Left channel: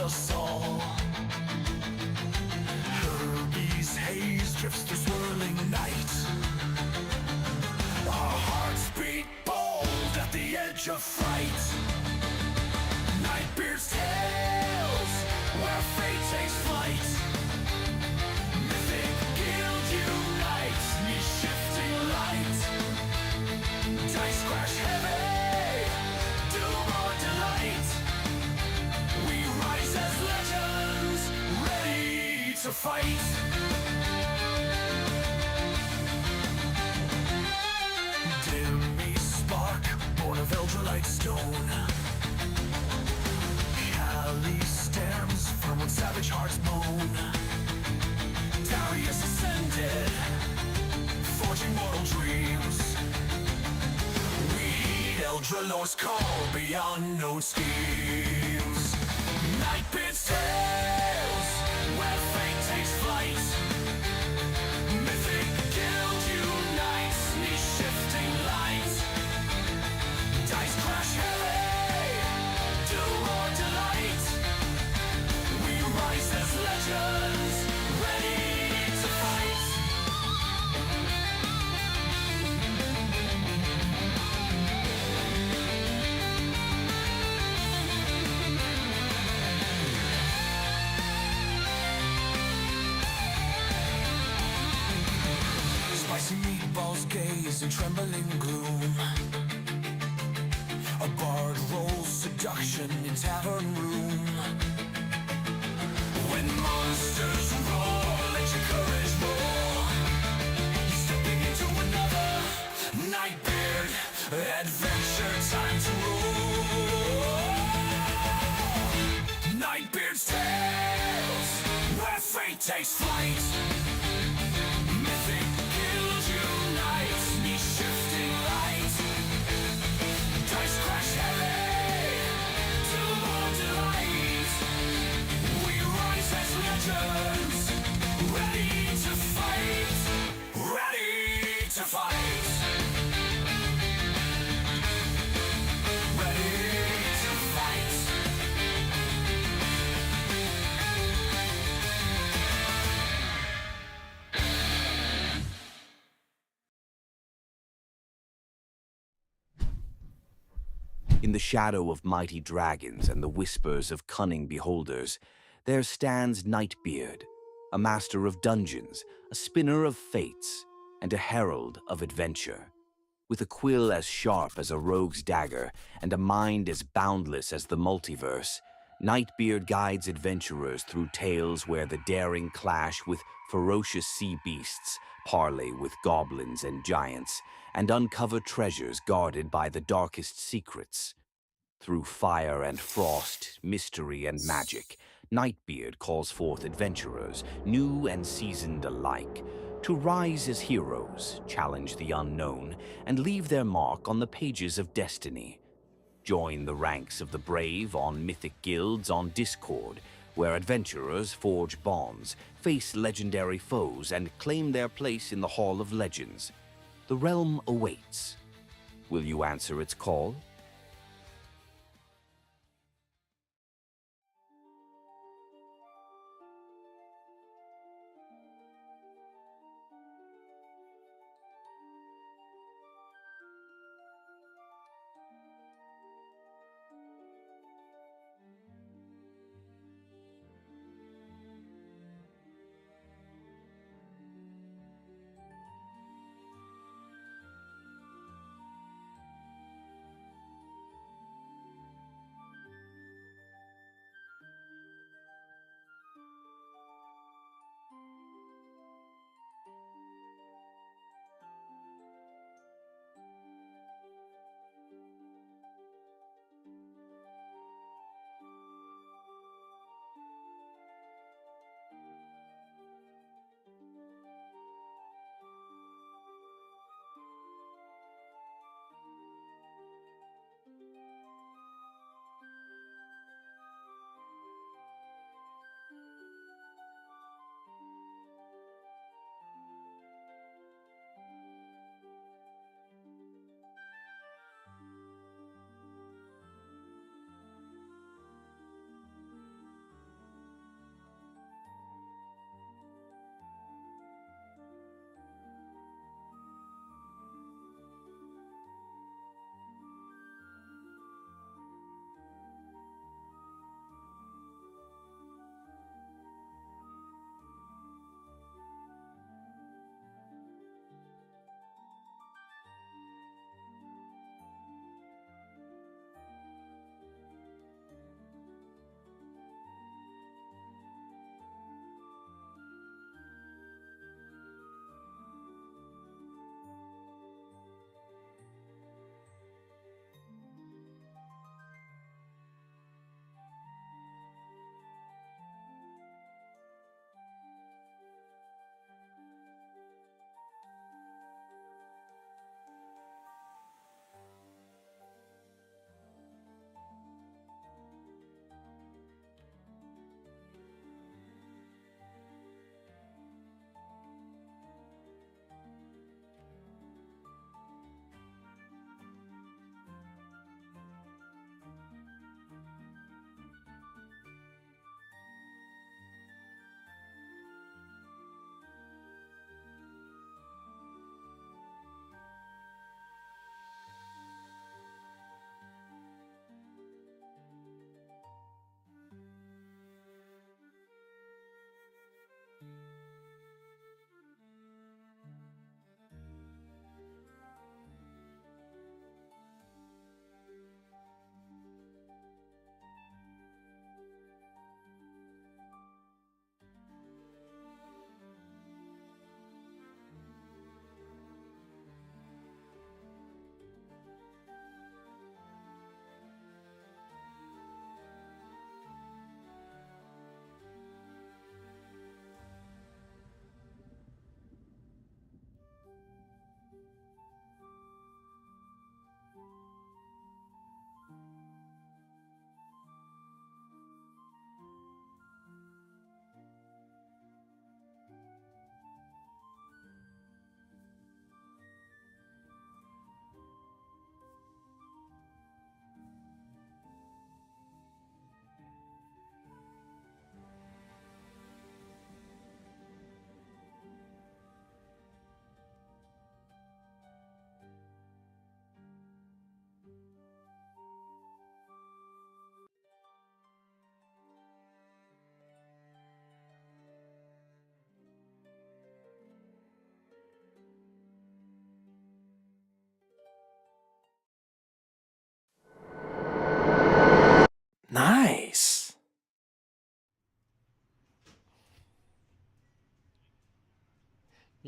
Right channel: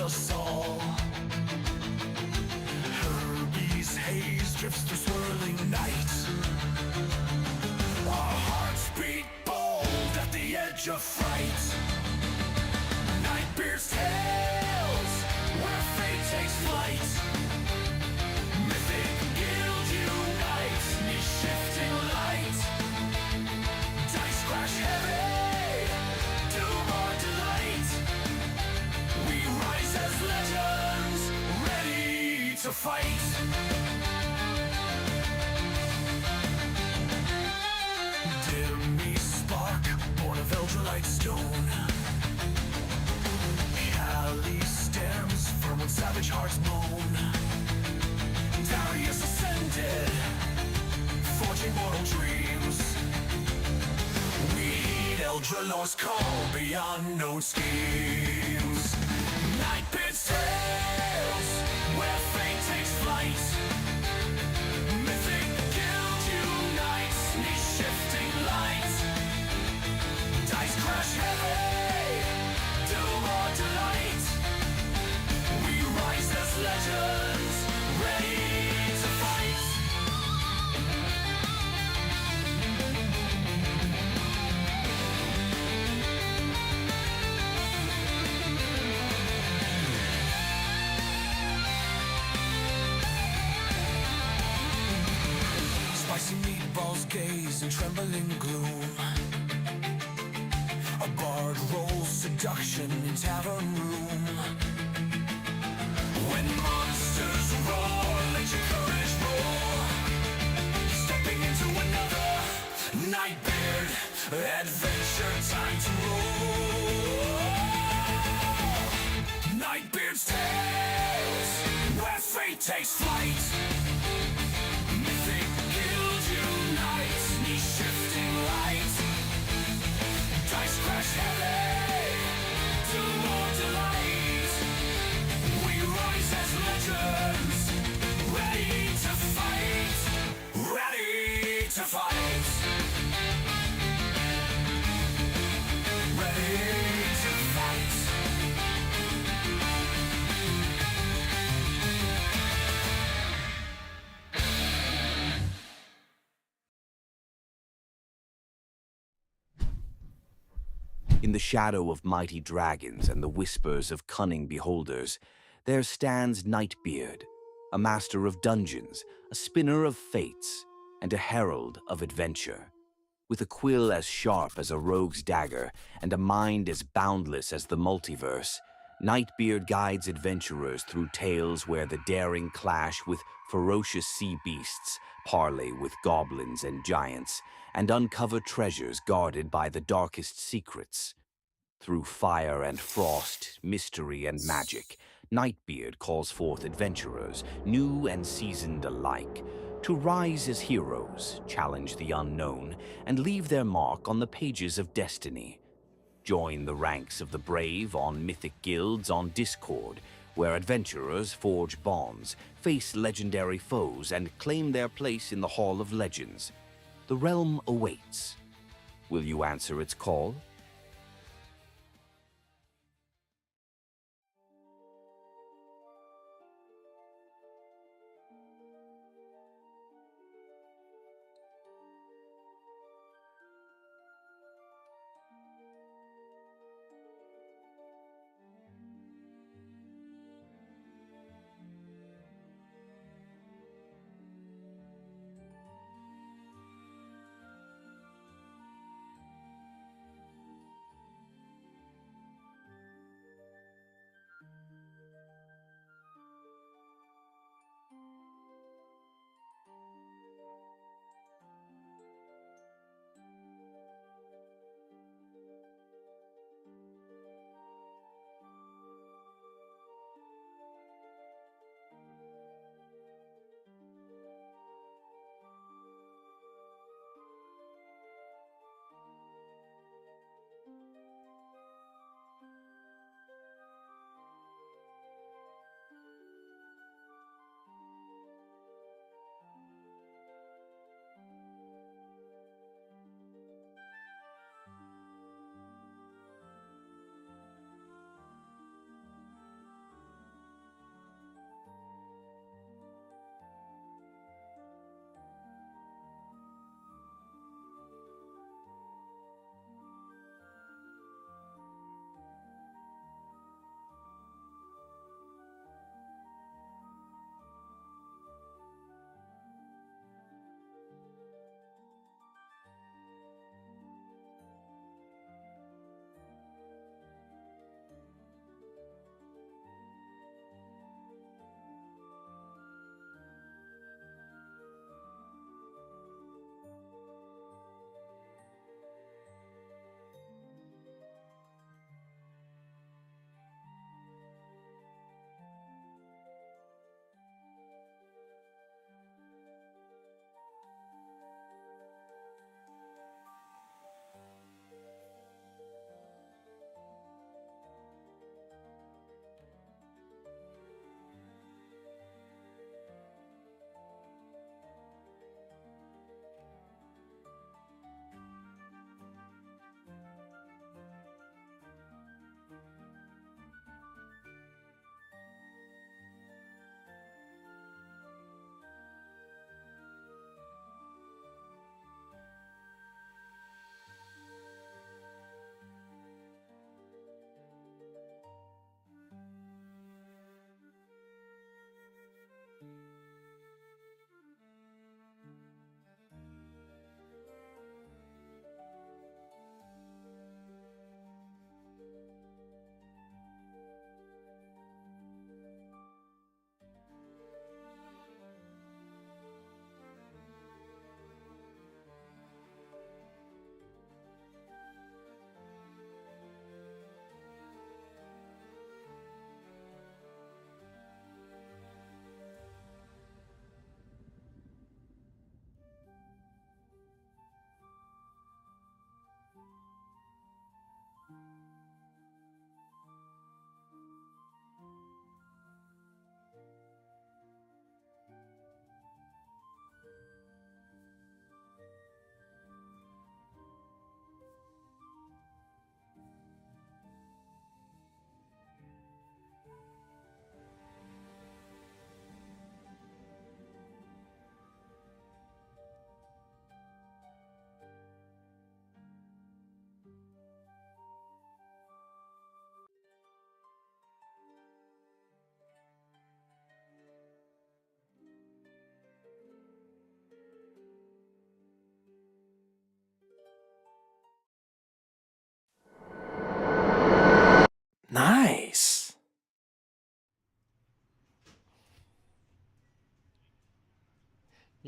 us all. Herbies haze drifts through swirling night. Our hearts beat bold at the edge of fright. Nightbeard's tales, where fate takes flight. Mythic guild unites, knee-shifting light. Dice crash heavy, doom or delight. We rise as legends, ready to fight. Dimmy spark, born of Eldrelite stone. Cali stems firm when savage hearts moan. Darius ascended, forging mortal dreams. We heed Eldralor's call beyond known schemes. Nightbeard's tales, where fate takes flight. Mythic guild unites, knee-shifting light. Dice crash heavy, doom or delight. We rise as legends, ready to fight. Spicy meatballs gaze in trembling gloom. A bard rolls seduction in tavern room. When monsters roar, let your courage roar. You're stepping into another Nightbeard adventure, time to roll. Nightbeard's tales, where fate takes flight. Mythic guild unites, knee-shifting light. Dice crash heavy, doom or delight. We rise as legends, ready to fight. Ready to fight. Ready to fight. In the shadow of mighty dragons and the whispers of cunning beholders, there stands Nightbeard, a master of dungeons, a spinner of fates, and a herald of adventure. With a quill as sharp as a rogue's dagger and a mind as boundless as the multiverse, Nightbeard guides adventurers through tales where the daring clash with ferocious sea beasts, parley with goblins and giants, and uncover treasures guarded by the darkest secrets. Through fire and frost, mystery and magic, Nightbeard calls forth adventurers, new and seasoned alike, to rise as heroes, challenge the unknown, and leave their mark on the pages of destiny. Join the ranks of the brave on Mythic guilds on Discord, where adventurers forge bonds, face legendary foes, and claim their place in the Hall of Legends. The realm awaits. Will you answer its call?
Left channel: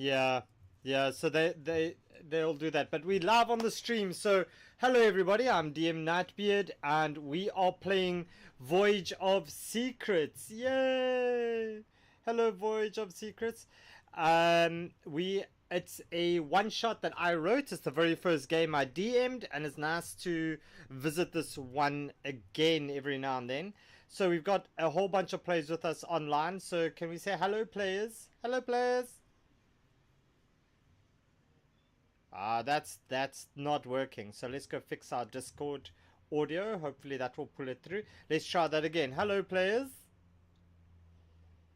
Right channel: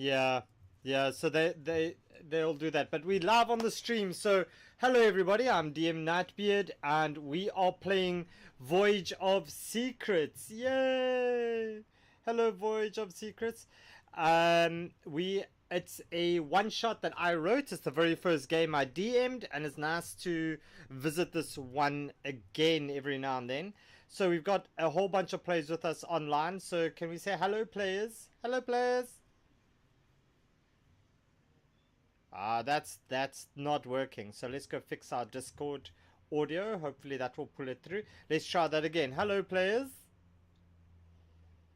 Yeah, yeah. So they'll do that. But we live on the stream. So hello everybody. I'm DM Nightbeard, and we are playing Voyage of Secrets. Yay! Hello, Voyage of Secrets. We it's a one shot that I wrote. It's the very first game I DM'd, and it's nice to visit this one again every now and then. So we've got a whole bunch of players with us online. So can we say hello, players? Hello, players. That's not working. So let's go fix our Discord audio. Hopefully that will pull it through. Let's try that again. Hello, players.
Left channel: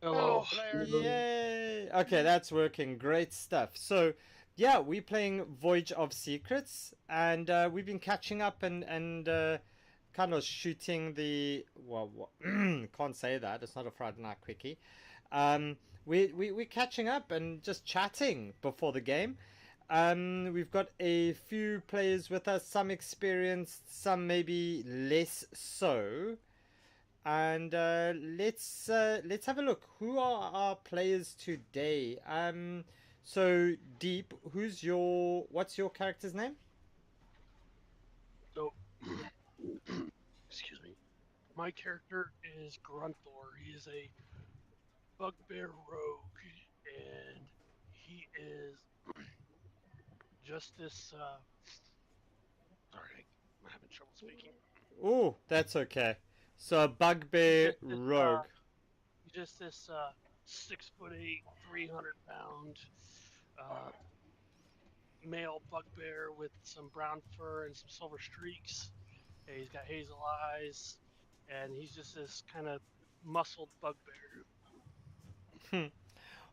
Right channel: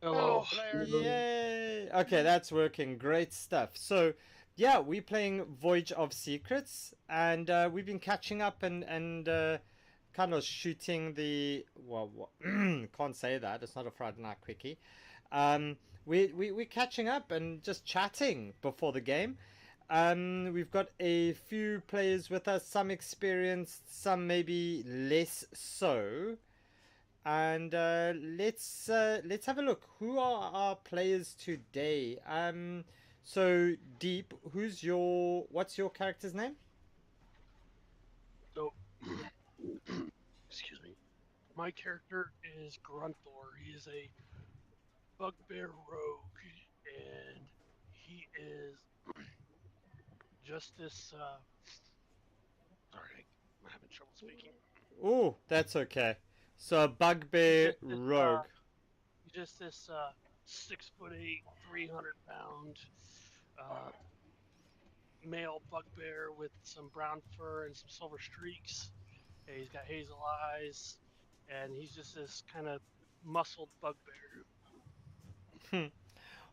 Hello. Yay! Okay, that's working. Great stuff. So, yeah, we're playing Voyage of Secrets, and we've been catching up and kind of shooting the can't say that. It's not a Friday night quickie. We're catching up and just chatting before the game. We've got a few players with us, some experienced, some maybe less so. And let's have a look. Who are our players today? So Deep, what's your character's name? So, excuse me. My character is Grunthor. He is a bugbear rogue, and he is just this. Sorry, I'm having trouble speaking. Oh, that's okay. So a bugbear rogue. He's just this 6'8", 300-pound male bugbear with some brown fur and some silver streaks. And he's got hazel eyes, and he's just this kind of muscled bugbear.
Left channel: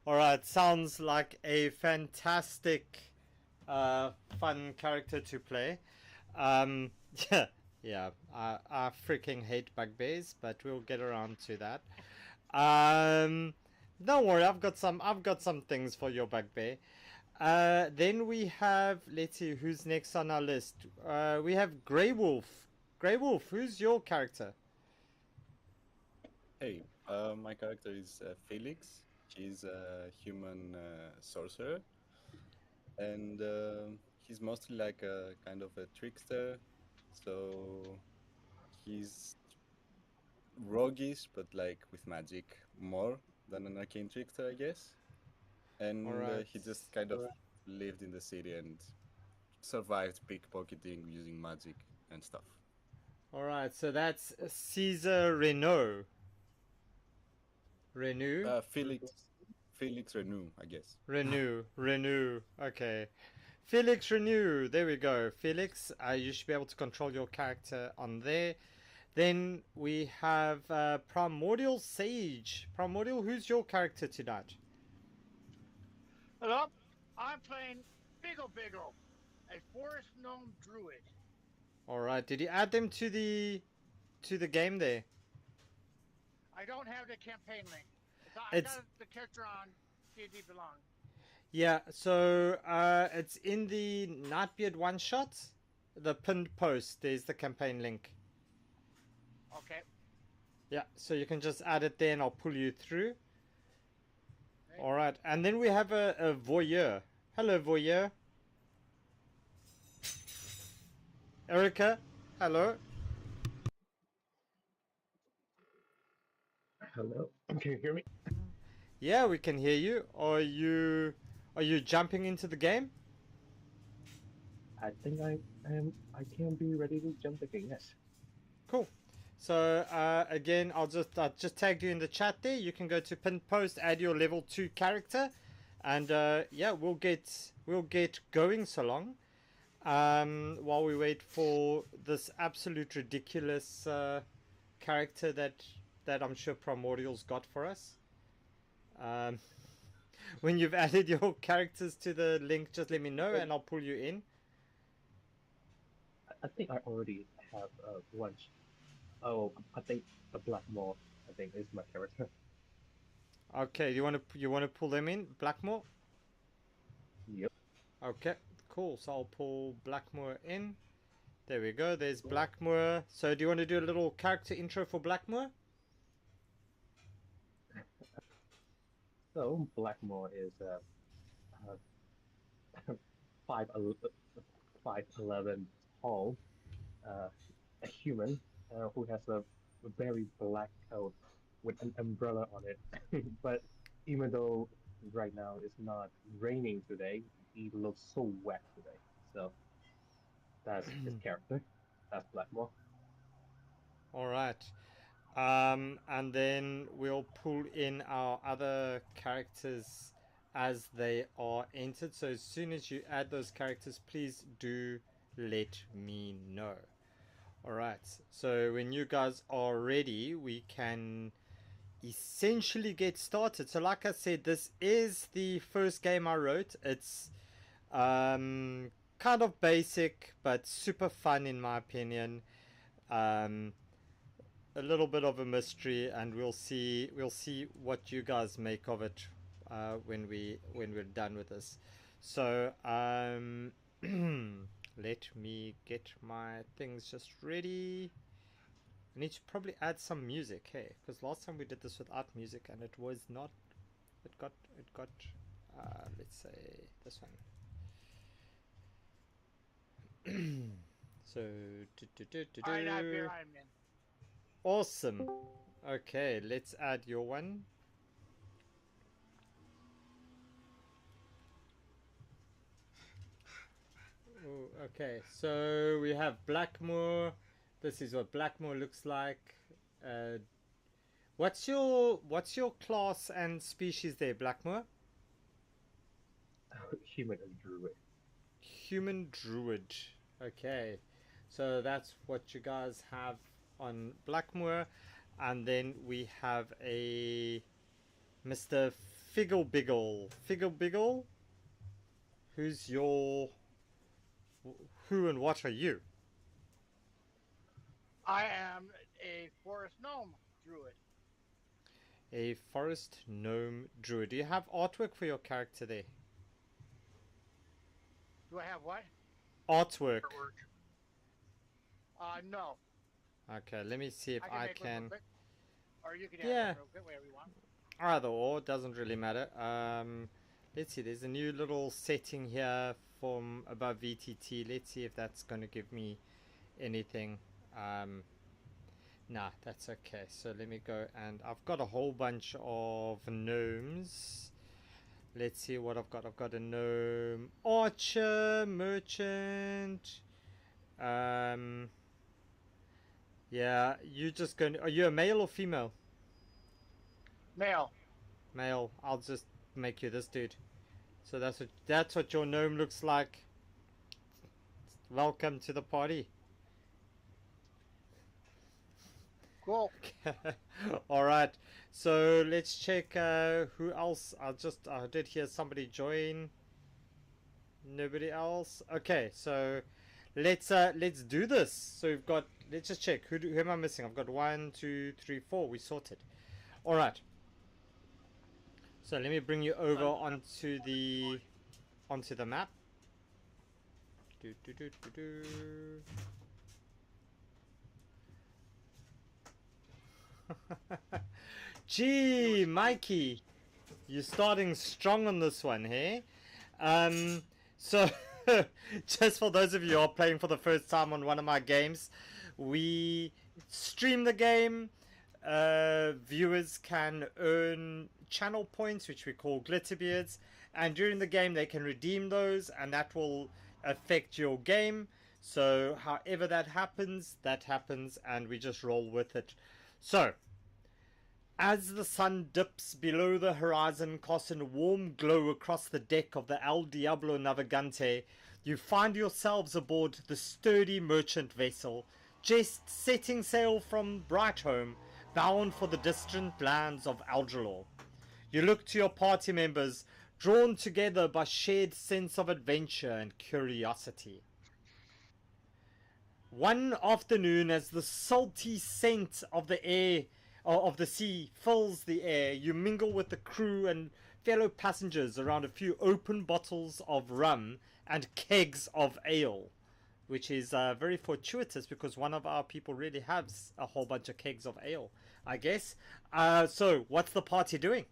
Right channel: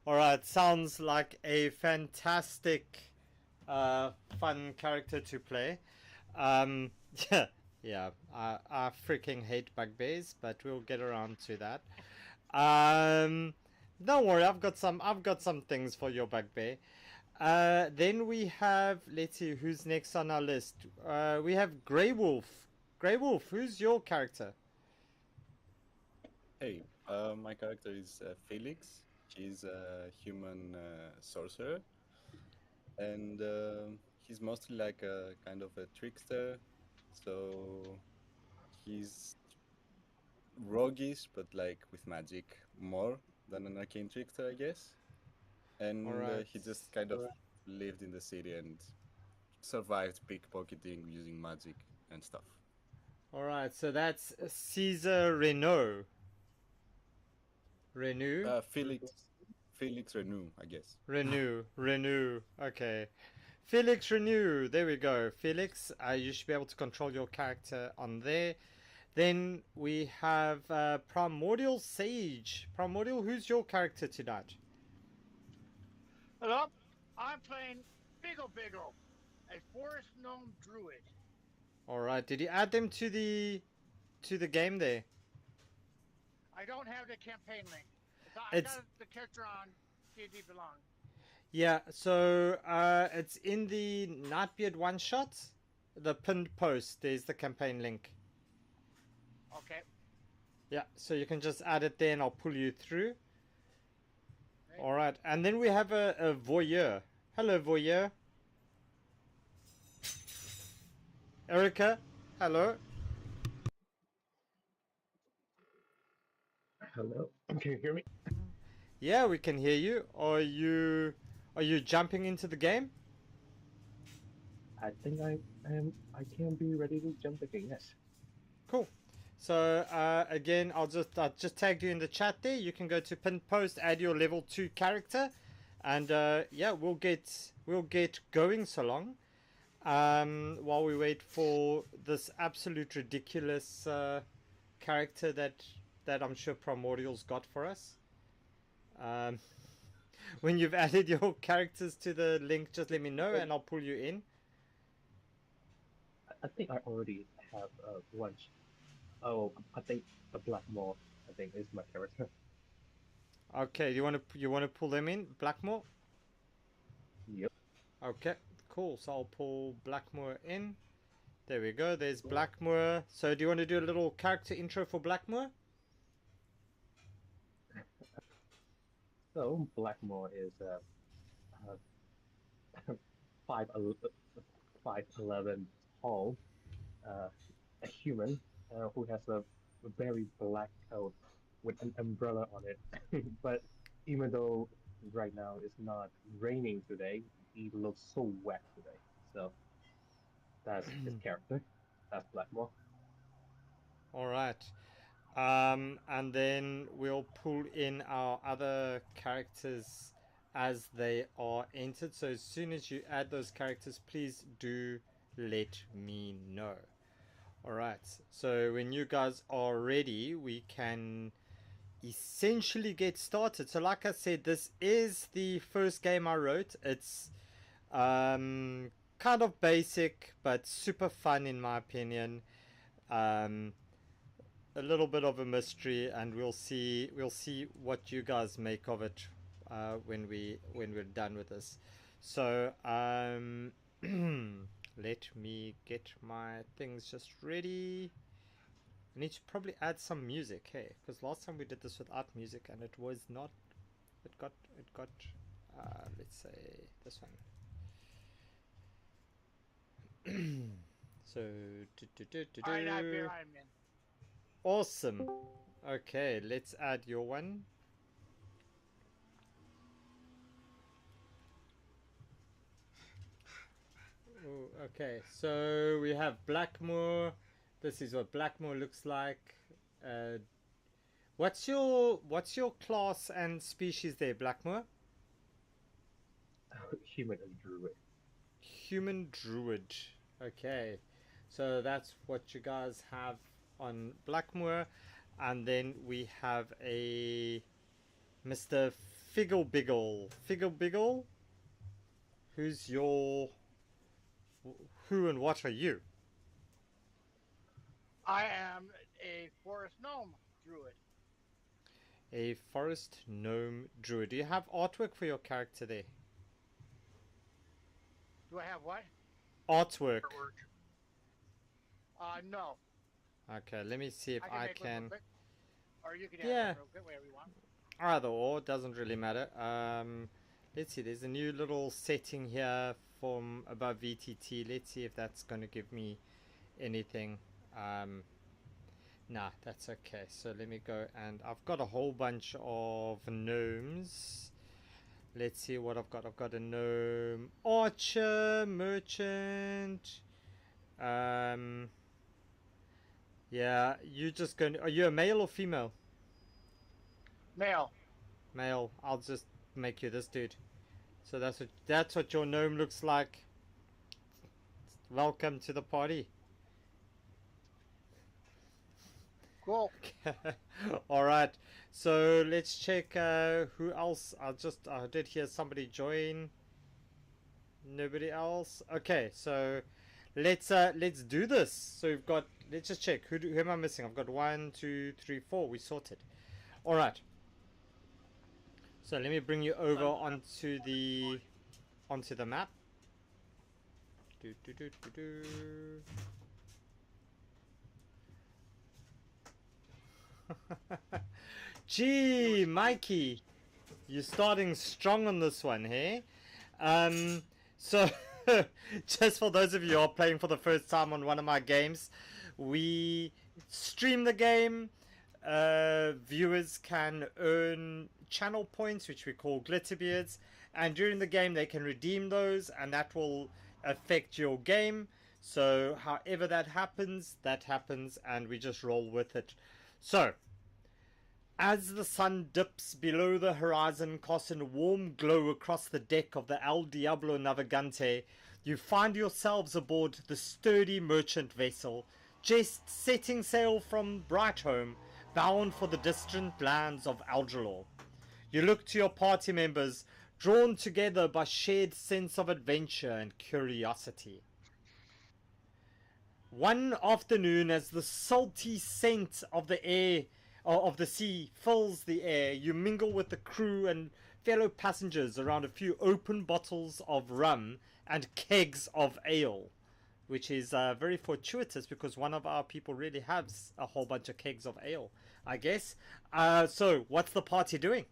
All right, sounds like a fantastic, fun character to play. Yeah, yeah. I freaking hate bugbears, but we'll get around to that. Don't worry, I've got some things for your bugbear. Then we have, let's see who's next on our list. We have Grey Wolf. Grey Wolf, who's your character? Hey, my character is Felix. He's a human sorcerer, and he's mostly like a kind of a trickster. So he's roguish, but like with magic more than an arcane trickster, I guess. And Alright. he just kind of lived in the city and survived pickpocketing using magic and stuff. Alright, so that's Caesar Renault. Felix Renew, I guess. Renew. Okay. Felix Renew. There we go. Felix, you should be able to control your character on there. Then we have Primordial Sage. Primordial, who's your character tonight? Hello, I'm playing Biggle, a forest gnome druid. Alright, did you add them to the game there? I don't have the campaign link. I got the character on D&D Belong. Yeah, so it's in the Nightbeard one shot. The pinned post, there's the campaign link. Okay. Yeah, so you can just add it there and I'll pull you through. Okay. Alright, and then we have a voyeur. Hello, voyeur. Erica, hello. Hello, can you hear me? Yeah, we can hear you. Are you jumping into the game? I think I am. I can be ready to jump again. Yes. Cool. So again, I'll just tag you in the chat there. You can go to pinned post, add your level 2 character, and yeah, we'll get going so long. While we wait for this absolute ridiculous character that I'm sure Primordial's got for us. When you've added your characters to the link, just let me know and I'll pull you in. I think I already have one. Oh, I think the Blackmore. I think is my character. Okay, you want to pull them in, Blackmore? Yep. Okay, cool. So I'll pull Blackmore in. There we go. There's Blackmore. So do you want to do a little character intro for Blackmore? So Blackmore is 5'11" tall, a human who has a very black coat with an umbrella on it. But even though right now it's not raining today, he looks so wet today. So that's his character. That's Blackmore. All right. And then we'll pull in our other characters as they are entered. So as soon as you add those characters, please do let me know. All right. So when you guys are ready, we can essentially get started. So like I said, this is the first game I wrote. It's kind of basic but super fun in my opinion. A little bit of a mystery, and we'll see what you guys make of it when we're done with this. So let me get my things just ready. I need to probably add some music, hey, because last time we did this without music and it was not. It got. Let's say this one. So. All right, I'm in. Awesome. Okay, let's add your one. Ooh, okay, so we have Blackmore. This is what Blackmore looks like. What's your class and species there, Blackmore? Human and druid. Human druid. Okay, so that's what you guys have on Blackmore, and then we have a Mr. Figglebiggle. Figglebiggle, who's your who and what are you? I am a forest gnome druid. A forest gnome druid. Do you have artwork for your character there? Do I have what? Artwork. No. Okay, let me see if I make one can. real quick. Or you can add Yeah. one real quick, whatever you want. Either or, doesn't really matter. Let's see, there's a new little setting here from above VTT. Let's see if that's going to give me anything. Nah, that's okay. So let me go, and I've got a whole bunch of gnomes. Let's see what I've got. I've got a gnome archer, merchant. Yeah, you just going. Are you a male or female? Male. Male. I'll just make you this dude. So that's what your gnome looks like. Welcome to the party. Cool. All right. So let's check who else. I did hear somebody join. Nobody else. Okay, so let's do this. So we've got. Let's just check. Who am I missing? I've got 1, 2, 3, 4. We sorted. All right. So let me bring you over onto the map. Gee, Mikey, you're starting strong on this one, hey? So just for those of you who are playing for the first time on one of my games, we stream the game. Viewers can earn channel points, which we call Glitterbeards, and during the game they can redeem those, and that will affect your game. So however that happens, and we just roll with it. So as the sun dips below the horizon, casting a warm glow across the deck of the El Diablo Navigante, you find yourselves aboard the sturdy merchant vessel, just setting sail from Brightholme, bound for the distant lands of Algelor. You look to your party members, drawn together by shared sense of adventure and curiosity. One afternoon, as the salty scent of the air of the sea fills the air, you mingle with the crew and fellow passengers around a few open bottles of rum and kegs of ale, which is very fortuitous because one of our people really has a whole bunch of kegs of ale, I guess. So what's the party doing?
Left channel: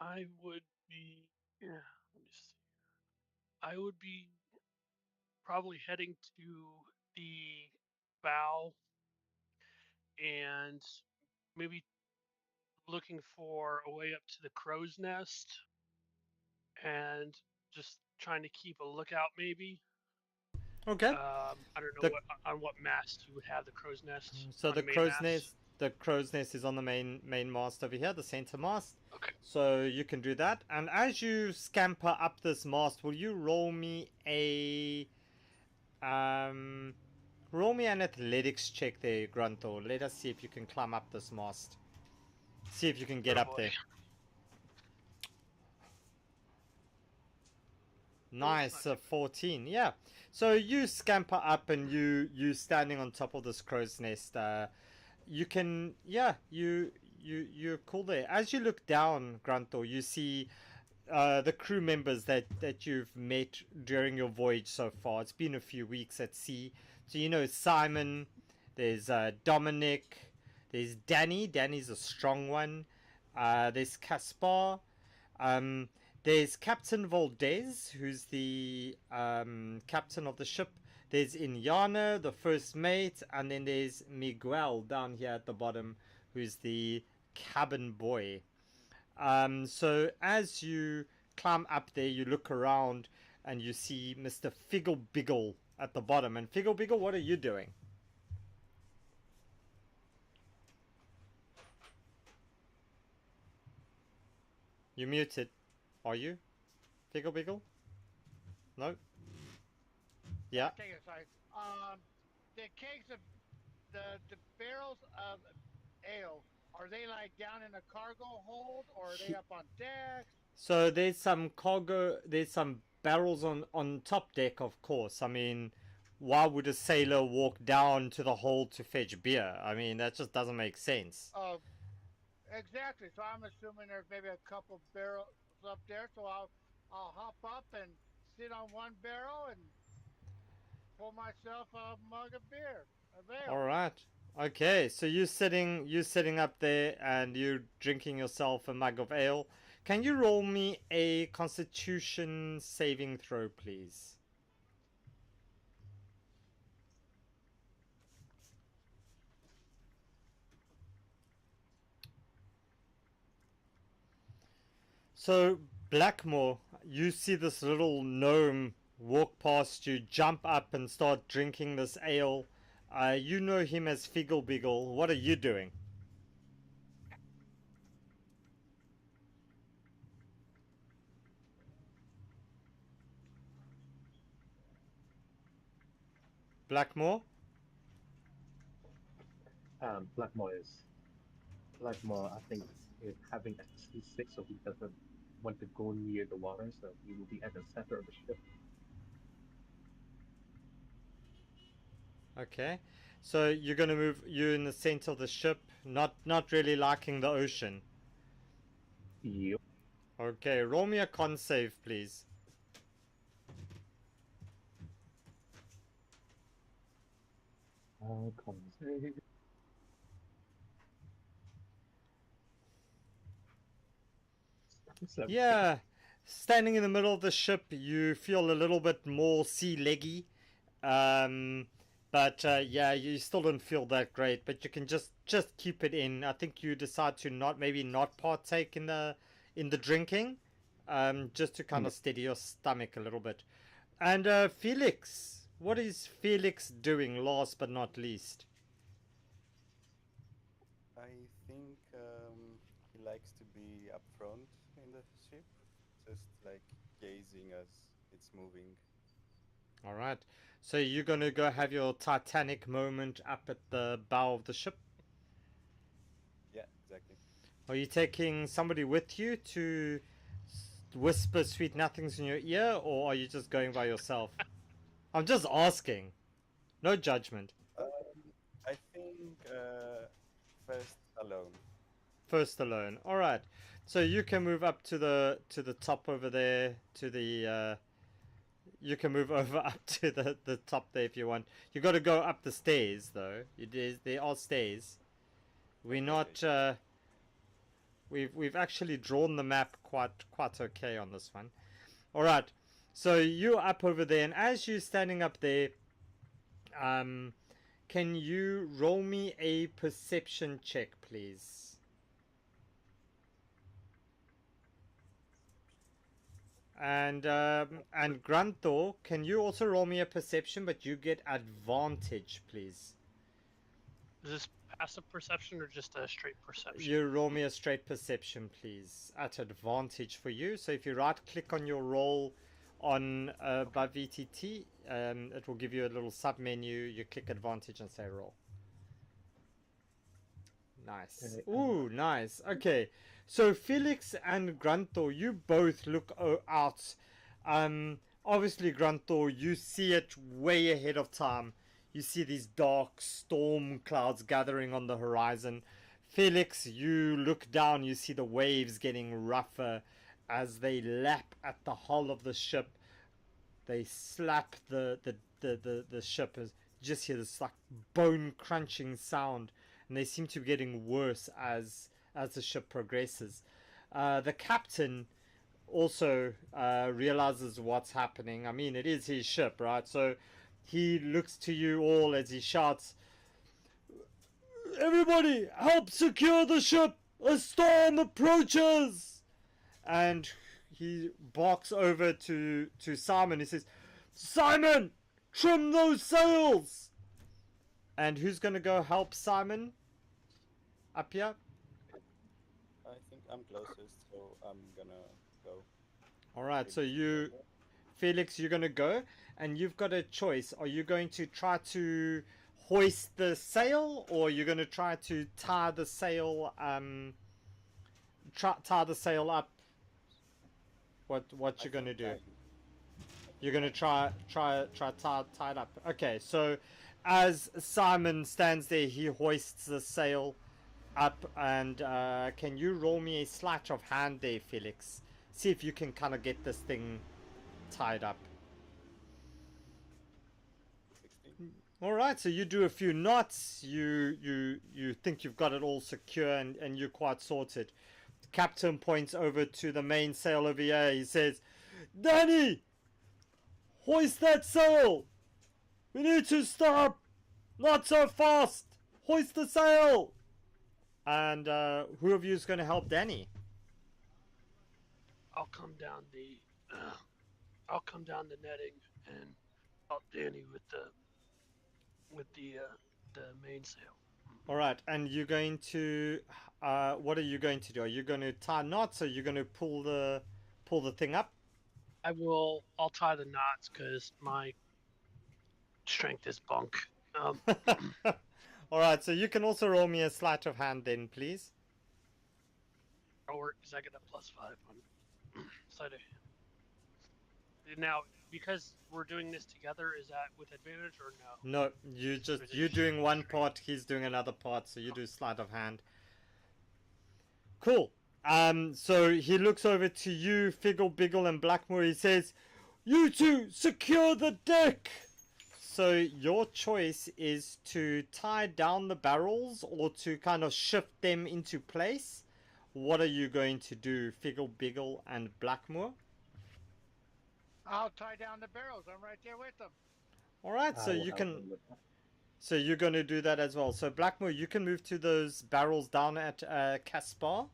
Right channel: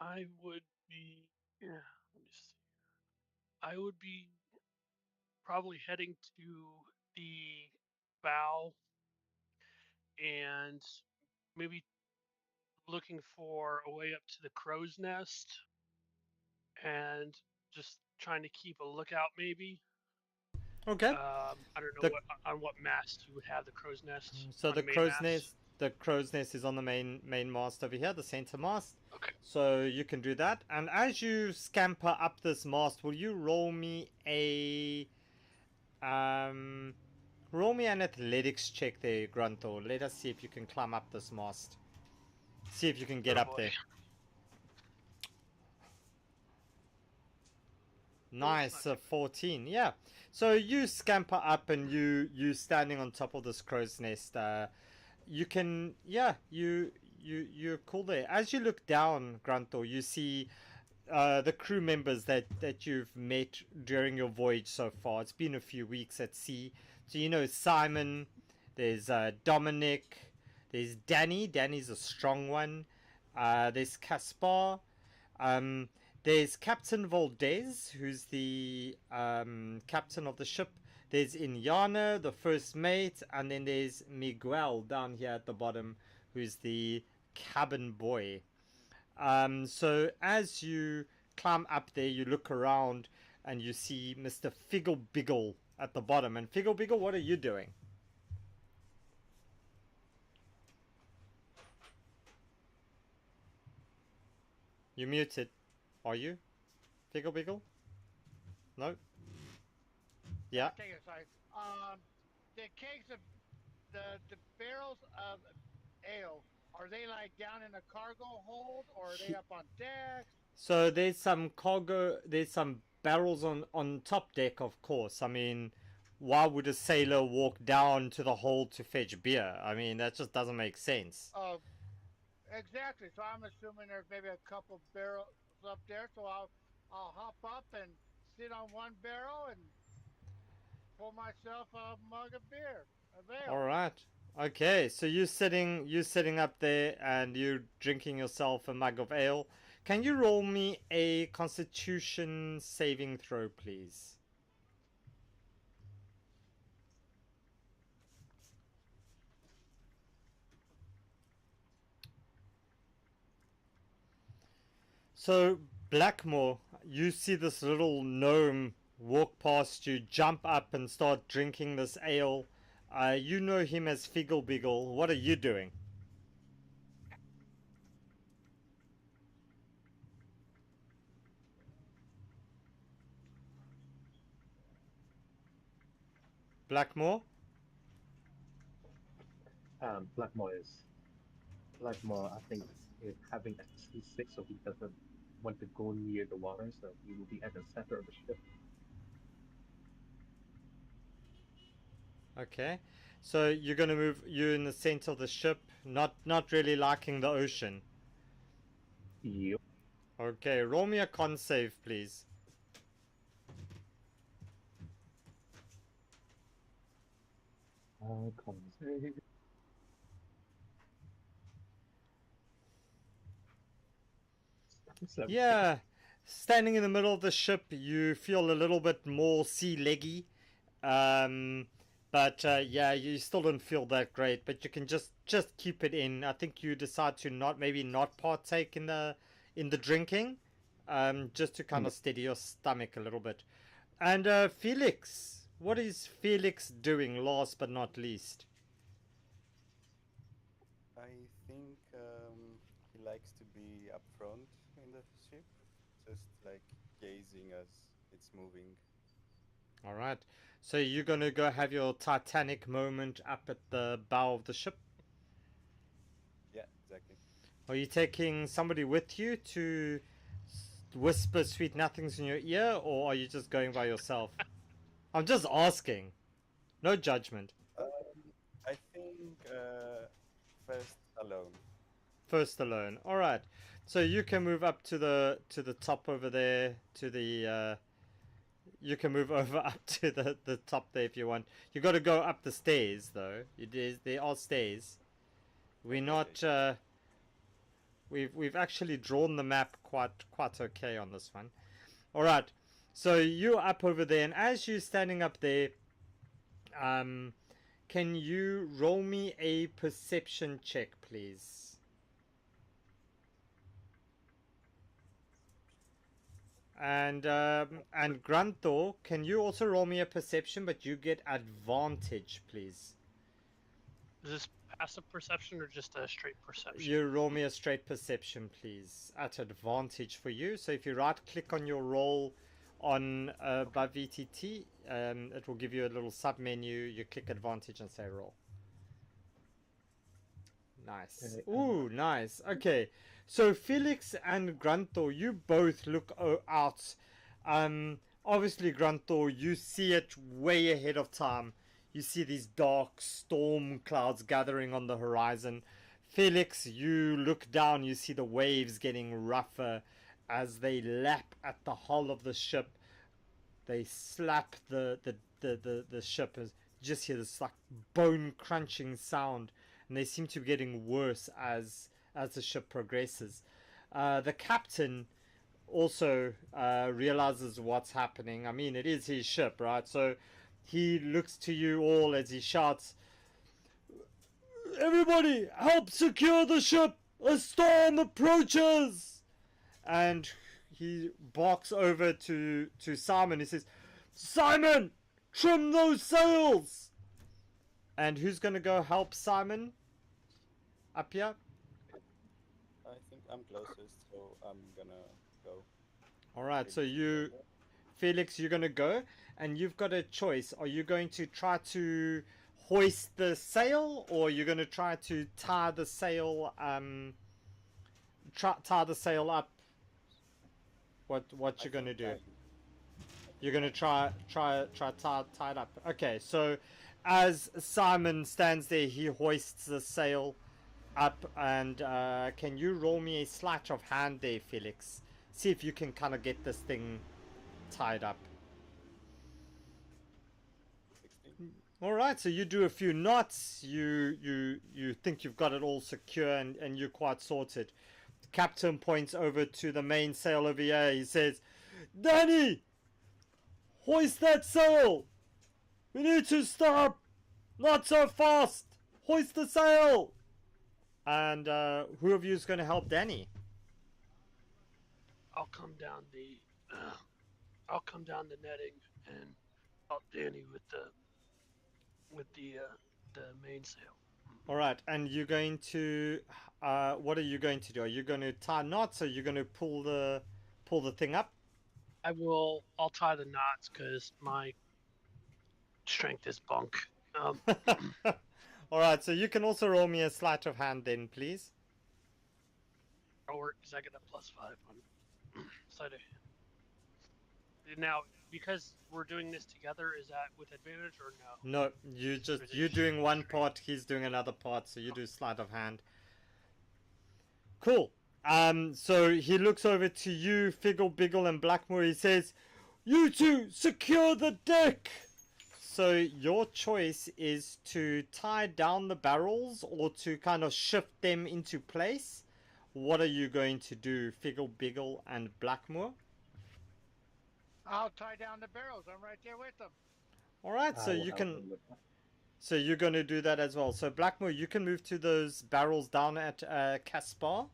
I would be. Yeah, let me see. I would be probably heading to the bow and maybe looking for a way up to the crow's nest and just trying to keep a lookout maybe. Okay. I don't know The on what mast you would have the crow's nest So on the the main crow's mast. nest, is on the main mast over here, the center mast. Okay. So you can do that. And as you scamper up this mast, will you roll me an athletics check there, Grunthor. Let us see if you can climb up this mast. See if you can get Oh up boy. there. Oh, it's Nice, not too bad. 14. Yeah. So you scamper up and you standing on top of this crow's nest. You can, yeah, you're cool there. As you look down, Grunthor, you see the crew members that you've met during your voyage so far. It's been a few weeks at sea. So you know Simon, there's Dominic, there's Danny. Danny's a strong one. There's Caspar. Um, there's Captain Valdez, who's the captain of the ship. There's Inyana, the first mate, and then there's Miguel down here at the bottom, who's the cabin boy. So as you climb up there, you look around and you see Mr. Figglebiggle at the bottom. And Figglebiggle, what are you doing? You're muted. Are you? Figglebiggle? No? Yeah. I'll take it. Sorry. The kegs of the barrels of ale, are they like down in a cargo hold, or are they up on decks? So there's some cargo, there's some barrels on top deck, of course. I mean, why would a sailor walk down to the hold to fetch beer? I mean, that just doesn't make sense. Exactly. So I'm assuming there's maybe a couple barrels up there. So I'll hop up and sit on one barrel and pour myself a mug of beer, of All ale. right. Okay, so you're sitting up there and you're drinking yourself a mug of ale. Can you roll me a Constitution saving throw, please? So, Blackmore, you see this little gnome walk past you, jump up and start drinking this ale. You know him as Figglebiggle. What are you doing? Blackmore? Blackmore, I think, is having SC6, so he doesn't want to go near the water, so he will be at the center of the ship. Okay. So you're gonna move. You're in the center of the ship, not really liking the ocean. Yep. Okay, roll me a con save, please. Cons. Yeah, standing in the middle of the ship, you feel a little bit more sea leggy. Um, but yeah, you still don't feel that great. But you can just keep it in. I think you decide to not partake in the drinking, just to kind of steady your stomach a little bit. And Felix, what is Felix doing? Last but not least. I think he likes to be up front in the ship, just like gazing as it's moving. All right. So you're gonna go have your Titanic moment up at the bow of the ship. Yeah, exactly. Are you taking somebody with you to whisper sweet nothings in your ear, or are you just going by yourself? I'm just asking. No judgment. I think first alone. First alone. All right. So you can move up to the top over there to the. You can move over up to the top there if you want. You got to go up the stairs though. There are stairs. We're Okay, not. okay. we've actually drawn the map quite okay on this one. All right, so you're up over there, and as you're standing up there, can you roll me a perception check, please? And Grunthor, can you also roll me a perception, but you get advantage, please? Is this passive perception or just a straight perception? You roll me a straight perception, please, at advantage for you. So if you right-click on your roll on by VTT, it will give you a little sub-menu. You click advantage and say roll. Nice. Ooh, nice. Okay. So Felix and Grunthor, you both look out. Obviously, Grunthor, you see it way ahead of time. You see these dark storm clouds gathering on the horizon. Felix, you look down, you see the waves getting rougher as they lap at the hull of the ship. They slap the ship. You just hear this like bone crunching sound, and they seem to be getting worse as the ship progresses. The captain also realizes what's happening. I mean, it is his ship, right? So he looks to you all as he shouts, "Everybody, help secure the ship! A storm approaches!" And he barks over to Simon. He says, "Simon, trim those sails!" And who's going to go help Simon up here? I think I'm closest, so I'm gonna go. All right, so you, Felix, you're going to go, and you've got a choice. Are you going to try to hoist the sail, or are you going to try to tie the sail, tie the sail up? What you're going to do? You're going to try tie it up. Okay, so as Simon stands there, he hoists the sail up, and can you roll me a sleight of hand there, Felix? See if you can kind of get this thing tied up. 16. All right, so you do a few knots. You think you've got it all secure, and you're quite sorted. The captain points over to the main sail over here. He says, "Danny, hoist that sail. We need to stop. Not so fast. Hoist the sail." And who of you is going to help Danny? I'll come down the netting and help Danny with the mainsail. All right, and you're going to what are you going to do? Are you going to tie knots, or are you going to pull the thing up? I'll tie the knots because my strength is bunk. All right, so you can also roll me a sleight of hand then, please. Or because I get a +5 on sleight of hand. Now, because we're doing this together, is that with advantage or no? No, you're doing one part, he's doing another part, so you do sleight of hand. Cool. So he looks over to you, Figgle, Biggle, and Blackmore. He says, "You two, secure the deck!" So your choice is to tie down the barrels or to kind of shift them into place. What are you going to do, Figgle, Biggle, and Blackmore? I'll tie down the barrels. I'm right there with them. All right, so you can. So you're going to do that as well. So Blackmore, you can move to those barrels down at Caspar,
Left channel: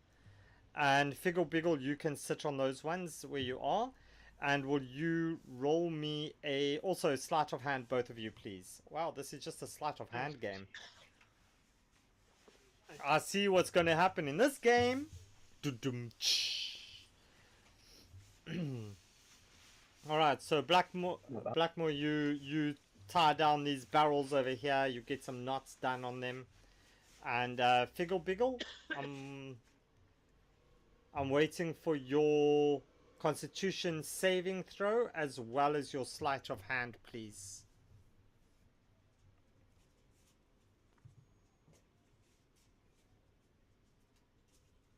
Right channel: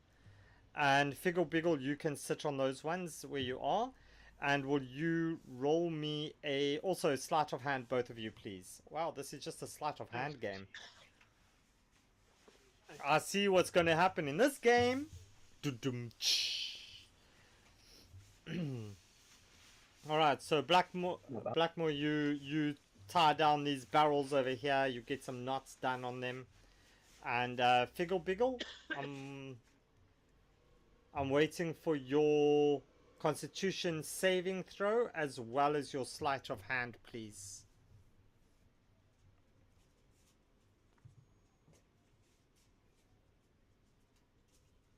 and Figgle, Biggle, you can sit on those ones where you are. And will you roll me also a sleight of hand, both of you, please? Wow, this is just a sleight of hand game. I see what's going to happen in this game. All right, so Blackmore, you tie down these barrels over here. You get some knots done on them, and Figgle, Biggle, I'm waiting for your Constitution saving throw as well as your sleight of hand, please.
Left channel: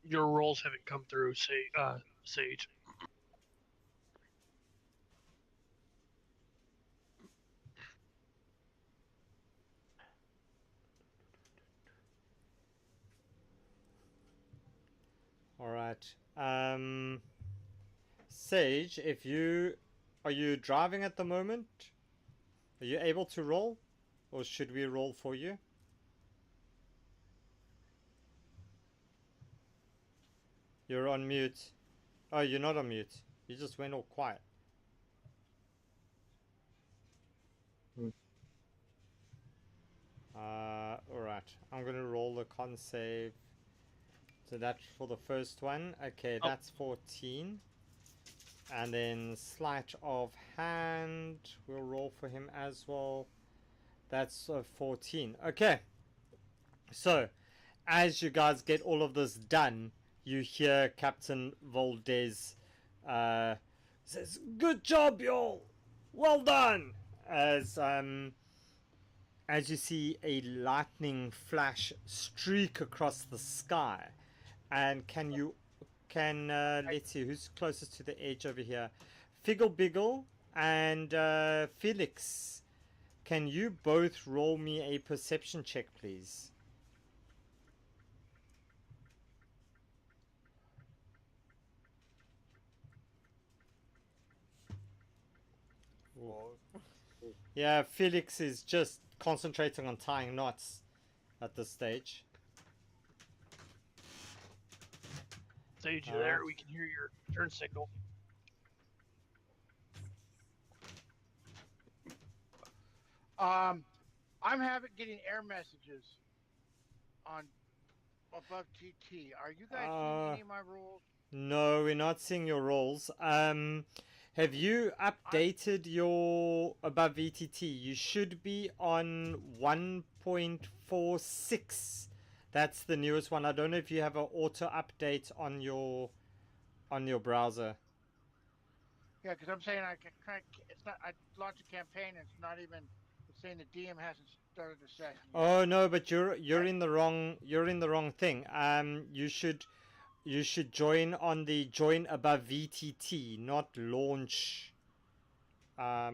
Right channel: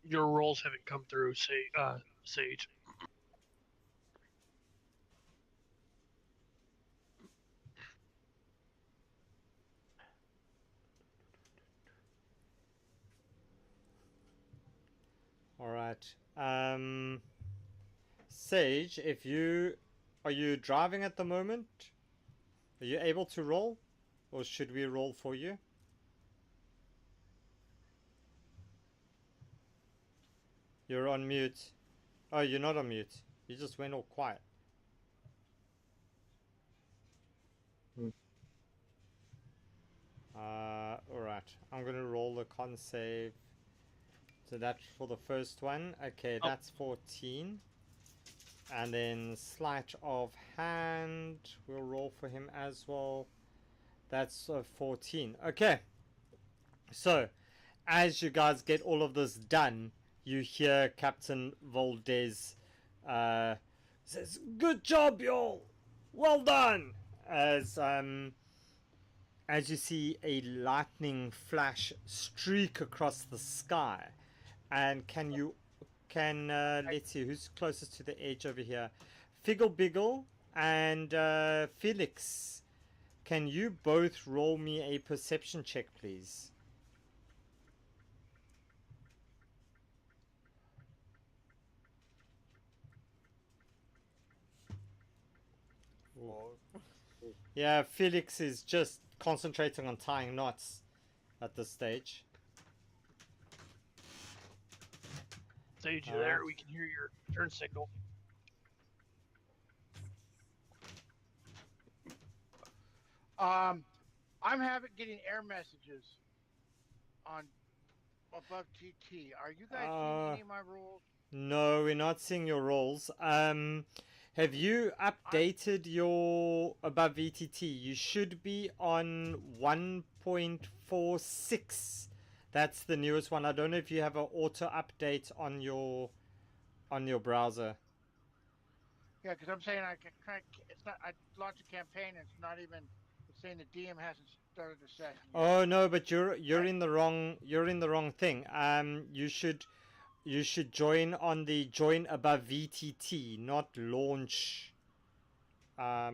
Your rolls haven't come through, Sage. All right. Sage, are you driving at the moment? Are you able to roll, or should we roll for you? You're on mute. Oh, you're not on mute. You just went all quiet. Alright. I'm gonna roll the con save. So that's for the first one. Okay, Oh. that's 14. And then sleight of hand. We'll roll for him as well. That's 14. Okay. So, as you guys get all of this done, you hear Captain Valdez says, "Good job, y'all! Well done!" As you see a lightning flash streak across the sky. And let's see, who's closest to the edge over here? Figgle Biggle and Felix. Can you both roll me a perception check, please? Four. Yeah, Felix is just concentrating on tying knots at this stage. Sage, you there? We can hear your turn signal. I'm getting error messages on above TT. Are you guys seeing any of my rules? No, we're not seeing your rolls. Have you updated your above VTT? You should be on 1.46. That's the newest one. I don't know if you have an auto update on your browser. Yeah, because I'm saying it's not. I launched a campaign and it's not even. It's saying the DM hasn't started the session yet. Oh no, but you're in the wrong thing. You should join on the join above VTT, not launch. Yeah, I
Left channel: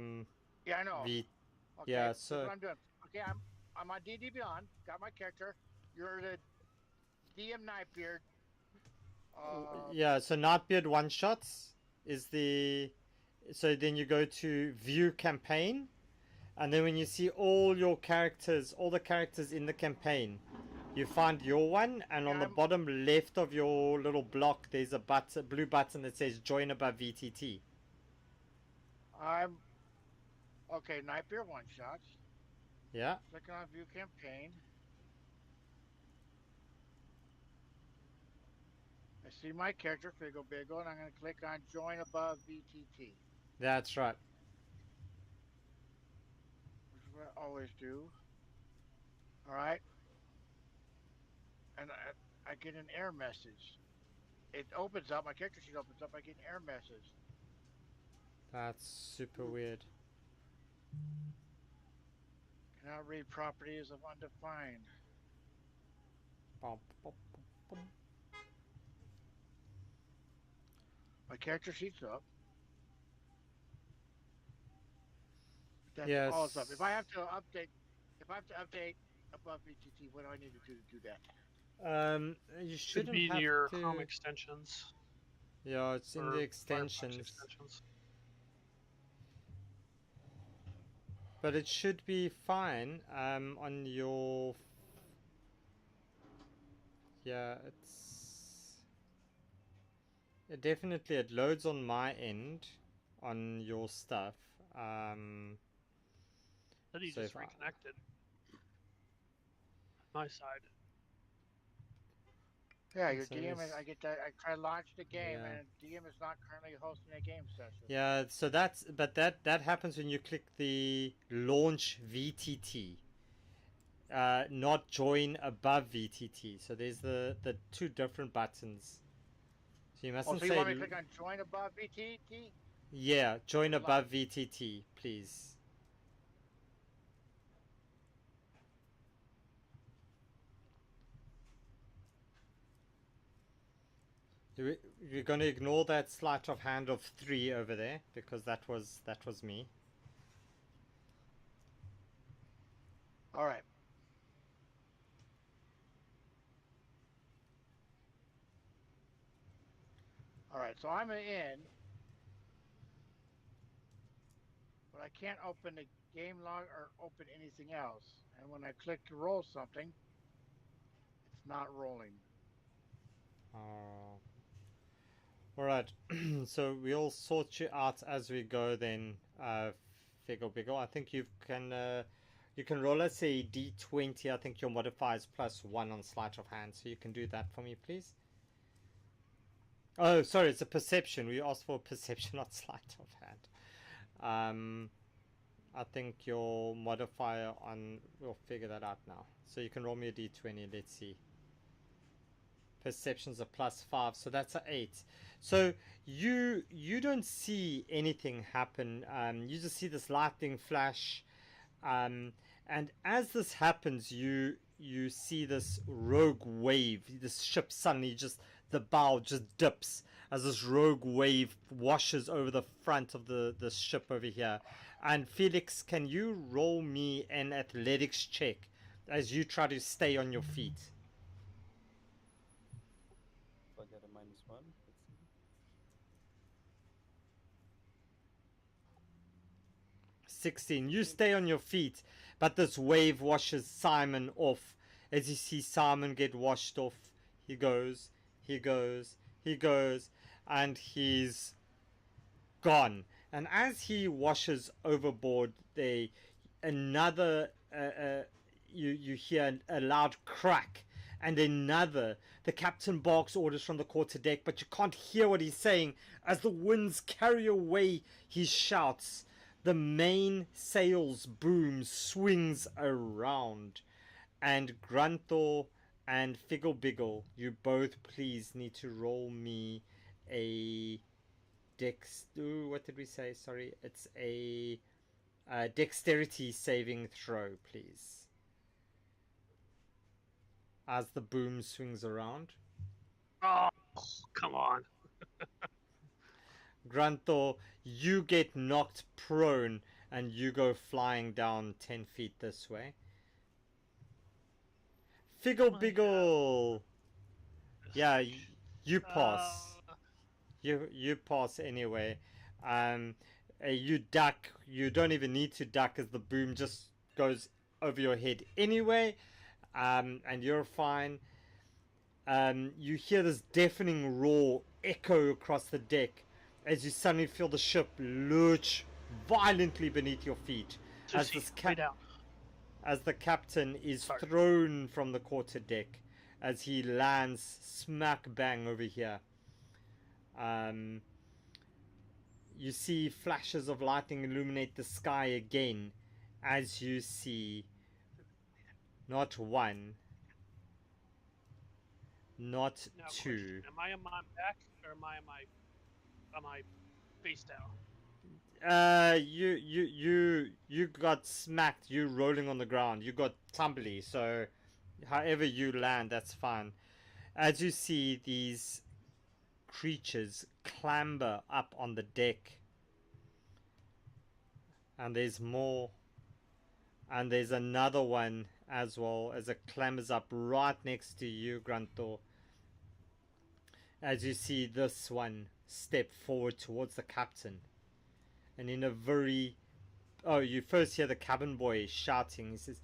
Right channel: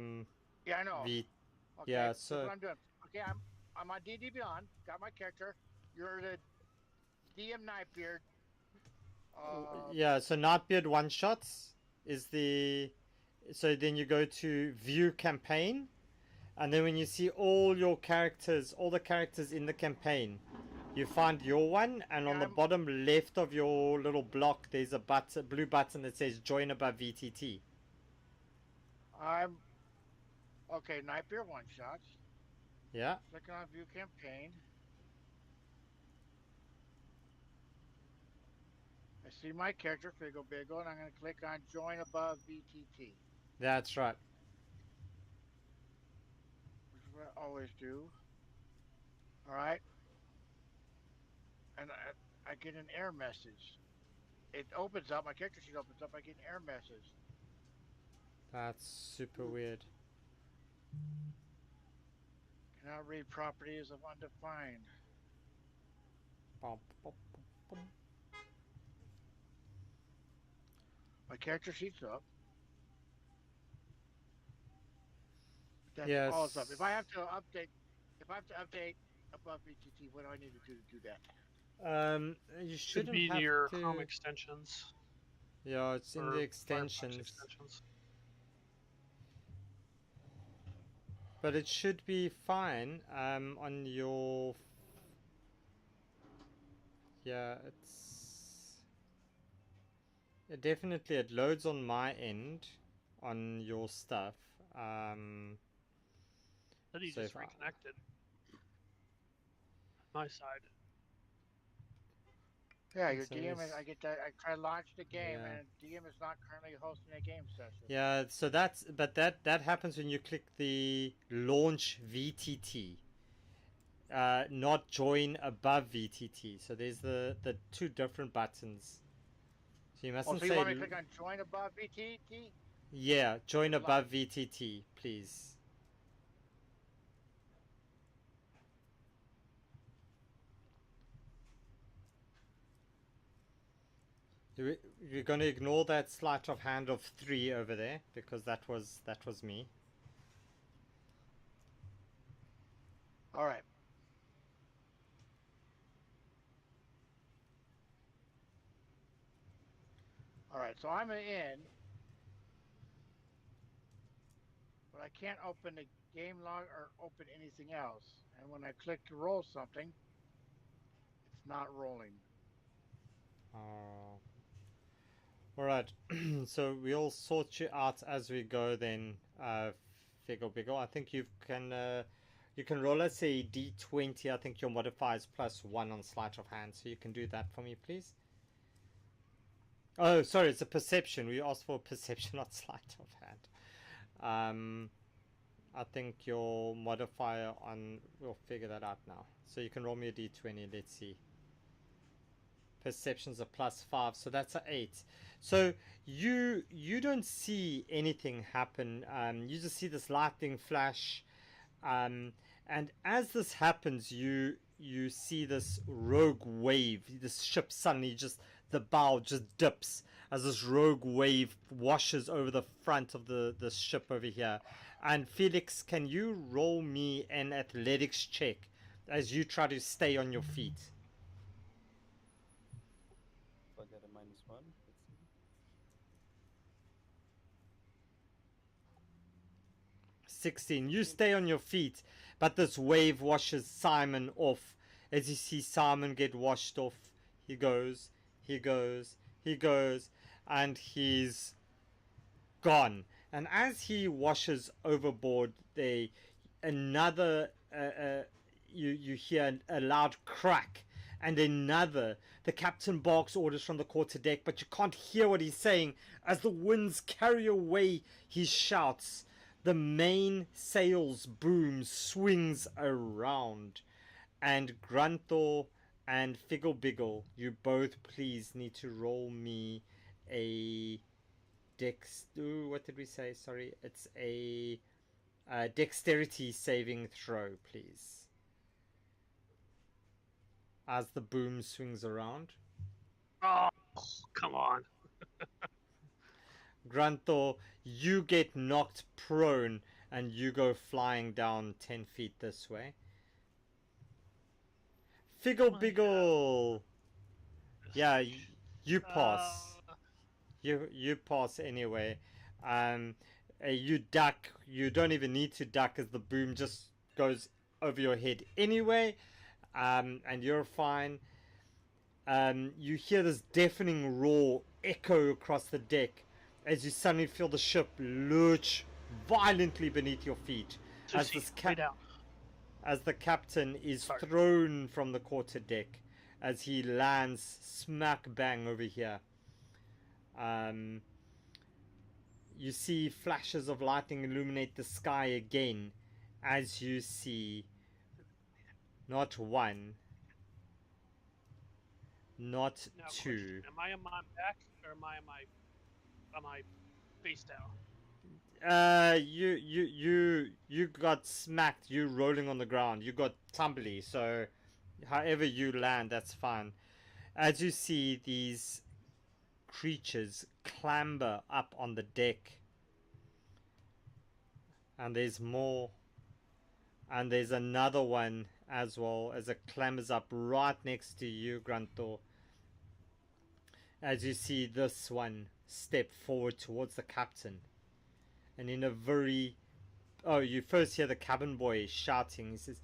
know. Okay, yeah, that's so what I'm doing. Okay, I'm on DD Beyond. Got my character. You're the DM Nightbeard. yeah, so Nightbeard one shots is the. So then you go to view campaign, and then when you see all the characters in the campaign, you find your one, and on the bottom left of your little block, there's a blue button that says join above VTT. I'm okay. Nightbeard one shots. Yeah. Click on view campaign. I see my character, Figgle Biggle, and I'm going to click on join above VTT. That's right. Which is what I always do. All right. And I get an error message. It opens up, my character sheet opens up, I get an error message. That's super weird. Cannot read properties of undefined. My character sheet's up. That's all it's up. If I have to update above VTT, what do I need to do that? You should be in your Chrome extensions. Yeah, it's in the extensions. But it should be fine on your. Yeah, it definitely loads on my end on your stuff. That he just reconnected. My side. Yeah, your DM is, I get that. I try to launch the game, and DM is not currently hosting a game session. Yeah, so that happens when you click the launch VTT, not join above VTT. So there's the two different buttons. So you mustn't so you want me to click on join above VTT? Yeah, join above VTT, please. You're going to ignore that sleight of hand of 3 over there because that was me. All right. All right, so I'm in, but I can't open the game log or open anything else. And when I click to roll something, it's not rolling. Oh. Alright, so we'll sort you out as we go then, Figgle Biggle. I think you can roll us a d20. I think your modifier is +1 on sleight of hand, so you can do that for me, please. Oh, sorry, it's a perception. We asked for perception, not sleight of hand. I think your modifier on... We'll figure that out now. So you can roll me a d20, let's see. Perception's a +5, so that's a 8. So you don't see anything happen. You just see this lightning flash, and as this happens, you see this rogue wave. This ship suddenly just, the bow just dips as this rogue wave washes over the front of the ship over here. And Felix, can you roll me an athletics check as you try to stay on your feet? So I get a -1. Let's see. 16. You stay on your feet, but this wave washes Simon off. As you see Simon get washed off, he goes, and he's gone. And as he washes overboard, you hear a loud crack, and another. The captain barks orders from the quarterdeck, but you can't hear what he's saying as the winds carry away his shouts. The main sails boom swings around, and Grunthor and Figgle Biggle, you both please need to roll me a what did we say? Sorry, it's a dexterity saving throw, please. As the boom swings around. Oh, come on. Grunthor, you get knocked prone and you go flying down 10 feet this way. Figgle Biggle! Yeah, you pass. You pass anyway. You duck. You don't even need to duck as the boom just goes over your head anyway. And you're fine. You hear this deafening roar echo across the deck as you suddenly feel the ship lurch violently beneath your feet. As the captain is thrown from the quarterdeck as he lands smack bang over here. You see flashes of lightning illuminate the sky again as you see not one, not two. Question. Am I on my back or am I face down? You got smacked. You rolling on the ground. You got tumbly. So, however you land, that's fine. As you see these creatures clamber up on the deck, and there's more, and there's another one as well as it clambers up right next to you, Grunthor. As you see this one step forward towards the captain, and in a very... Oh, you first hear the cabin boy shouting. He says,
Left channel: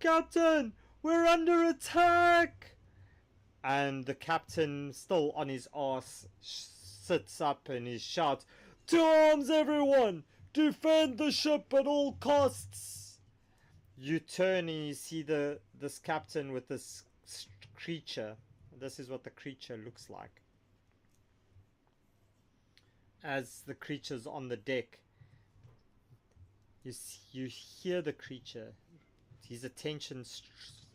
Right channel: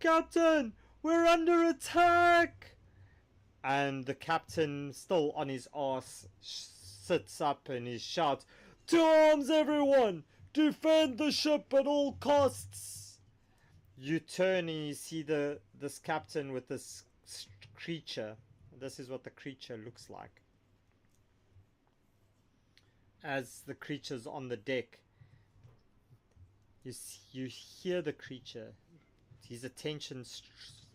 "Captain, we're under attack!" And the captain, still on his arse, sits up and he shouts, "To arms, everyone! Defend the ship at all costs!" You turn and you see this captain with this creature. This is what the creature looks like. As the creature's on the deck, you hear the creature, his attention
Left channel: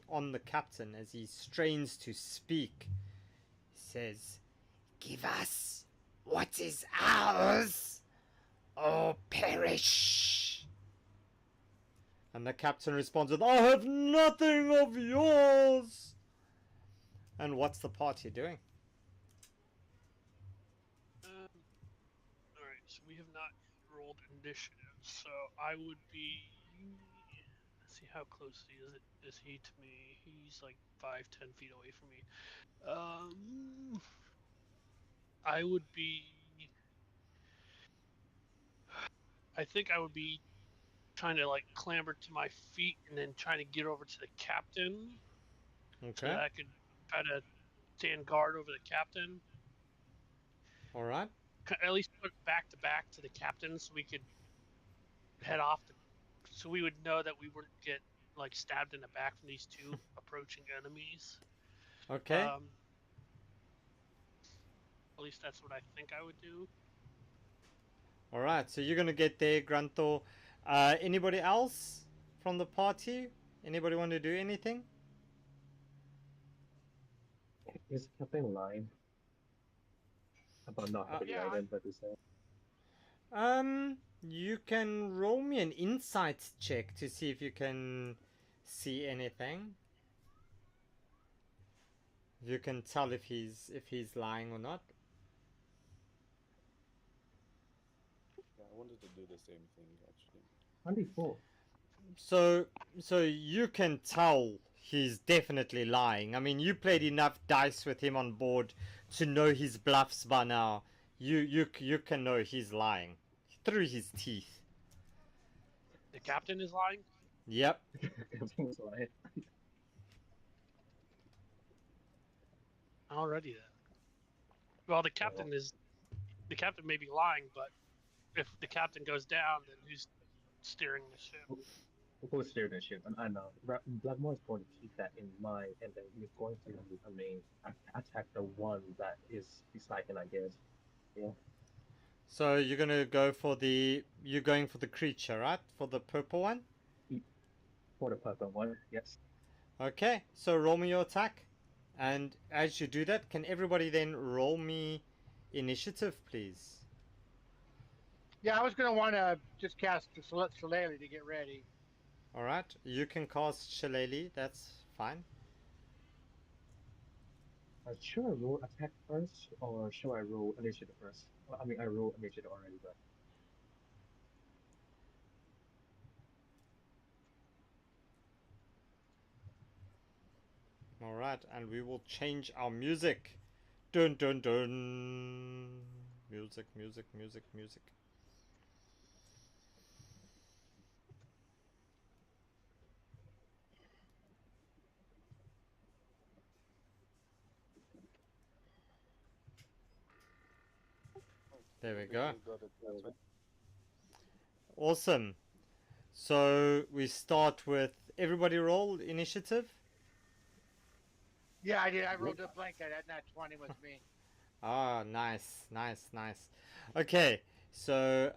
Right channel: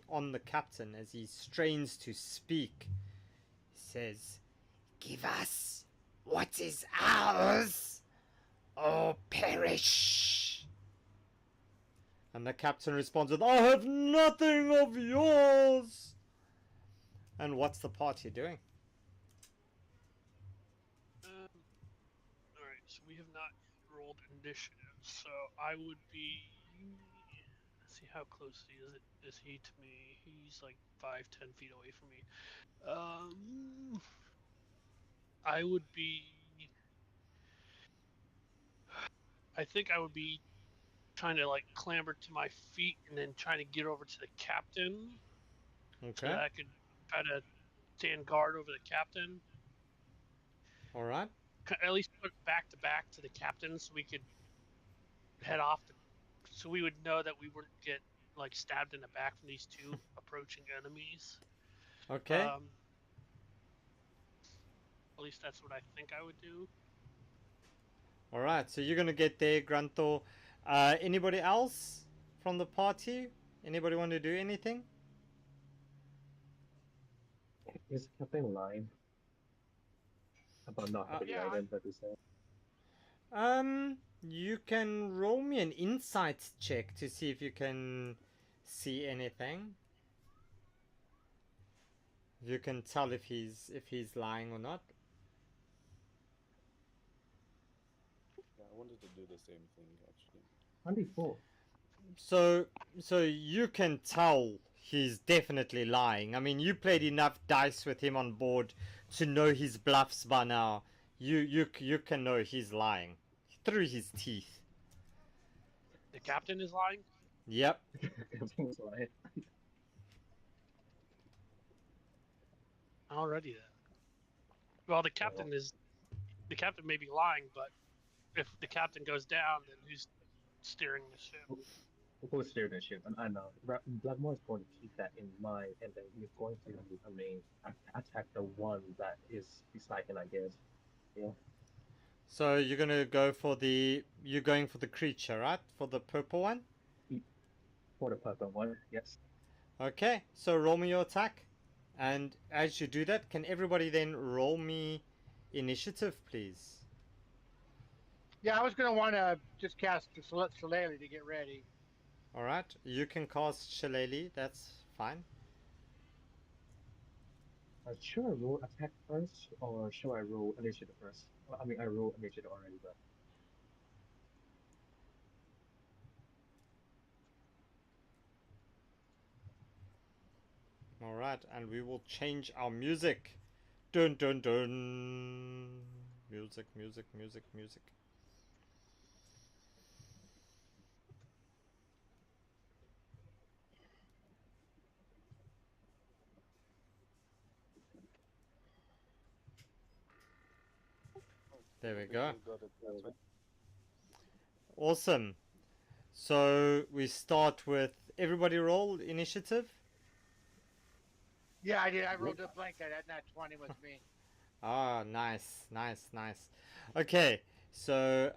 on the captain as he strains to speak. He says, "Give us what is ours, or perish." And the captain responds with, "I have nothing of yours." And what's the party doing? Alright, so we have not rolled initiative, so I would be... Let's see, how close is he to me? He's like 5-10 feet away from me. I would be. I think I would be trying to like clamber to my feet and then trying to get over to the captain so that Okay. I could try to stand guard over the captain. All right. At least put back to back to the captain so we could head off so we would know that we wouldn't get like stabbed in the back from these two approaching enemies. Okay. At least that's what I think I would do. All right. So you're gonna get there, Grunthor. Anybody else from the party? Anybody want to do anything? Is Captain lying about not Uh, having Yeah, items at the same? you can roll me an insight check to see if you can see anything. You can tell if he's lying or not. Yeah, I wanted to do the same thing actually. 24. So you can tell he's definitely lying. I mean, you played enough dice with him on board to know his bluffs by now. You can know he's lying through his teeth. The captain is lying. Yep. Captain was lying. Already then. Well, the Well, captain may be lying, but if the captain goes down, then who's steering the ship? we'll steer the ship, and I know Blackmore is going to keep that in mind, and then he's going to, I mean, attack the one that is beside him, I guess. Yeah. So you're going for the creature, right? For the purple one. For the purple one, yes. Okay. So roll me your attack, and as you do that, can everybody then roll me initiative, please? yeah. I was gonna want to just cast the Shillelagh to get ready. All right. You can cast Shillelagh. That's fine. Should I roll attack first, or should I roll initiative first? Well, I mean, I roll initiative already, but All right, and we will change our music. Dun dun dun. Music, music, music, music. There we go. Got it. That's right. Awesome. So we start with everybody roll initiative. Yeah, I did. I rolled a blank. I had that 20 with me. Ah, nice, nice, nice. Okay, so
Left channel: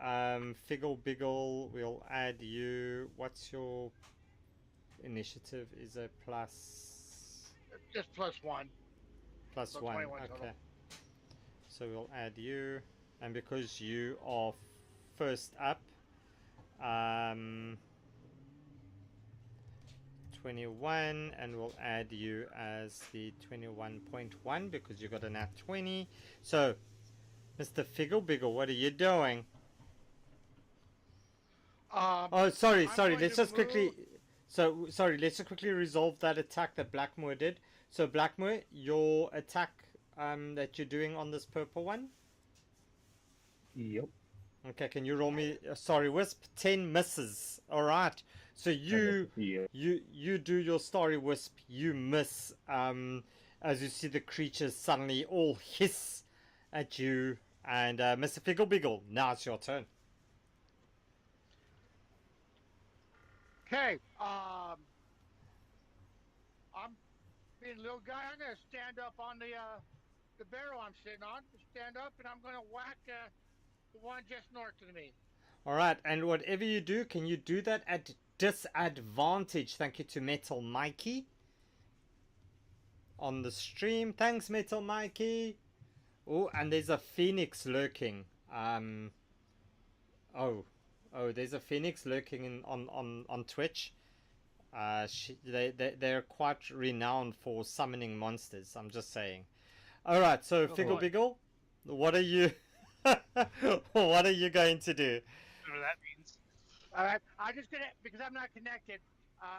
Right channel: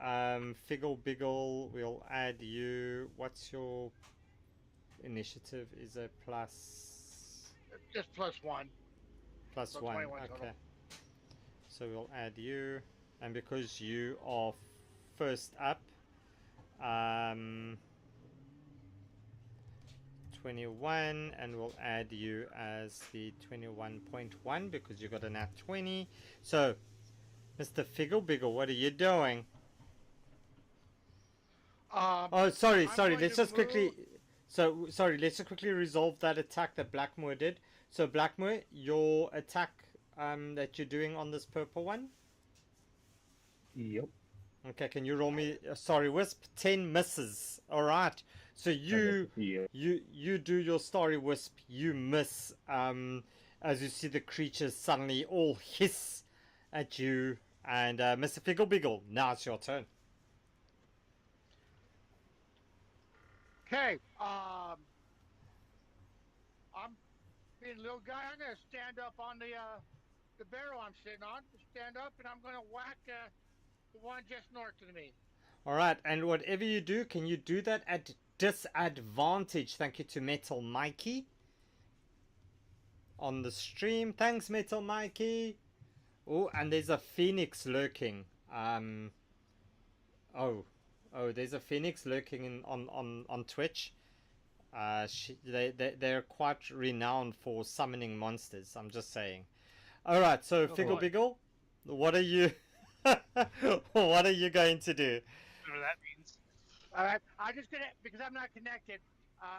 Figgle Biggle, we'll add you. What's your initiative? Is a plus Just +1, plus so one? 21 total. Okay. So we'll add you, and because you are first up, 21, and we'll add you as the 21.1 because you got a nat 20. So, Mr. Figgle Biggle, what are you doing? Oh, sorry. I'm going Let's to just quickly. move. So, sorry. Let's just quickly resolve that attack that Blackmoor did. So, Blackmoor, your attack that you're doing on this purple one. yep. Okay, can you roll me? Sorry, Wisp. 10 misses. All right. So Yeah. you do your Starry Wisp. You miss. As you see the creatures suddenly all hiss at you. And Mr. Figgle Biggle, now it's your turn. Okay. I'm being a little guy. I'm gonna stand up on the barrel I'm sitting on. Just stand up, and I'm gonna whack the one just north of me. All right, and whatever you do, can you do that at disadvantage? Thank you to Metal Mikey on the stream. Thanks, Metal Mikey. Oh, and there's a phoenix lurking. Oh, there's a phoenix lurking on Twitch. They're quite renowned for summoning monsters. I'm just saying. All right, so Oh, Figgle boy. Biggle, what are you? What are you going to do? Whatever that means. All right. I'm just gonna because I'm not connected,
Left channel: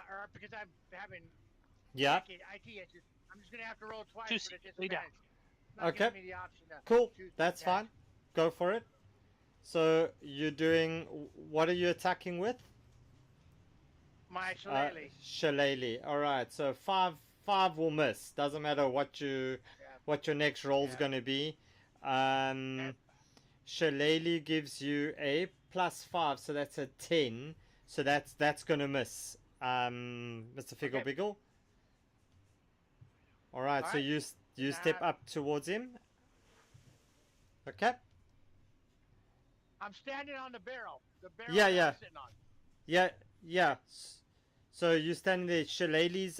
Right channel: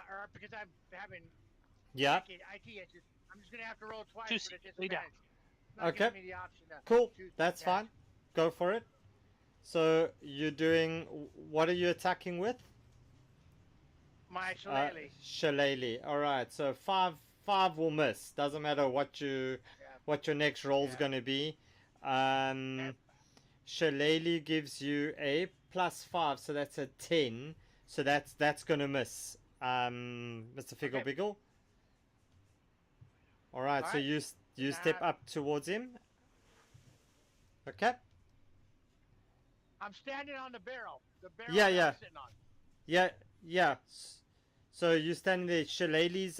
or because I'm having Yeah. IT issues. I'm just gonna have to roll twice Two for the lay down. disadvantage. Not Okay. giving me the option to Cool. choose the That's attack. fine. Go for it. So you're doing. What are you attacking with? My shillelagh. Shillelagh. All right. So five will miss. Doesn't matter what Yeah. your next roll is Yeah. going to be. Yeah. Shillelagh gives you a +5, so that's a 10. So that's going to miss. Mr. Figgle Okay. Biggle. All right. All So right. you Then step up towards him. Okay. I'm standing on the barrel. The barrel Yeah, that yeah. I'm sitting on. Yeah. So you stand there. Shillelagh's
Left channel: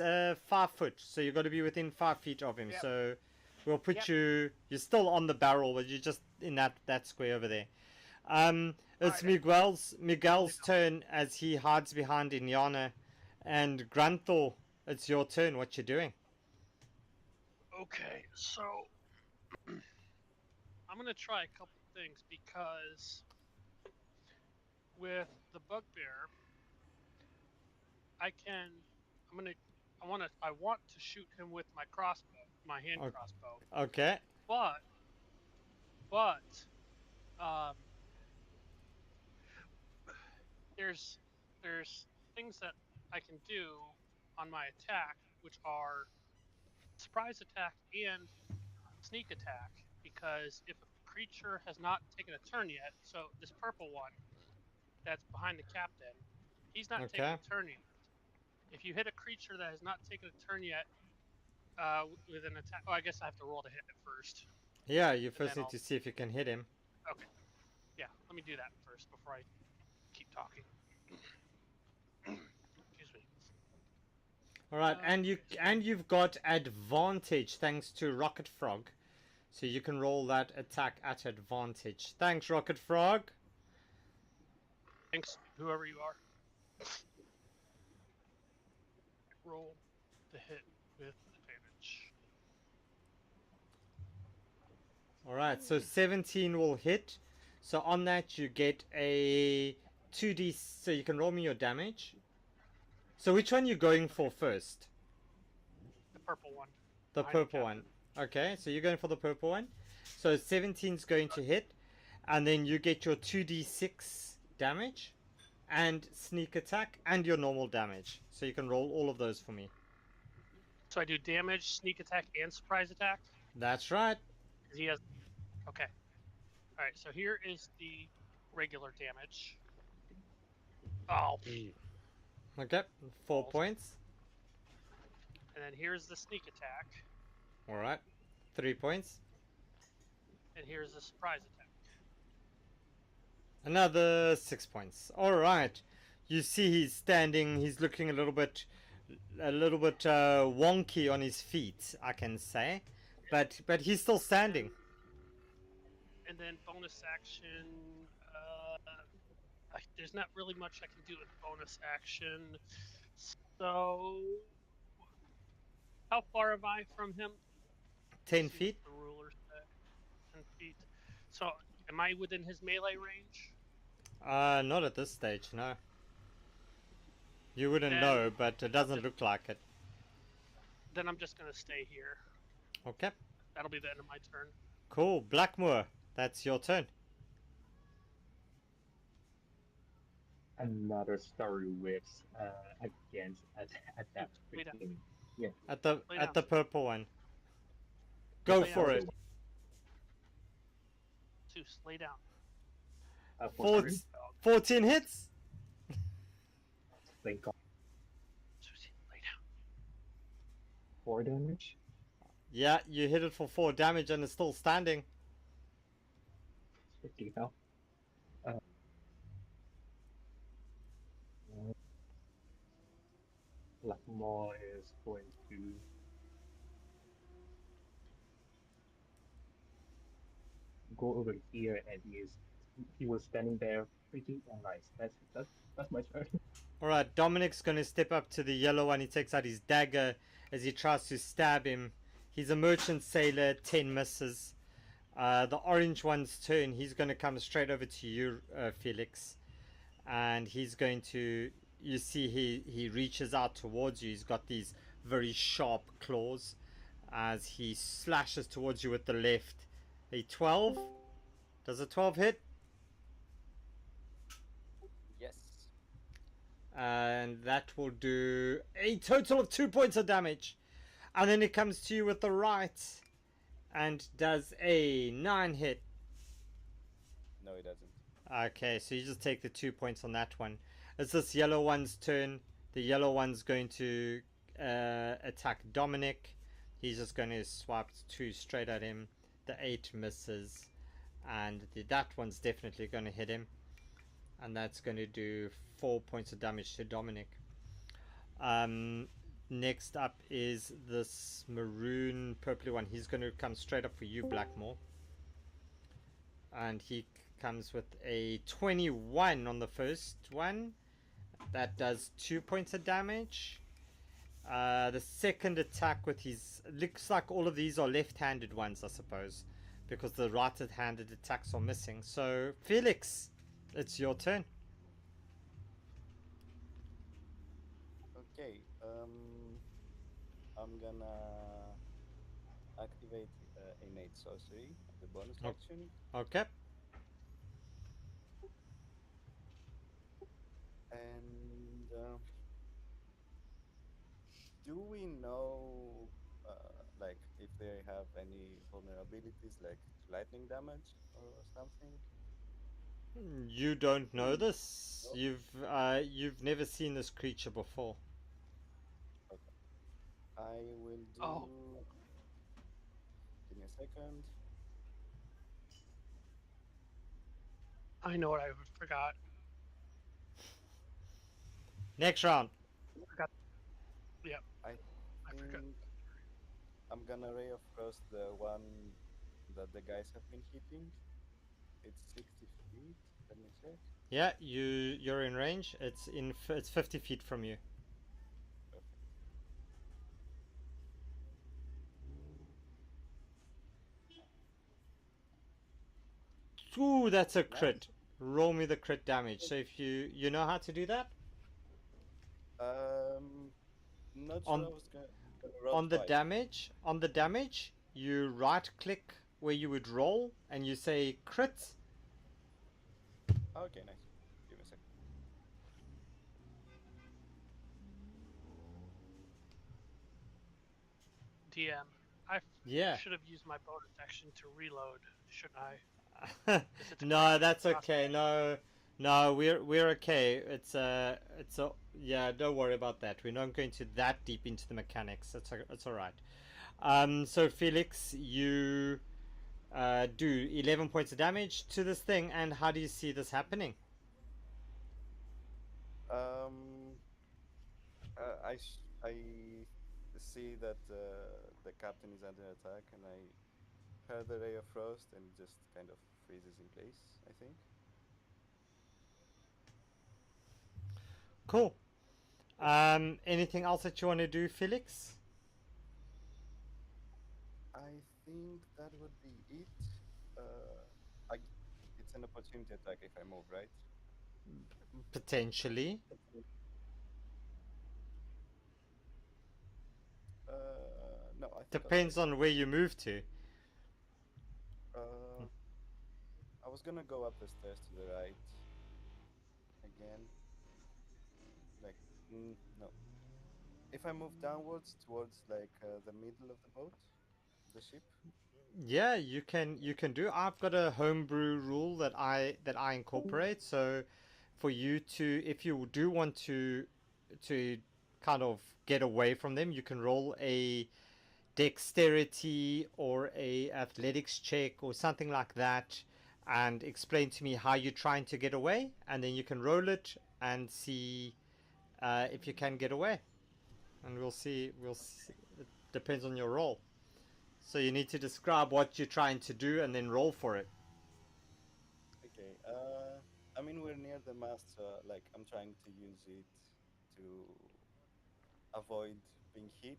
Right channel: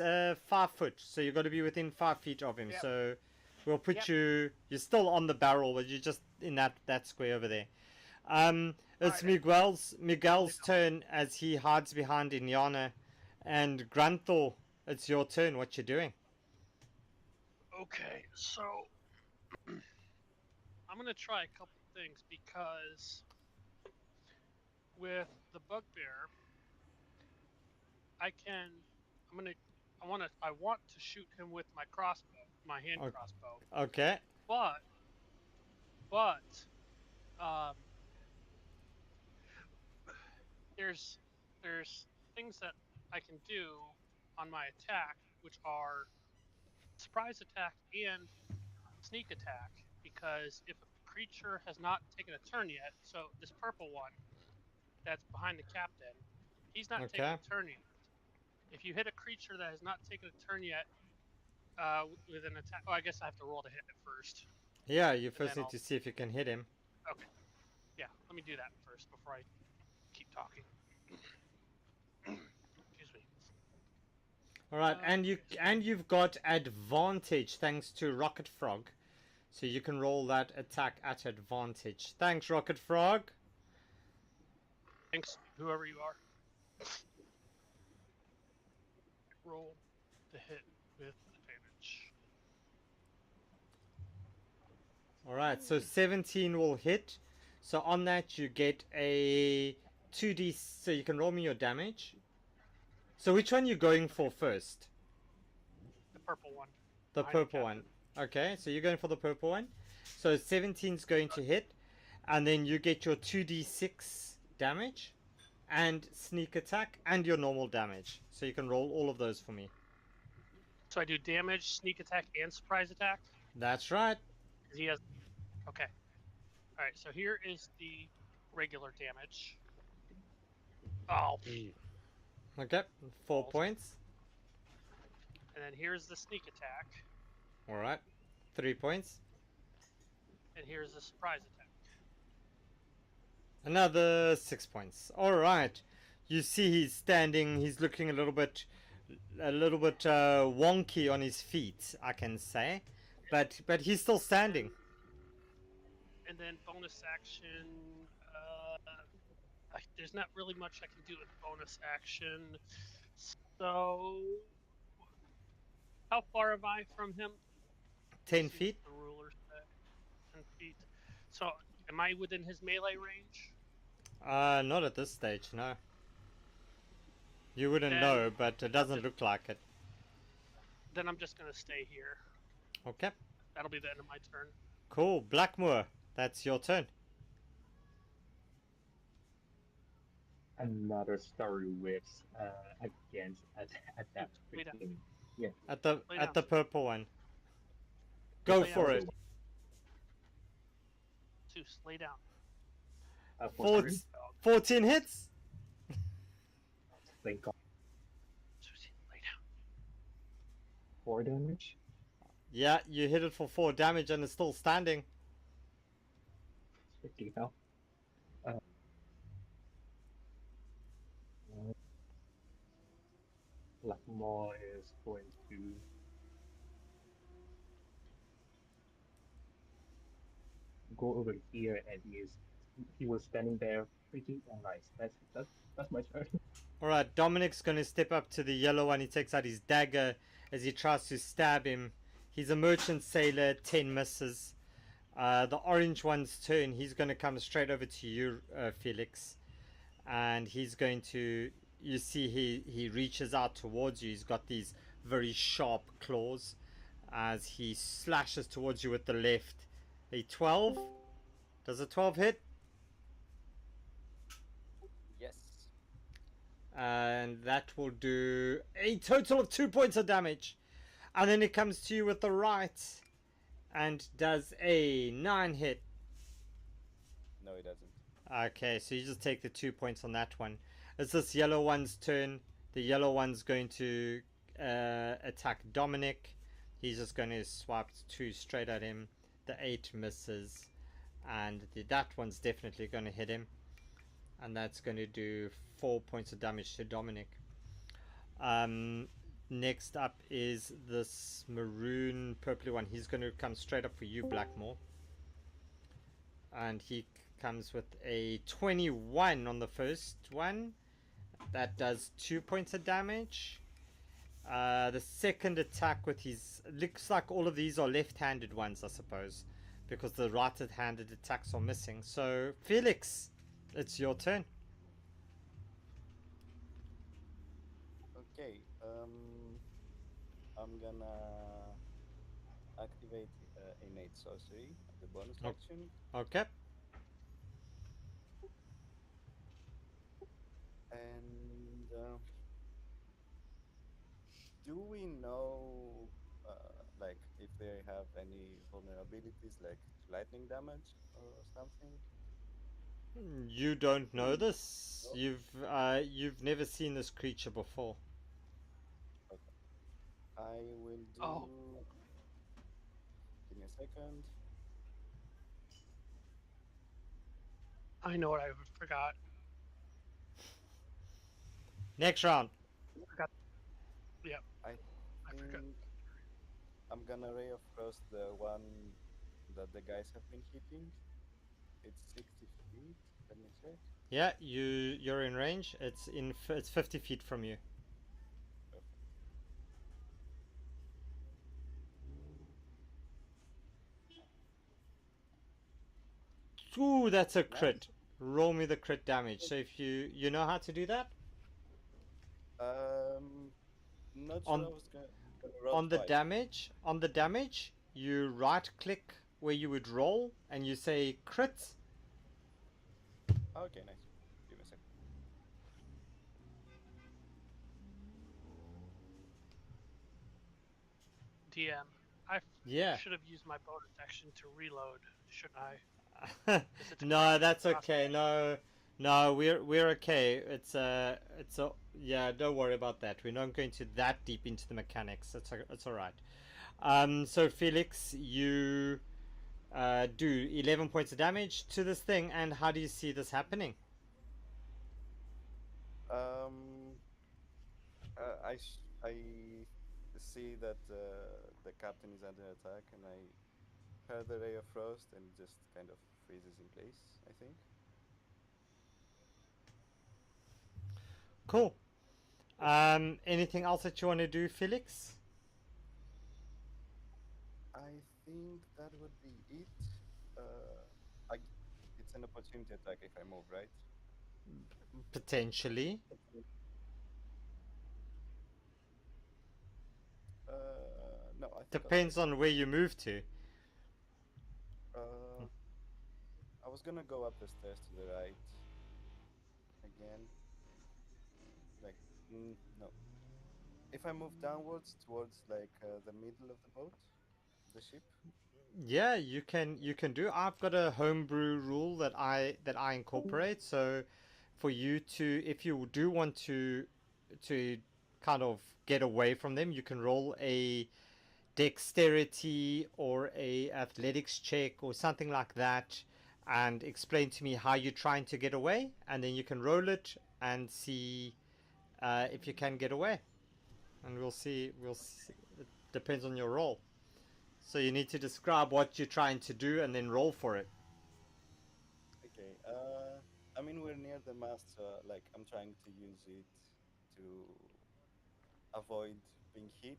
5 foot, so you got to be within 5 feet of him. Yep. So we'll put Yep. you. You're still on the barrel, but you're just in that square over there. It's Alright. Miguel's turn as he hides behind Inyana, and Grunthor. It's your turn. What you doing? Okay, so I'm gonna try a couple things because with the bugbear, I can. I want to shoot him with my crossbow, my hand Okay. crossbow. Okay. But um, there's things that I can do on my attack, which are surprise attack and sneak attack. Because if a creature has not taken a turn yet, so this purple one that's behind the captain, he's not taken Okay. a turn yet. If you hit a creature that has not taken a turn yet, with an attack, I guess I have to roll to hit it first. Yeah, you And first then need to see if you can hit him. Okay. Yeah, let me do that first before I keep talking. Excuse me. All right, and you've got advantage thanks to Rocket Frog, so you can roll that attack at advantage. Thanks, Rocket Frog. Thanks, whoever you are. Roll to hit with advantage. All right, so 17 will hit. So on that you get a 2d. So you can roll me your damage. So which one you going for first? The purple one. The purple one. Okay, so you're going for the purple one. So 17 is going to hit, and then you get your 2d6 damage, and sneak attack, and your normal damage. So you can roll all of those for me. So I do damage, sneak attack, and surprise attack? That's right. He has. Okay. Alright, so here is the regular damage. Oh. Okay, 4 Balls. points. And then here's the sneak attack. All right, 3 points. And here's the surprise attack. Another 6 points. All right. You see he's standing. He's looking a little bit wonky on his feet, I can say, but he's still standing. And then bonus action. There's not really much I can do with bonus action. So, how far am I from him? 10 feet. The ruler said 10 feet. So, am I within his melee range? Not at this stage, no. You wouldn't know, but it doesn't look like it. Then I'm just gonna stay here. Okay. That'll be the end of my turn. Cool. Blackmoor, that's your turn. Another story with against adapt quickly. Yeah. At the Lay down. purple one. Go Lay for down. it. Zeus, lay down. 14 hits. Thank God. Zeus, lay down. 4 damage. Yeah, you hit it for 4 damage and it's still standing. 50 health. Blackmore is going to go over here, and he was standing there pretty nice. That's my turn. Alright, Dominic's gonna step up to the yellow one. He takes out his dagger as he tries to stab him. He's a merchant sailor, 10 misses. The orange one's turn. He's gonna come straight over to you, Felix. And he's going to, you see he reaches out towards you. He's got these very sharp claws. as he slashes towards you with the left. A 12. Does a 12 hit? Yes. And that will do a total of 2 points of damage. And then it comes to you with the right and does a 9 hit. No, it doesn't. Okay, so you just take the 2 points on that one. It's this yellow one's turn. The yellow one's going to attack Dominic. He's just going to swipe 2 straight at him. The 8 misses. And that one's definitely going to hit him. And that's going to do 4 points of damage to Dominic. Next up is this maroon purpley one. He's going to come straight up for you, Blackmore. And he comes with a 21 on the first one. That does 2 points of damage. The second attack with his... Looks like all of these are left-handed ones, I suppose, because the right-handed attacks are missing. So, Felix, it's your turn. Okay. I'm gonna activate innate sorcery as a bonus Oh. action. Okay. And do we know, like, if they have any vulnerabilities, like to lightning damage or something? You don't know this. You've never seen this creature before. Okay. I will do. Oh. Give me a second. I know what I forgot. Next round. Forgot. Yep. I I forgot. think I'm gonna Ray of Frost the one that the guys have been hitting. It's 60 feet. Let me check. Yeah, you're in range. It's 50 feet from you. Perfect. Ooh, that's a crit. Roll me the crit damage. So if you know how to do that? Not sure. On- I was gonna roll On the twice. damage, you right click where you would roll and you say crit. Okay, nice. Give me a second. DM. I Yeah. should have used my bonus action to reload, shouldn't I? It's a No, cross- that's crossbow. okay. No, we're okay. It's yeah. Don't worry about that. We're not going to that deep into the mechanics. It's all right. So Felix, you do 11 points of damage to this thing, and how do you see this happening? I see that the captain is under attack, and I heard the Ray of Frost, and it just kind of freezes in place, I think. Cool. Anything else that you want to do, Felix? I think that would be it. It's an opportunity attack if I move, right? Potentially. No, I think Depends on where you move to. I was gonna go up the stairs to the right again. Like, no. If I move downwards towards like the middle of the boat, the ship. Yeah, you can do. I've got a homebrew rule that I incorporate. So, for you to, if you do want to kind of get away from them, you can roll a dexterity or a athletics check or something like that, and explain to me how you're trying to get away, and then you can roll it and see if you can get away, and we'll see. It depends on your roll. So you need to describe what you're trying to do and then roll for it. Okay. I mean we're near the mast, so like I'm trying to use it to avoid being hit,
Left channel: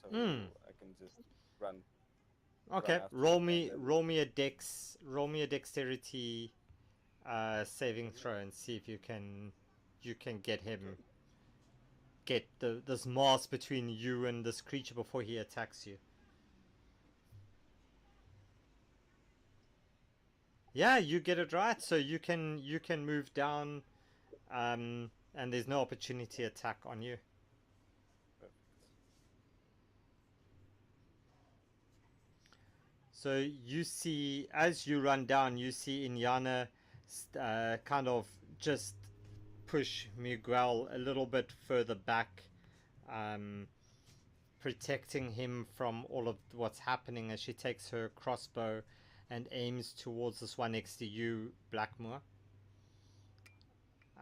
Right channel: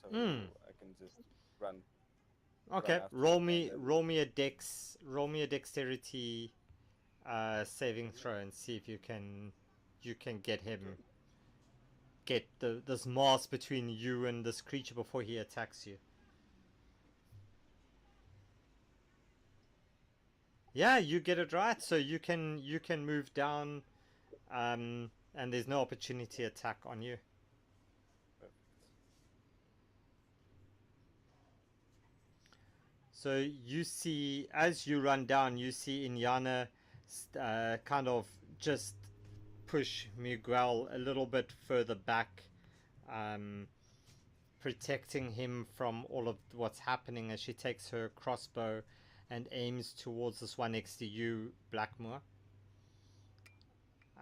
so I can just run. Okay, after roll them, me and then- roll me a dexterity saving throw and see if you can get him, Okay. get this mass between you and this creature before he attacks you. Yeah, you get it right. So you can move down, and there's no opportunity attack on you. Perfect. So you see, as you run down, you see Inyana kind of just push Miguel a little bit further back, protecting him from all of what's happening as she takes her crossbow and aims towards this one next to you, Blackmore.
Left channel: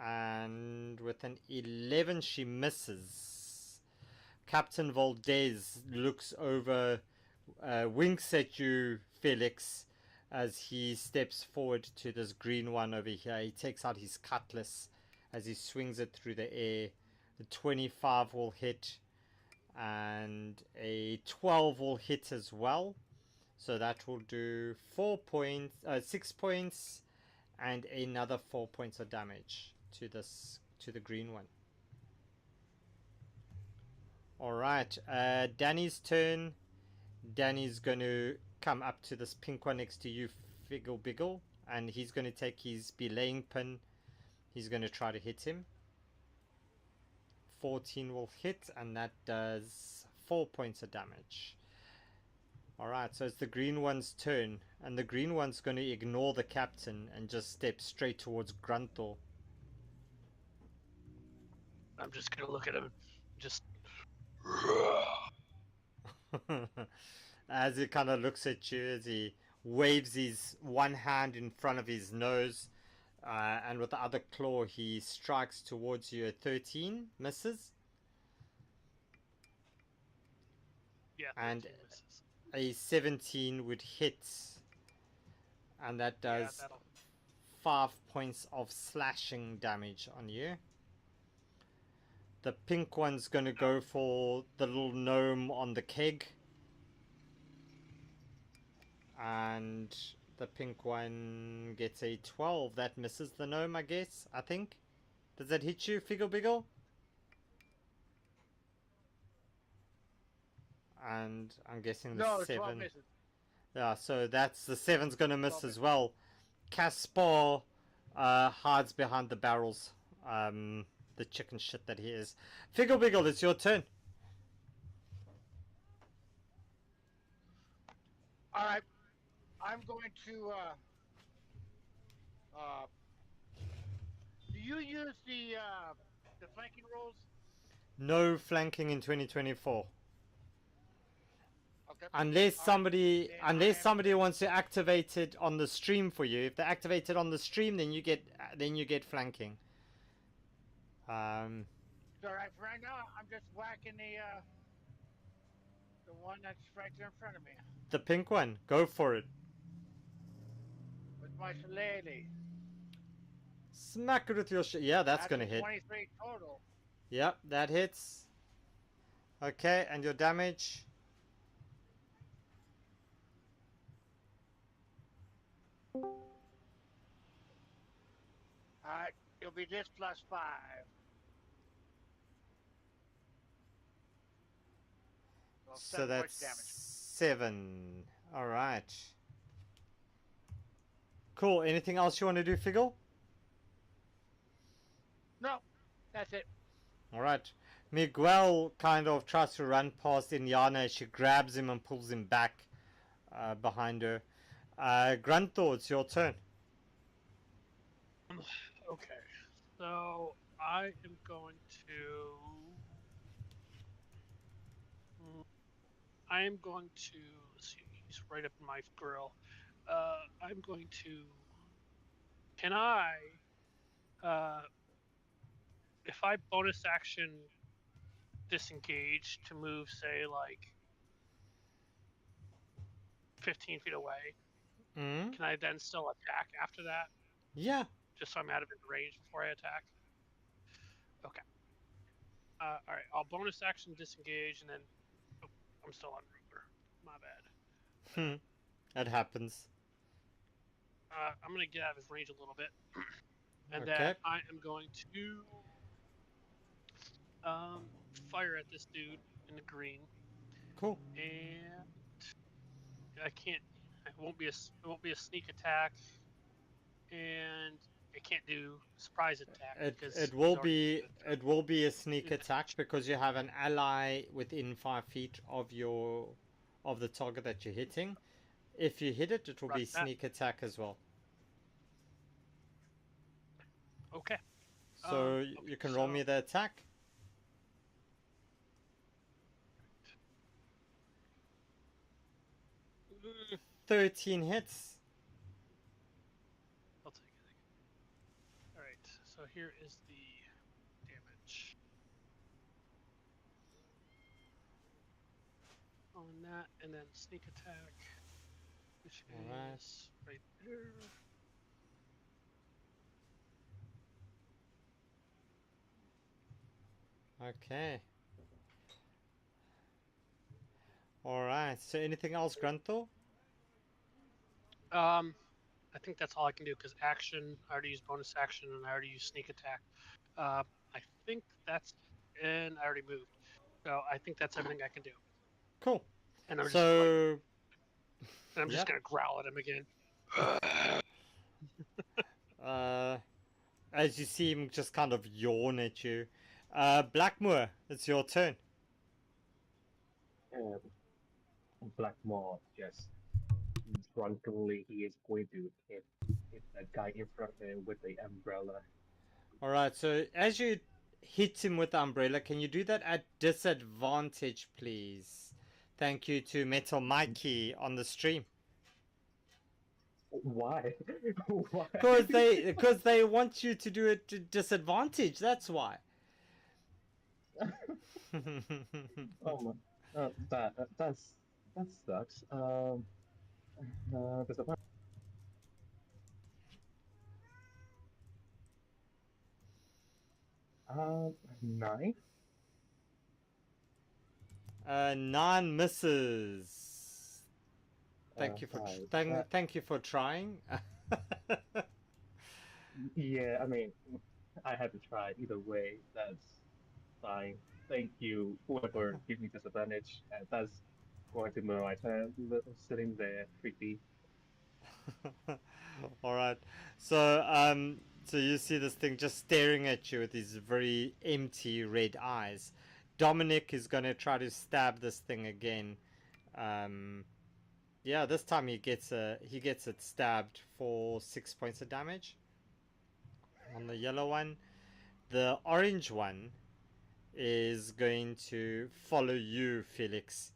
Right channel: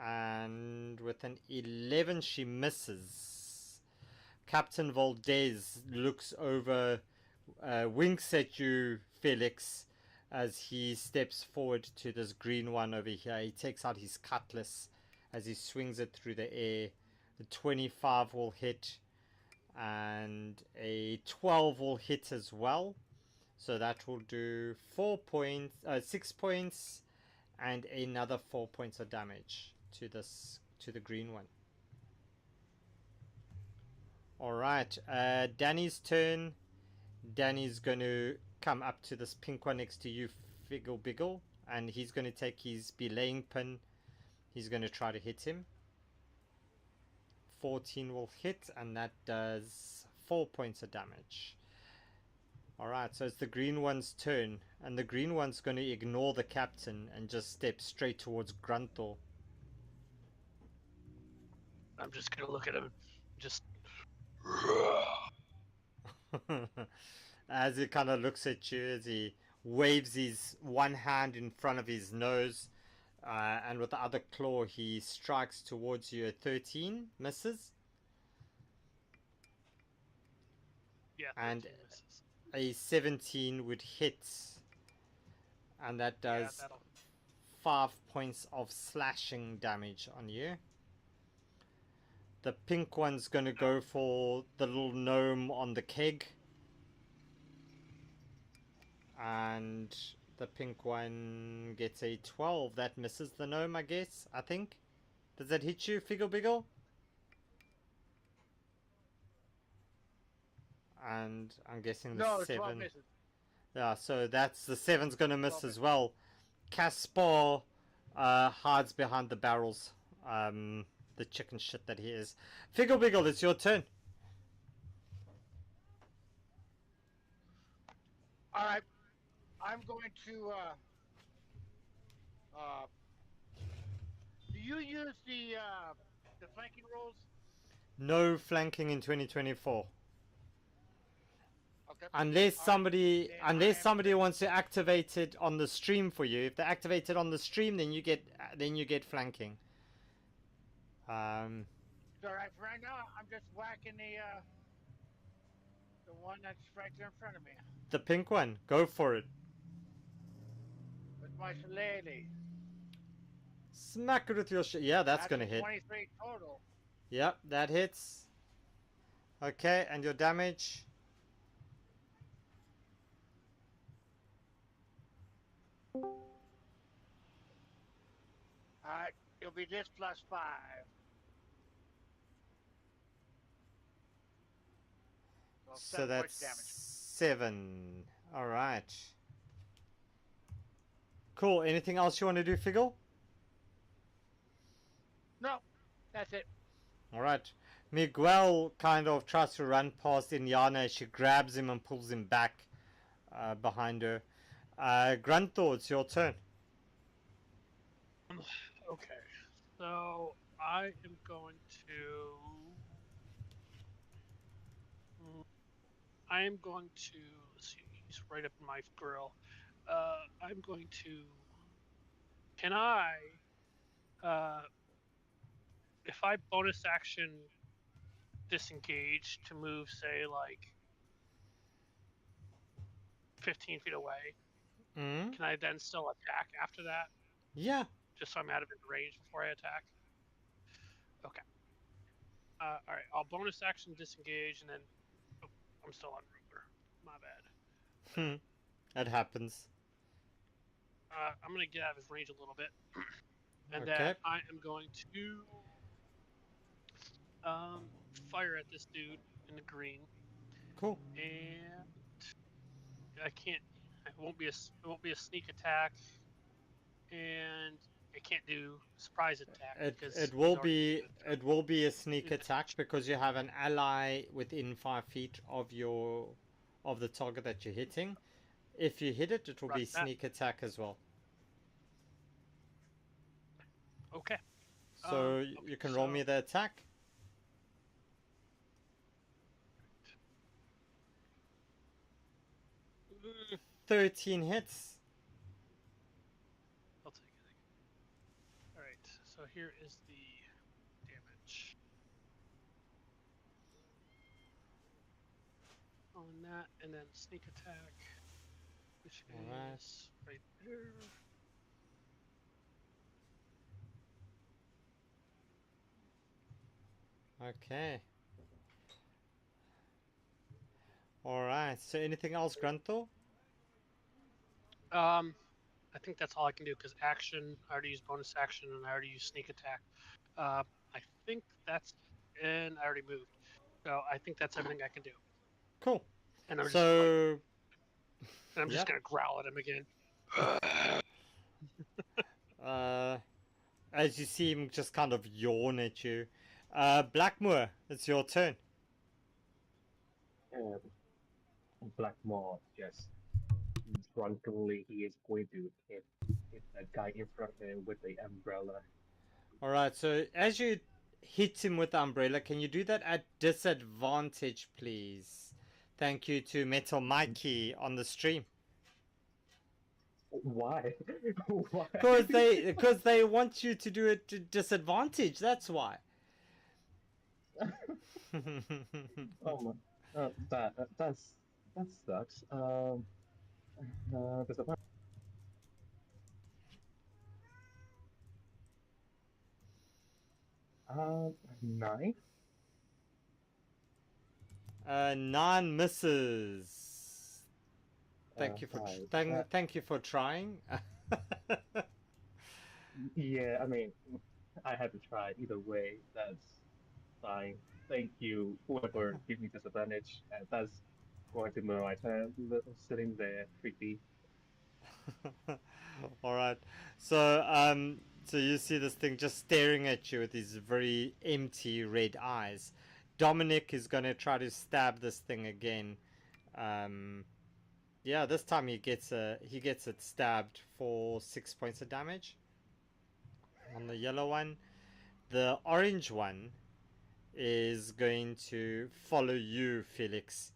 And with an 11, she misses. Captain Valdez looks over, winks at you, Felix, as he steps forward to this green one over here. He takes out his cutlass as he swings it through the air. The 25 will hit, and a 12 will hit as well. So that will do 6 points, and another 4 points of damage to the green one. All right, Danny's turn. Danny's going to come up to this pink one next to you, Figgle Biggle, and he's going to take his belaying pin. He's going to try to hit him. 14 will hit, and that does 4 points of damage. Alright, so it's the green one's turn, and the green one's going to ignore the captain and just step straight towards Grunthor. I'm just gonna look at him, just. As he kind of looks at you, as he waves his one hand in front of his nose, and with the other claw he strikes towards you. At 13 misses. Yeah, 13 And misses. a 17 would hit, and that does Yeah, that'll. 5 points of slashing damage on you. The pink one's gonna go for the little gnome on the keg, and the pink one gets a 12. That misses the gnome, I guess. I think. Does that hit you, Figgle Biggle? And I'm guessing the No, 12 7. misses. Yeah, so that's the 7's gonna miss 12 as well. Caspar hides behind the barrels. The chicken shit that he is. Figgle Biggle, it's your turn. All right, I'm going to. Do you use the flanking rolls? No flanking in 2024. Okay. Unless All right, somebody then somebody wants to activate it on the stream for you. If they activate it on the stream, then you get flanking. So right for right now, I'm just whacking the one that's right there in front of me The pink one, go for it. with my shillelagh. Smack it with your yeah, that's gonna a hit. 23 total. Yep, that hits. Okay, and your damage? All right, it'll be this plus 5. So, So 7 that's points of damage. 7. Alright. Cool. Anything else you want to do, Figgle? No, that's it. Alright. Miguel kind of tries to run past Inyana. She grabs him and pulls him back behind her. Grunthor, it's your turn. Okay, so I am going to. I am going to. Let's see, he's right up in my grill. I'm going to. Can I? If I bonus action disengage to move, say, like 15 feet away, Mm? can I then still attack after that? Yeah. Just so I'm out of his range before I attack? Okay. All right, I'll bonus action disengage, and then I'm still on ruler. My bad. That happens. I'm going to get out of his range a little bit. And Okay. then I am going to fire at this dude in the green. Cool. And I can't. It won't be a sneak attack. and it can't do surprise attack because It he's will already be a sneak in the attack because you have an ally within 5 feet of the target that you're hitting. If you hit it, it will be Roger that. sneak attack as well. Okay. So Okay, you can roll me the attack. Mm, 13 hits. I'll take it. All right. So here is the damage on that, and then sneak attack, which Alright. is right there. Okay. Alright. So anything else, Grunthor? I think that's all I can do because action. I already used bonus action, and I already used sneak attack. I think that's, and I already moved. So I think that's everything I can do. Cool. And I'm just So like, and I'm just yep. gonna growl at him again. As you see him just kind of yawn at you. Blackmoor, it's your turn. And Blackmore just drunkenly he is going to hit that guy in front of him with the umbrella. Alright, so as you hit him with the umbrella, can you do that at disadvantage, please? Thank you to Metal Mikey on the stream. Why? Why? Because they want you to do it to disadvantage, that's why. Oh my, that sucks. Disadvantage. 9. 9 misses. Thank you for That, thank you for trying. yeah, I mean, I had to try either way. That's fine. Thank you, whoever gave me disadvantage. That's going to be my turn. Sitting there, creepy. All right. So you see this thing just staring at you with these very empty red eyes. Dominic is going to try to stab this thing again. Yeah, this time he gets it stabbed for 6 points of damage on the yellow one. The orange one is going to follow you, Felix,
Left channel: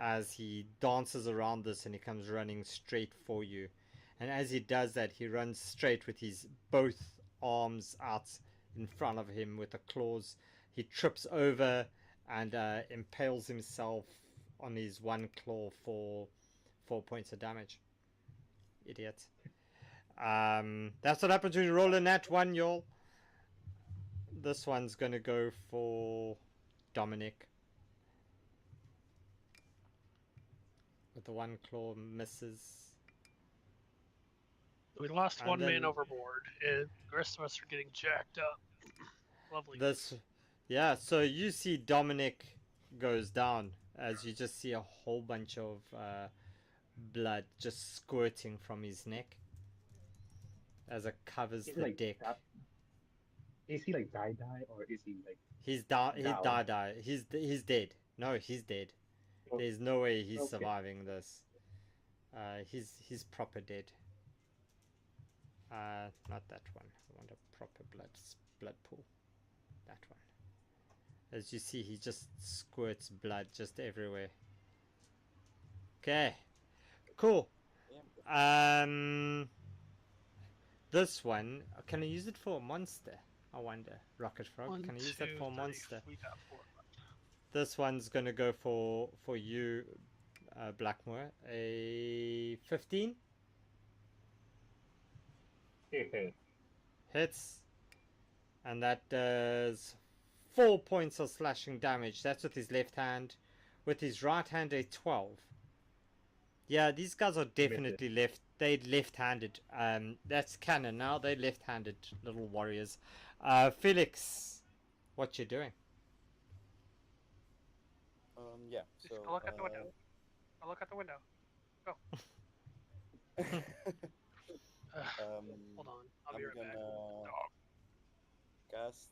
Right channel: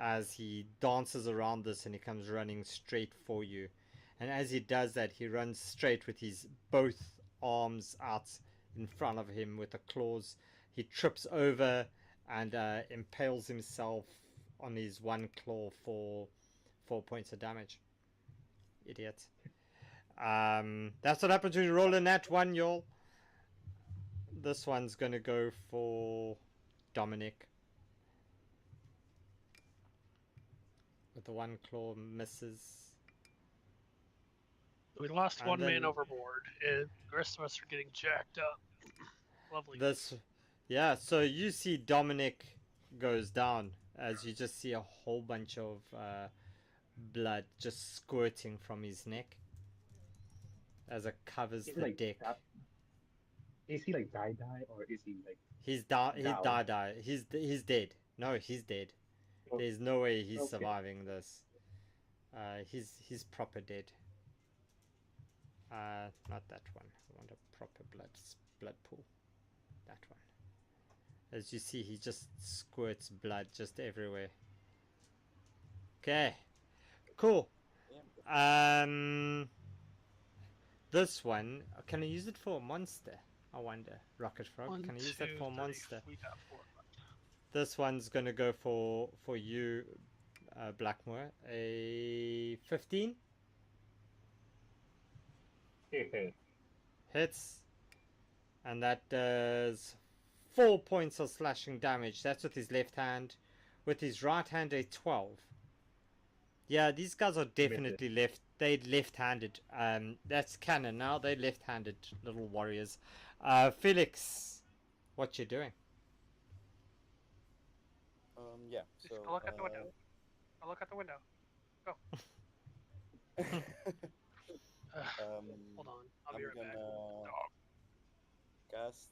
as he dances around this and he comes running straight for you. And as he does that, he runs straight with his both arms out in front of him with the claws. He trips over and impales himself on his one claw for 4 points of damage. Idiot. That's what happens when you roll a nat 1, y'all. This one's gonna go for Dominic. With the one claw misses. We lost And one man then- overboard, and the rest of us are getting jacked up. Lovely. Yeah, so you see Dominic goes down as you just see a whole bunch of blood just squirting from his neck as it covers Is the he like deck. Is he like die or is he like He's down? He's dead. No, he's dead. Oh, There's no way he's okay. surviving this. He's proper dead. Not that one. I want a proper blood pool. That one. As you see, he just squirts blood just everywhere. Okay, cool. This one, can I use it for a monster? I wonder. Rocket Frog, One, can I use two, that for a 3, monster? we got 4 left. This one's gonna go for you, Blackmoor. A 15 hits, and that does 4 points of slashing damage. That's with his left hand. With his right hand, a 12. Yeah, these guys are definitely left-handed. That's canon now. They're left-handed little warriors. Felix, what you doing? Yeah. Just So go look out the window. Go look out the window. Go. Hold on, I'll be I'm right back. gonna cast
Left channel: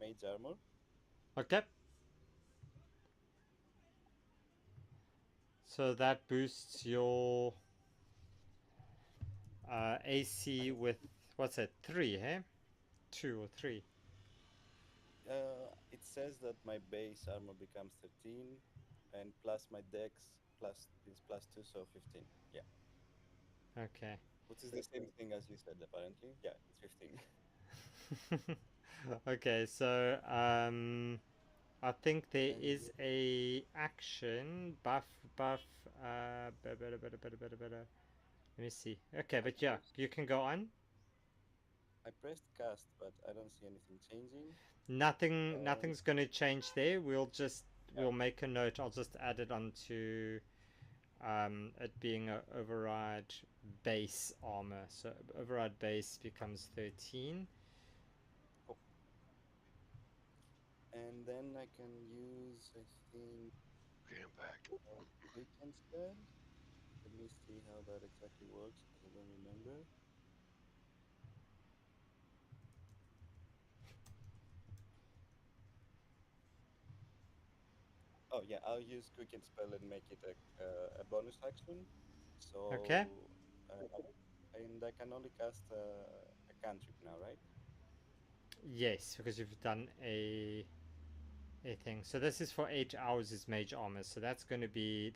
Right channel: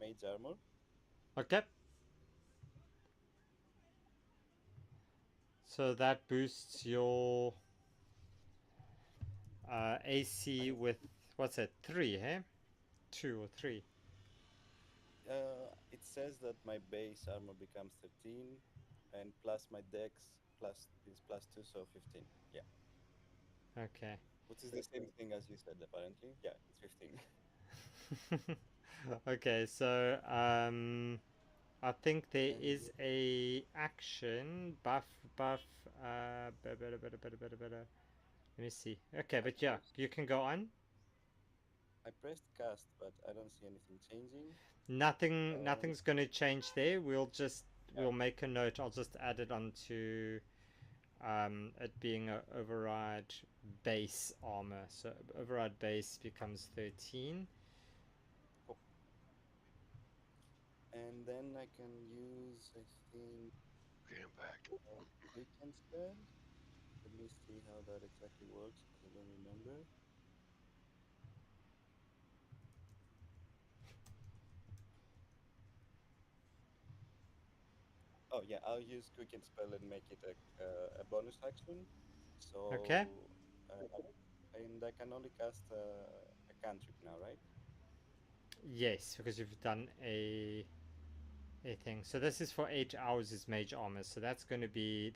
Mage Armor. Okay. So that boosts your AC with, what's it, 3, hey? 2 or 3. It says that my base armor becomes 13, and plus my dex plus is plus 2, so 15. Yeah, Okay. which is the same thing as you said, apparently. Yeah, it's 15. Okay, so I think there And is a action buff. Let me see. Okay, but yeah, you can go on. I pressed cast, but I don't see anything changing. Nothing's going to change there. We'll Yeah. make a note. I'll just add it onto it being a override base armor. So override base becomes 13. Cool. And then I can use, I think, Okay, I'm back. quick instead. Let me see how that exactly works, because I don't remember. Oh yeah, I'll use quick and spell and make it a bonus action. So Okay. and I can only cast a cantrip now, right? Yes, because you've done a thing. So this is for 8 hours is mage armor. So that's going to be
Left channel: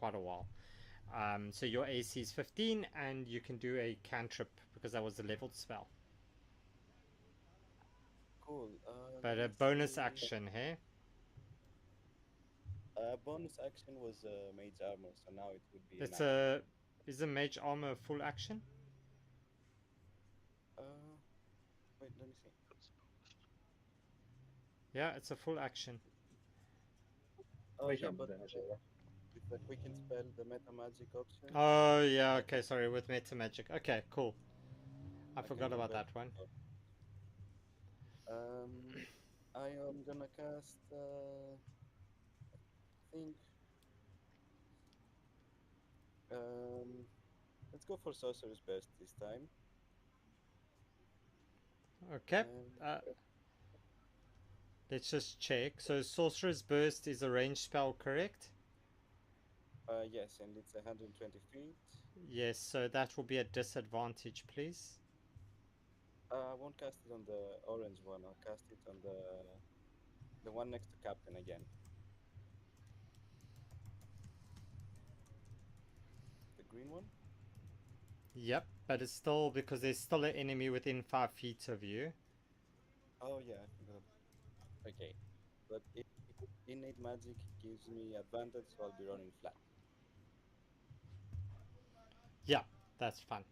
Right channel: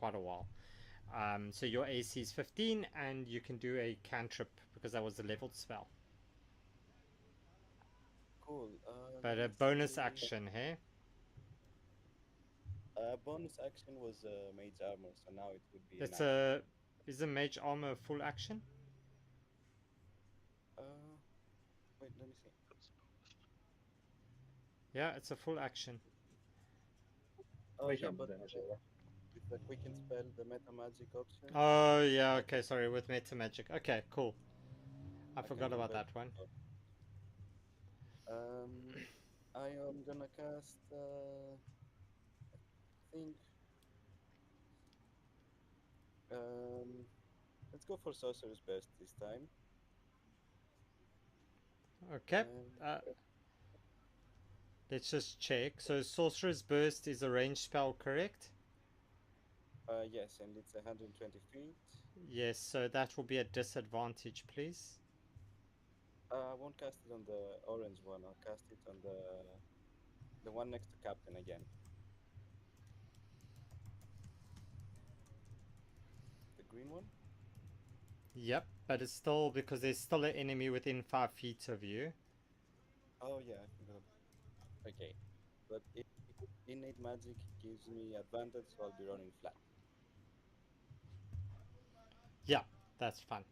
quite a while. So your AC is 15, and you can do a cantrip because that was a leveled spell. Cool. But Let a me bonus see. action, hey? Bonus action was mage armor, so now it would be an It's action. is a mage armor full action? Wait, let me see. Yeah, it's a full action. Oh Mage yeah, armor but damage, yeah. with the quick and spell, the meta magic option, Oh yeah, I okay, sorry, with meta magic. Okay, cool. I can forgot about convert. that one. I am gonna cast. I think. Let's go for Sorcerer's Burst this time. Okay. And Let's just check. So Sorcerer's Burst is a ranged spell, correct? yes, and it's 120 feet. Yes, so that will be a disadvantage, please. I won't cast it on the orange one. I'll cast it on the one next to Captain again. The green one? Yep, but it's still because there's still an enemy within 5 feet of you. Oh yeah, I forgot. Okay, but innate magic gives me advantage, so I'll be running flat. Yeah, that's fine.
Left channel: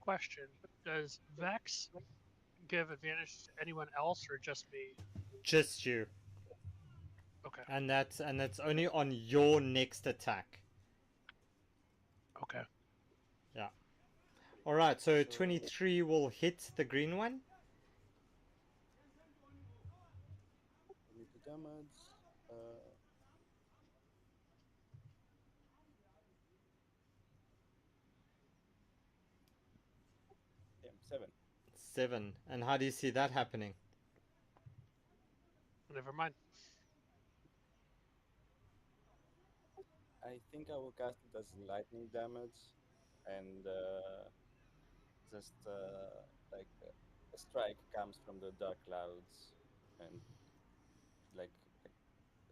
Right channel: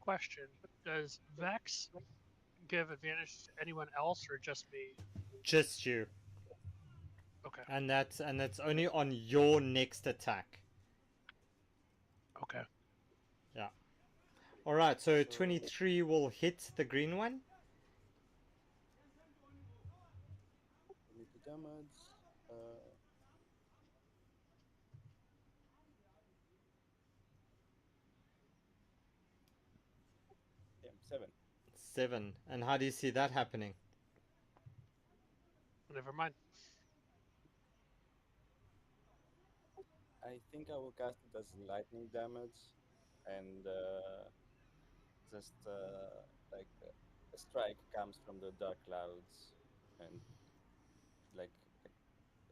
Question: does Vex give advantage to anyone else or just me? Just you. Okay. And that's only on your next attack. Okay. Yeah. Alright, so 23 will hit the green one. Need the damage. Yeah, 7. 7. And how do you see that happening? Never mind. I think I will cast it as lightning damage, and just like a strike comes from the dark clouds, and like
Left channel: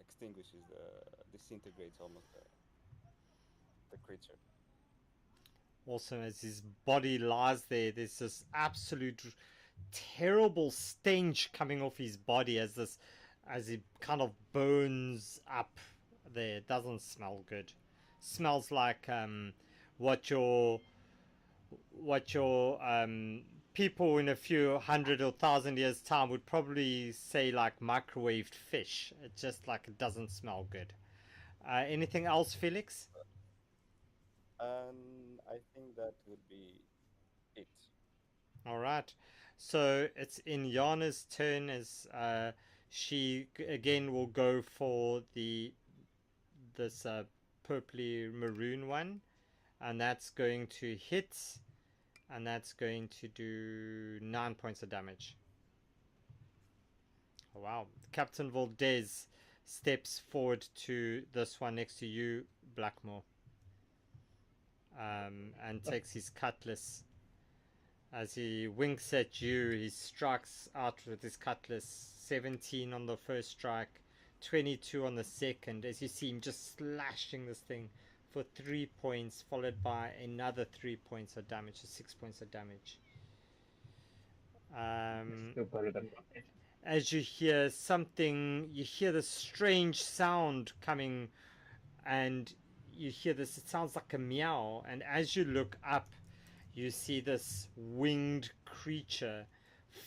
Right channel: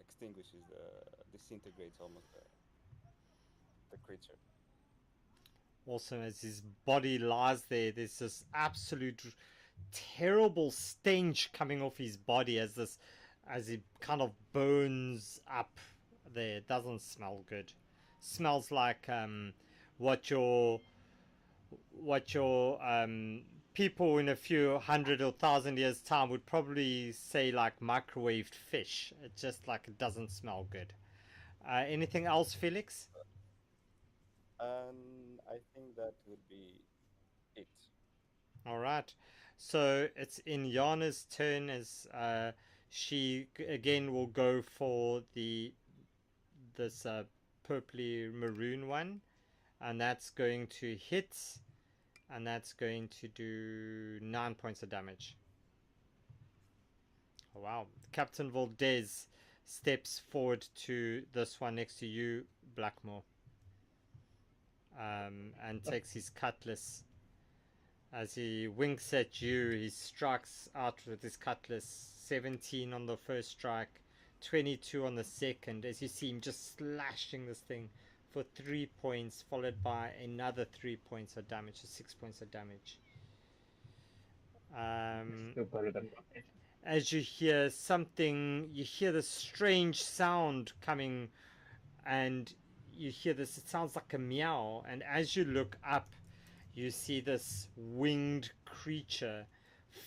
extinguishes disintegrates almost the creature. Also, as his body lies there, there's this absolute terrible stench coming off his body as he kind of burns up there. It doesn't smell good. Smells like what your people in a few hundred or thousand years time would probably say like microwaved fish. It just like it doesn't smell good. Anything else, Felix? I think that would be it. All right. So it's in Yana's turn as she again will go for the this purpley maroon one, and that's going to hit, and that's going to do 9 points of damage. Oh, wow. Captain Valdez steps forward to this one next to you, Blackmore, and takes his cutlass. As he winks at you, he strikes out with his cutlass. 17 on the first strike, 22 on the second, as you see him just slashing this thing for 3 points, followed by another 3 points of damage, so 6 points of damage. Still better than nothing. As you hear something, you hear this strange sound coming, and you hear this, it sounds like a meow, and as you look up, you see this winged creature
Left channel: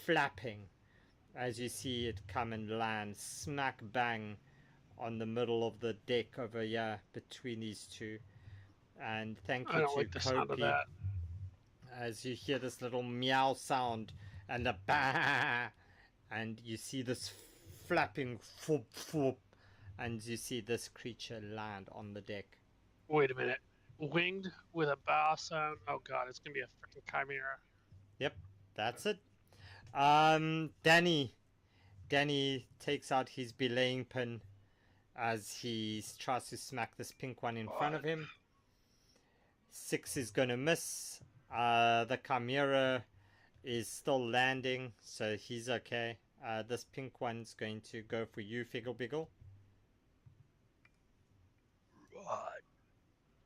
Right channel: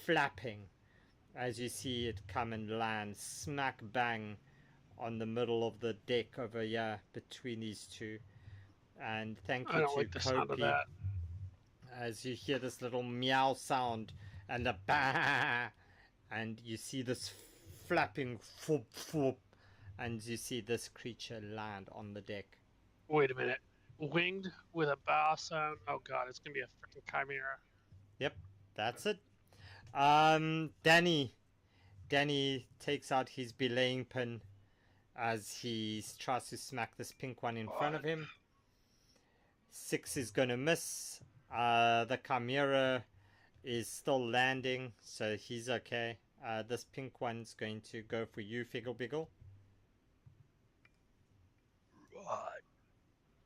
flapping, as you see it come and land smack bang on the middle of the deck over here between these two. And thank you I don't to like the sound of Kopi, that. as you hear this little meow sound and a bah, and you see this flapping foop foop, and you see this creature land on the deck. Wait a minute. Winged with a bow sound. Oh god, it's gonna be a freaking chimera. Yep, that's it. Danny takes out his belaying pin as he tries to smack this pink one in front of him. 6 is going to miss. The chimera is still landing, so he's okay. This pink one's going to go for you, Figgle Biggle.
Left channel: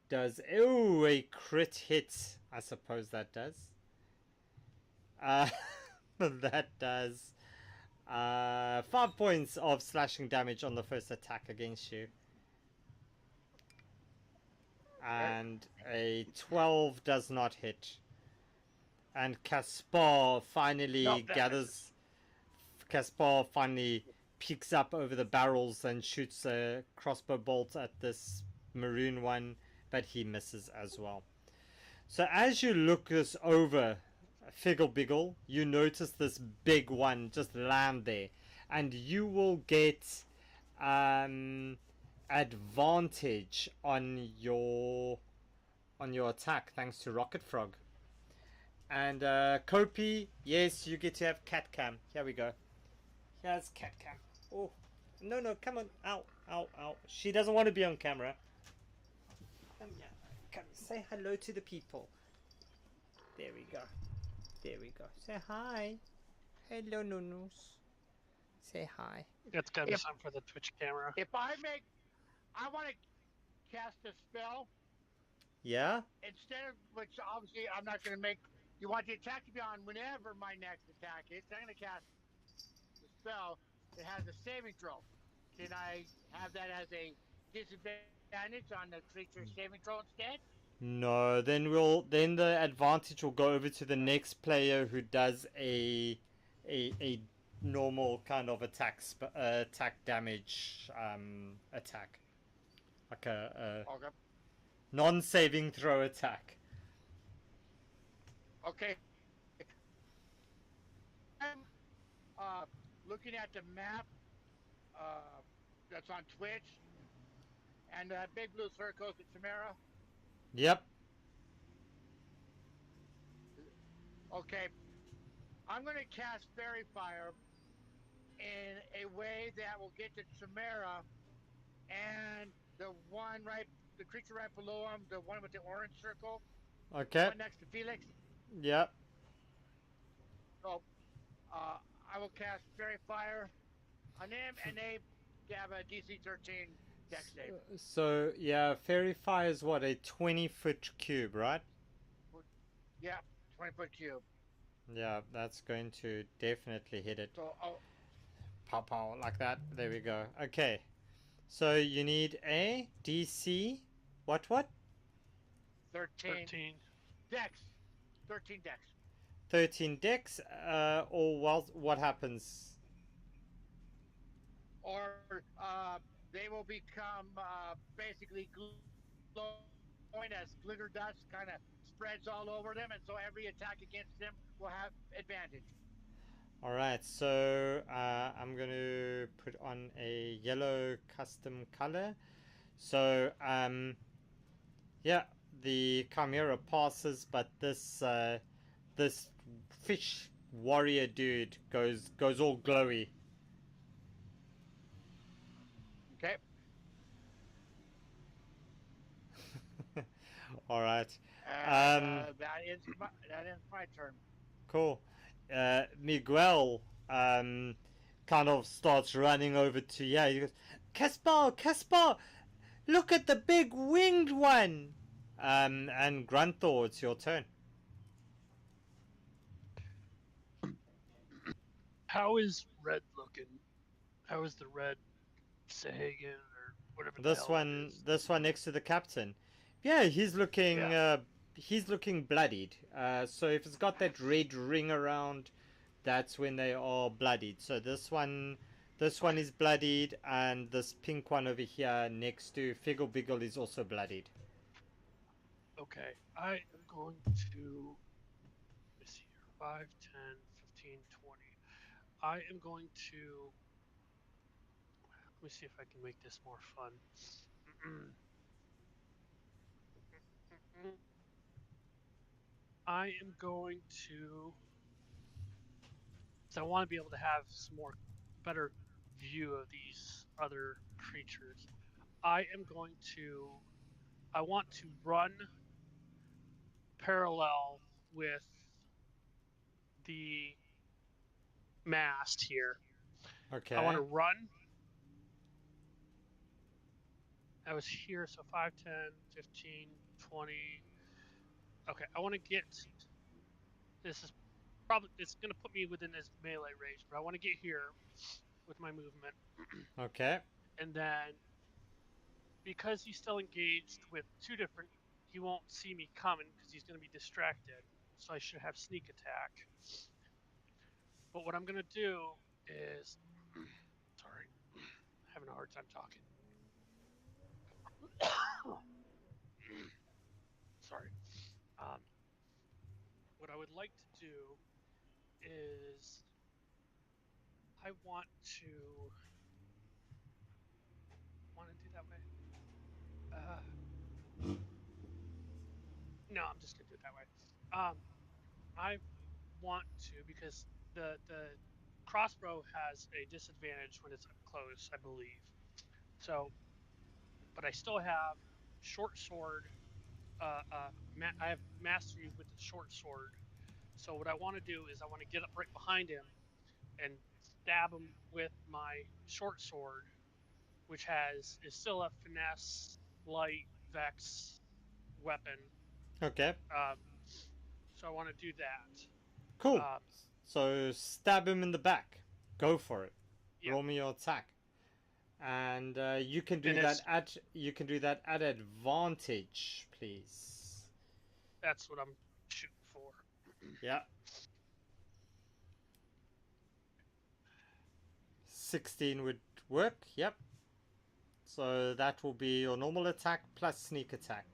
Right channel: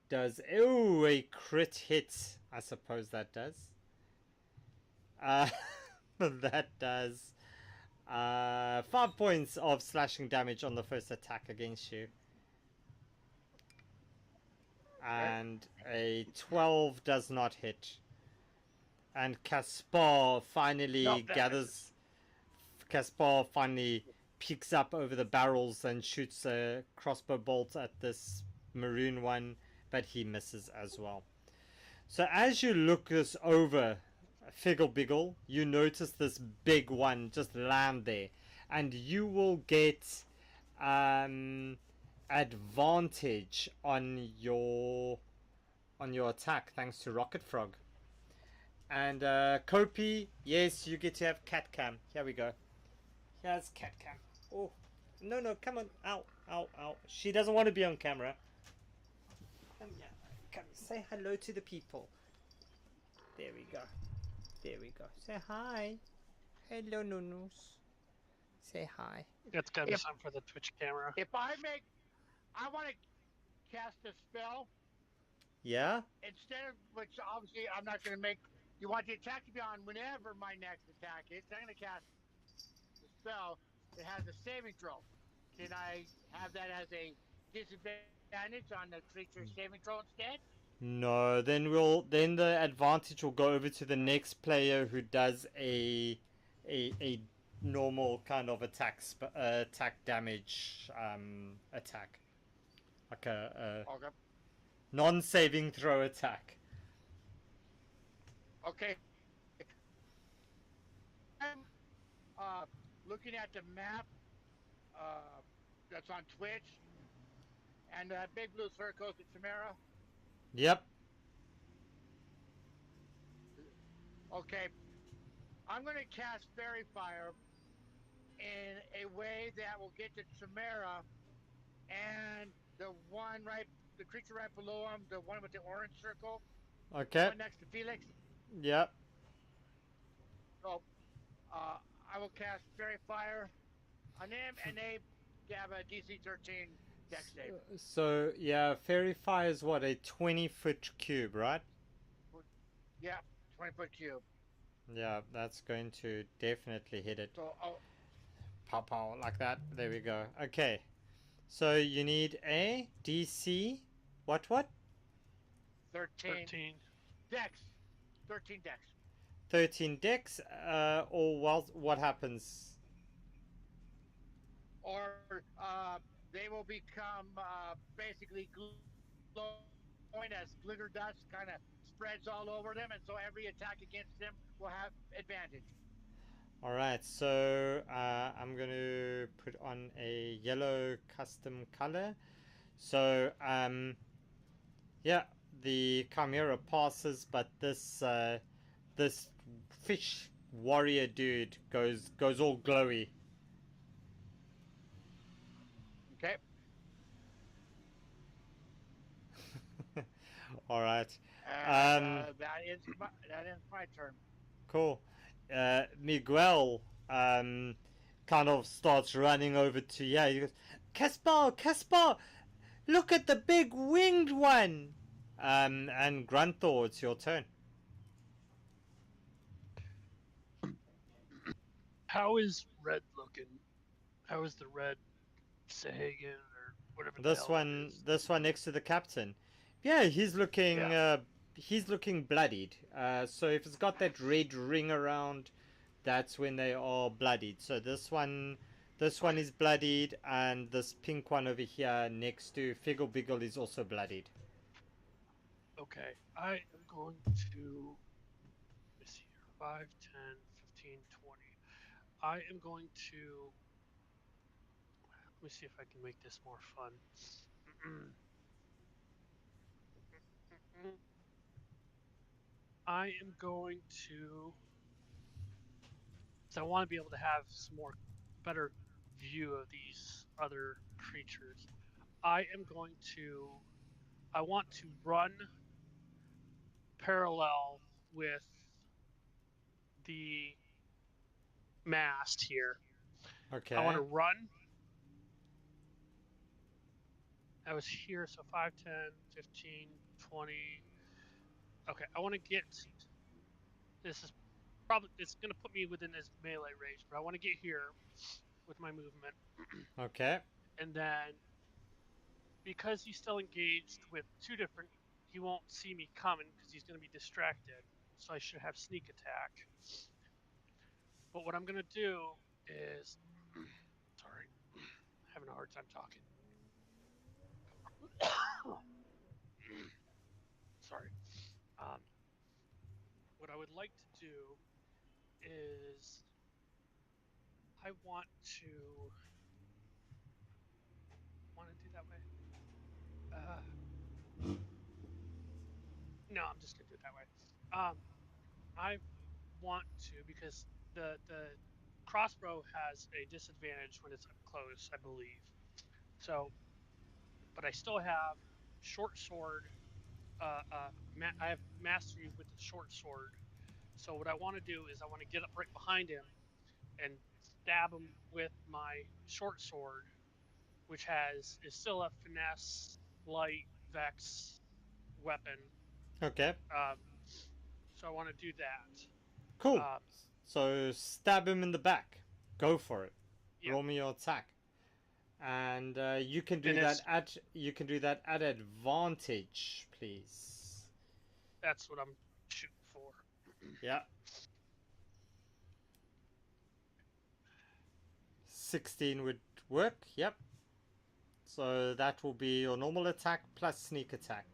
Does a crit hit? I suppose that does. That does 5 points of slashing damage on the first attack against you. And a 12 does not hit. And Caspar finally Caspar finally peeks up over the barrels and shoots a crossbow bolt at this maroon one, but he misses as well. So as you look this over, Figgle Biggle, you notice this big one just land there, and you will get advantage on your attack thanks to Rocket Frog. And Kopi, yes, you get to have cat cam. Here we go. Here's cat cam. Oh, no, come on, ow. She doesn't want to be on camera. Come, say hello to the people. There we go. Say hi. Hello, Nunus. Say hi. That's gotta be something for the Twitch camera. If I want to cast a spell. Yeah? Instead of, which obviously I'm not going to make, you want the attack to be on whenever my next attack is. I'm going to cast the spell that has a saving throw. Can I have that as a disadvantage on the creature's saving throw instead? No, then the advantage will go over to the next player who does a normal kind of attack damage attack, like a okay. non-saving throw attack. Okay. I'm looking at the map that's on Twitch, and that big blue circle is Chimera. Yep. Okay. I'm going to cast Fairy Fire in a way that will get the Chimera and the creature right below him, the one with the orange circle. Okay. The one next to Felix. Yep. So, I will cast Fairy Fire on him, and they have a DC 13 dex save. So, yeah, Fairy Fire is what, a 20-foot cube, right? Yeah, 20-foot cube. Yeah, that's going to definitely hit it. So, Pow, like that. There we go. Okay. So, you need a DC... What? 13. Dex. 13 dex. 13 dex, or what happens? Or they will become basically glowing as glitter dust kind of spreads all over them, and so every attack against them will have advantage. Alright, so I'm going to put on a yellow custom color So yeah, the chimera passes, but this fish warrior dude goes all glowy. Okay. All right. And that ends my turn. Cool. Miguel kind of starts running over to He goes, Caspar, look at the big winged one. And Grunthor, it's your turn. How is Red looking? How is the Red Sahagan or whatever the hell that is? This one next to the captain. Yeah, he's looking Yeah. he's looking bloodied. So if it's got that red ring around, that's when they are bloodied. So this one is bloodied, and this pink one over here next to Figgle Biggle is also bloodied. Okay, I am going to, let's see here, 5, 10, 15, 20. I am going to, let me see if I can make this more fun. I am going to, so I want to be able to have some more better view of these other creatures. I want to run parallel with the mast here. Okay. I want to run. I was here, so 5, 10, 15, 20. Okay, I want to get, this is probably, it's going to put me within his melee range, but I want to get here with my movement. Okay. And then, because he's still engaged with two different, he won't see me coming because he's going to be distracted. So I should have sneak attack. But what I'm going to do is, sorry, having a hard time talking. Sorry. What I would like to do is I want to do that way. No, I'm just gonna do it that way. I want to, because the crossbow has a disadvantage when it's up close, I believe. So, but I still have short sword. I have mastery with the short sword. So what I want to do is I want to get up right behind him and stab him with my short sword, which is still a finesse, light, vex weapon. Okay. So I want to do that. Cool. So stab him in the back. Go for it. Yeah. Roll me your attack. And you can do And that at advantage, please. That's what I'm shooting for. Yeah. 16 would work. Yep. So that will be your normal attack plus sneak attack.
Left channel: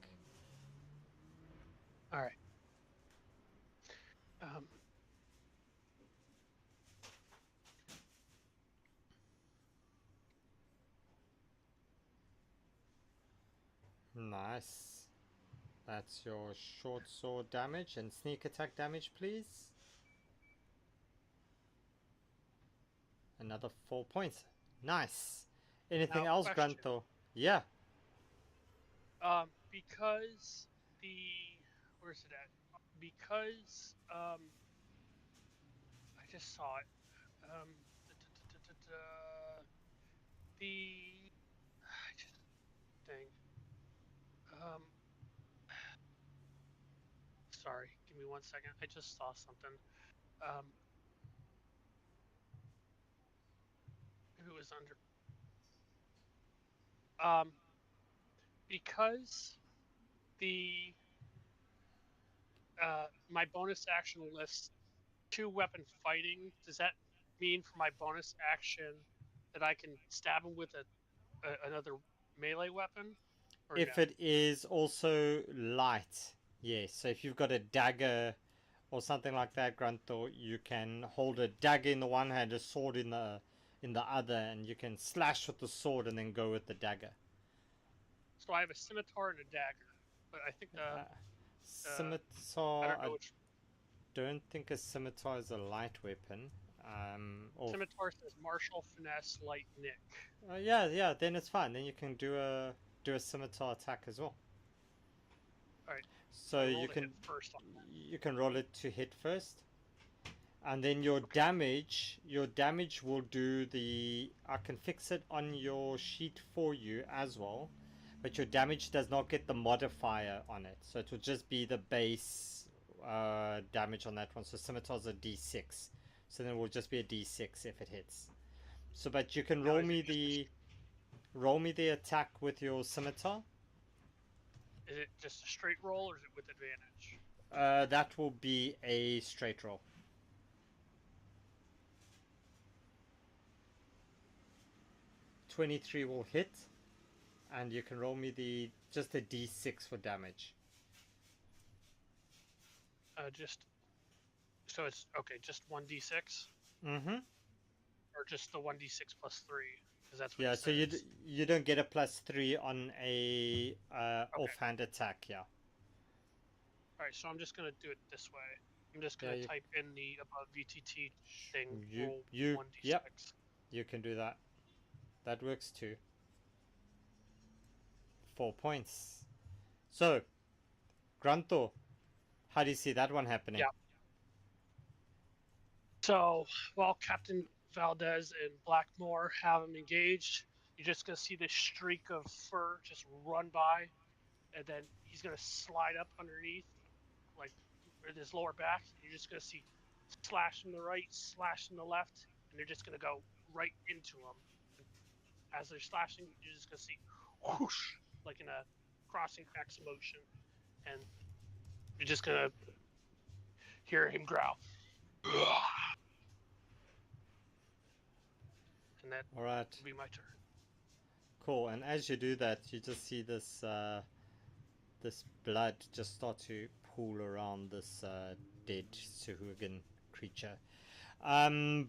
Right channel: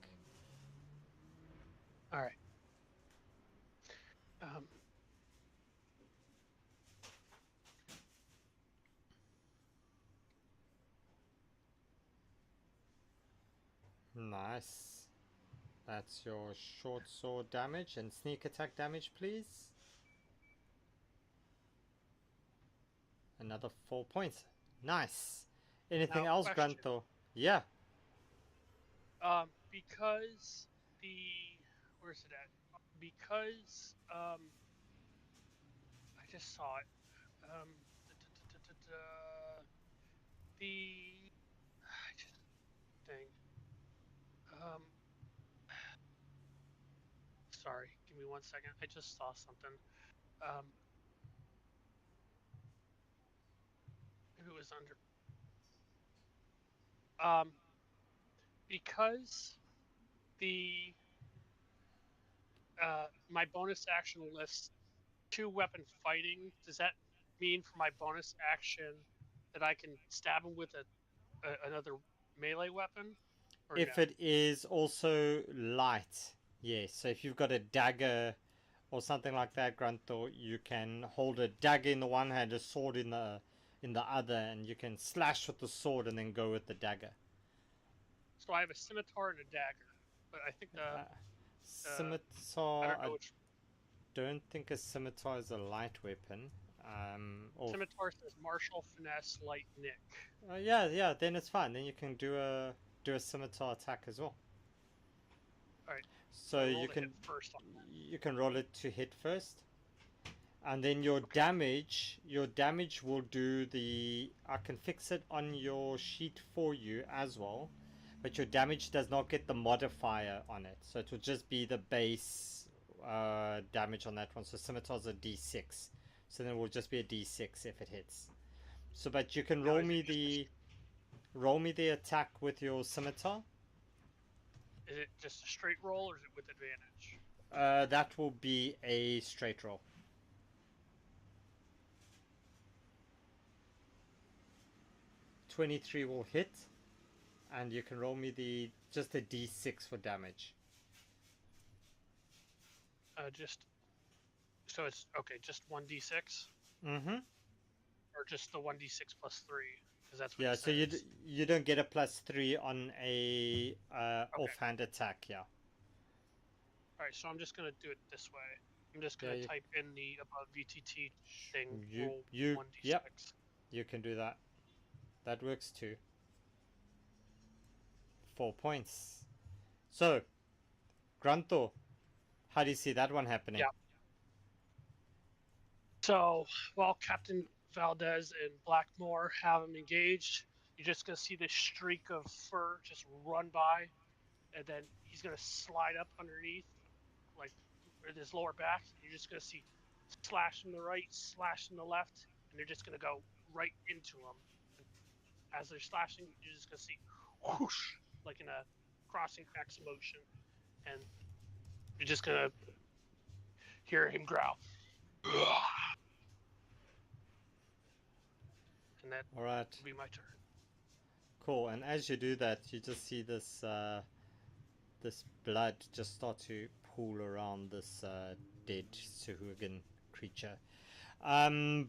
All right. Nice. That's your short sword damage and sneak attack damage, please. Another 4 points. Nice. Anything Now, else, question. Grunthor? Yeah. Because where's it at? Because I just saw it. The thing. Sorry, give me 1 second. I just saw something. Maybe it was under. Because the my bonus action lists 2-weapon fighting. Does that mean for my bonus action that I can stab him with another melee weapon? Or If no? it is also light, yes. So if you've got a dagger or something like that, Grunthor, you can hold a dagger in the one hand, a sword in the other, and you can slash with the sword and then go with the dagger. So I have a scimitar and a dagger, but I think the Scimitar. I don't know which. Don't think a scimitar is a light weapon. Scimitar says martial, finesse, light, nick. Yeah. Then it's fine. Then you can do a scimitar attack as well. All right. So I you rolled a can hit first on that. you can roll it to hit first, and then your damage will do the. I can fix it on your sheet for you as well, but your damage does not get the modifier on it, so it will just be the base damage on that one. So scimitar's a d6, so then it will just be a d6 if it hits. So, but you can roll me the attack with your scimitar. Is it just a straight roll or is it with advantage? That will be a straight roll. .23 will hit, and you can roll me just a d6 for damage. So it's okay, just 1d6? Mm-hmm. Or just the 1d6 plus 3? Because that's what it so says. you don't get a +3 on a offhand attack, yeah. Alright, so I'm just going to do it this way. I'm just going to type in the above VTT thing, roll 1d6. Yep, you can do that. That works too. 4 points. So, Granto, how do you see that one happening? Yeah. So, while Captain Valdez and Blackmore have him engaged, you're just going to see this streak of fur just run by, and then he's going to slide up underneath, like with his lower back. You're just going to see slash from the right, slash from the left, and they're just going to go right into him. And as they're slashing, you're just going to see whoosh, like in a crossing X motion, and you're just going to hear him growl. And that will be my turn. Cool. And as you do that, you just see this this blood just start to pool around this dead Suhugan creature.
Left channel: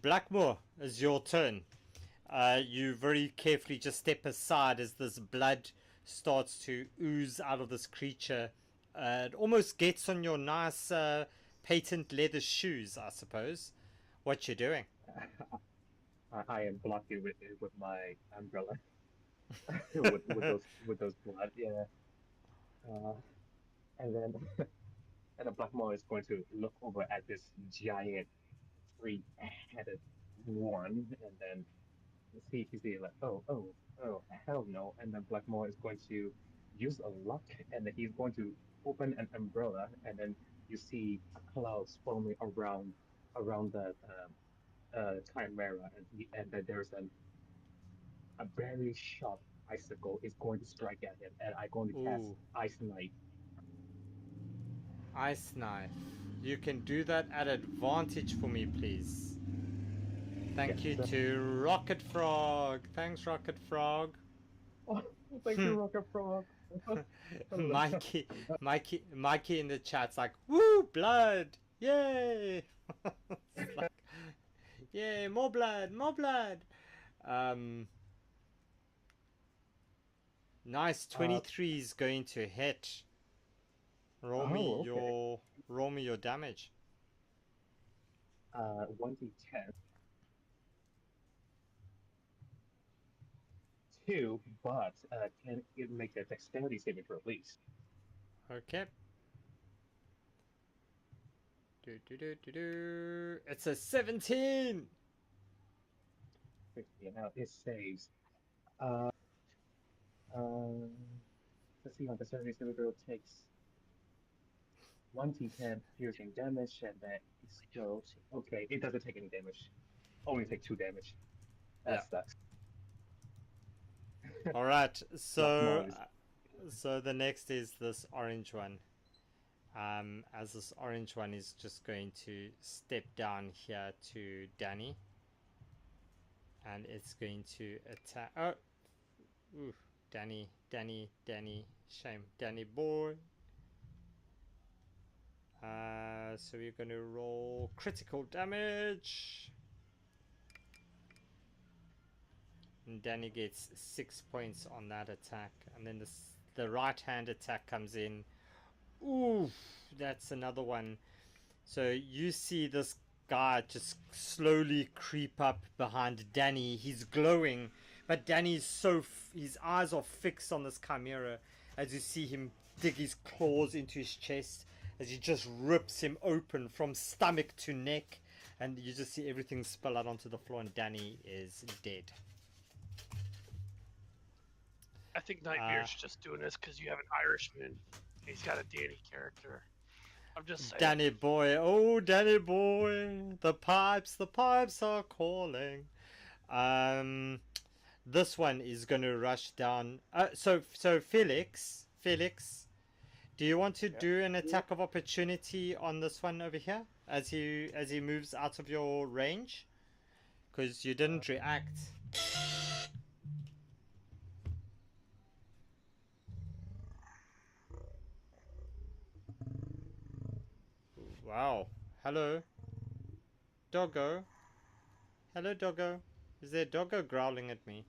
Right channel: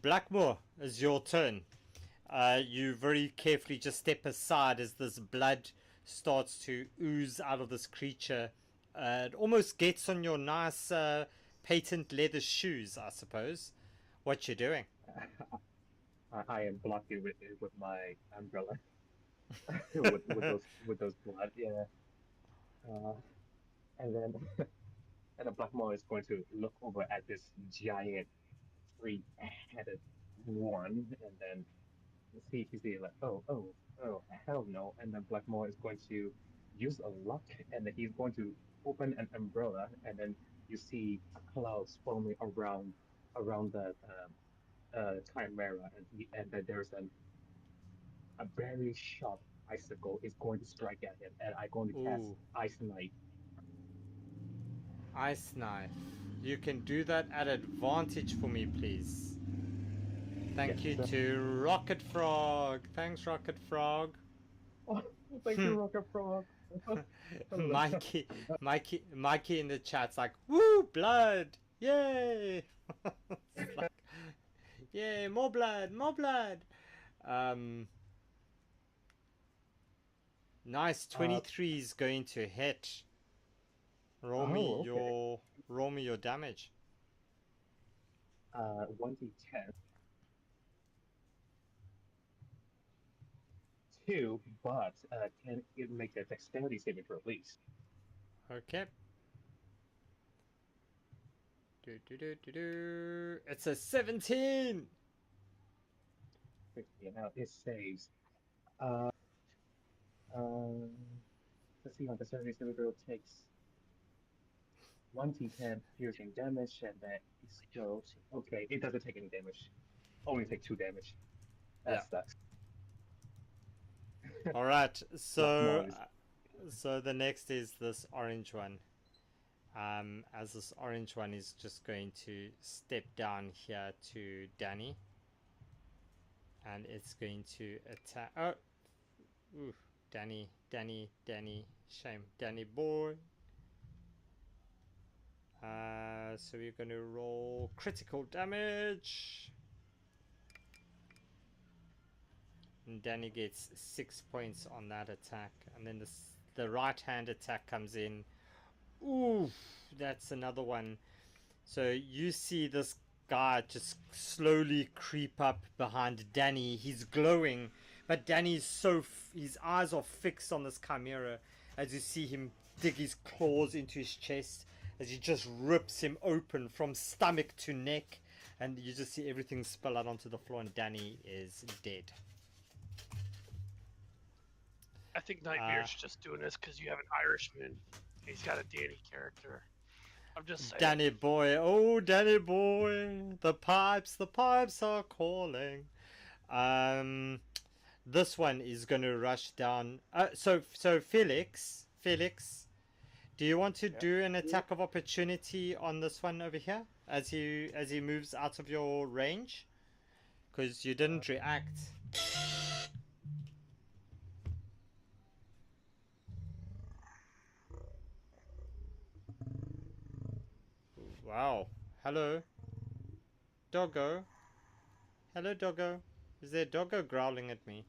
Blackmore, it's your turn. You very carefully just step aside as this blood starts to ooze out of this creature. It almost gets on your nice patent leather shoes, I suppose. What you doing? I am blocking with my umbrella. with those blood, yeah. And then Blackmore is going to look over at this giant three-headed one, and then see like, oh, hell no. And then Blackmore is going to use a luck, and then he's going to open an umbrella, and then you see a cloud forming around the Chimera, and then there's a very sharp icicle is going to strike at him, and I'm going to cast Ice Knife. Ice Knife. You can do that at advantage for me, please. Thank you to Rocket Frog. Thanks, Rocket Frog. Oh, thank you, Rocket Frog. Mikey in the chat's like, woo, blood! Yay! Like, yay, more blood, more blood! Nice, 23 is going to hit. Roll me your damage. 1d10. 2, but can it make a dexterity saving throw, please? Okay. It's a 17! Yeah, now it saves. Let's see, on the dexterity saving throw takes 1d10 piercing damage, and then explodes. Okay, it doesn't take any damage. Only take 2 damage. That sucks. Alright, so the next is this orange one. As this orange one is just going to step down here to Danny. And it's going to attack. Oh! Ooh, Danny. Shame. Danny boy. So we're going to roll critical damage. And Danny gets 6 points on that attack. And then the right hand attack comes in. Ooh, that's another one. So you see this guy just slowly creep up behind Danny. He's glowing, but Danny's his eyes are fixed on this chimera as you see him dig his claws into his chest as he just rips him open from stomach to neck, and you just see everything spill out onto the floor, and Danny is dead. I think Nightmare's just doing this because you have an Irishman. He's got a Danny character. I'm just saying. Danny boy, oh Danny boy, the pipes are calling. This one is going to rush down. So Felix, do you want to do an attack of opportunity on this one over here as he moves out of your range? Because you didn't react. Wow. Hello. Doggo. Hello, Doggo. Is there a Doggo growling at me?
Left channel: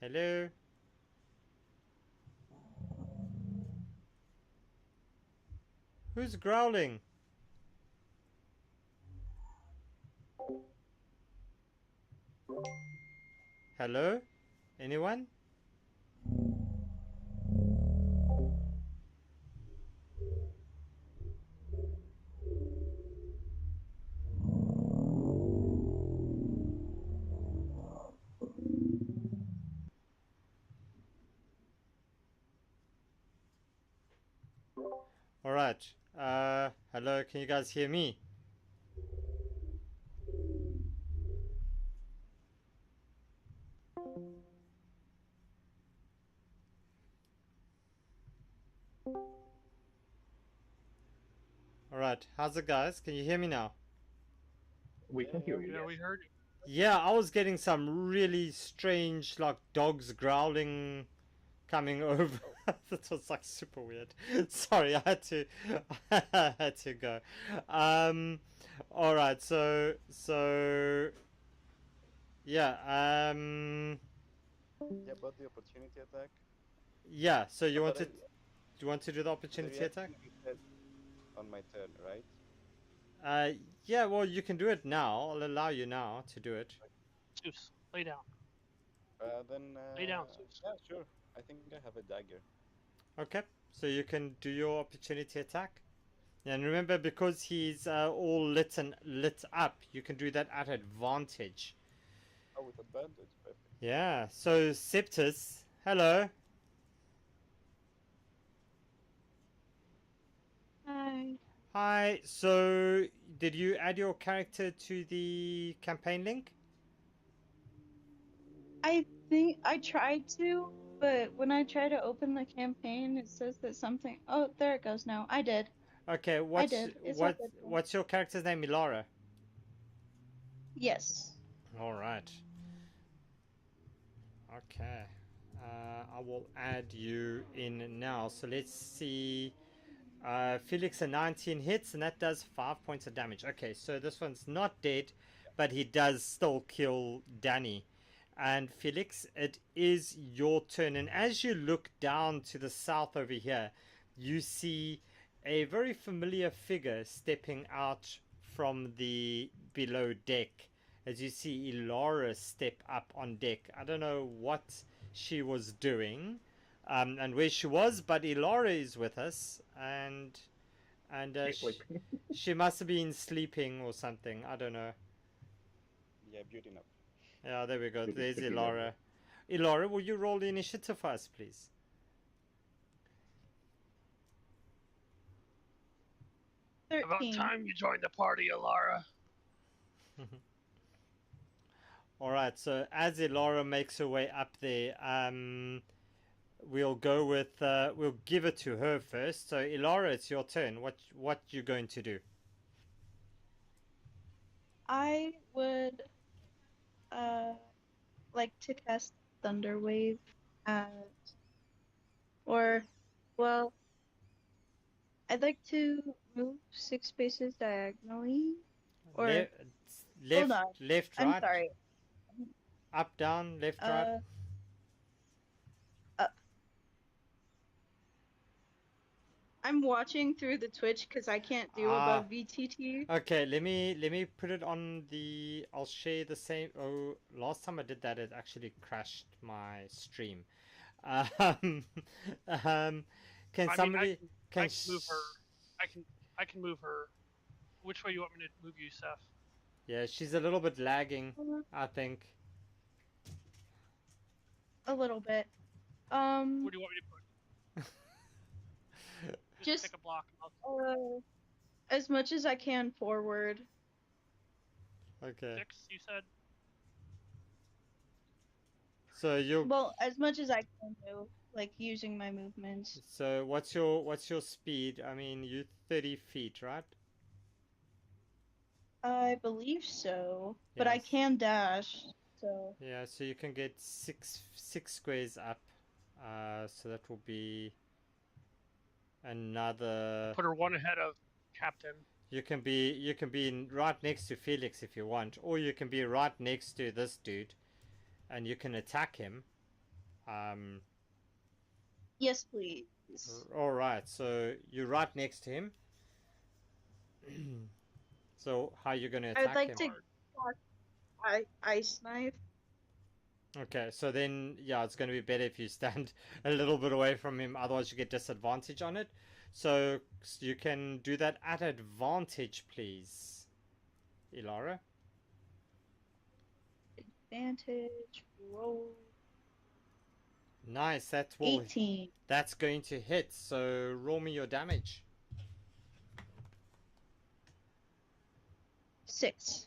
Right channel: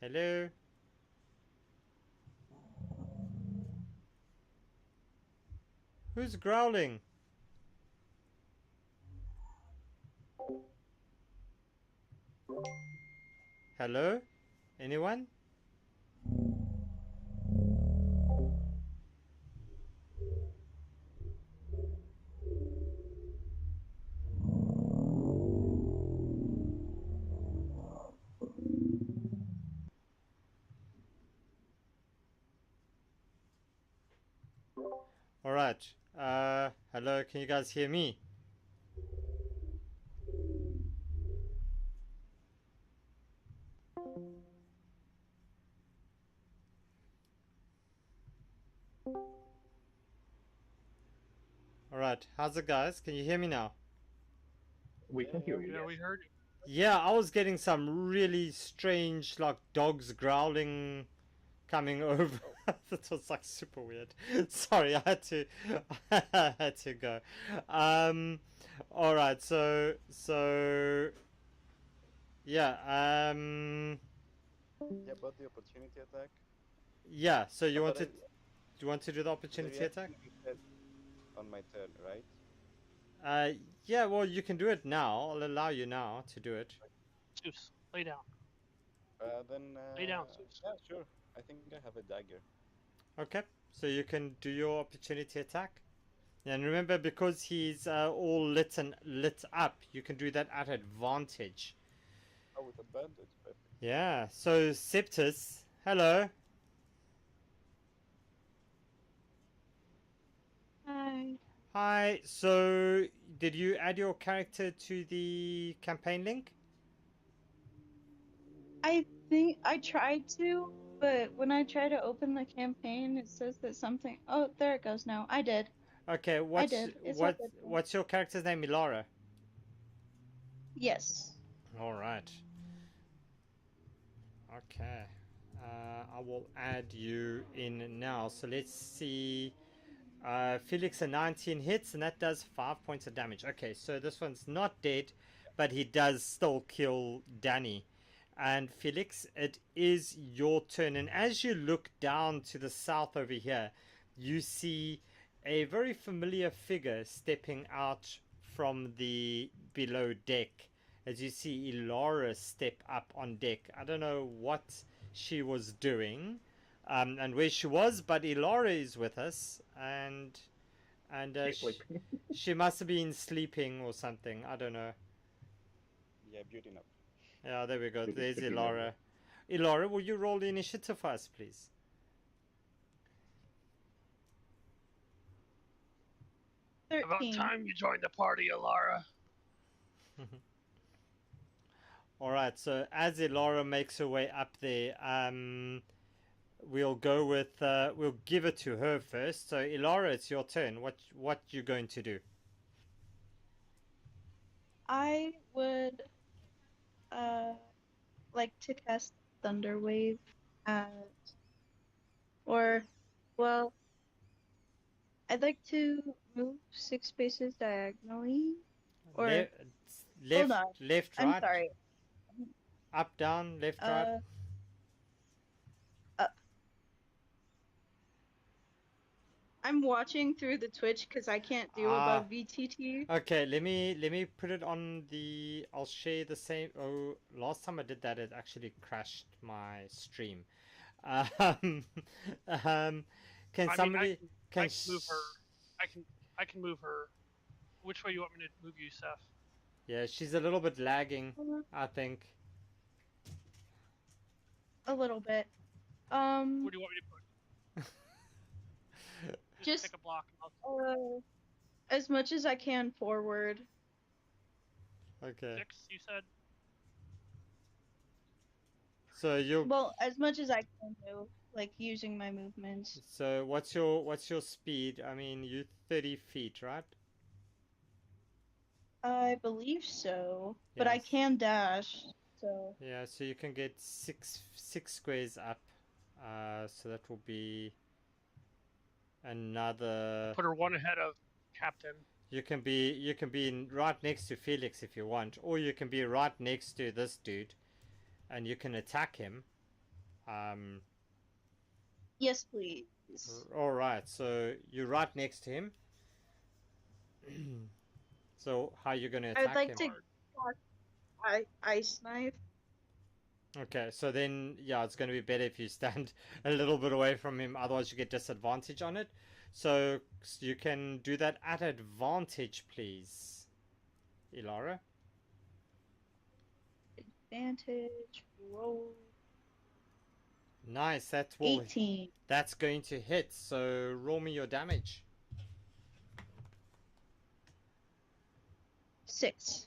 Hello? Who's growling? Hello? Anyone? Alright. Hello, can you guys hear me? Alright, how's it guys? Can you hear me now? We can hear you. Yeah, we Yes. heard you. Yeah, I was getting some really strange, like, dogs growling coming over. That was, like, super weird. Sorry, I had to go. Alright, so, yeah, Yeah, but the opportunity attack. yeah, so you But wanted, do you want to do the opportunity attack? You said on my turn, right? Yeah, well, you can do it now. I'll allow you now to do it. Zeus, lay down. Then. Lay down, Zeus. Yeah, sure. I think I have a dagger. Okay, so you can do your opportunity attack. And remember, because he's all lit up, you can do that at advantage. Oh, with advantage, perfect. Yeah, so Septus, hello. Hi. Hi, so did you add your character to the campaign link? I think I tried to, but when I try to open the campaign, it says that something. Oh, there it goes now. I did. Okay, I did. It's all good. what's your character's name, Ilara? Yes. All right. Okay. I will add you in now. So let's see. Felix, a 19 hits, and that does 5 points of damage. Okay, so this one's not dead, but he does still kill Danny. And Felix, it is your turn. And as you look down to the south over here, you see a very familiar figure stepping out from the below deck. As you see Ilara step up on deck. I don't know what she was doing and where she was, but Ilara is with us, and she must have been sleeping or something. I don't know. Yeah, beauty nap. Yeah, there we go. Beauty- There's beauty Ilara. nap. Ilara, will you roll the initiative for us, please? 13. About time you joined the party, Alara. All right. So as Ilara makes her way up there, we'll go with we'll give it to her first. So Ilara, it's your turn. What you going to do? I would like to cast Thunder Wave at, or, well, I'd like to move 6 spaces diagonally, or Hold on. left, I'm right, sorry. up, down, left, right. Up. I'm watching through the Twitch because I can't do above VTT. Okay, let me put it on the. I'll share the same. Oh, last time I did that, it actually crashed my stream. Um, can somebody? I can move her. I can move her. Which way you want me to move you, Seth? Yeah, she's a little bit lagging, I think. A little bit. Where do you want me to put? Just pick a block. As much as I can forward. Okay. 6, you said? So you. Well, as much as I can do, like using my movements. So what's your speed? I mean, you 30 feet, right? I believe so, but Yes. I can dash. So. Yeah, so you can get six squares up. So that will be another. Put her one ahead of Captain. You can be right next to Felix if you want, or you can be right next to this dude, and you can attack him. Yes, please. All right, so you're right next to him. So how are you going to attack him? I'd like to ice knife. Okay, so then yeah, it's going to be better if you stand a little bit away from him. Otherwise, you get disadvantage on it. So you can do that at advantage, please, Ilara. Advantage roll. Nice. That's 18. That's going to hit. So roll me your damage. 6.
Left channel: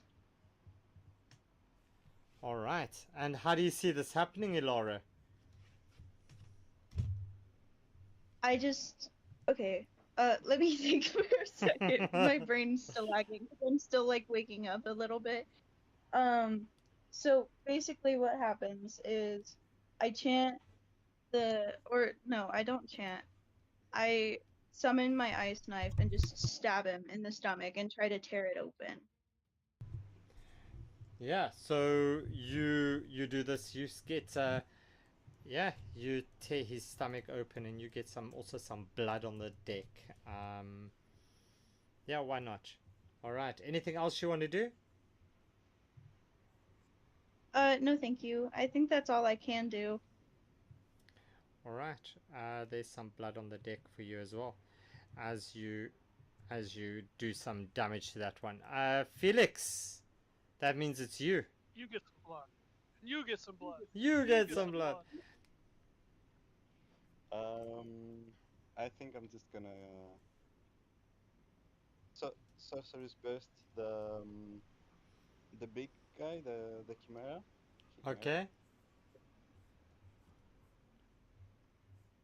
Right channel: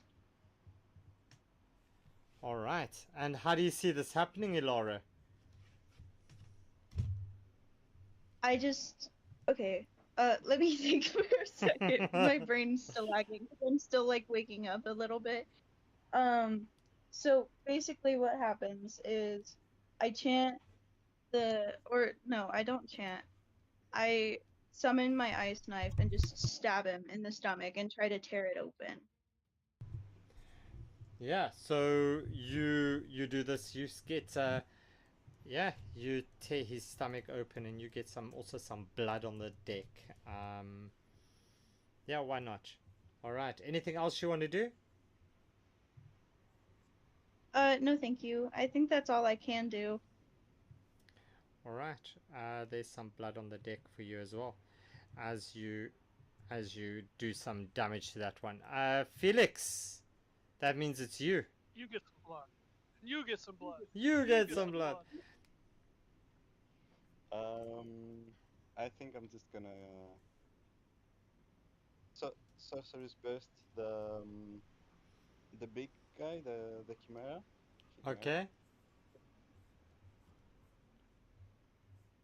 All right. And how do you see this happening, Ilara? Okay. Let me think for a second. My brain's still lagging. I'm still like waking up a little bit. So basically what happens is I chant I don't chant. I summon my ice knife and just stab him in the stomach and try to tear it open. Yeah, so you do this, you get you tear his stomach open and you get some blood on the deck. Yeah, why not? Alright, anything else you want to do? No thank you. I think that's all I can do. Alright, there's some blood on the deck for you as well. As you do some damage to that one. Felix! That means it's you. You get some blood. You get some blood. You get some blood. I think I'm just gonna sorcerer's burst the big guy, the chimera. Okay.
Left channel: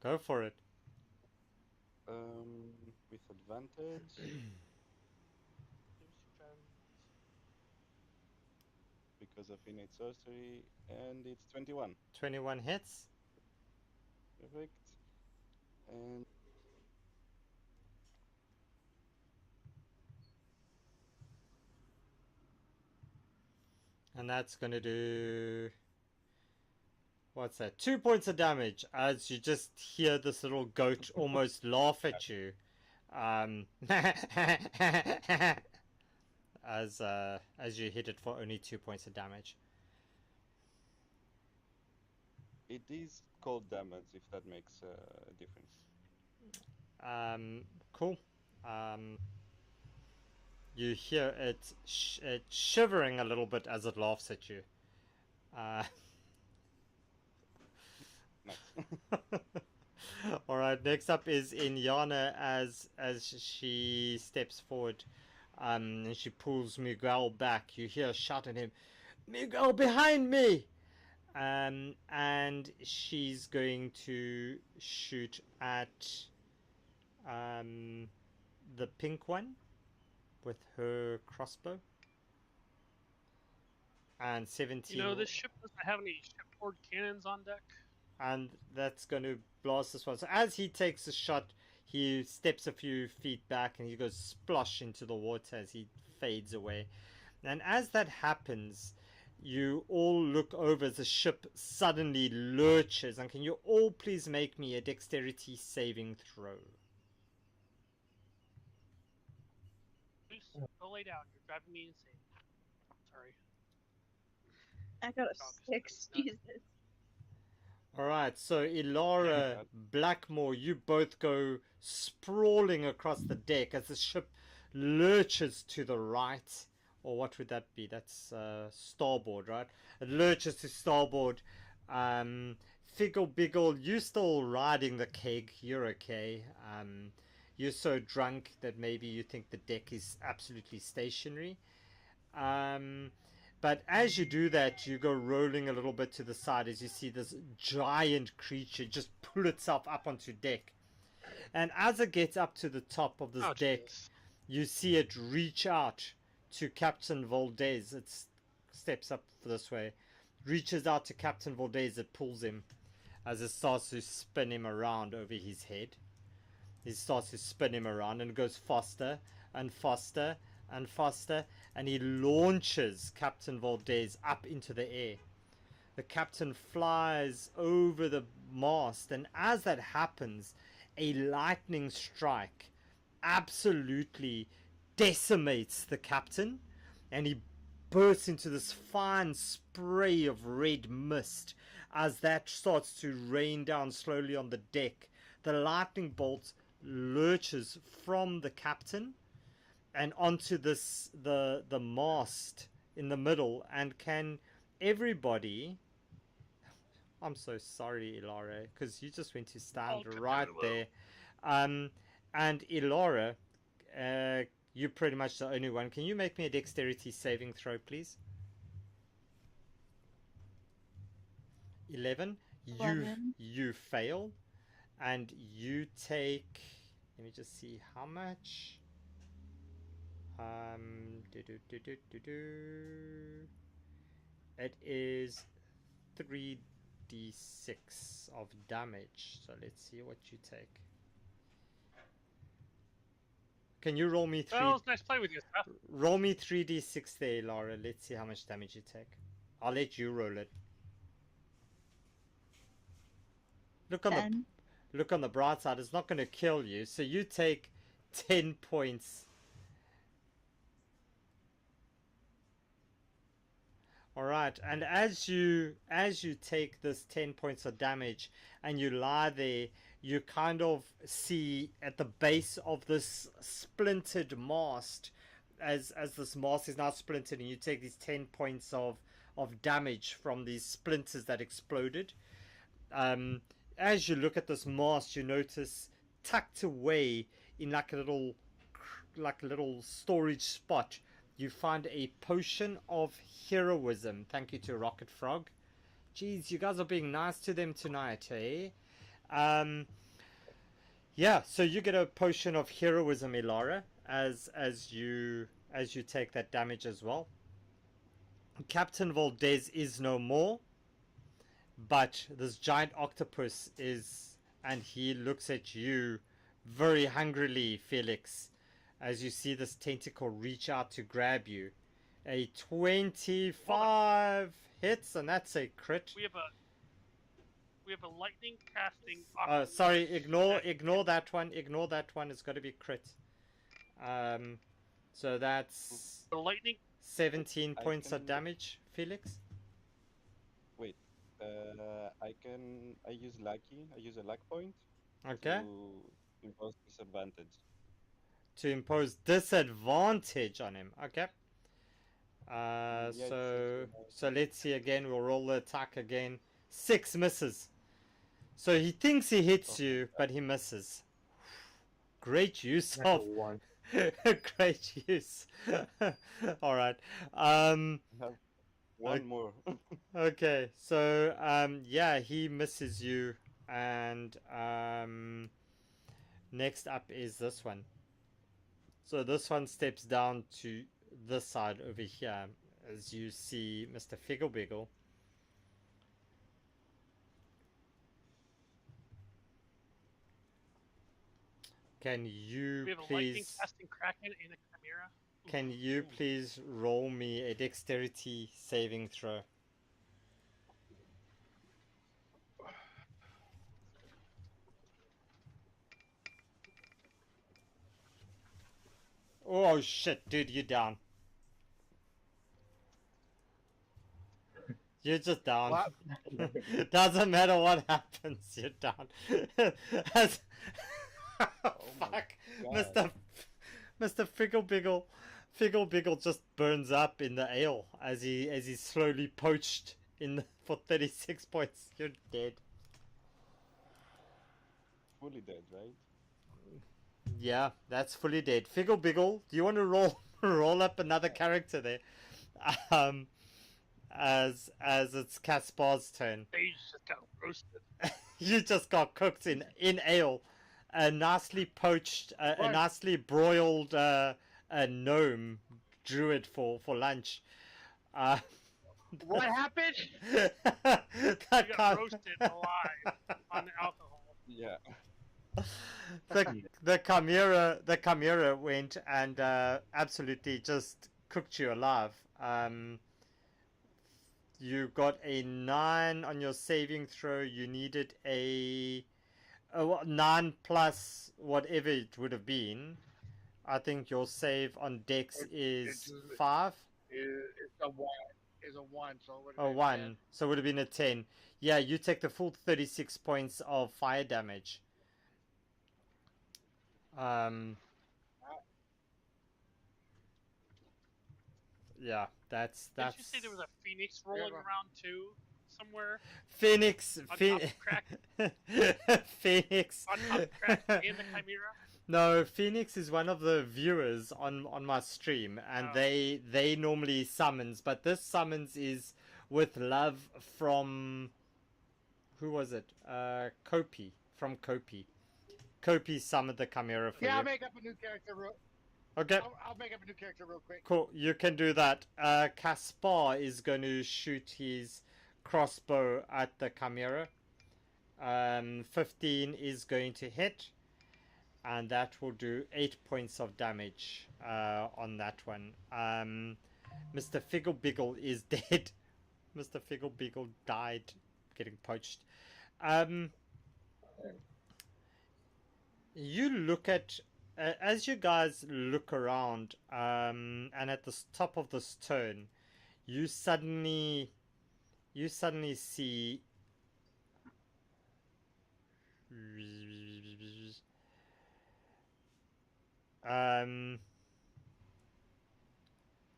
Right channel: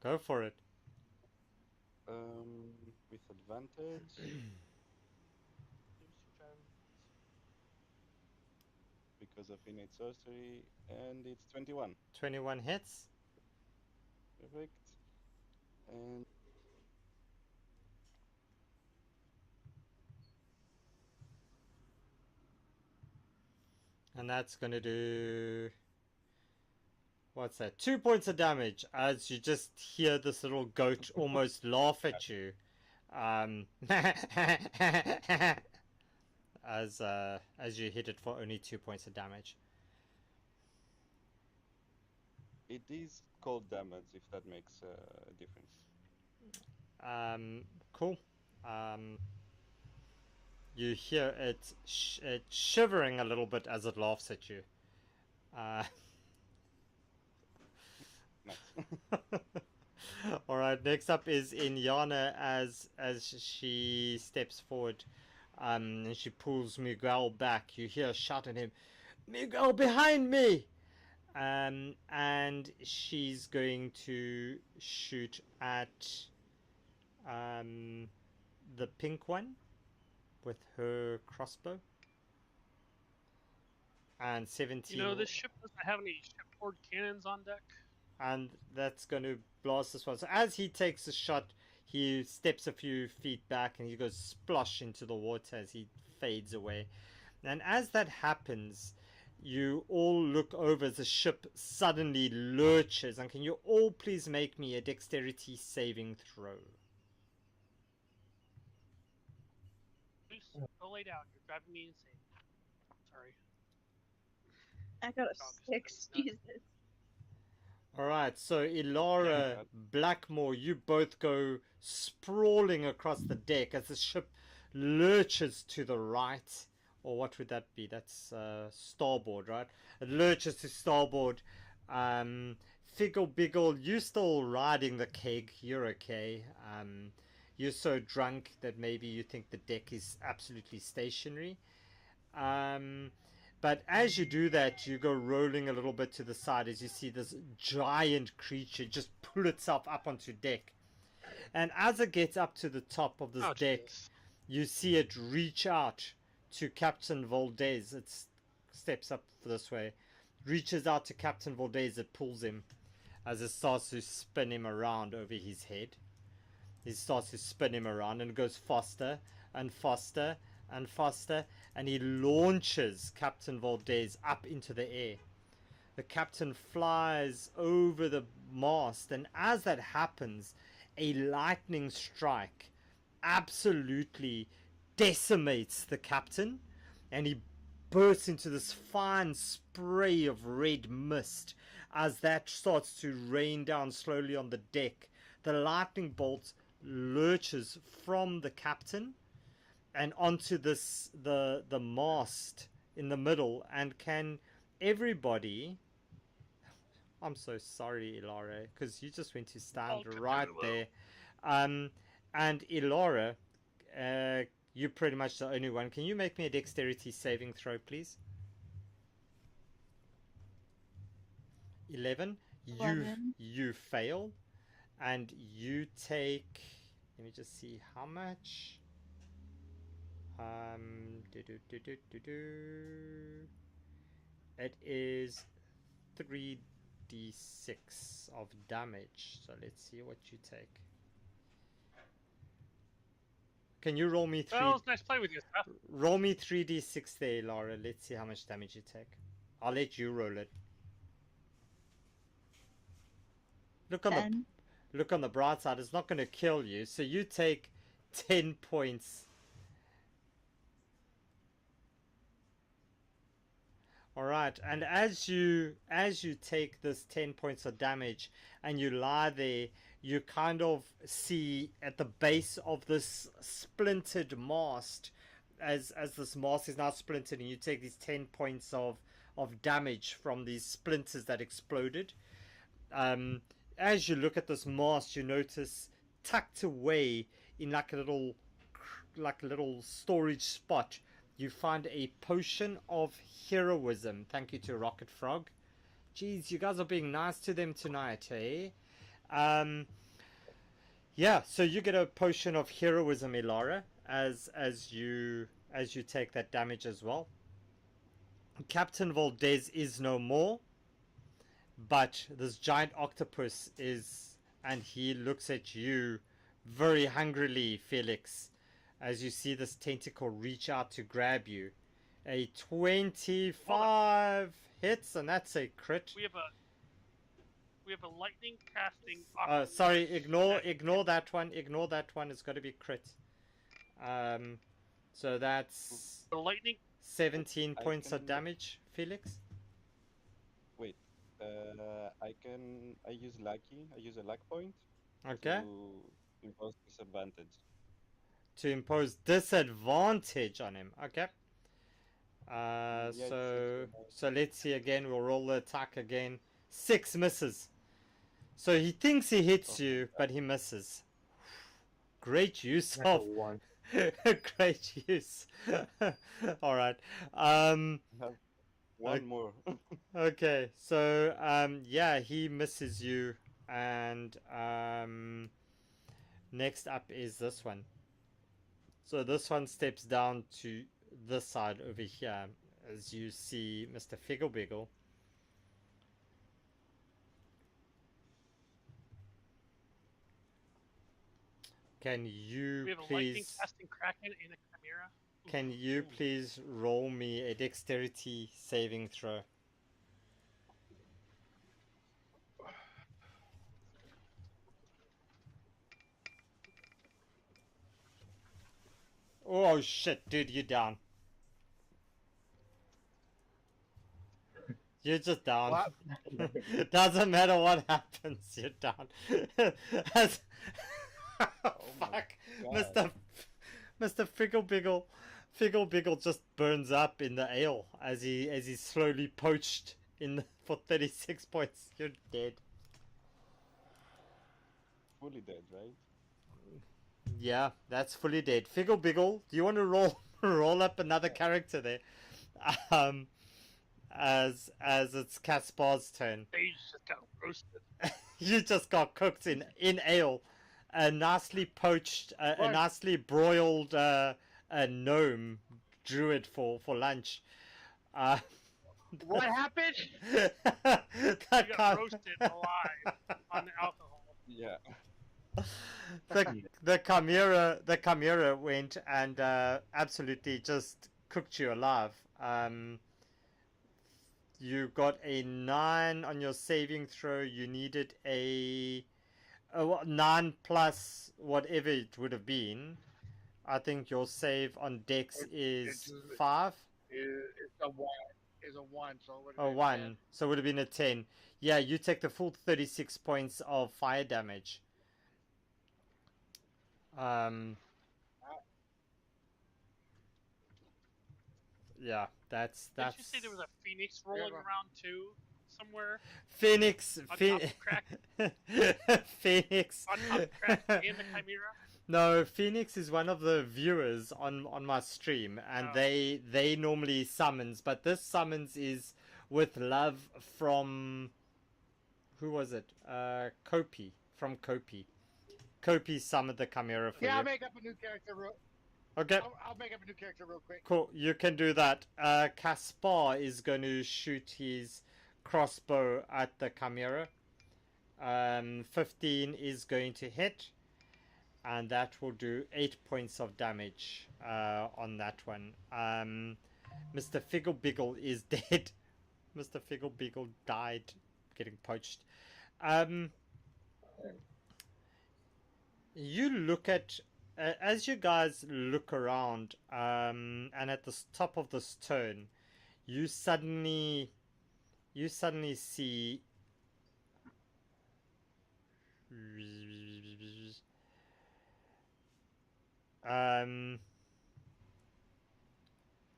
Go for it. With advantage. Because of innate sorcery, and it's 21. 21 hits. Perfect. And that's going to do... What's that? 2 points of damage as you just hear this little goat almost laugh at you. As you hit it for only 2 points of damage. It is cold damage, if that makes a difference. Cool. You hear it shivering a little bit as it laughs at you. Nice. Alright, next up is Inyana as she steps forward. And she pulls Miguel back. You hear a shout at him, "Miguel, behind me!" And she's going to shoot at the pink one with her crossbow. And 17. You know, this ship doesn't have any shipboard cannons on deck. And that's going to blast this one. So as he takes a shot, he steps a few feet back and he goes splosh into the water as he fades away. And as that happens, you all look over as the ship suddenly lurches. And can you all please make me a dexterity saving throw? Goose, go lay down. You're driving me insane. Sorry. I got a Dog is 6. driving me nuts. Jesus. Alright, so Elara, Blackmore, you both go sprawling across the deck as the ship lurches to the right. Or what would that be? That's starboard, right? It lurches to starboard. Figgle Biggle, you still riding the keg. You're okay. You're so drunk that maybe you think the deck is absolutely stationary. But as you do that, you go rolling a little bit to the side as you see this giant creature just pull itself up onto deck. And as it gets up to the top of this deck, Jesus. you see it reach out to Captain Valdez. It steps up this way, reaches out to Captain Valdez. It pulls him as it starts to spin him around over his head. It starts to spin him around and goes faster and faster and faster, and he launches Captain Valdez up into the air. The captain flies over the mast, and as that happens, a lightning strike absolutely decimates the captain, and he bursts into this fine spray of red mist as that starts to rain down slowly on the deck. The lightning bolt lurches from the captain and onto this the mast in the middle. And can everybody, I'm so sorry Elara, because you just went to stand right there, and Elara, you're pretty much the only one. Can you make me a dexterity saving throw, please? 11. 11. You fail, and you take, let me just see how much. It is 3d6 of damage. So let's see what you take. Can you roll me 3? Well, it's nice playing with you, Seth. Roll me 3d6 there, Laura. Let's see how much damage you take. I'll let you roll it. Look on the bright side. It's not going to kill you. So you take 10 points. All right, and as you take this 10 points of damage and you lie there, you kind of see at the base of this splintered mast, as this mast is now splintered, and you take these 10 points of damage from these splinters that exploded. As you look at this mast, you notice tucked away in like a little storage spot, you find a potion of heroism. Thank you to Rocket Frog. Jeez, you guys are being nice to them tonight, eh? Yeah, so you get a potion of heroism, Elara, as you take that damage as well. Captain Valdez is no more, but this giant octopus is, and he looks at you very hungrily, Felix, as you see this tentacle reach out to grab you. A 25 hits, and that's a crit. We have a lightning casting octopus. Sorry, ignore that one. Ignore that one. It's got to be crit. So that's the lightning 17 points of damage, Felix. Wait, I use lucky. I use a luck point. Okay. To impose disadvantage. To impose disadvantage on him. Okay. Yeah, so let's see again. We'll roll the attack again. 6 misses. So he thinks he hits you, but he misses. Great use of one. Great use. All right. One more. Okay. So yeah, he misses you, and next up is this one. So this one steps down to this side over here, as you see Mr. Figglebiggle. Can you We have a please... lightning casting kraken and a chimera. can you please roll me a dexterity saving throw? Oh shit, dude, you're down. You're just down. What? Doesn't matter what happens, you're down. Oh my Fuck, God. Mr. Figgle Biggle just burns up in the ale as he's slowly poached for 36 points. You're dead. Fully dead, right? Yeah, that's fully dead. Figgle Biggle, do you want to roll up another character there? As it's Caspar's turn. They just got roasted. You just got cooked in ale. A nicely poached, a nicely broiled a gnome druid for lunch. What happened? You got roasted alive on the alcohol. Yeah. The chimera went and absolutely just cooked you alive. You got a 9 on your saving throw. You needed a 9 plus whatever it would have been. I think your save on Dex is 5. It's a 1. It's a 1, so it would have Oh, been 1. 10. So it would have been a 10. Yeah, you take the full 36 points of fire damage. Yeah, that's. Did you say there was a phoenix rolling around too somewhere? Phoenix. On top of Kraken? Phoenix. On top of Kraken and the Chimera? No, Phoenix is one of the viewers on my stream, and they normally summons, but this summons is with love from, who was it? Kopi, from Kopi. Kopi summoned the Chimera for you. I'll make up a new character Okay. I'll make up a new character real quick. Cool, you can do that. Caspar is going to shoot his crossbow at the Chimera. 15 is going to hit, and that will do 8 points of damage on that one. Mr. Figgle Biggle is dead. Mr. Figgle Biggle died getting poached. You look at, as you guys look around, and at the top of this turn, you suddenly see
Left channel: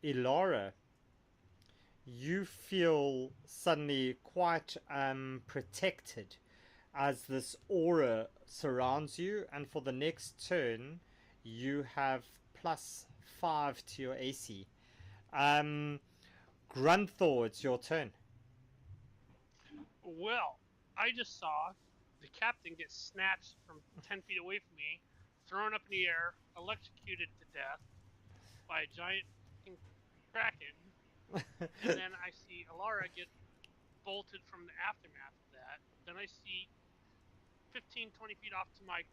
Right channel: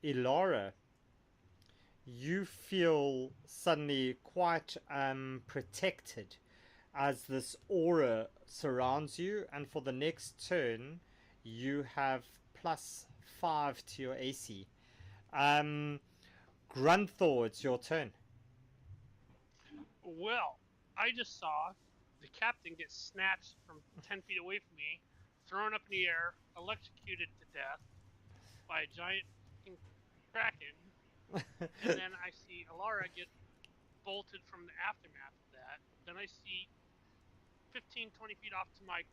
Elora. You feel suddenly quite protected as this aura surrounds you, and for the next turn you have +5 to your AC. Grunthor, it's your turn. Well, I just saw the captain get snatched from 10 feet away from me, thrown up in the air, electrocuted to death by a giant kraken, and then I see Alara get bolted from the aftermath of that. Then I see 15, 20 feet off to my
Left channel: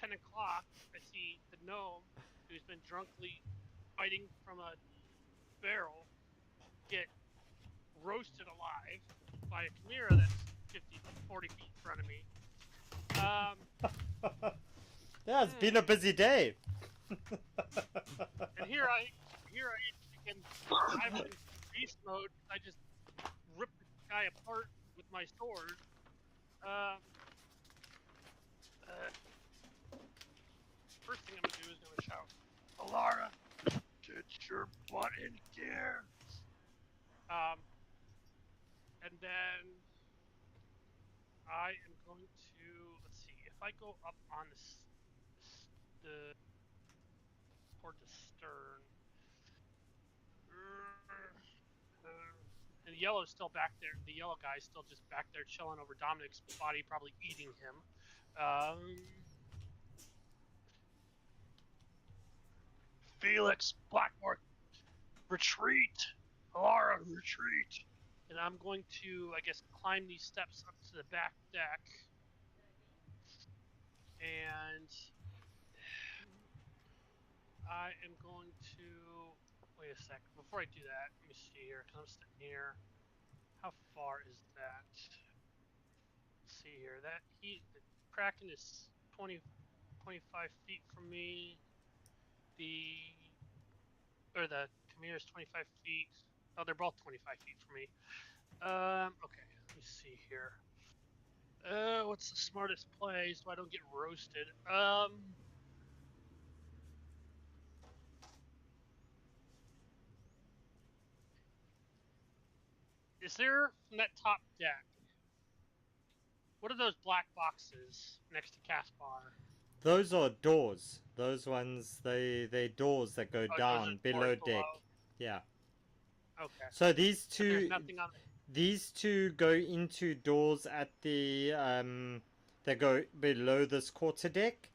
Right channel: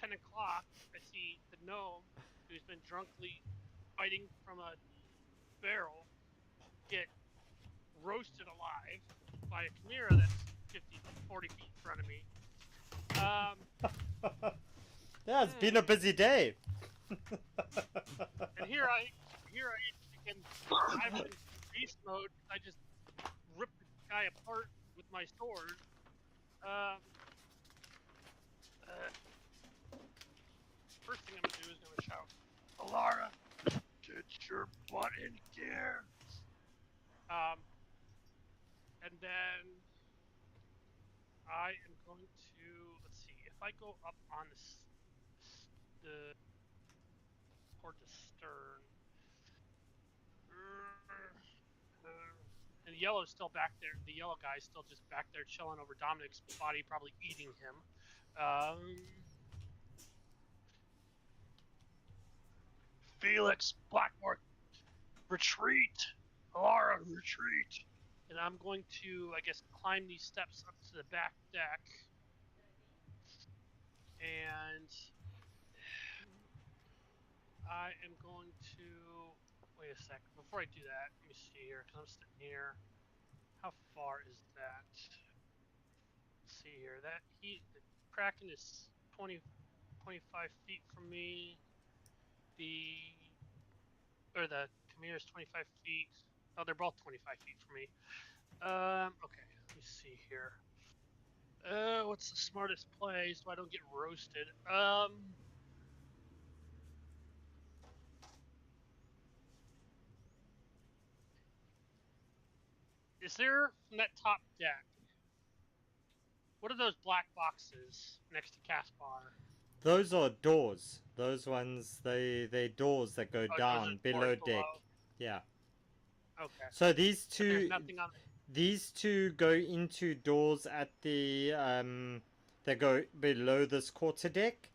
10 o'clock, I see the gnome, who's been drunkenly fighting from a barrel, get roasted alive by a chimera that's 50, 40 feet in front of me. Yeah, it's been a busy day. And here I can, I'm in beast mode. I just rip the guy apart with my sword. First thing I'm gonna do is gonna shout, Alara, get your butt in gear. And then I am going to, let's see, if I go up on toward the stern, and the yellow's still back there. The yellow guy's still just back there chilling over Dominic's body, probably eating him. Felix Blackmore, retreat! Alara, retreat! And I'm going to, I guess, climb these steps up to the back deck. And I am going to wait a sec. Before I do that, let me see here because I'm sitting here. How far is that? Let's see here. The Kraken is 20, 25 feet from me. The Chimera is 25 feet. Oh, they're both 25 feet from me. Okay. Let me see here. What's the smartest play so I don't get roasted? Is there from that top deck? What are those black boxes next to Caspar? Those are doors. Those ones, they're doors that go Oh, those are down below doors deck. below. Yeah. Okay. So these But there's two, nothing on it. these two go into doors at the they go below this quarter deck.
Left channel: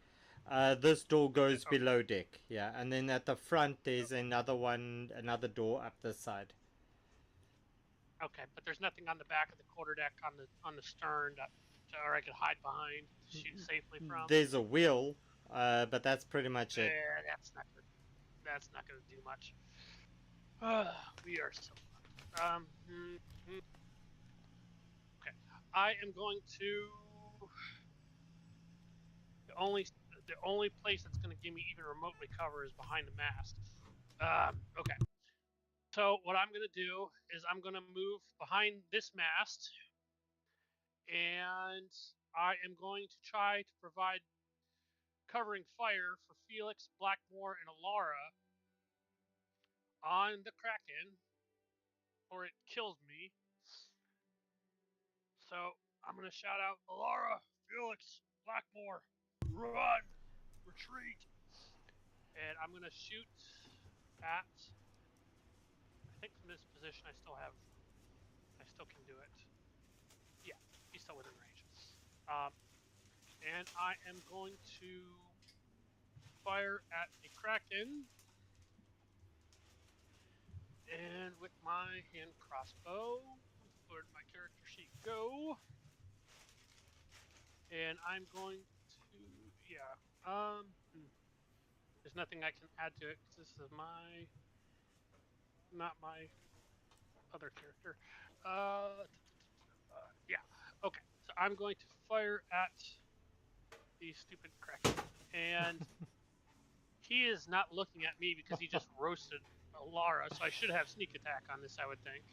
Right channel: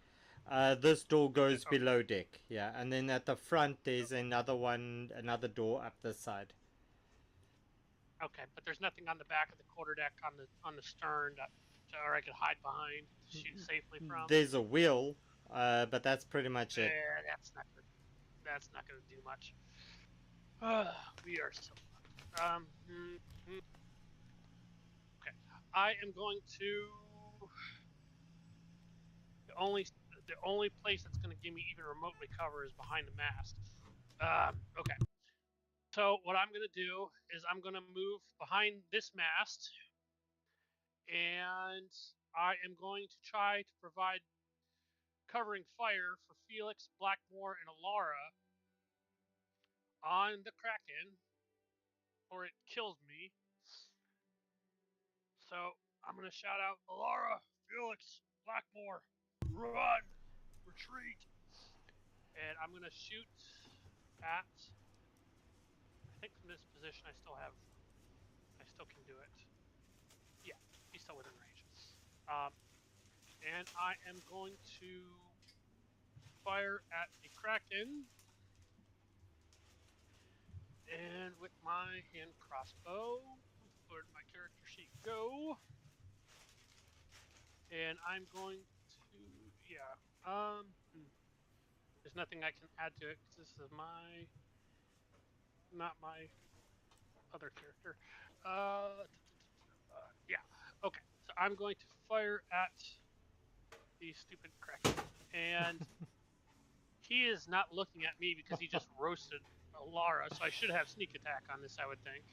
This door goes Okay. below deck. Yeah, and then at the front there's another one, another door up this side. Okay, but there's nothing on the back of the quarterdeck on the stern that or I could hide behind to shoot safely from. There's a wheel, but that's pretty much it. That's not gonna do much. We are so fucked. Okay, I am going to the only place that's gonna give me even remotely cover is behind the mast. Okay. So what I'm gonna do is I'm gonna move behind this mast, and I am going to try to provide covering fire for Felix, Blackmore, and Alara on the Kraken, or it kills me. So I'm gonna shout out, Alara, Felix, Blackmore, run, retreat, and I'm gonna shoot at. I think from this position I still can do it. Yeah, he's still within range. And I am going to fire at the Kraken. And with my hand crossbow, where'd my character sheet go? And I'm going to, there's nothing I can add to it because this is not my other character. Yeah, okay. So I'm going to fire at the stupid Kraken. And he is not looking at me because he just roasted Lara, so I should have sneak attack on this, I would think.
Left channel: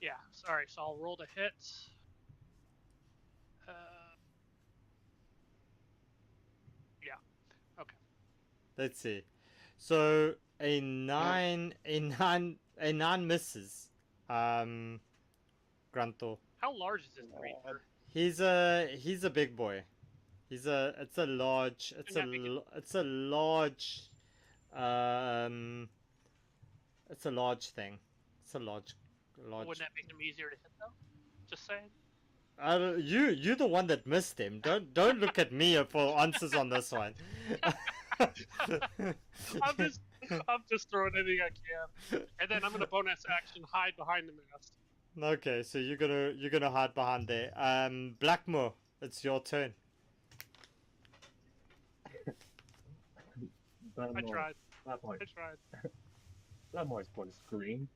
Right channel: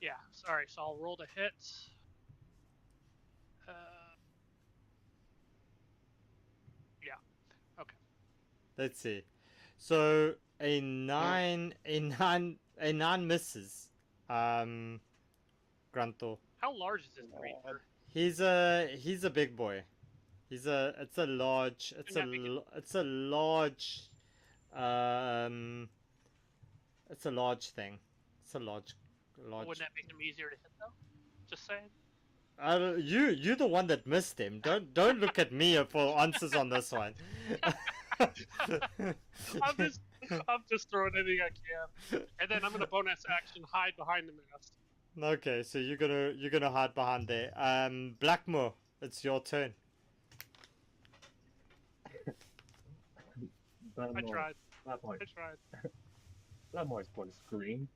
Yeah, sorry, so I'll roll to hit. Yeah, okay. Let's see. So a nine misses. Granto. How large is this creature? He's a big boy. It's a large it's a large it's a large thing. It's a large. Wouldn't that make him easier to hit though? Just saying. You're the one that missed him. Don't look at me for answers on this one. I'm just throwing anything I can, and then I'm gonna bonus action hide behind the mast. Okay, so you're gonna hide behind there. Blackmore, it's your turn. I tried. Blackmore. I tried. Blackmore is going to scream.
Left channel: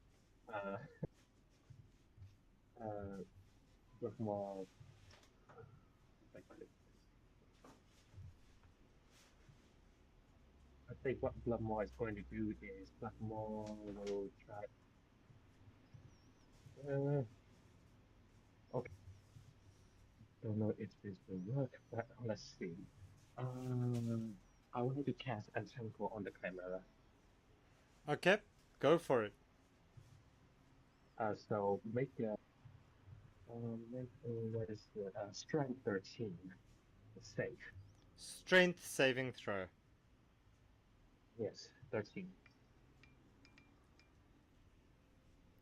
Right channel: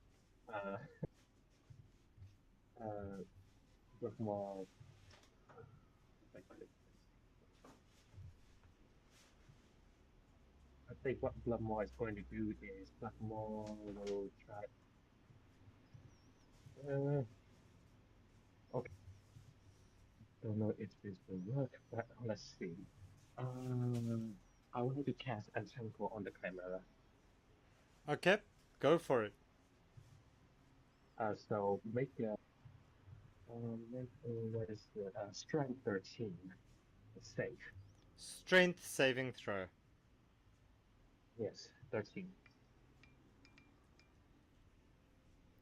Blackmore. I think what Blackmore is going to do is Blackmore will try. Okay. Don't know if this will work, but let's see. I want to cast Entangle on the Chimera. Okay, go for it. So make a what is the strength 13 save. Strength saving throw. Yes, 13.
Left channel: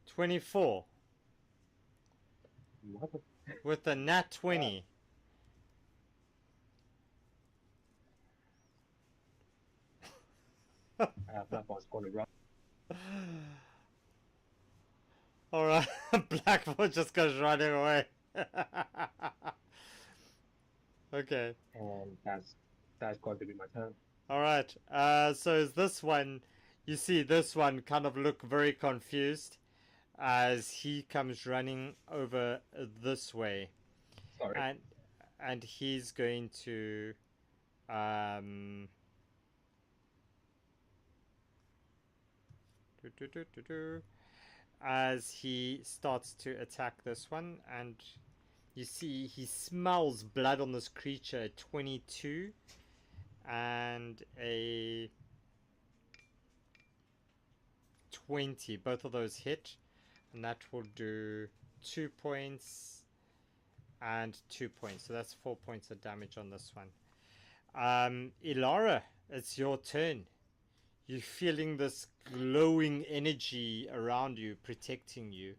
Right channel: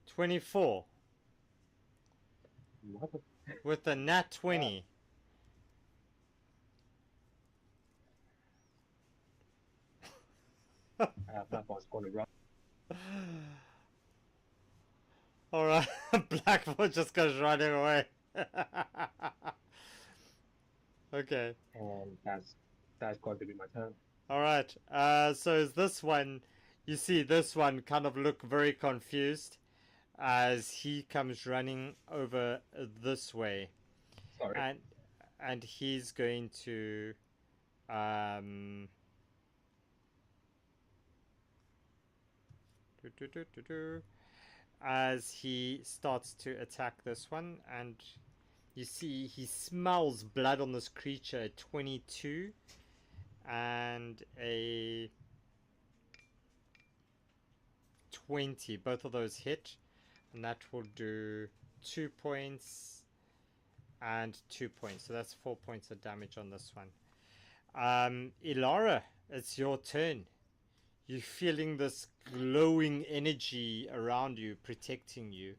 24. What? With a nat 20. Blackmore's going to run. Alright, Blackmore just goes running away. Okay. and that's going to be my turn. All right. So is this one? You see, this one kind of look very confused as he comes running over this way, Sorry. and he's going to as he starts to attack this one, and you see he smells blood on this creature. 22 and a 20, both of those hit, and that will do 2 points and 2 points, so that's 4 points of damage on this one. Ilara, it's your turn. You're feeling this glowing energy around you, protecting you.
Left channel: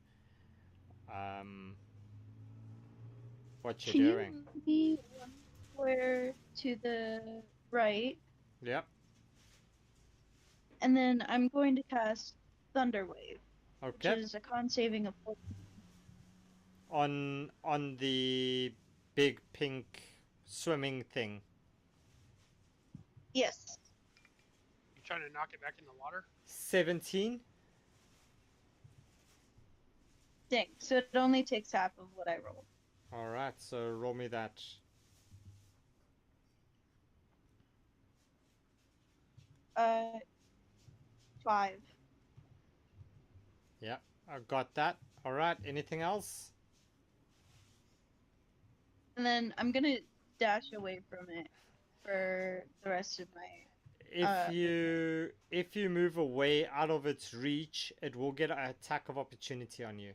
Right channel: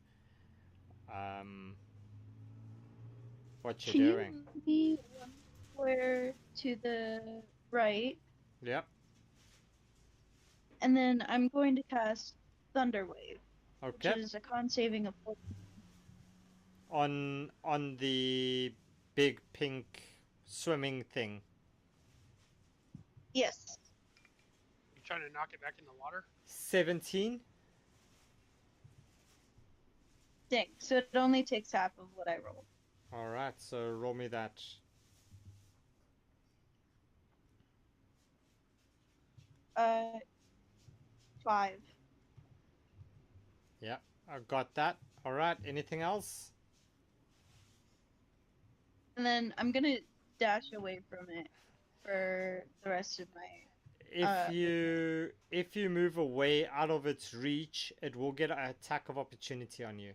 What you Can doing? you move me one square to the right? Yep. And then I'm going to cast Thunder Wave, which Okay. is a con saving of 14. On the big pink swimming thing. Yes. You trying to knock it back in the water? 17. Dang. So it only takes half of what I rolled. Alright, so roll me that. Uh, 5. Yeah, I got that. Alright, anything else? And then I'm gonna dash away from it for the rest of my If you move away out of its reach, it will get an attack of opportunity on you.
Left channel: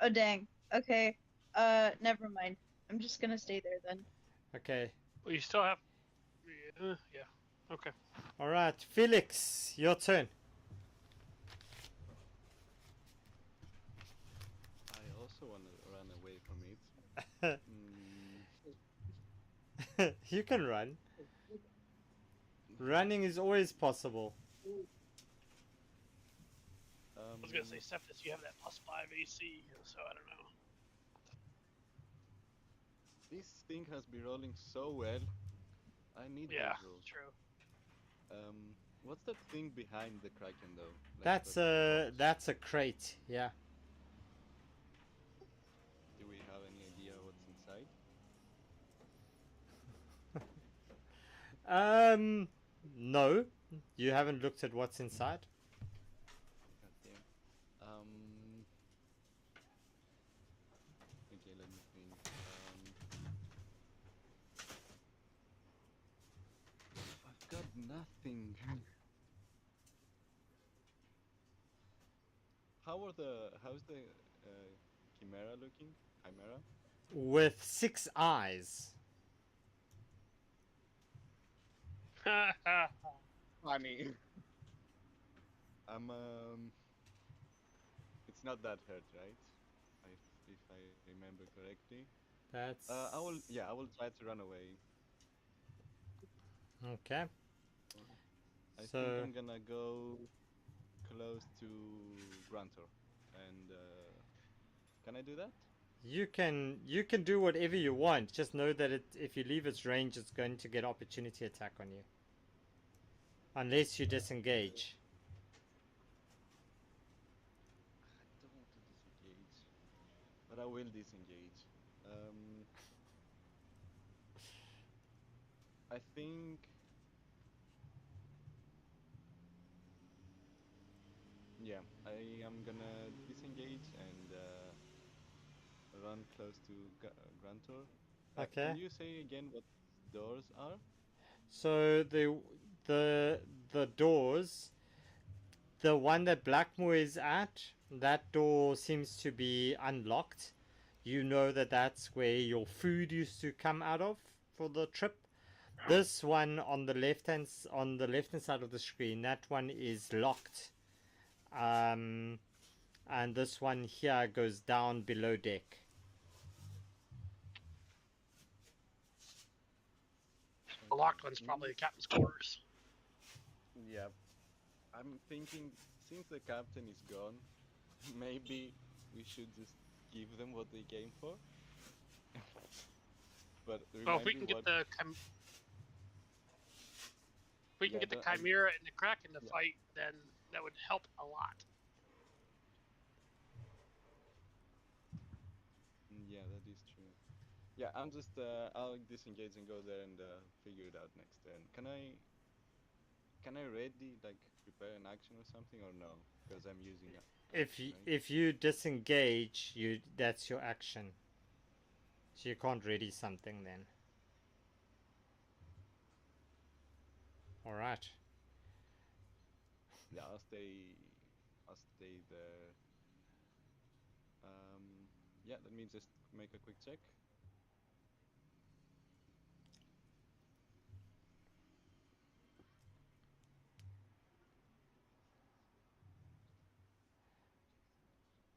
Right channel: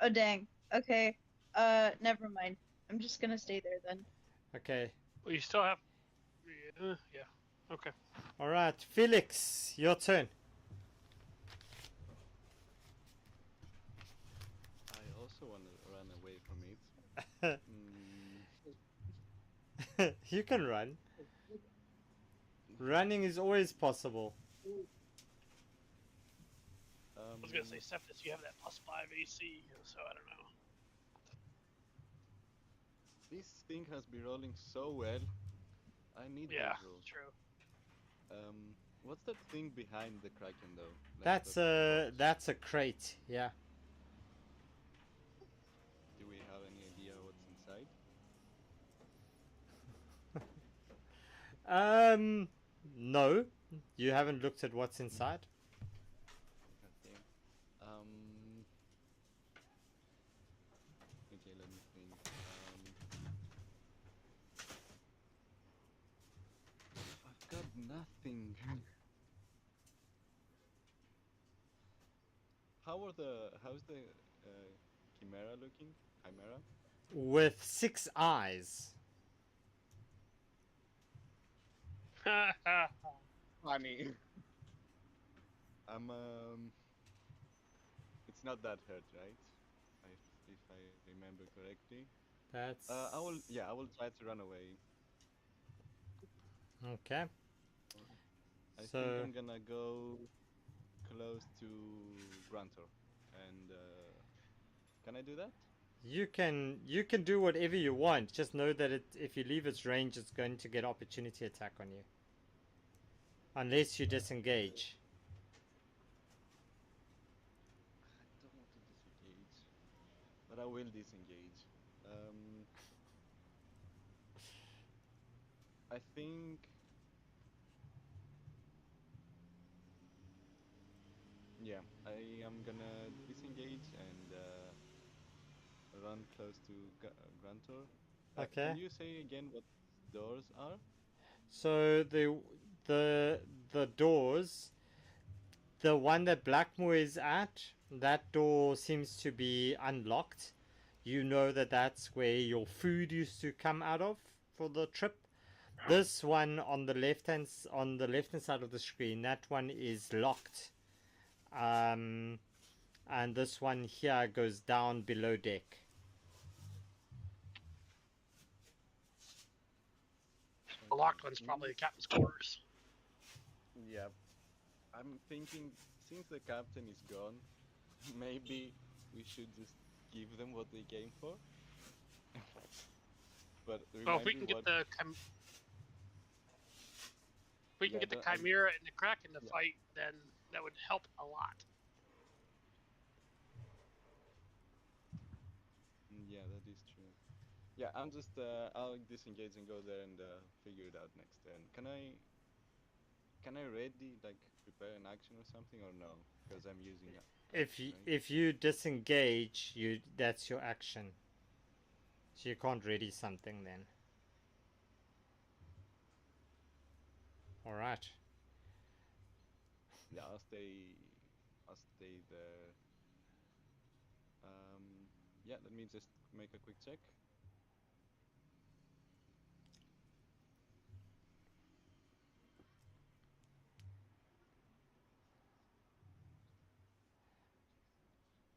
Oh dang. Okay. Never mind. I'm just gonna stay there then. Okay. Well, you still have. Yeah. Okay. Alright, Felix, your turn. I also want to run away from it. You can run. Running is always possible. I was gonna say, Septus, you have that +5 AC, so I don't know. This thing has been rolling so well. I need Yeah, those rolls. true. What's that thing behind the Kraken though? Like That's a crate, yeah. Do we have any idea what's inside? No. You haven't looked at what's inside? God damn. Okay, let me think. I've got nothing. How's the Chimera looking? Chimera? With 6 eyes. Funny. It's not that hurt, right? If I remember correctly. That's I will try to run away. okay. I think I'm gonna go close to Grunter, and can I do that? You can do whatever you want. Just know that if you leave its range, it's going to get opportunity attack on you, unless you disengage. I don't want to disengage, but I will disengage. I think. Yeah, I am gonna disengage and run close to Grunter. Okay. Can you say again what doors are? So the doors, the one that Blackmore is at, that door seems to be unlocked. You know that that's where your food used to come out of for the trip. This one on the left hand side of the screen, that one is locked. And this one here goes down below deck. The locked one's probably the captain's quarters. Yeah, I'm thinking since the captain is gone, maybe we should just give them what they came for. but Well, if remind we me can what. get the Chimera and the Kraken to fight, then that would help a lot. Yeah, that is true. Yeah, I'm just I'll disengage and go there and figure it out next turn. Can I ready like prepare an action or something or no? Because I'm using action, right? If you disengage, that's your action. So you can't ready something then. All right. Yeah, I'll stay. I'll stay there. Yeah, let me just make a quick check.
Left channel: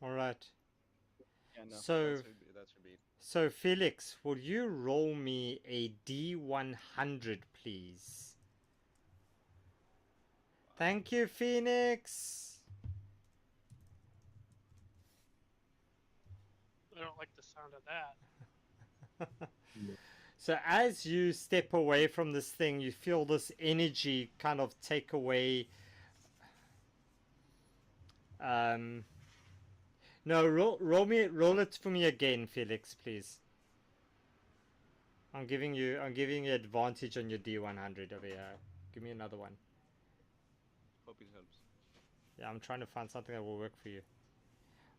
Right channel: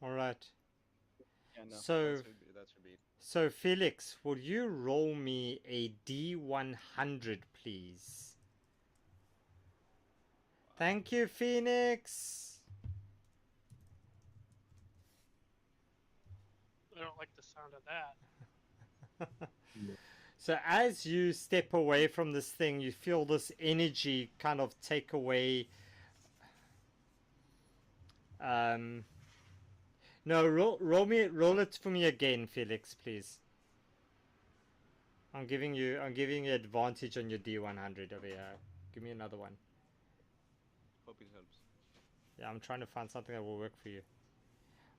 All right. Yeah, no, So that should be it. So Felix, will you roll me a D100, please? Thank you, Phoenix. I don't like the sound of that. So as you step away from this thing, you feel this energy kind of take away. No, roll it for me again, Felix, please. I'm giving you advantage on your D100 over here. Give me another one. Hope it helps. Yeah, I'm trying to find something that will work for you.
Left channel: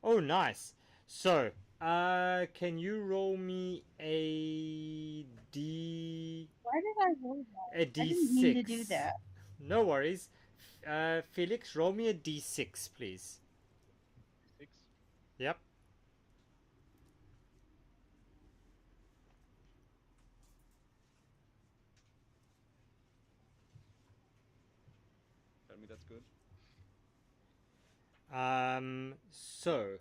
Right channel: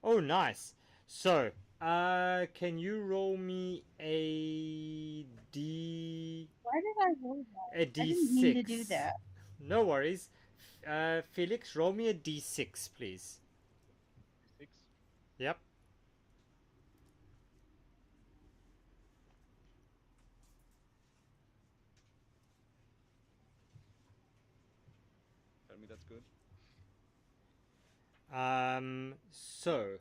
Oh, nice. So, can you roll me a D? Why did I roll that? A D6. I didn't mean to do that. No worries. Felix, roll me a D6, please. 6. Yep. Tell me that's good. So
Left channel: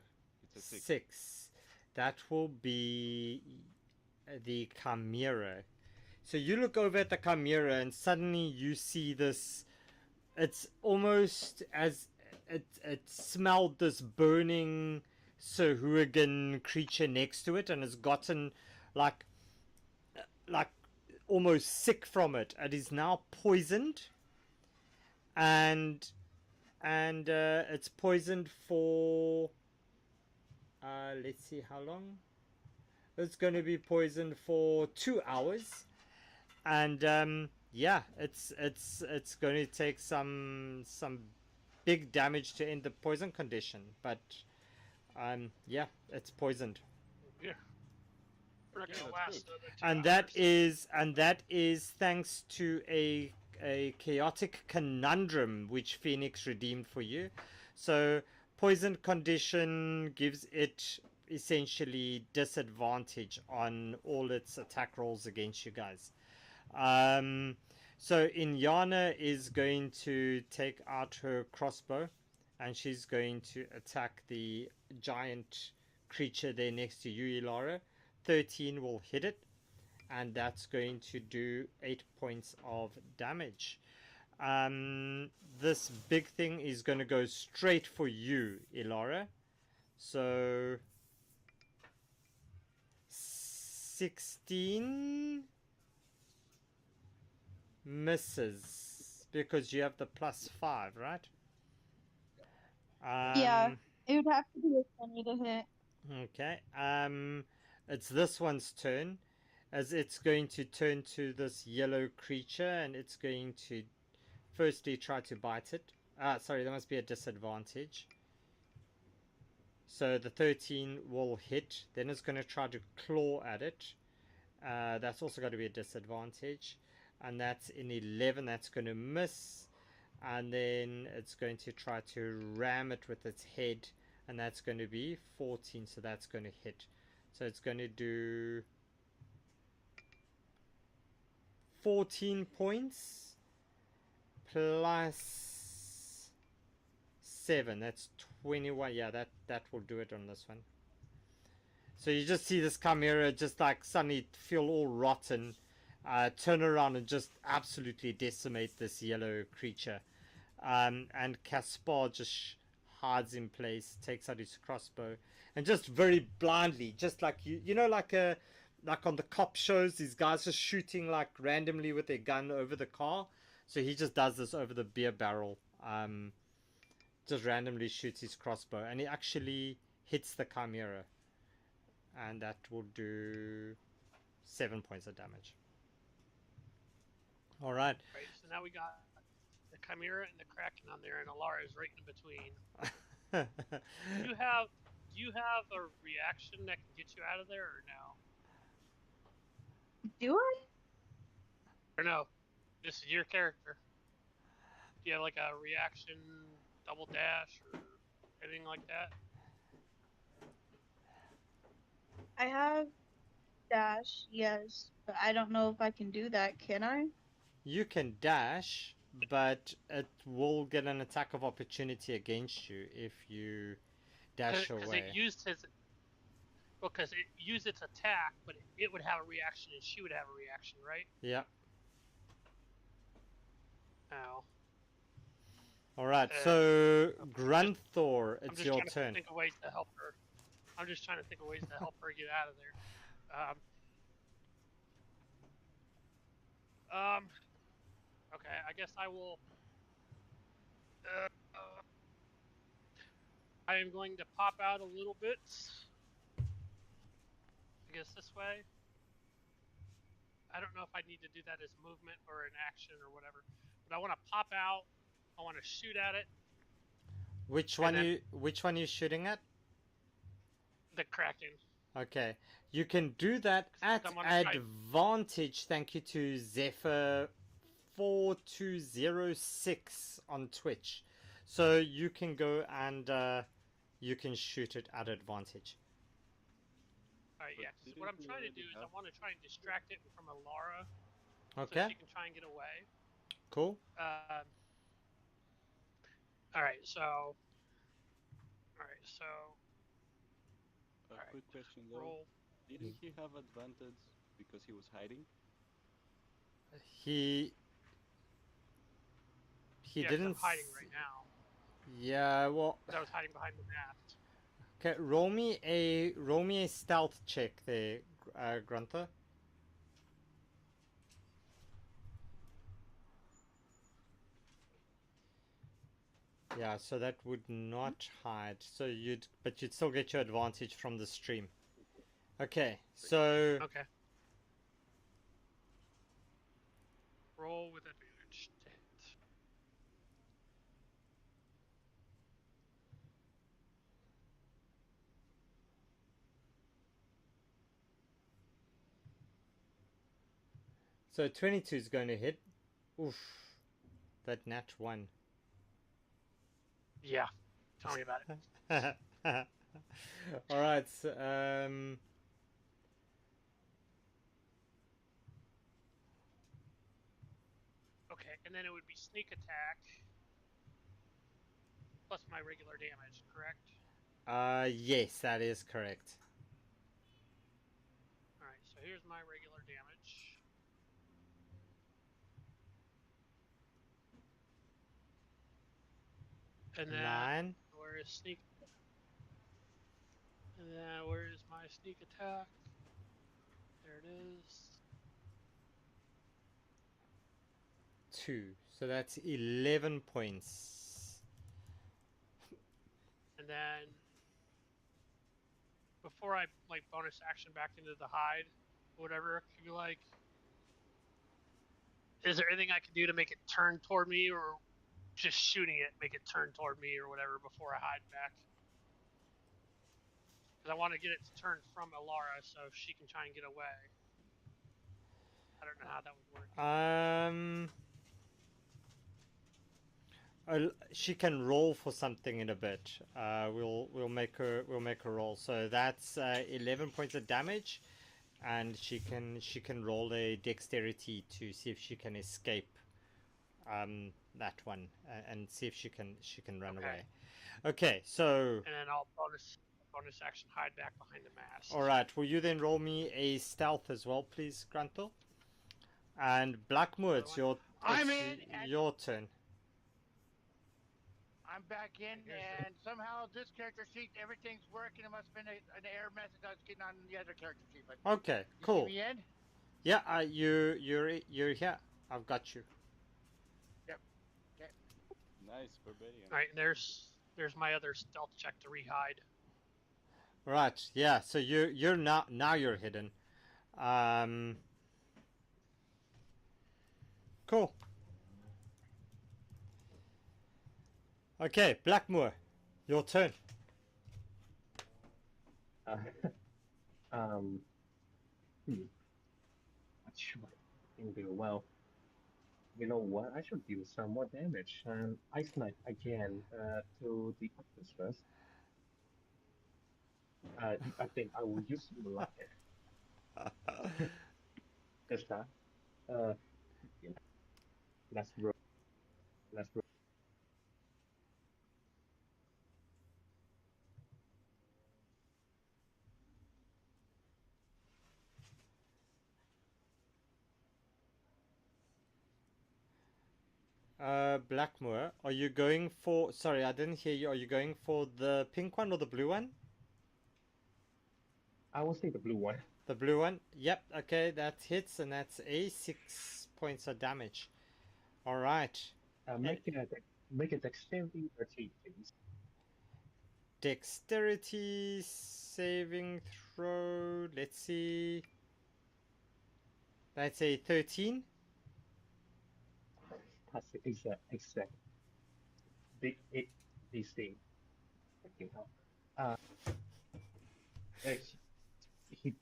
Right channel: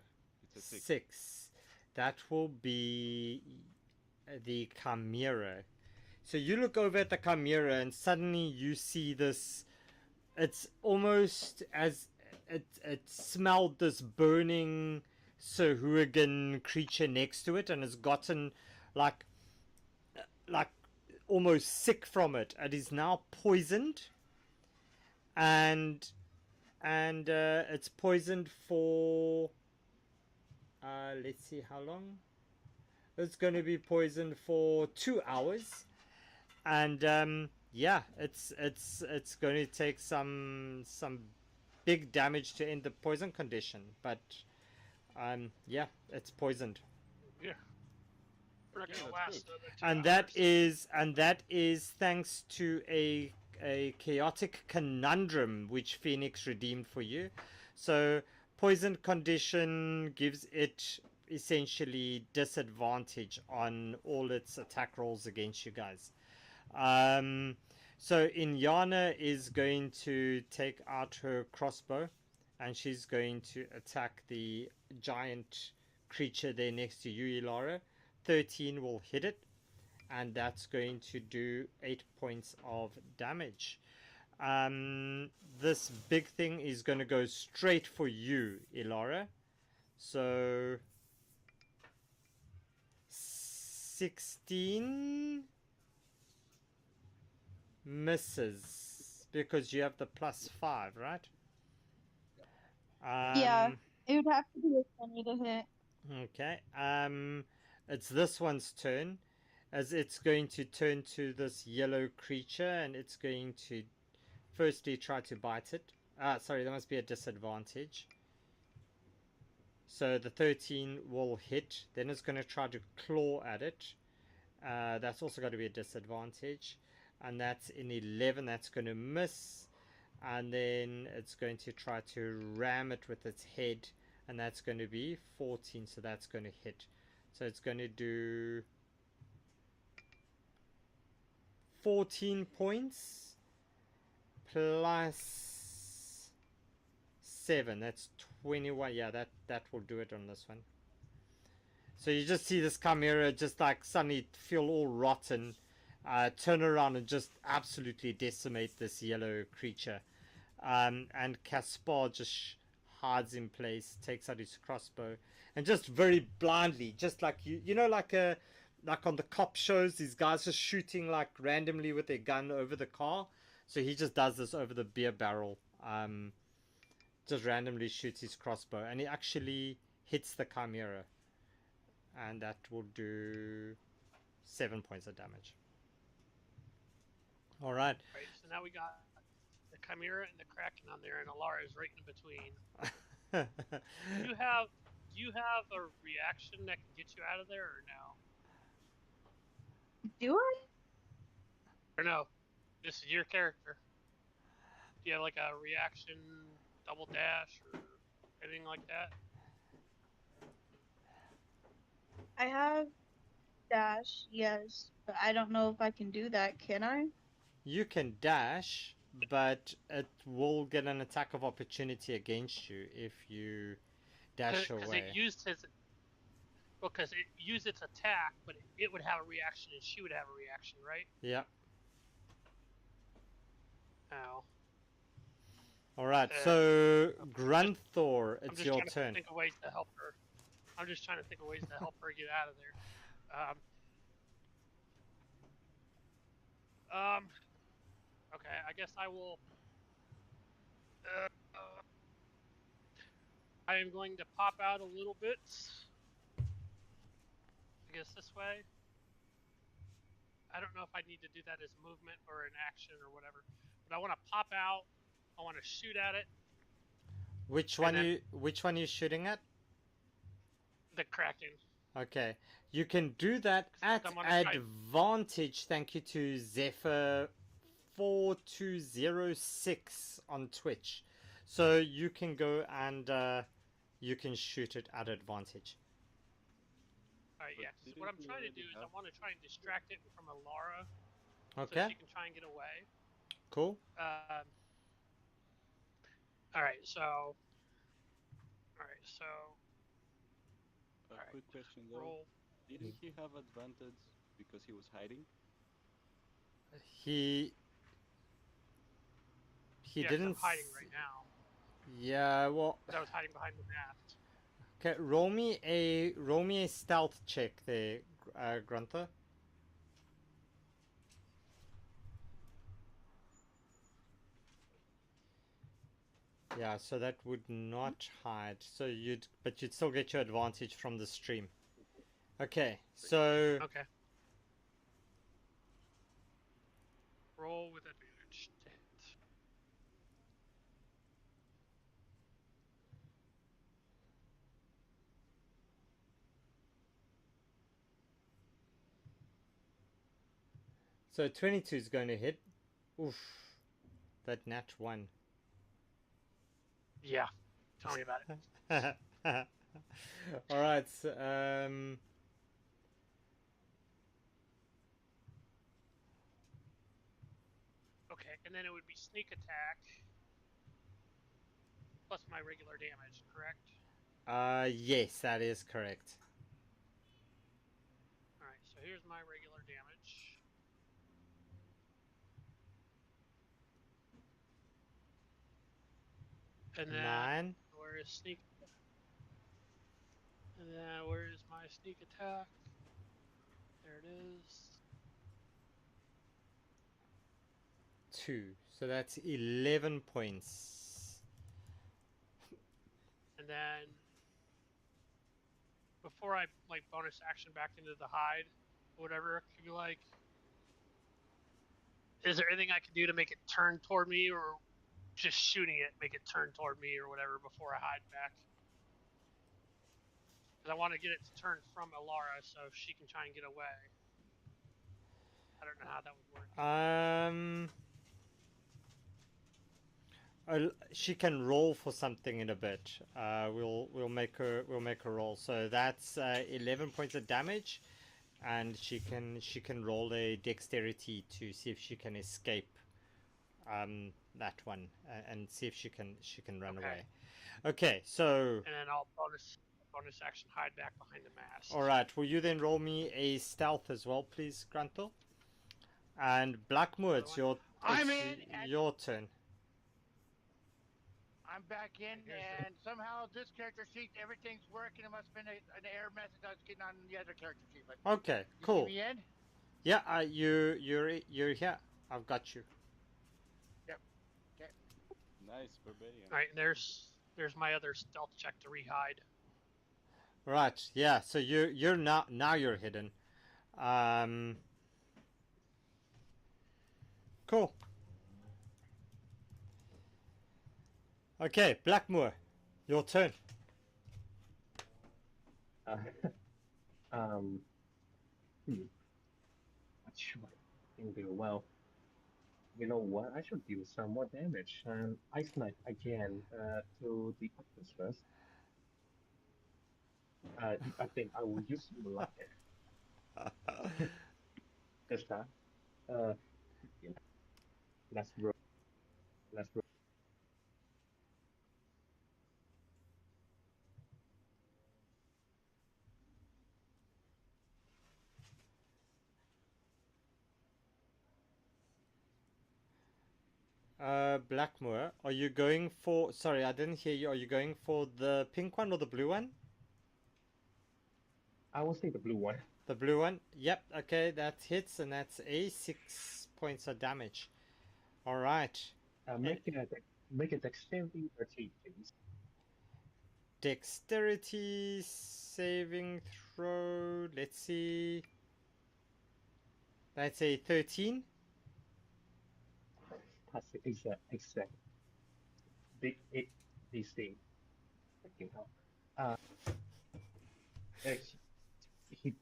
It's a 6. 6. That will be the Chimera. So you look over at the Chimera and suddenly you see this. It's almost as it smelled this burning Sahuagin creature next to it, and has gotten like almost sick from it. It is now poisoned, and it's poisoned for let's see how long. It's going to be poisoned for 2 hours, and yeah, it's going to take some big damage to end the poison condition, but yeah, it's poisoned. Yeah. We're not gonna that's last good. another 2 hours. And that is thanks to a chaotic conundrum which Phoenix redeemed for you. So poison condition gives it essentially disadvantage on all its attack rolls against you guys. So Inyana is going to take out her crossbow, and she's going to attack the giant creature there next to you, Ilara. 13 will hit it, and that's going to do 8 points of damage. This big thing is going to go straight for you, Ilara. So 16 misses because you have the +5, right? Yeah, it would have to be a 20 to hit. Okay. It's this one's turn, as it's going to turn to this yellow creature, and it's going to firstly try to bite it. Sorry, there must be a disadvantage. So the 13 will hit. Then it's going to try to claw at it. That's also going to be a disadvantage. And that's an 11. That's going to miss. And then it's going to try to ram it with its head. And that's going to be 14. So that's going to hit. So it's going to do 14 points plus 7. That's 21. Yeah, that will do it on this one. So you just see this Chimera just like suddenly feel all rotten, turn around and just absolutely decimate this yellow creature. And Caspar just hides in place, takes out his crossbow, and just very blindly, just like you know, like like on the cop shows, these guys just shooting like randomly with their gun over the car. So he just does this over the beer barrel. Just randomly shoots his crossbow, and he actually hits the chimera, and that will do 7 points of damage. All right. Right. So now we got the chimera and the kraken on there, and Alara is right in between. Do you have a reaction that can get you out of there, or no? Do I? Or no? This is your character. Do you have like a reaction, double dash, or anything like that? I have dash, yes, but I don't know if I can do that. Can I? You can dash, but it will get an attack of opportunity against you if you dash away. Because it used its attack, but it would have a reaction and she would have a reaction, right? Yeah. Oh. All right. So Grunthor, I'm it's just your trying to turn. think of ways to help her. I'm just trying to think of ways to help her get out of there. Okay, I guess I will. I am going to pop out a little bit. I guess this way. I don't know if I need to do that as movement or an action or whatever, but I want to pop out. I want to shoot at it. Which one are you shooting at? The kraken. Okay. You can do that at advantage. Thank you to Zephyr4206 on Twitch. So you can go and you can shoot it at advantage. Alright, yeah. So what I'm trying to do is I want to try and distract it from Alara, okay, so she can try and get away. Cool. Alright, so. Quick question though. Roll. Didn't he have advantage because he was hiding? He didn't. I'm hiding right now. Yeah, well. Because I was hiding behind the mast. Okay, roll me a stealth check there, Grunter. Yeah, so that would not hide. So you'd still get your advantage from the stream. Okay, so okay. Roll with advantage. So 22 is going to hit. Oof, that nat 1. Yeah, tell me about it. All right. So, okay, and then it would be sneak attack plus my regular damage, correct? Yes, that is correct. All right, so here's my regular damage. And then 9. where is sneak? And then where is my sneak attack? There it is. 2. So that's 11 points. And then before I like bonus action back into the hide, or whatever, could be like, is there anything I can do to make it turn toward me, or just shooting it make it turn toward me or whatever before I hide back? Because I want to get it to turn from Alara so she can try and get away. I don't know how that would work. She can roll for something in a bit. We'll make her roll. So that's 11 points of damage, and she can roll a dexterity to see if she can escape that one and see if she can run away. Okay, so and then I'll bonus action hide back behind the mast. All right. Will you then roll me a stealth as well, please, Gruntle? And Blackmoor, it's your turn. I'm back in, and somehow this character sheet, everything's working. It must have been an error message I was getting on the other character sheet. But Okay, you cool. see me in? Yeah, you're here. I've got you. Yep. Okay. Nice, Barbarian. All right, and there's my other stealth check to rehide. Right. Yeah. So you're now you're hidden. Cool. Okay, Blackmoor, your turn. Uh, um, what should I do? Well, you know what? I should deal some more damage. Ice Knife again to the octopus first. I think I will use luck this time. Yeah, let's roll. Let's roll. Blackmoor, are you going for? Sorry, I didn't hear you. Are you going for the pink one or the blue one? I will say the blue one. The blue one. Yep. Okay, that hits, and that's a 6 points of damage. All right. Make a dexterity 13, please. Dexterity saving throw. Let's see. That's a 13. That's exact. This thing. Uh,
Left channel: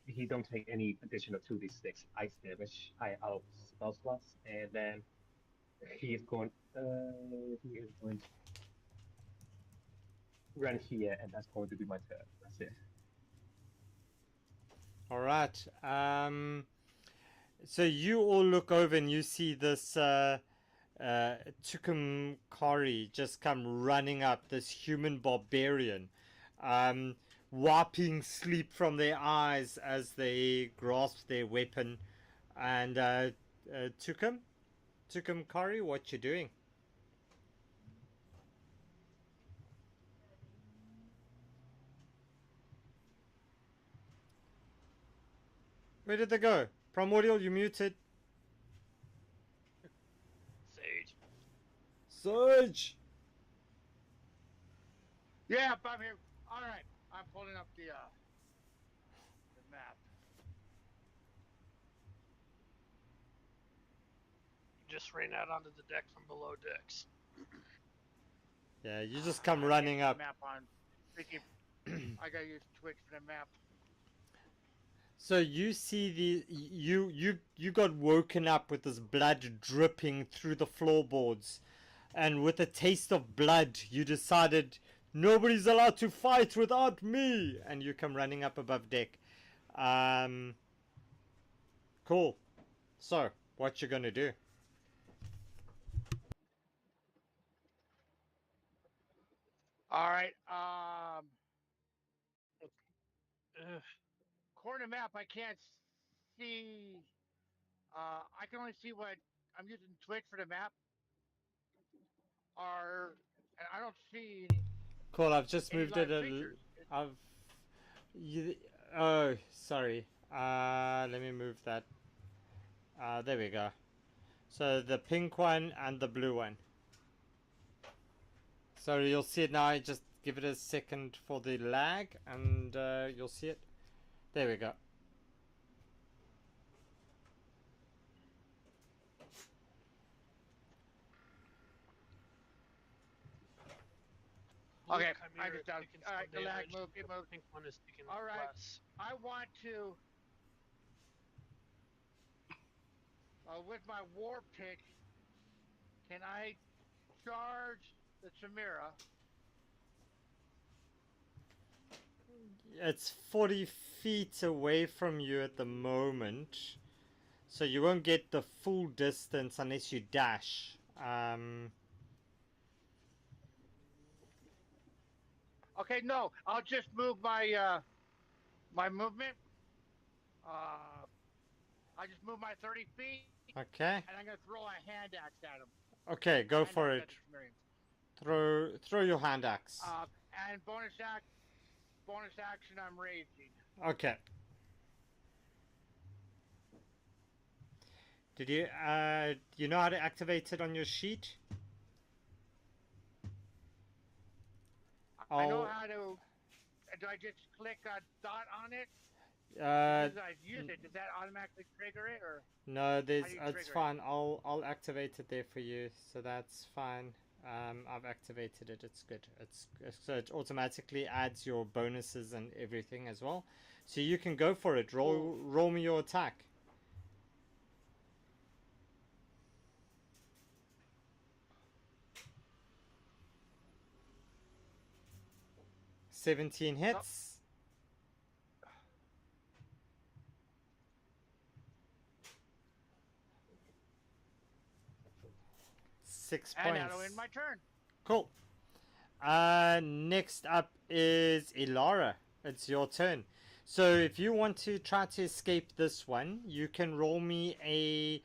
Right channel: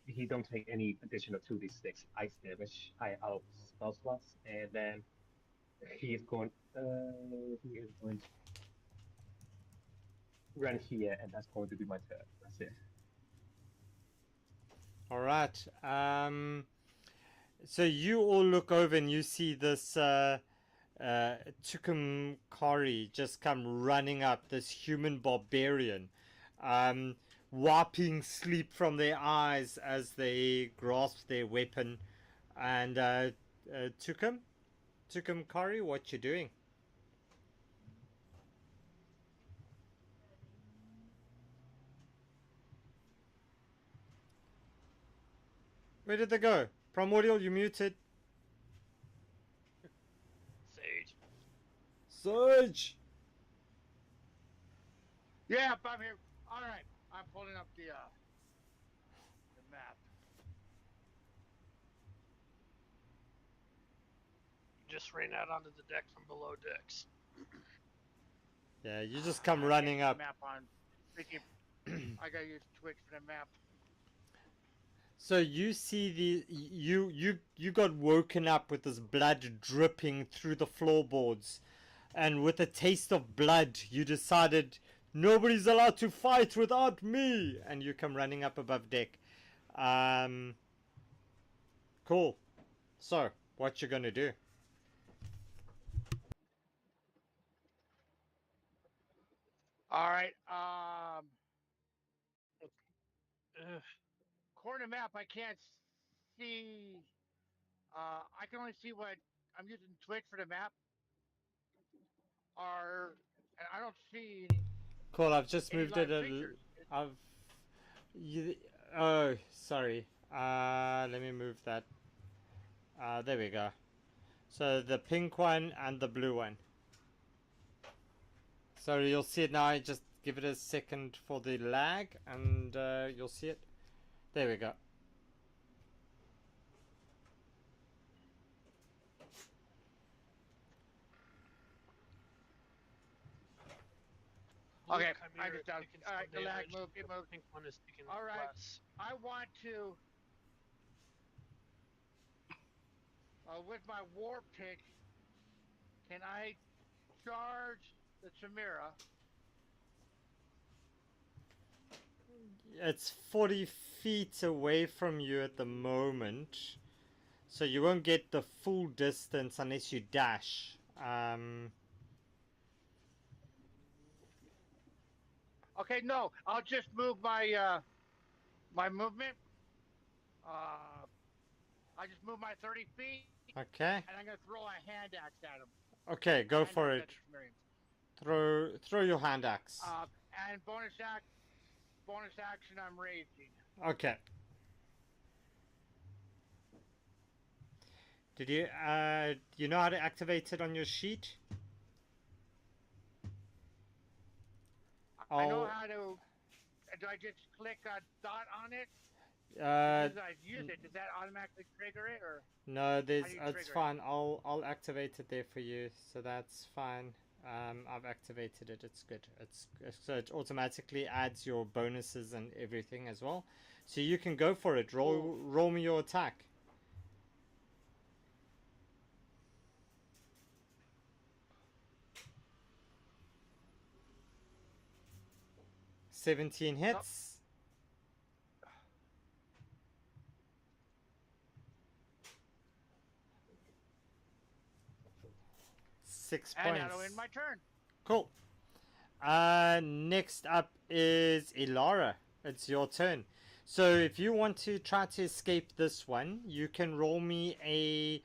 he don't take any additional 2d6 ice damage out of spell slots, and then he is going to run here, and that's going to be my turn. That's it. All right. So you all look over and you see this Tukumkari just come running up, this human barbarian, wiping sleep from their eyes as they grasp their weapon. And Tukumkari, what you doing? Where did they go? Primordial, you muted. Sage. Surge! Yeah, I'm here. All right, I'm pulling up the map. Just ran out onto the deck from below decks. Yeah, you just come I running can't up. use the map on. I gotta use Twitch for the map. So you see you got woken up with this blood dripping through the floorboards, and with a taste of blood, you decided nobody's allowed to fight without me, and you come running up above deck. Cool. So what you gonna do? All right. Ugh. Corner map. I can't see. I can only see what I'm using Twitch for the map. And I don't see Cool. I've just any moved live it. creatures. Oh, sorry. Let me move that. There we go. So the pink one and the blue one. Sorry, you'll see it now. Just give it a second for the lag, and you'll see it. There we go. Okay, Chimera I just is got. taking All some right, the lag damage. moved. It The moved. pink one is taking All right. less. I want to. With my war pick, can I charge the Chimera? It's 40 feet away from you at the moment, so you won't get the full distance unless you dash. Okay, no, I'll just move my my movement. I just move my 30 feet, Okay. and I'm gonna throw a hand axe at him. Okay, go Hand for axe it. at the Chimerian. Throw your hand axe. And bonus action, I'm raging. Okay. Did you you know how to activate it on your sheet? I know how to. Do I just click a dot on it? You guys use it. Does that automatically trigger it, or No, there's. how do you It's trigger fine. I'll activate it there for you, so that's fine. I've activated it. It's good. So it automatically adds your bonuses and everything as well. So you can go for it. Roll me your attack. it? 17 hits. Six And points. that'll end my turn. Cool. Next up is Ilara. It's your turn. So if you want to try to escape this one, you can roll me a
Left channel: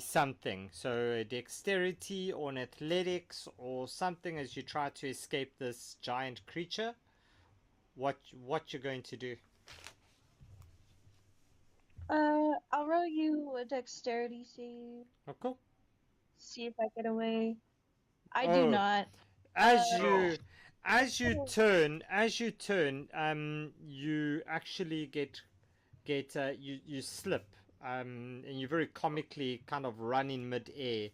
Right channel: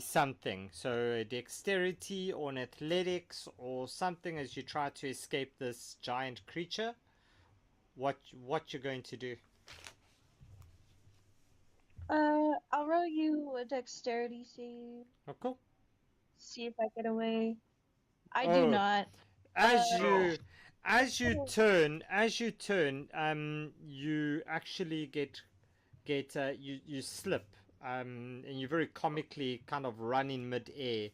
something. So a dexterity or an athletics or something as you try to escape this giant creature. What you're going to do? I'll roll you a dexterity save. Oh, cool. See if I get away. I do Oh, not. As you turn, you actually get you slip, and you very comically kind of run in mid-air,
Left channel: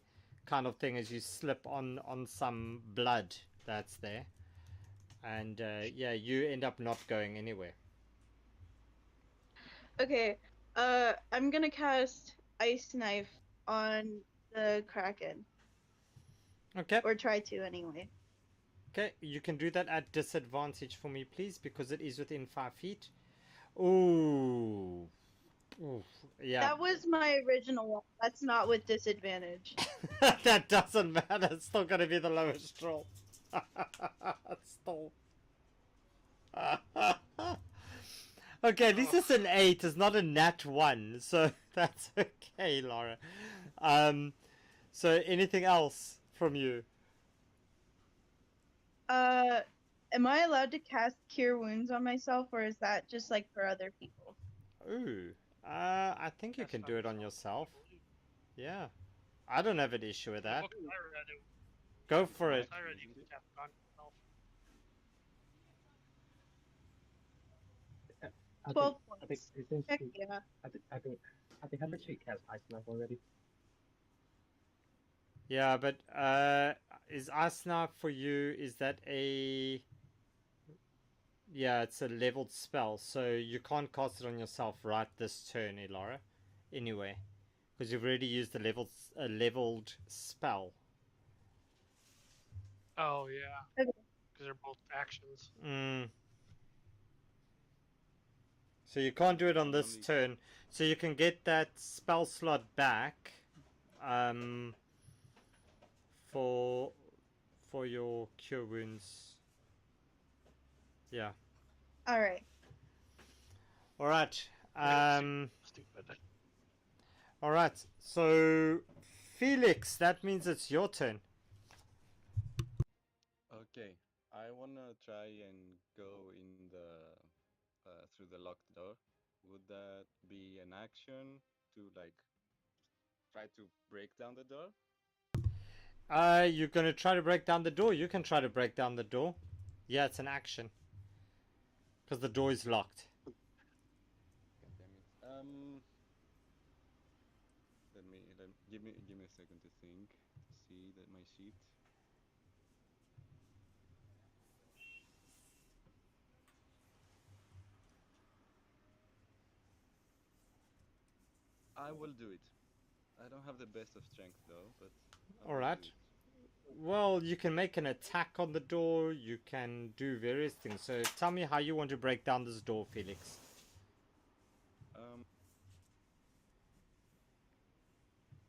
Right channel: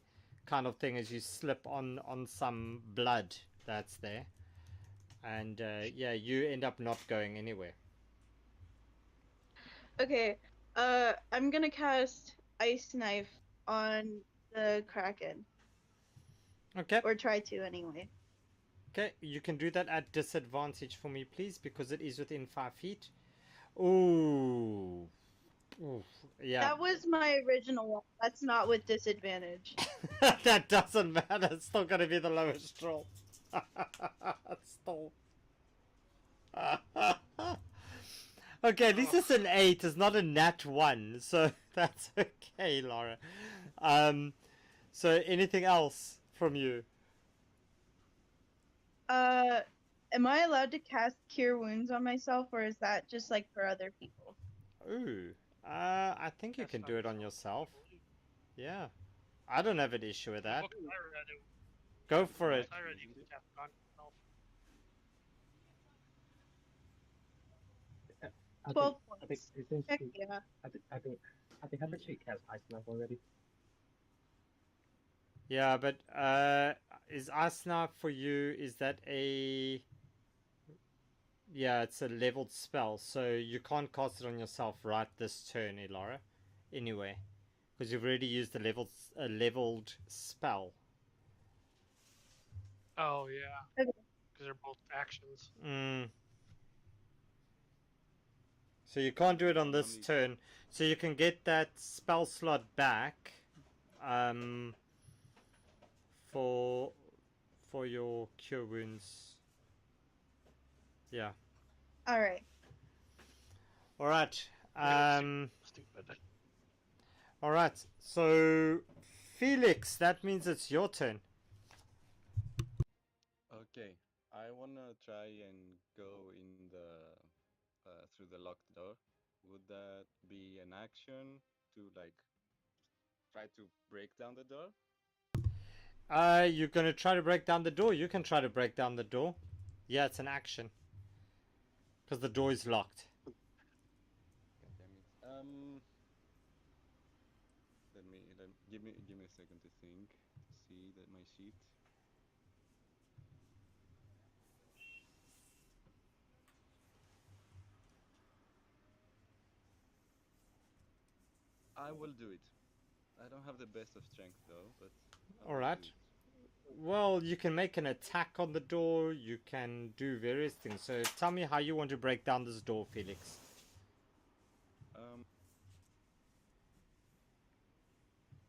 kind of thing, as you slip on some blood that's there, and yeah, you end up not going anywhere. Okay. I'm gonna cast Ice Knife on the Kraken. Okay. Or try to anyway. Okay, you can do that at disadvantage for me, please, because it is within 5 feet. Ooh. Oof. Yeah. That was my original one. That's not with disadvantage. That doesn't matter. It's still going to be the lowest roll. Still. Okay, at least it's an 8. It's not a nat 1. So that's okay, Laura. So anything else from you? Am I allowed to cast Cure Wounds on myself, or is that just like for other people? Ooh. I think you can do it on yourself. Yeah. I don't have an issue with that. Go for it. I read you can cast it on yourself. 12 I think points. essentially, Heck yeah. I think I've actually cast Ice Knife already. Yeah, but is Asna for you? Is that a? Yeah, it's a leveled spell, so you can't cast it on yourself right this turn, Elara. Anyway, because you've already used a leveled spell. Oh yeah, Okay. because they're both actions. So you can't do it on this turn. So you can get that spell slot back for your cure wounds. Yeah. All right. All right. Stupid. All right. So Felix, that means it's your turn. Okay, I wanna try and go in the through the locked door. Would that be an action to like try to break down the door? You're gonna try to break down the door. You can try to break down the door. Yeah, it's an action because the door is locked. God damn it. Give me a second to think to see that my sheet. I will do it. I don't have the best of strength though, but I All will right. do it. Well, you can make an attack on the door. You can do various things. So tell me how you want to break down this door, Felix.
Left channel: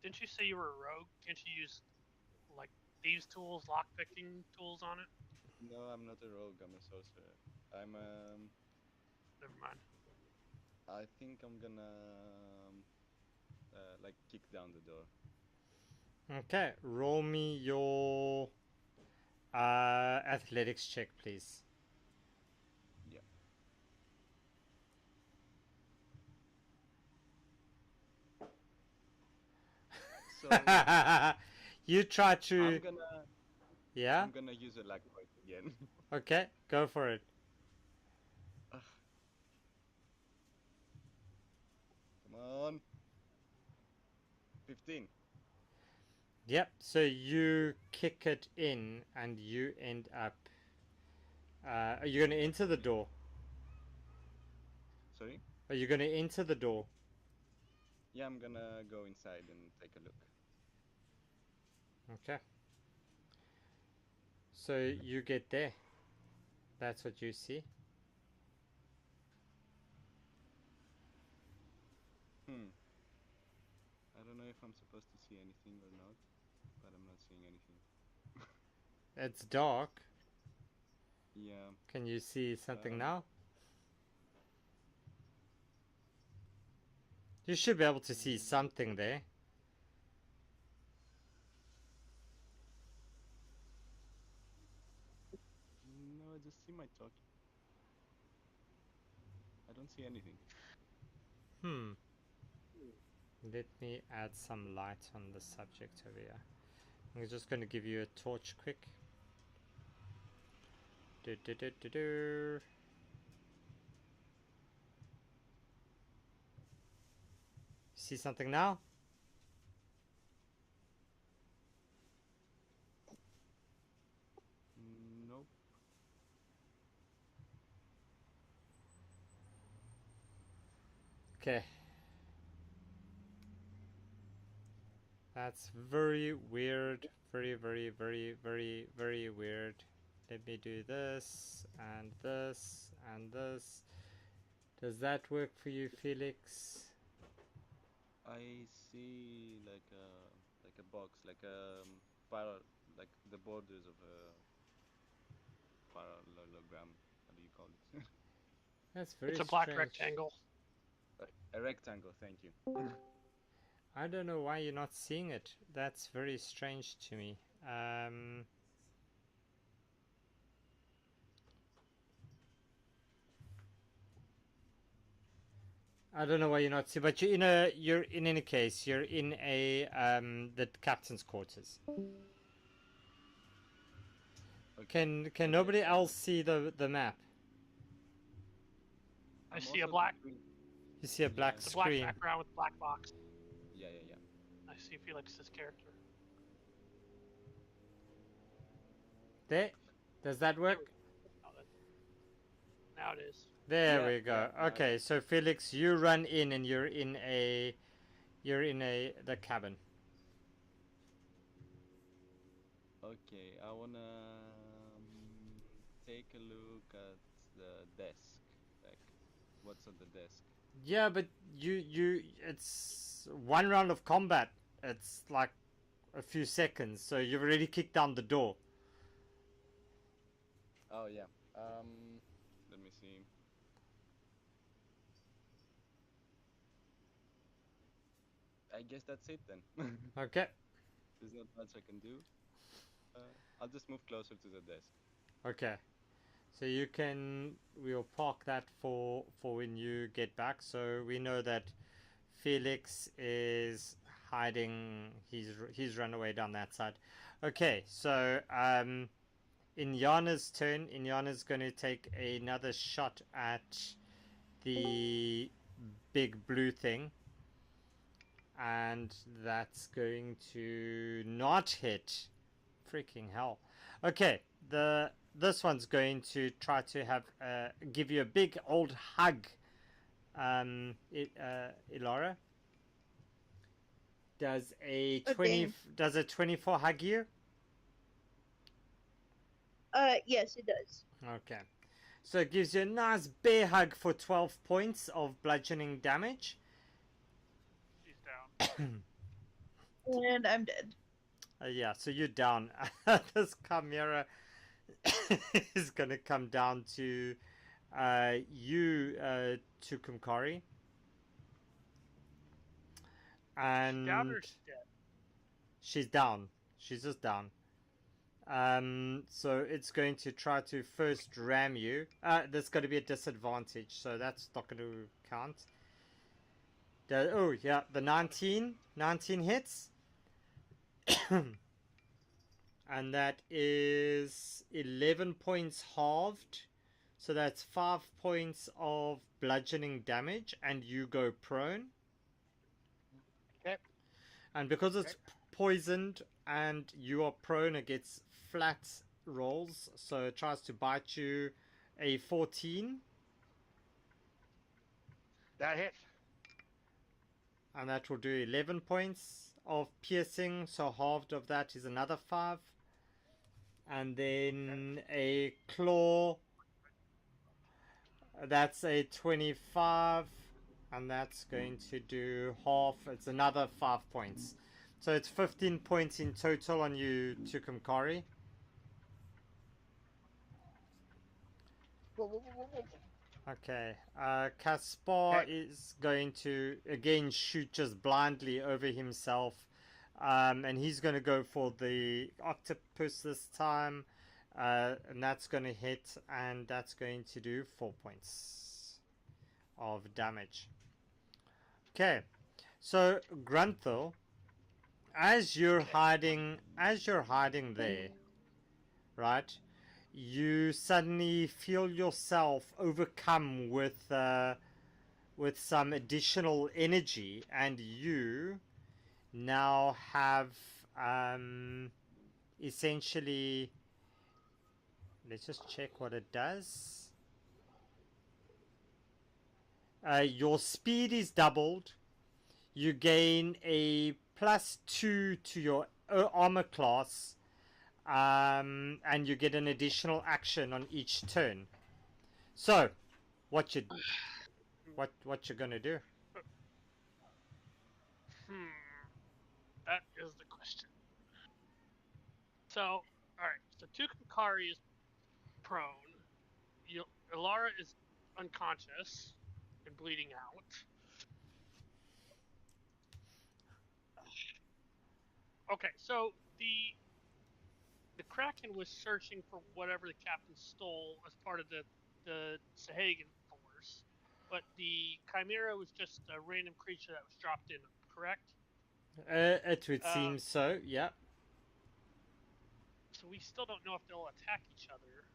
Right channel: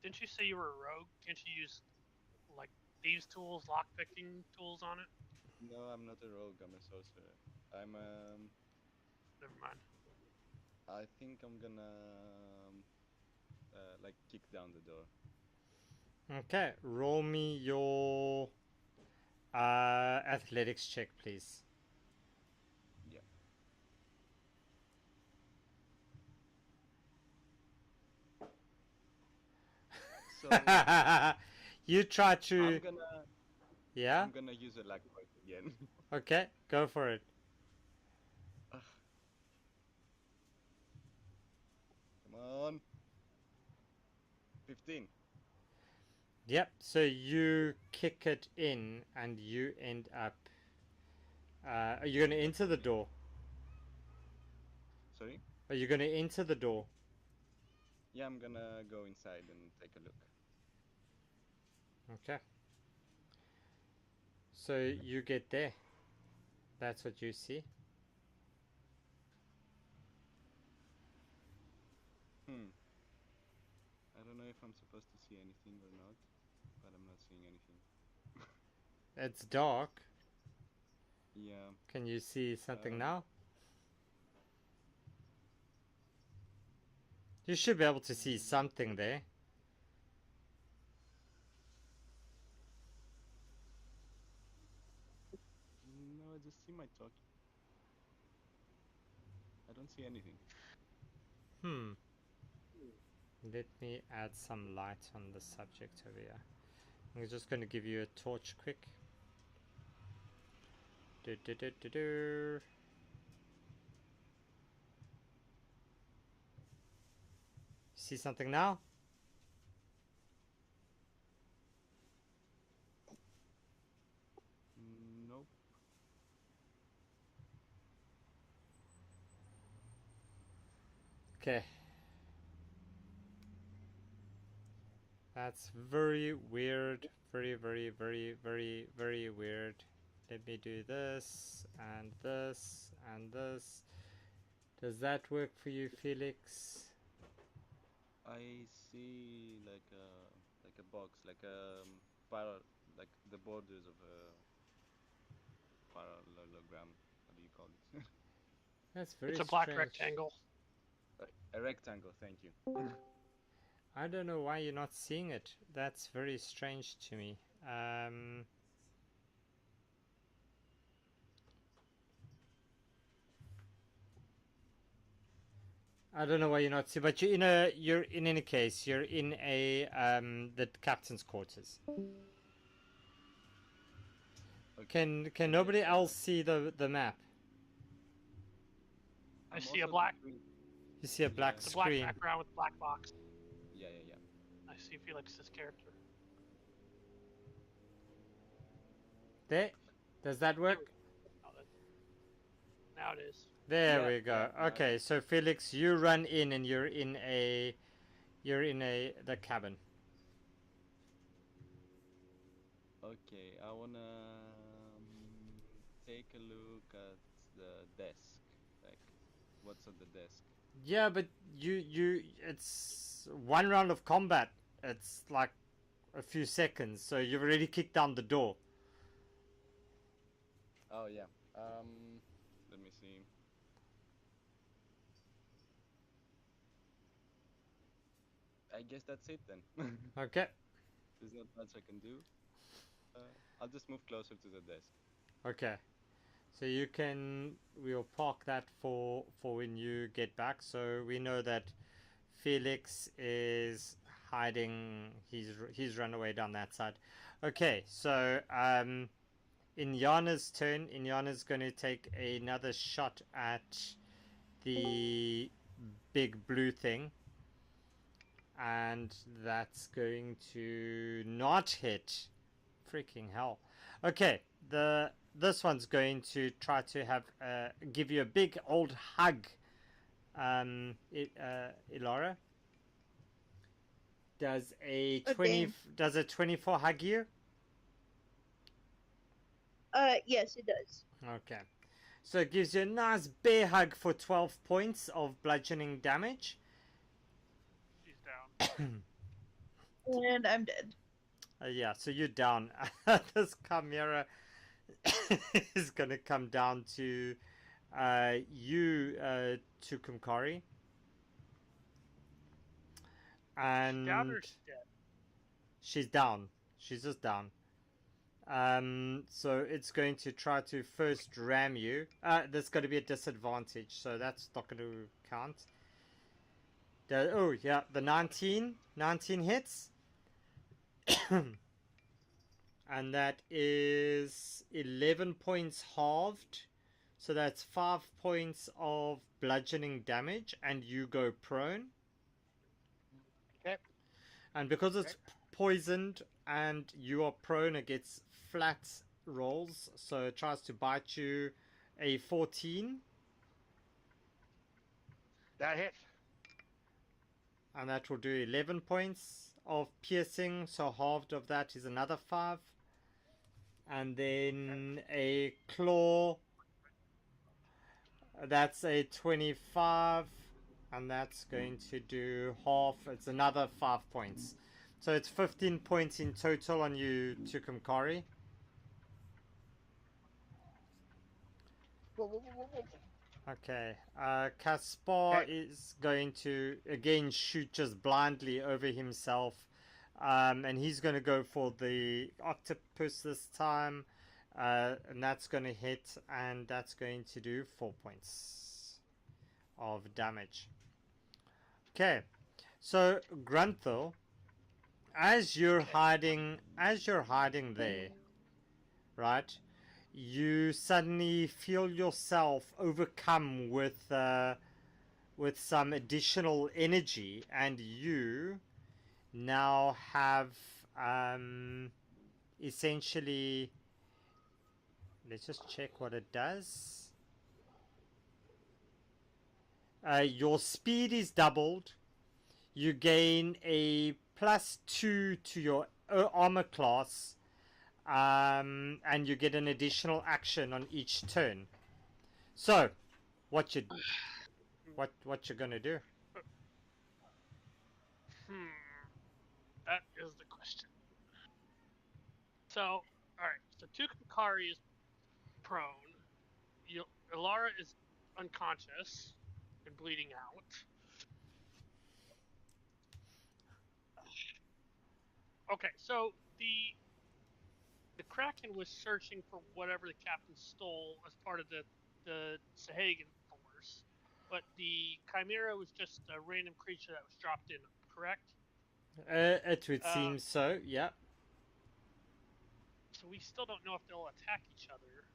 Didn't you say you were a rogue? Can't you use like thieves' tools, lockpicking tools on it? No, I'm not a rogue. I'm a sorcerer. I'm Never mind. I think I'm gonna like kick down the door. Okay, roll me your Athletics check, please. Yeah. So You try to. I'm gonna use a luck point again. Okay, go for it. Ugh. Come on. 15. Yep, so you kick it in and you end up. Are you going to enter the door? Sorry? Are you going to enter the door? Yeah, I'm gonna go inside and take a look. Okay. So you get there. That's what you see. I don't know if I'm supposed to see anything or not, but I'm not seeing anything. It's dark. Yeah. Can you see something now? You should be able to see something there. No, I just see my talkie. I don't see anything. Let me add some light on the subject over here. I'm just going to give you a torch quick. See something now? Nope. Okay. That's very weird. Very, very, very, very, very weird. Let me do this and this and this. Does that work for you, Felix? I see like a box, like like the borders of a parallelogram. How do you call it? That's very It's a black strange. rectangle. A rectangle. Thank you. I don't know why you're not seeing it. That's very strange to me. I don't know why you're not seeing, but you're in any case, you're in the captain's quarters. Okay. Can nobody else see the map? I see a black. You see a black Yeah. It's a black screen. background with black box. Yeah. I see Felix's character. There. Does that work? Now it is. There we go. Yeah, Okay, so Felix, you run in and you're in the cabin. Okay, I wanna take a look at the desk. Like, what's on the desk? Yeah, but it's one round of combat. It's like a few seconds, so you've already kicked down the door. Oh yeah. Let me see. I guess that's it then. Okay. There's not much I can do. I'll just move closer to the desk. Okay. So we'll park that for when you get back. So we know that Felix is hiding. He's run away down that side. Okay. So in Yana's turn, Yana's going to take another shot at the big blue thing. And that's going to not hit. Freaking hell. Okay, this one's going to try to give you a big old hug. Ilara, does a 24 hug you? Yes, it does. Okay, so it gives you a nice bear hug for 12 points of bludgeoning damage. She's down. And I'm dead. Yeah, so you're down. This chimera is going to come down to you, Tukumkari. And She's down or she's dead? she's down. She's just down. So it's going to try to first ram you. There's going to be a disadvantage, so that's not going to count. Oh, yeah, the 19 hits. And that is 11 points halved. So that's 5 points of bludgeoning damage, and you go prone. Okay. And because it's poisoned and you are prone, it gets flat rolls. So it tries to bite you. A 14. That hits. And that will do 11 points of piercing. So halved of that is another 5. And then a claw. That's a 25. And that's going to do half. It's another 5 points. So it's 15 points in total on you, Tukumkari. Okay. Caspar is going to again shoot just blindly over himself. And he's going to go for the octopus this time. And that's going to hit. And that's going to do 4 points of damage. Okay. So, Grunthal, as you're hiding there, right? You suddenly feel yourself overcome with some additional energy, and you now have essentially. Let's just check what it does. Your speed is doubled. You gain a +2 to your armor class, and you get an additional action on each turn. So, what you're gonna do? That is the question. So, all right. So Tukumkari is prone. Alara is unconscious and bleeding out. Okay, so the Kraken was searching for whatever the captain stole as part of the Sahagan force, but the Chimera was just a random creature that was dropped in, correct? It would seem so, yeah. So we still don't know if they'll attack each other.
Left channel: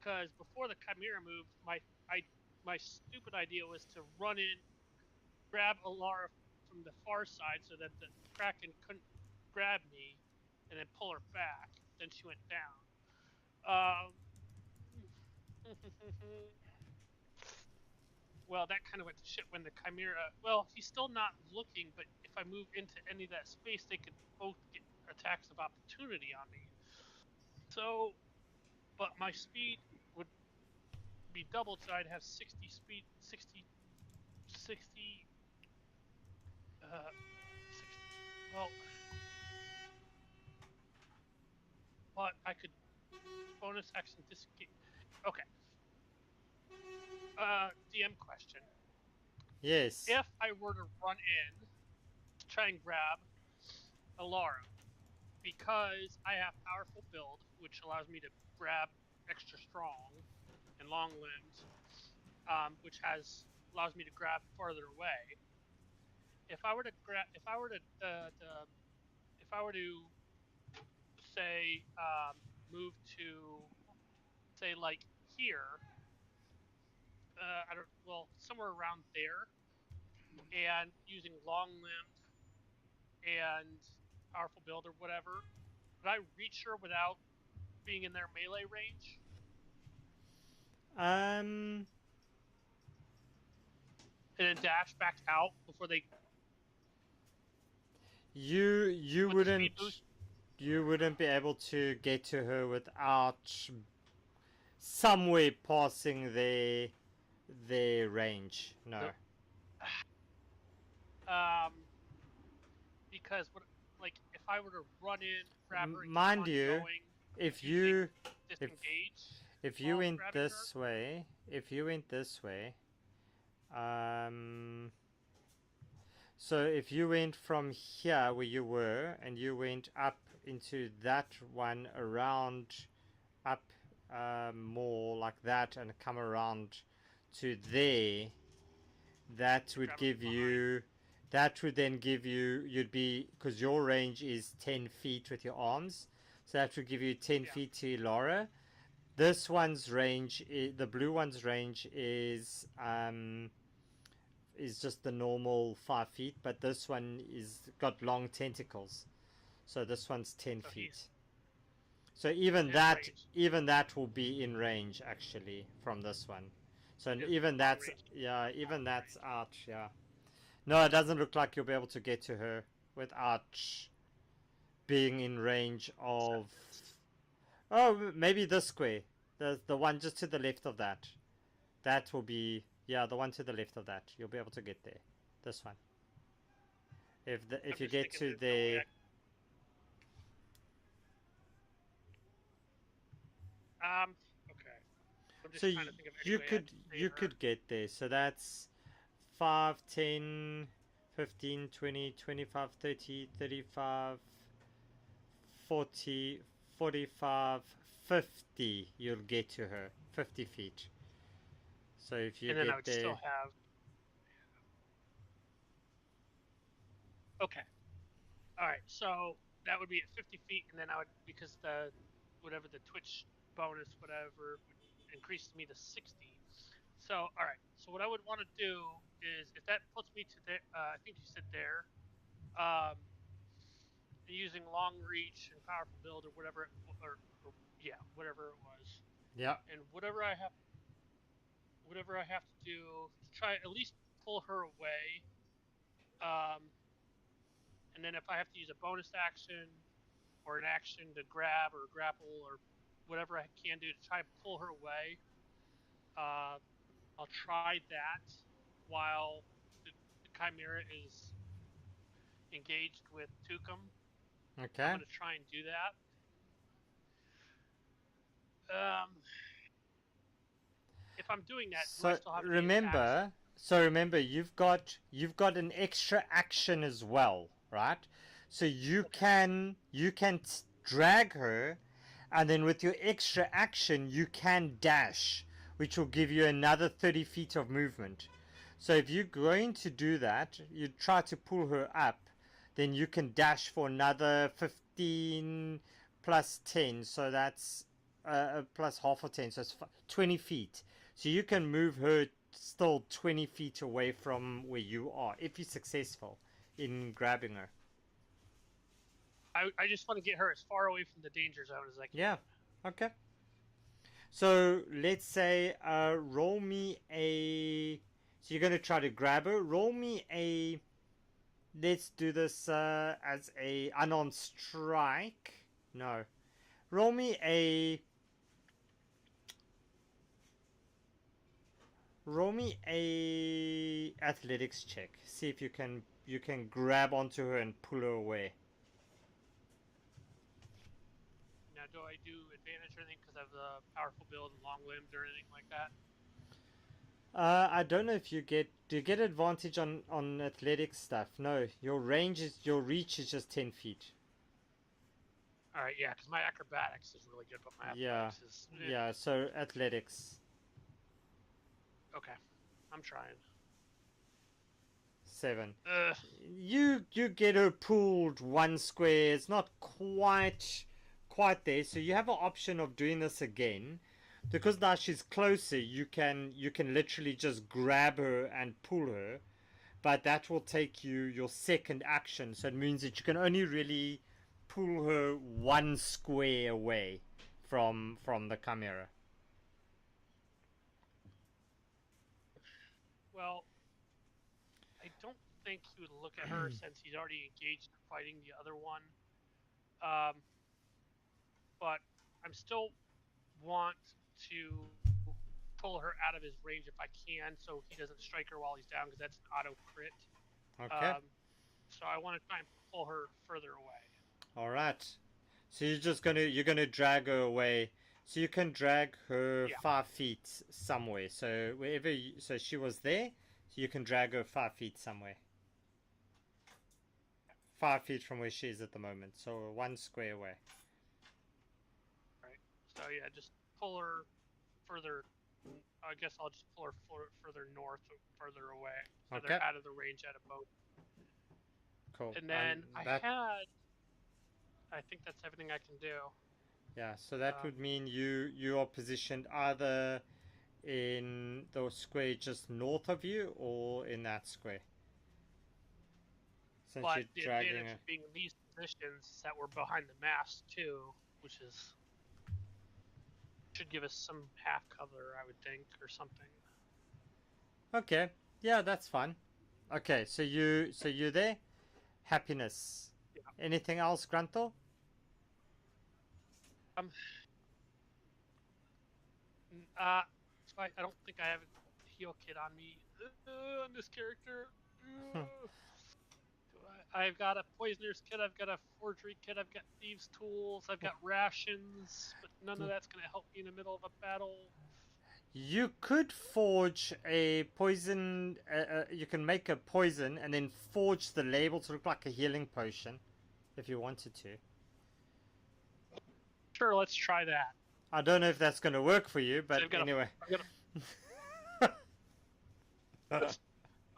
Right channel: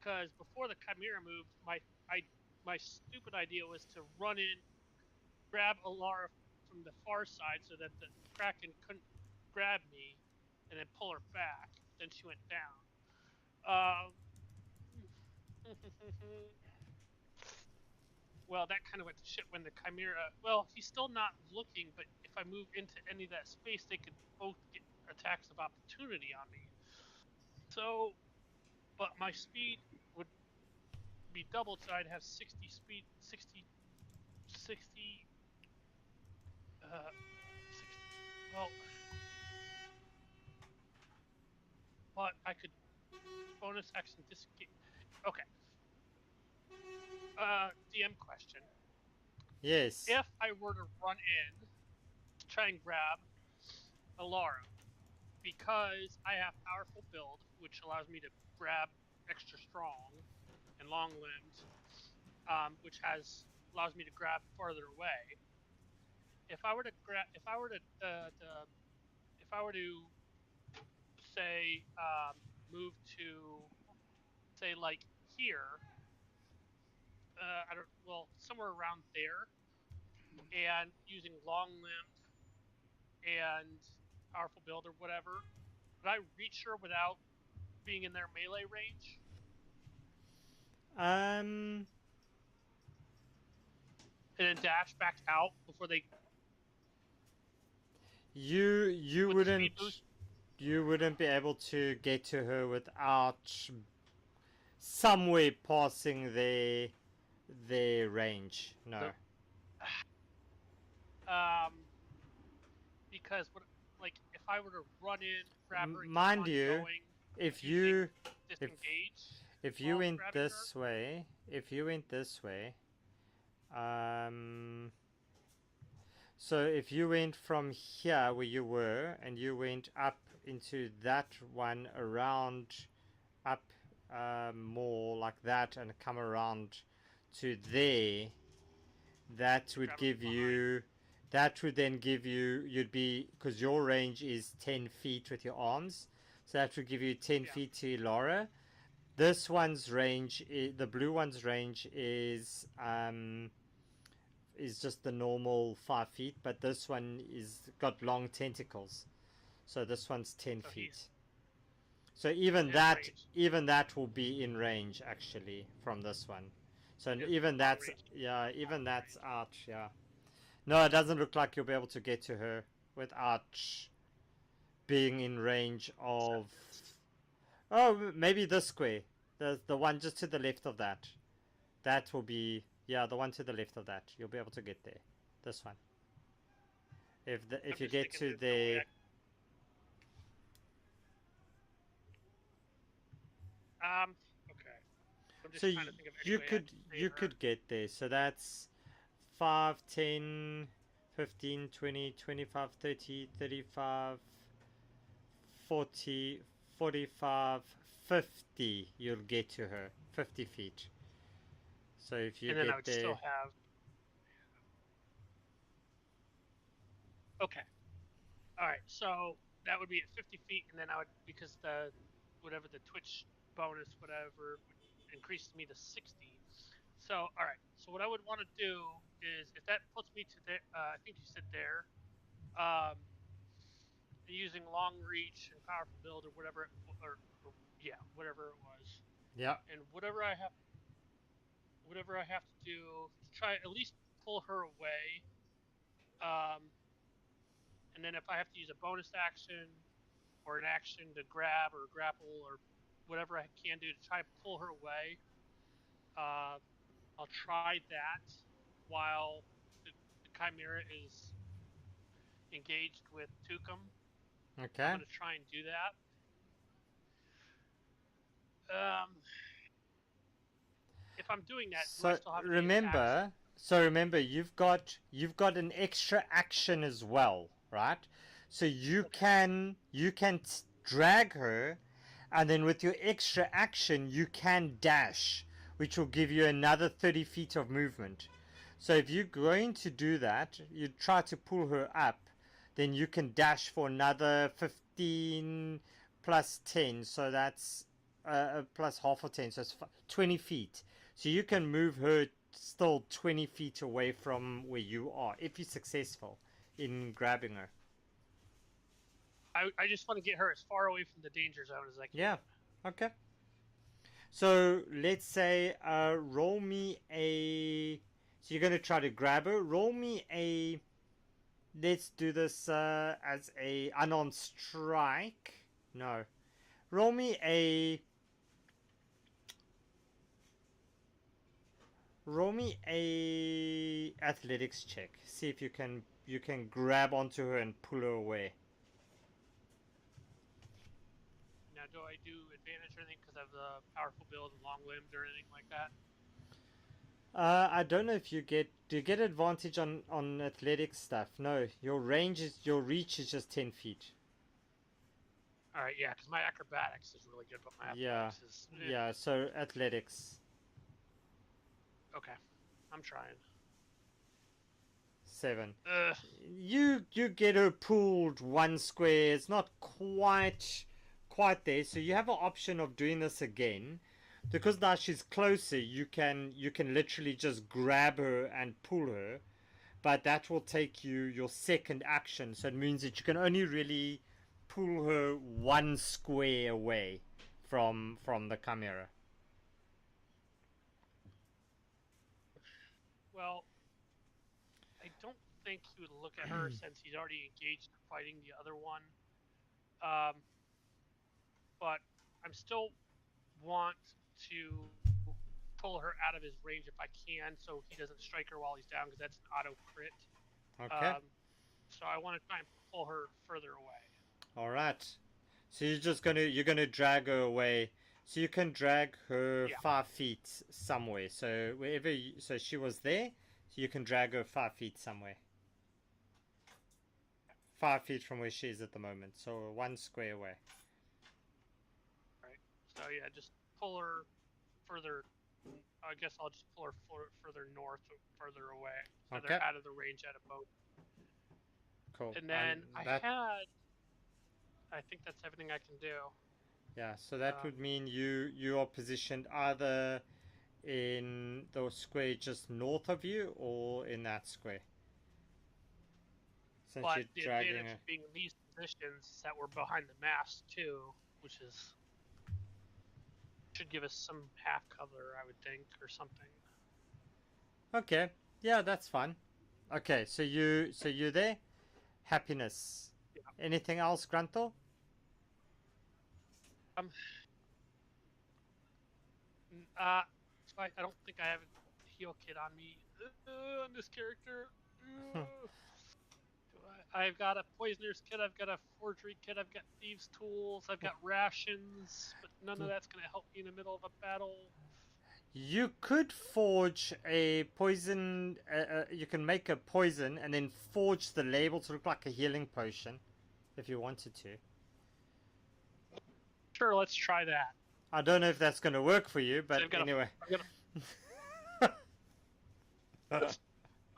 Because before the Chimera moved, my stupid idea was to run in, grab Alara from the far side so that the Kraken couldn't grab me, and then pull her back. Then she went down. Well, that kind of went to shit when the Chimera. Well, he's still not looking, but if I move into any of that space, they could both get attacks of opportunity on me. So, but my speed would be doubled, so I'd have 60 speed, 60. Well, but I could bonus action disengage. Okay. DM question. Yes. If I were to run in to try and grab Alara, because I have powerful build, which allows me to grab extra strong and long limbed, which allows me to grab farther away. If I were to say move to say like here, somewhere around there, and using long limbed and powerful build or whatever, would I reach her without being in their melee range? And then dash back out before they. You wouldn't be able to get to her without somewhere passing their range. No. Because if I were to run in, grab her, and mind keep on you, going, if you disengage, if you went this way, So if you went from here where you were and you went up into that one around up more like that and come around to there, that would grab it give you, that would then give you, you'd be, because your range is 10 feet with your arms, so that would give you 10 Yeah. feet to Laura. This one's range, the blue one's range is just the normal 5 feet, but this one is got long tentacles, so this one's 10 So feet. he's- So even his that, range- even that will be in range actually from this one. So His even long that's, range is yeah, out even of that's range. out. Yeah. No, it doesn't look like you'll be able to get to her without being in range of. Oh, maybe this square, the one just to the left of that. That will be, yeah, the one to the left of that. You'll be able to get there. This one. If I'm you just get thinking to there's no way there. Okay. I'm just So trying to think of any you way I could can save you her. could get there. So that's 5, 10, 15, 20, 25, 30, 35, 40, 45, 50. You'll get to her. 50 feet. So if you And then get I would there, still have. Okay. All right. So that would be at 50 feet, and then I would, because the whatever the Twitch bonus whatever would increase me to 60. So all right. So what I would want to do is, if that puts me to there, I think you said there, using long reach and powerful build or whatever, or yeah, whatever it was, yeah. and whatever I have to do to try at least pull her away. And then if I have to use a bonus action or an action to grab or grapple or whatever I can do to try and pull her away, I'll try that while the Chimera is engaged with Tukum. Okay. I'm going to try and do that. If I'm doing that, do I still have any attacks? So remember, you've got an extra action as well, right? So you can drag her, and then with your extra action, you can dash, which will give you another 30 feet of movement. So if you're going to do that, you try to pull her up, then you can dash for another 15 plus 10, so that's plus half of 10, so it's 20 feet. So you can move her still 20 feet away from where you are if you're successful in grabbing her. I just want to get her as far away from the danger zone as I can. Yeah. Okay. So let's say roll me a. So you're going to try to grab her. Roll me a. Let's do this as a unarmed strike. No. Roll me a. Roll me a athletics check. See if you can grab onto her and pull her away. Now, do I do advantage or anything because I have the powerful build and long limbs or anything like that? I don't know if you get. Do you get advantage on athletics stuff? No, your reach is just 10 feet. All right, yeah, because my acrobatics is really good, but my athletics is. Yeah. So athletics. Okay, I'm trying. 7. Ugh. You get her pulled one square. It's not quite there. So you have an option of doing this again. Because now she's closer, you can literally just grab her and pull her, but that will take you your second action. So it means that you can only really pull her one square away from the Chimera. Well, I don't think he would look at her since he's already engaged in fighting the other one. But I'm still want to pull her out of his range if I can, so he doesn't strike her while he's down, because that's an auto crit. Okay. So I want to try and pull her further away. All right. So you're gonna drag her away. So you can drag her 5 feet somewhere. So so she was there. So you can drag her 5 feet somewhere. 5 feet from where she is at the moment, so 1 square away. Right. So yeah, just pull her further. I guess I'll just pull her further north, further away, so Okay. they're out of the range at a boat. Cool. And then that, I think that's everything I can do. Yeah, so that would mean you are positioned either in the square just north of you or in that square. Since But you're the dragging advantage of being in these positions is that we're behind the mast too, which should give us some half cover, I would think, or something. Okay, yeah, that's fine. Okay, so you're there. Happiness. Yeah. Anything else, Gruntle? I don't think I have a heal kit on me on this character. I've got a poisoner's kit, I've got a forgery kit, I've got thieves' tools, I've got rations, but none of that's going to help me in the middle of a battle. You could forge a poison. You can make a poison and then forge the label to look like a healing potion, if you wanted to. Sure, let's try that. I don't know if that's going to work for you, but anyway.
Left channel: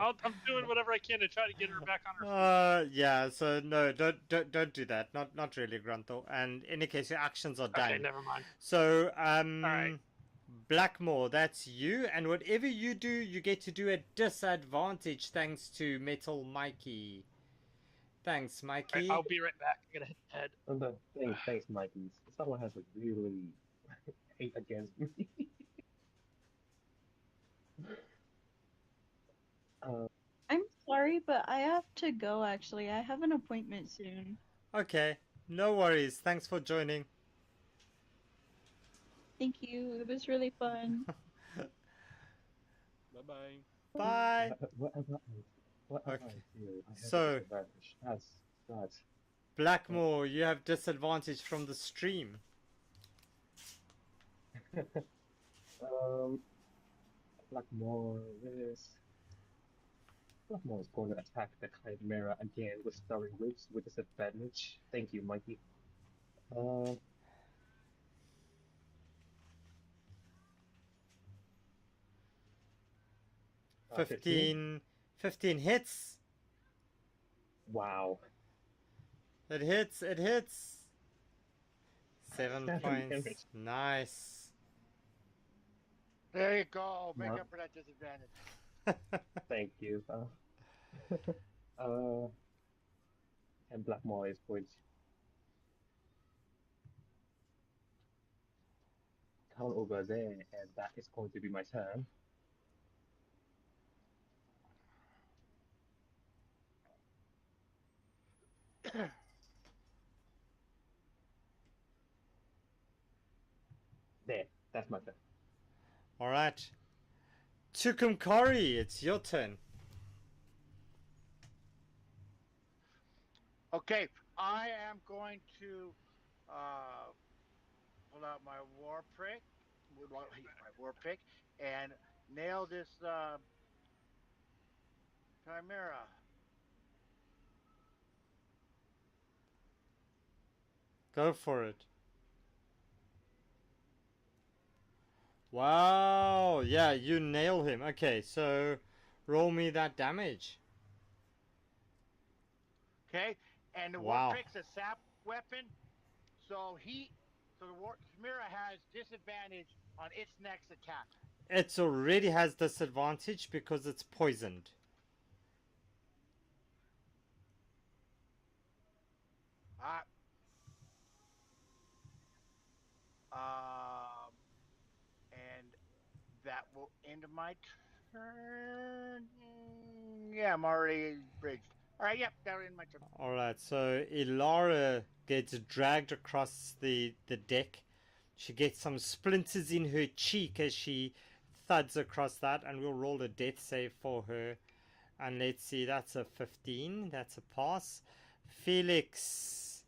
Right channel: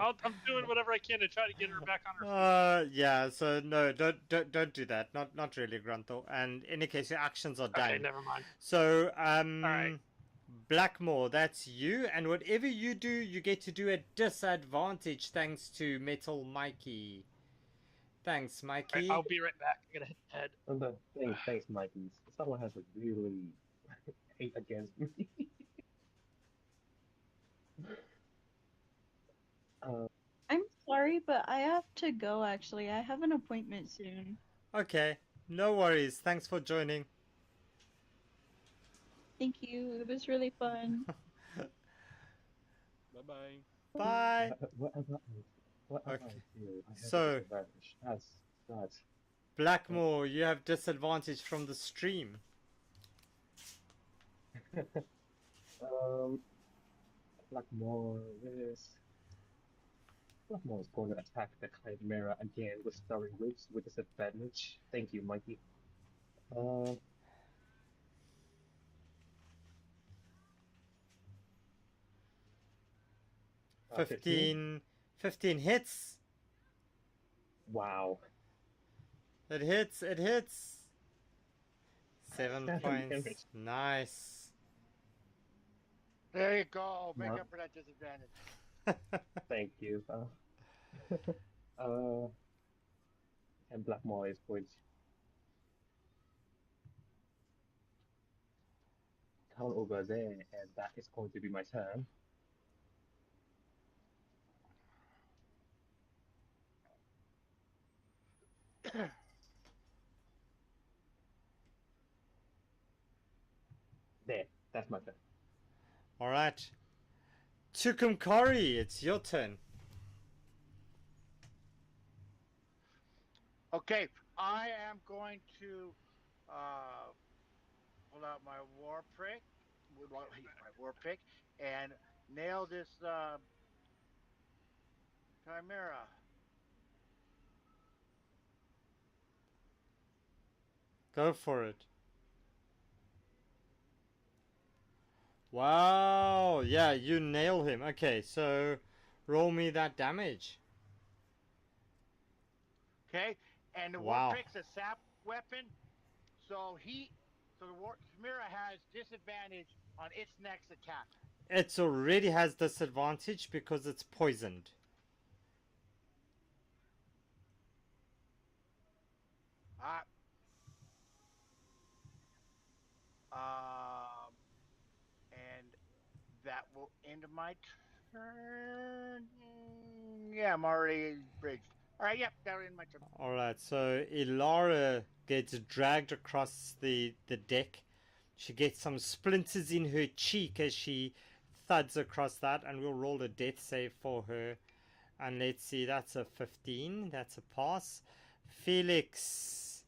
I'm doing whatever I can to try to get her back on her feet. Yeah. So no, don't do that. Not really, Gruntle. And in any case, your actions are done. Okay, never mind. So all right. Blackmore, that's you, and whatever you do, you get to do at disadvantage thanks to Metal Mikey. Thanks, Mikey. Right, I'll be right back. I gotta hit the head. Oh, no, thanks, Mikey. Someone has a really hate against me. I'm sorry, but I have to go actually. I have an appointment soon. Okay, no worries. Thanks for joining. Thank you. It was really fun. Bye-bye. Bye. What am I do? I have So, a disadvantage. That's Blackmore, you have disadvantage from the stream. Blackmore is going to attack the Chimera again with Starry Whips with disadvantage. Thank you, Mikey. 15 hits. Wow. It hits. 7 points. Damage. Nice. There you go. Make up for that disadvantage. Thank you. And Blackmore is going to come over there, and that is going to be my turn. There, that's my turn. All right. Tukumkari, it's your turn. Okay, I am going to pull out my war pick, and nail this chimera. Go for it. Wow, yeah, you nail him. Okay, so roll me that damage. Okay, and the war pick's a sap weapon, so the chimera has disadvantage on its next attack. It already has disadvantage because it's poisoned. And that will end my turn. Yeah, I'm already bridged. All right, yep, that'll end my turn. All right, so Ilara gets dragged across the deck. She gets some splinters in her cheek as she thuds across that, and we'll roll a death save for her. And let's see, that's a 15. That's a pass. Felix,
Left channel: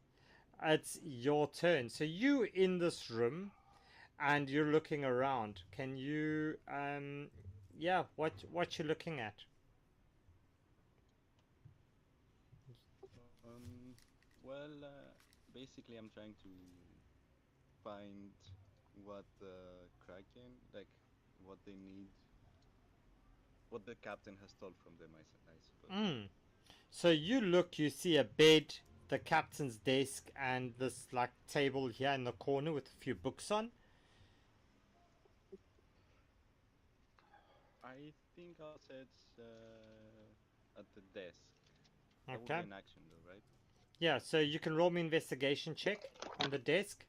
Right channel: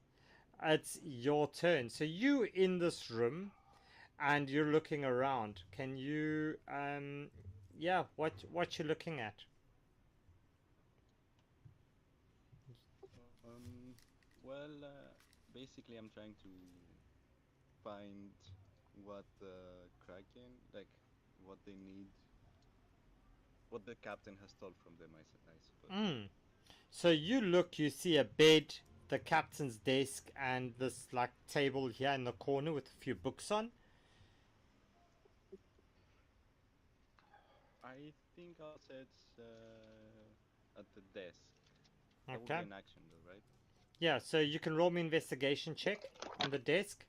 it's your turn. So you in this room, and you're looking around. Can you, yeah, what you looking at? Well, basically, I'm trying to find what the Kraken, like, what they need, what the captain has stole from them, I suppose. So you look, you see a bed, the captain's desk, and this like table here in the corner with a few books on. I think I'll set at the desk. That would be Okay. an action, though, right? Yeah, so you can roll me investigation check on the desk.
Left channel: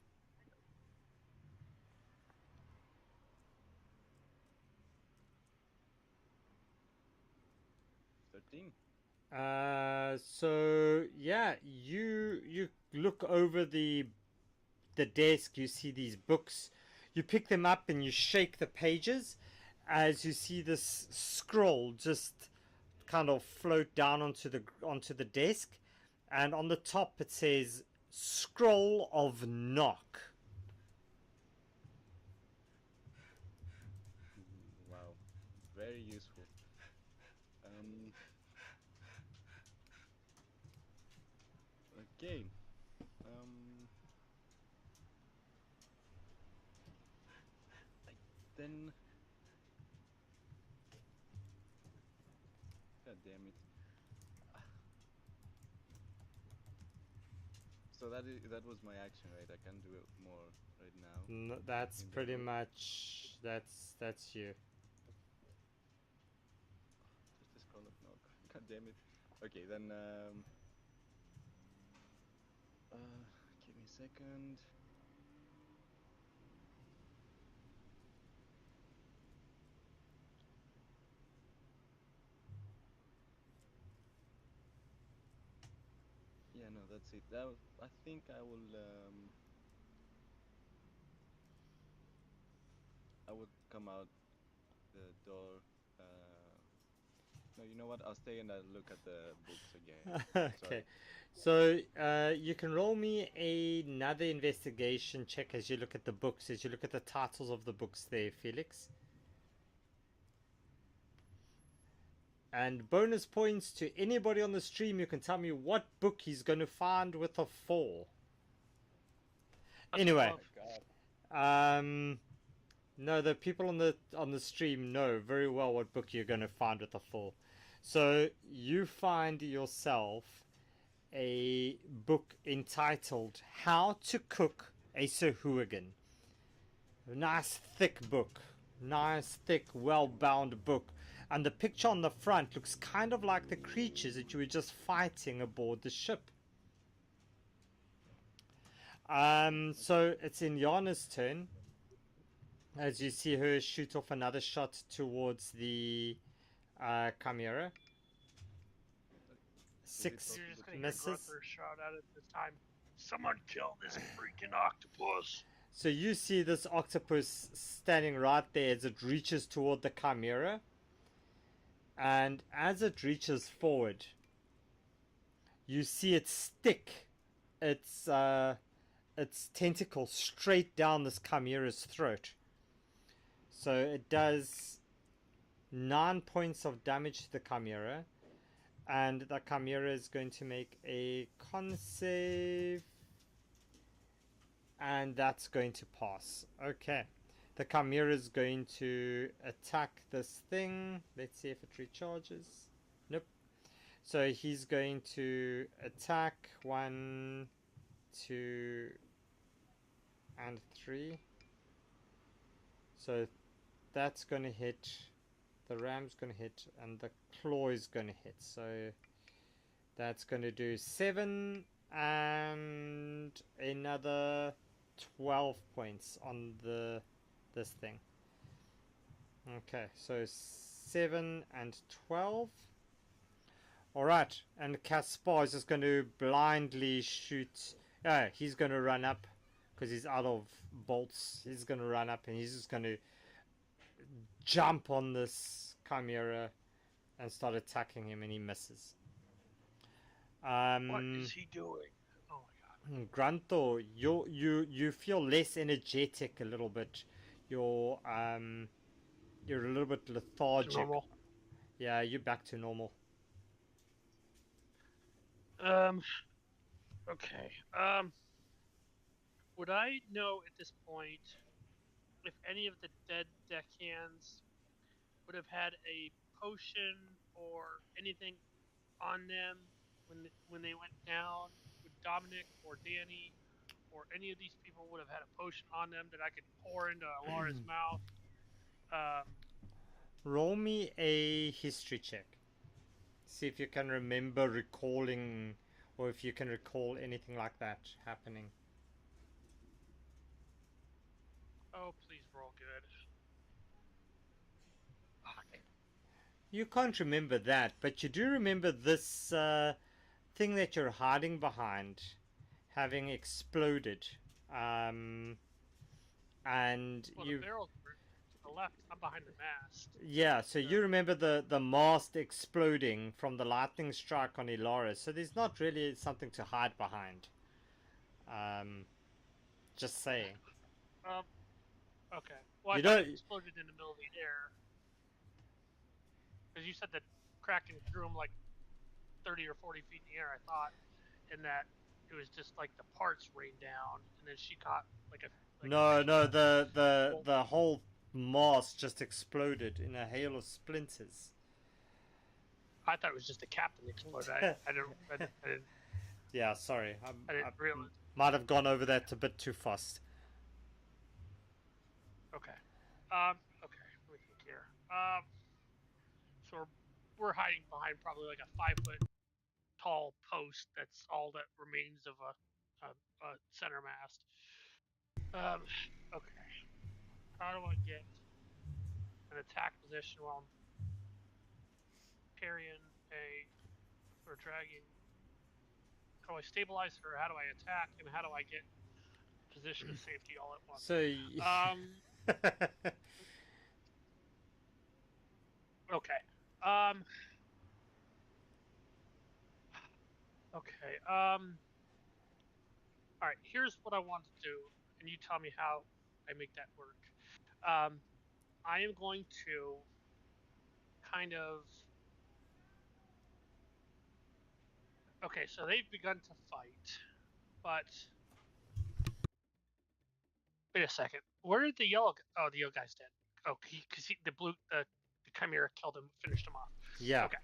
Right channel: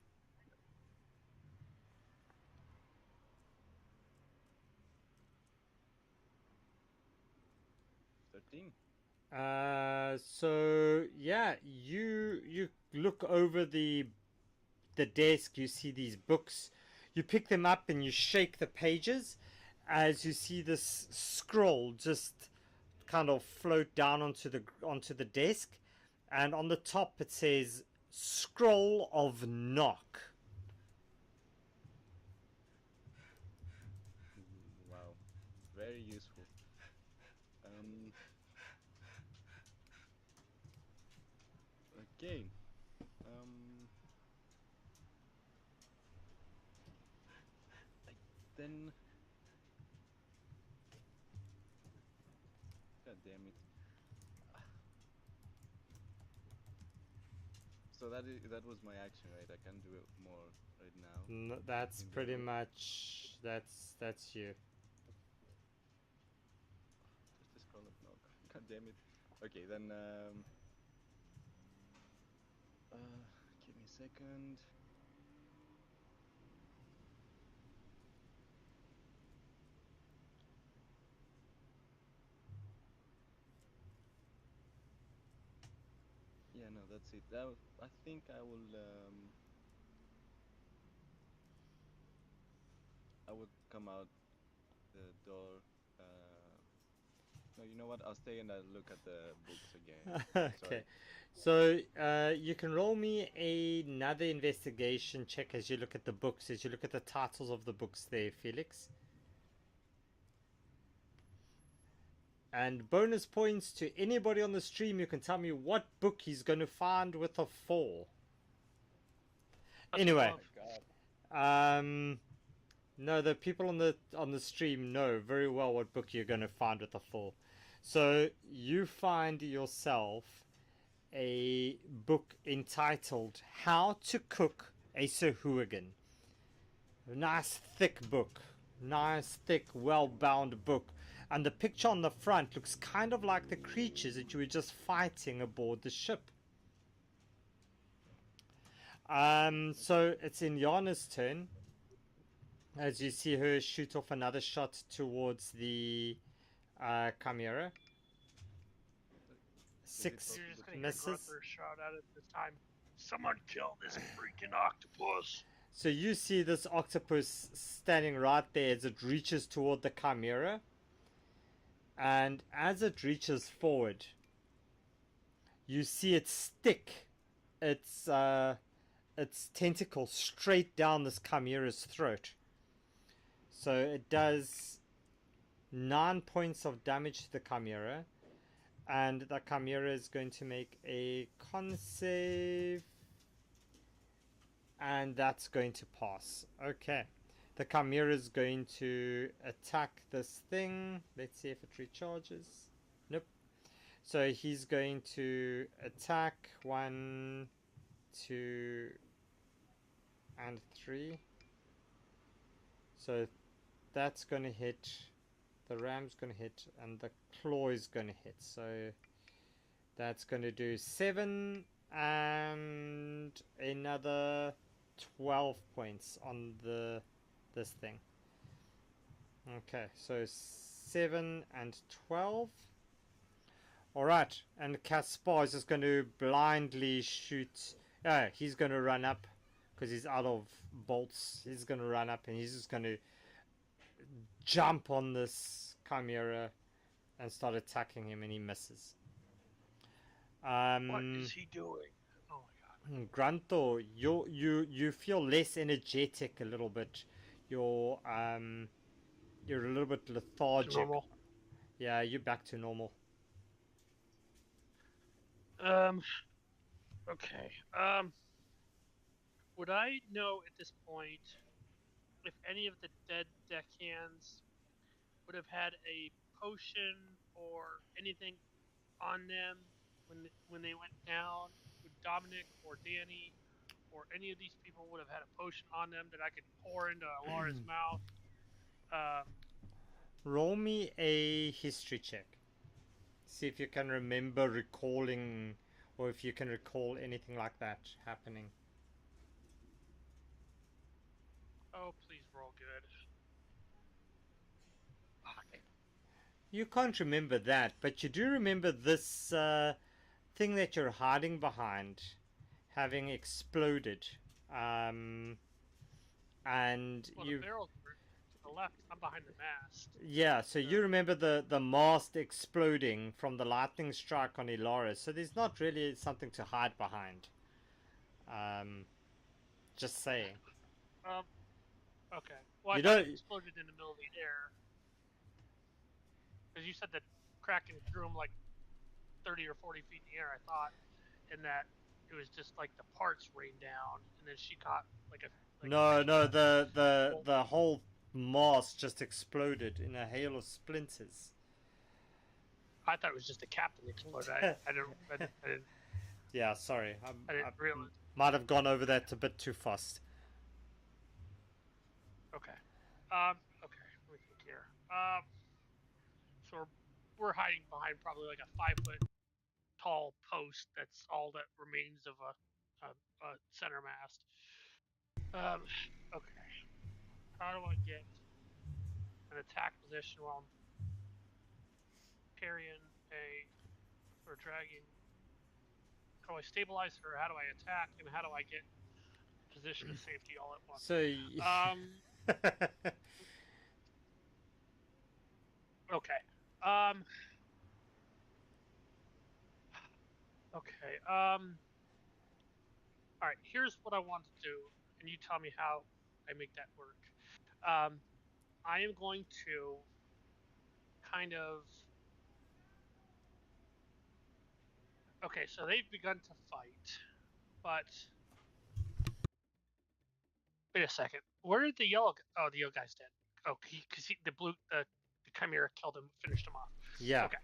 13. So yeah, you look over the desk. You see these books. You pick them up and you shake the pages, as you see this scroll just kind of float down onto the desk, and on the top it says "Scroll of Knock." Wow, very useful. Um, okay. Um, I, then, God damn it. So that was my action, right? I can't do it more right now That's in the pretty room. much that's you. Just a scroll of knock. God damn it. Okay, then give me a second. Yeah, no, that's it. I think I will come out the door. No, you know what? I'll stay and I'll look at the books again. Okay. Sorry. So you can roll me another investigation check as you look at the books, as you look at the titles of the books there, Felix. And bonus points to anybody on the stream who can tell me what book he's going to find with a 4. That's Anyway, Oh love. my god. no, the people on the stream know very well what book you're going to find with a 4. So you find yourself a book entitled "How to Cook a Sir Hooligan." Nice thick book, nice thick, well-bound book, and the picture on the front looks kind of like the creatures that you were just fighting aboard the ship. So it's in Yana's turn, as you see her shoot off another shot towards the Chimera. Six You're just gonna hear misses. Grunther shout out at this time. Someone kill this freaking octopus! So you see this octopus standing right there as it reaches toward the Chimera. And as it reaches forward, you see it stick its tentacle straight down this Chimera's throat. So it does 9 points of damage to the Chimera. And the Chimera is going to make a con save. And that's going to pass. Okay. The Chimera is going to attack this thing. Let's see if it recharges. Nope. So he's going to attack 1, 2, and 3. So that's going to hit. The ram's going to hit. And the claw is going to hit. So that's going to do 7 and another 12 points on this thing. Okay, so 7 and 12. Alright, and Caspar is just going to blindly shoot. He's going to run up because he's out of bolts. He's going to run up and he's just going to jump on this Chimera and start attacking him, and he misses. What is he doing? Oh my god. Grunto, you feel less energetic a little bit. You're a little bit lethargic. Normal. Yeah, you're back to normal. Okay. Would I know at this point if any of the dead deckhands would have had a potion or anything on them when they went down? Would Dominic or Danny or any of these people would have had a potion on them that I could pour into Alara's mouth? Roll me a history check. See if you can remember recalling, or if you can recall anything like that happening. Oh, please roll good. Okay. You can't remember that, but you do remember this thing that you're hiding behind having exploded. And Well, you. the barrels were to the left. I'm behind the mast. Yeah, so you remember the mast exploding from the lightning strike on Ilara, so there's not really something to hide behind. Just saying. Okay. Well, I You thought don't. it exploded in the middle of the air. Because you said that Kraken threw him like 30 or 40 feet in the air, I thought. And that it was just like the parts rained down. And then she caught like a. No, the whole mast just exploded in a hail of splinters. I thought it was just the captain exploded. I didn't. Yeah, sorry. I didn't realize. Might have gone over that a bit too fast. Okay. Okay. Let me think here. So we're hiding behind probably like a 5-foot tall post. That's all that remains of a center mast. Okay. How do I get an attack position while I'm carrying or dragging? How do I stabilize her? How do I attack? And how do I get position of safety all at once? So. Okay. Okay. All right. Here's what I want to do, and you tell me how I make that work. I am going to kind of. Okay, so they've begun to fight, but wait a second. Where did the yellow? Oh, the yellow guy's dead. Oh, because the chimera killed him, finished him off. Yeah. Okay.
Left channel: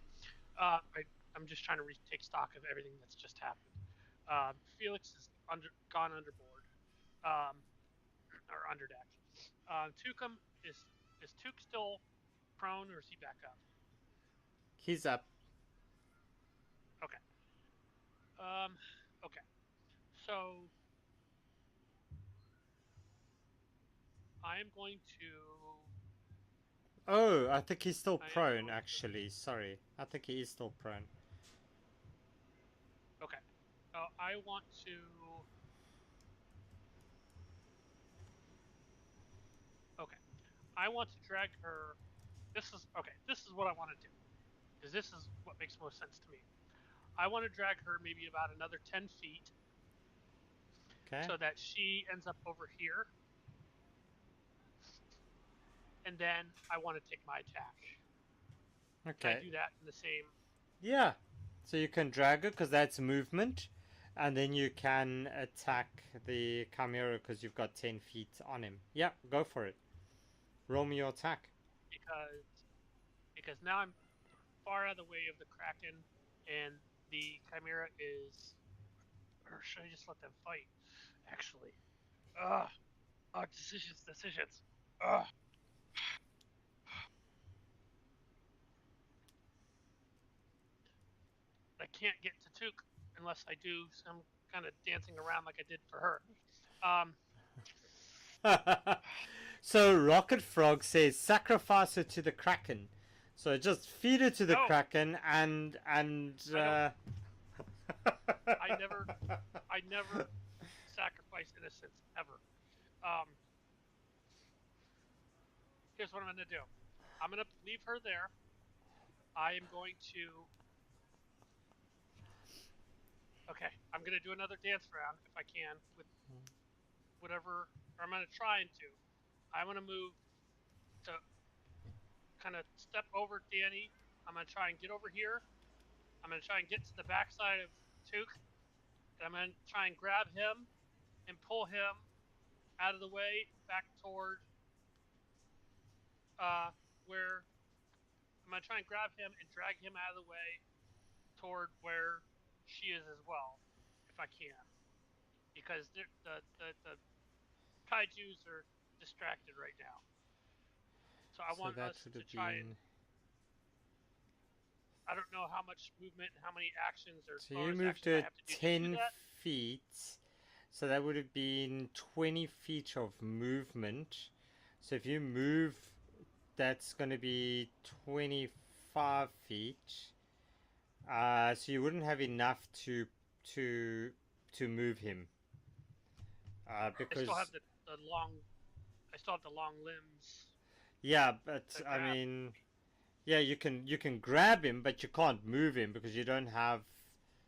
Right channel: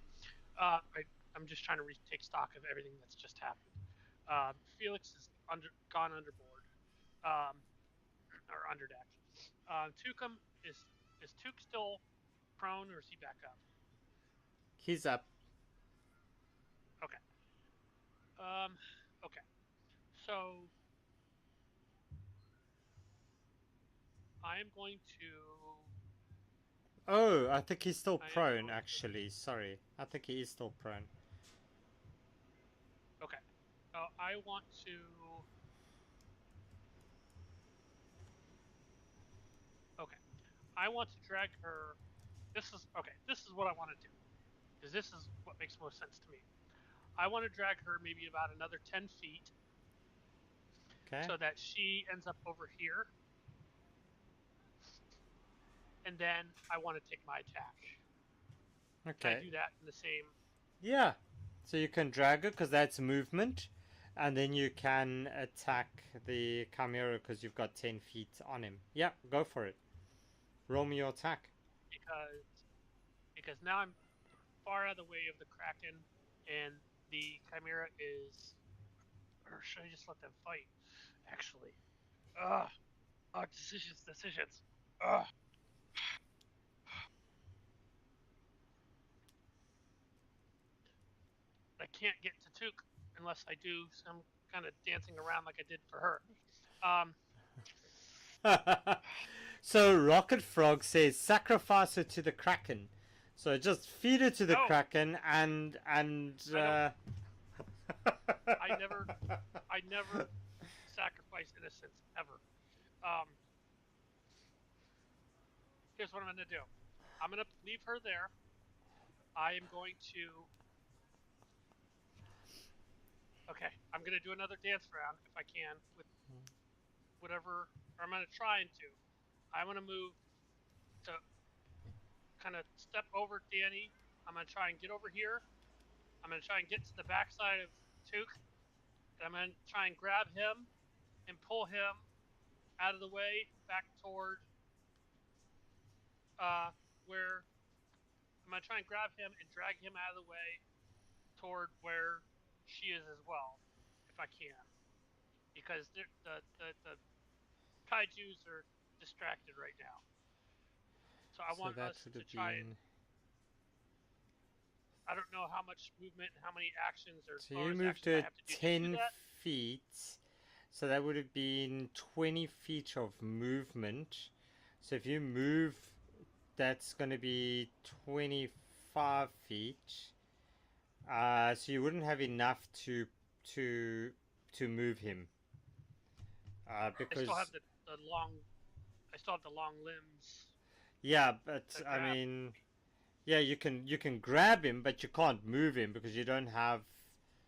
I'm just trying to take stock of everything that's just happened. Felix is gone underboard, or under deck. Tukum is Tuk still prone, or is he back up? He's up. Okay. Okay. So I am going to. Oh, I think he's still prone, actually. Sorry. I think he is still prone. Okay. I want to. Okay. I want to drag her. This is what I want to do. Because this is what makes most sense to me. I want to drag her maybe about another 10 feet. Okay. So that she ends up over here. And then I want to take my attack. Okay. Can I do that in the same? Yeah. So you can drag her because that's movement. And then you can attack the chimera because you've got 10 feet on him. Yeah, go for it. Roll me your attack. Because now I'm far out of the way of the Kraken, and the chimera is. Or should I just let them fight? Actually. Decisions. I can't get to Took unless I do some kind of dancing around like I did for her. So Rocket Frog says sacrifice her to the Kraken. So just feed her to the Kraken and I never sacrifice innocence ever. Here's what I'm going to do. I'm going to leave her there. I am going to. Okay, I'm going to do another dance round if I can with whatever. Or I'm going to try and do. I'm going to move to kind of step over Danny. I'm going to try and get over here. I'm going to try and get to the backside of Took. And I'm going to try and grab him and pull him out of the way back toward where I'm going to try and grab him and drag him out of the way toward where she is as well, if I can, because the kaijus are distracted right now. So I want that us would to have try been. and. I don't know how much movement and how many actions or So you bonus moved actions I to have to do 10 that. feet. So that would have been 20 feet of movement. So if you move, that's going to be 25 feet. So you wouldn't have enough to move him. Because I still have the long. I still have the long limbs. yeah, but To I grab. mean, yeah, you can grab him, but you can't move him because you don't have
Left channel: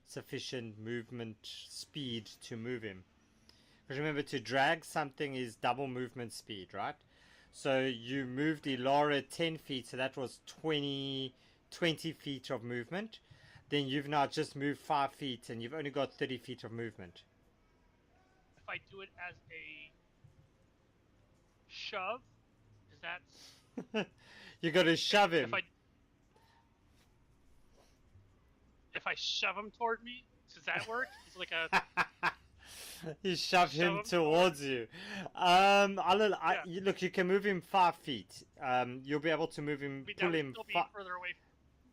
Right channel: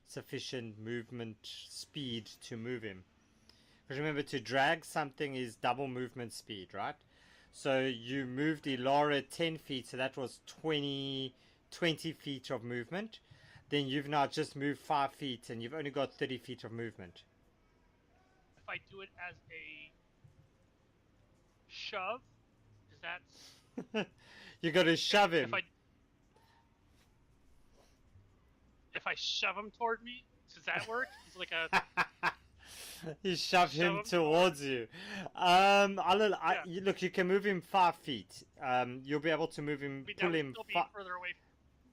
sufficient movement speed to move him. Because remember, to drag something is double movement speed, right? So you moved Elara 10 feet, so that was 20 feet of movement. Then you've now just moved 5 feet, and you've only got 30 feet of movement. If I do it as a shove, does that? You got to shove him. If I shove him toward me, does that work? It's like a. You shove him towards you. Look, you can move him 5 feet. You'll be able to move him. That would still be further away.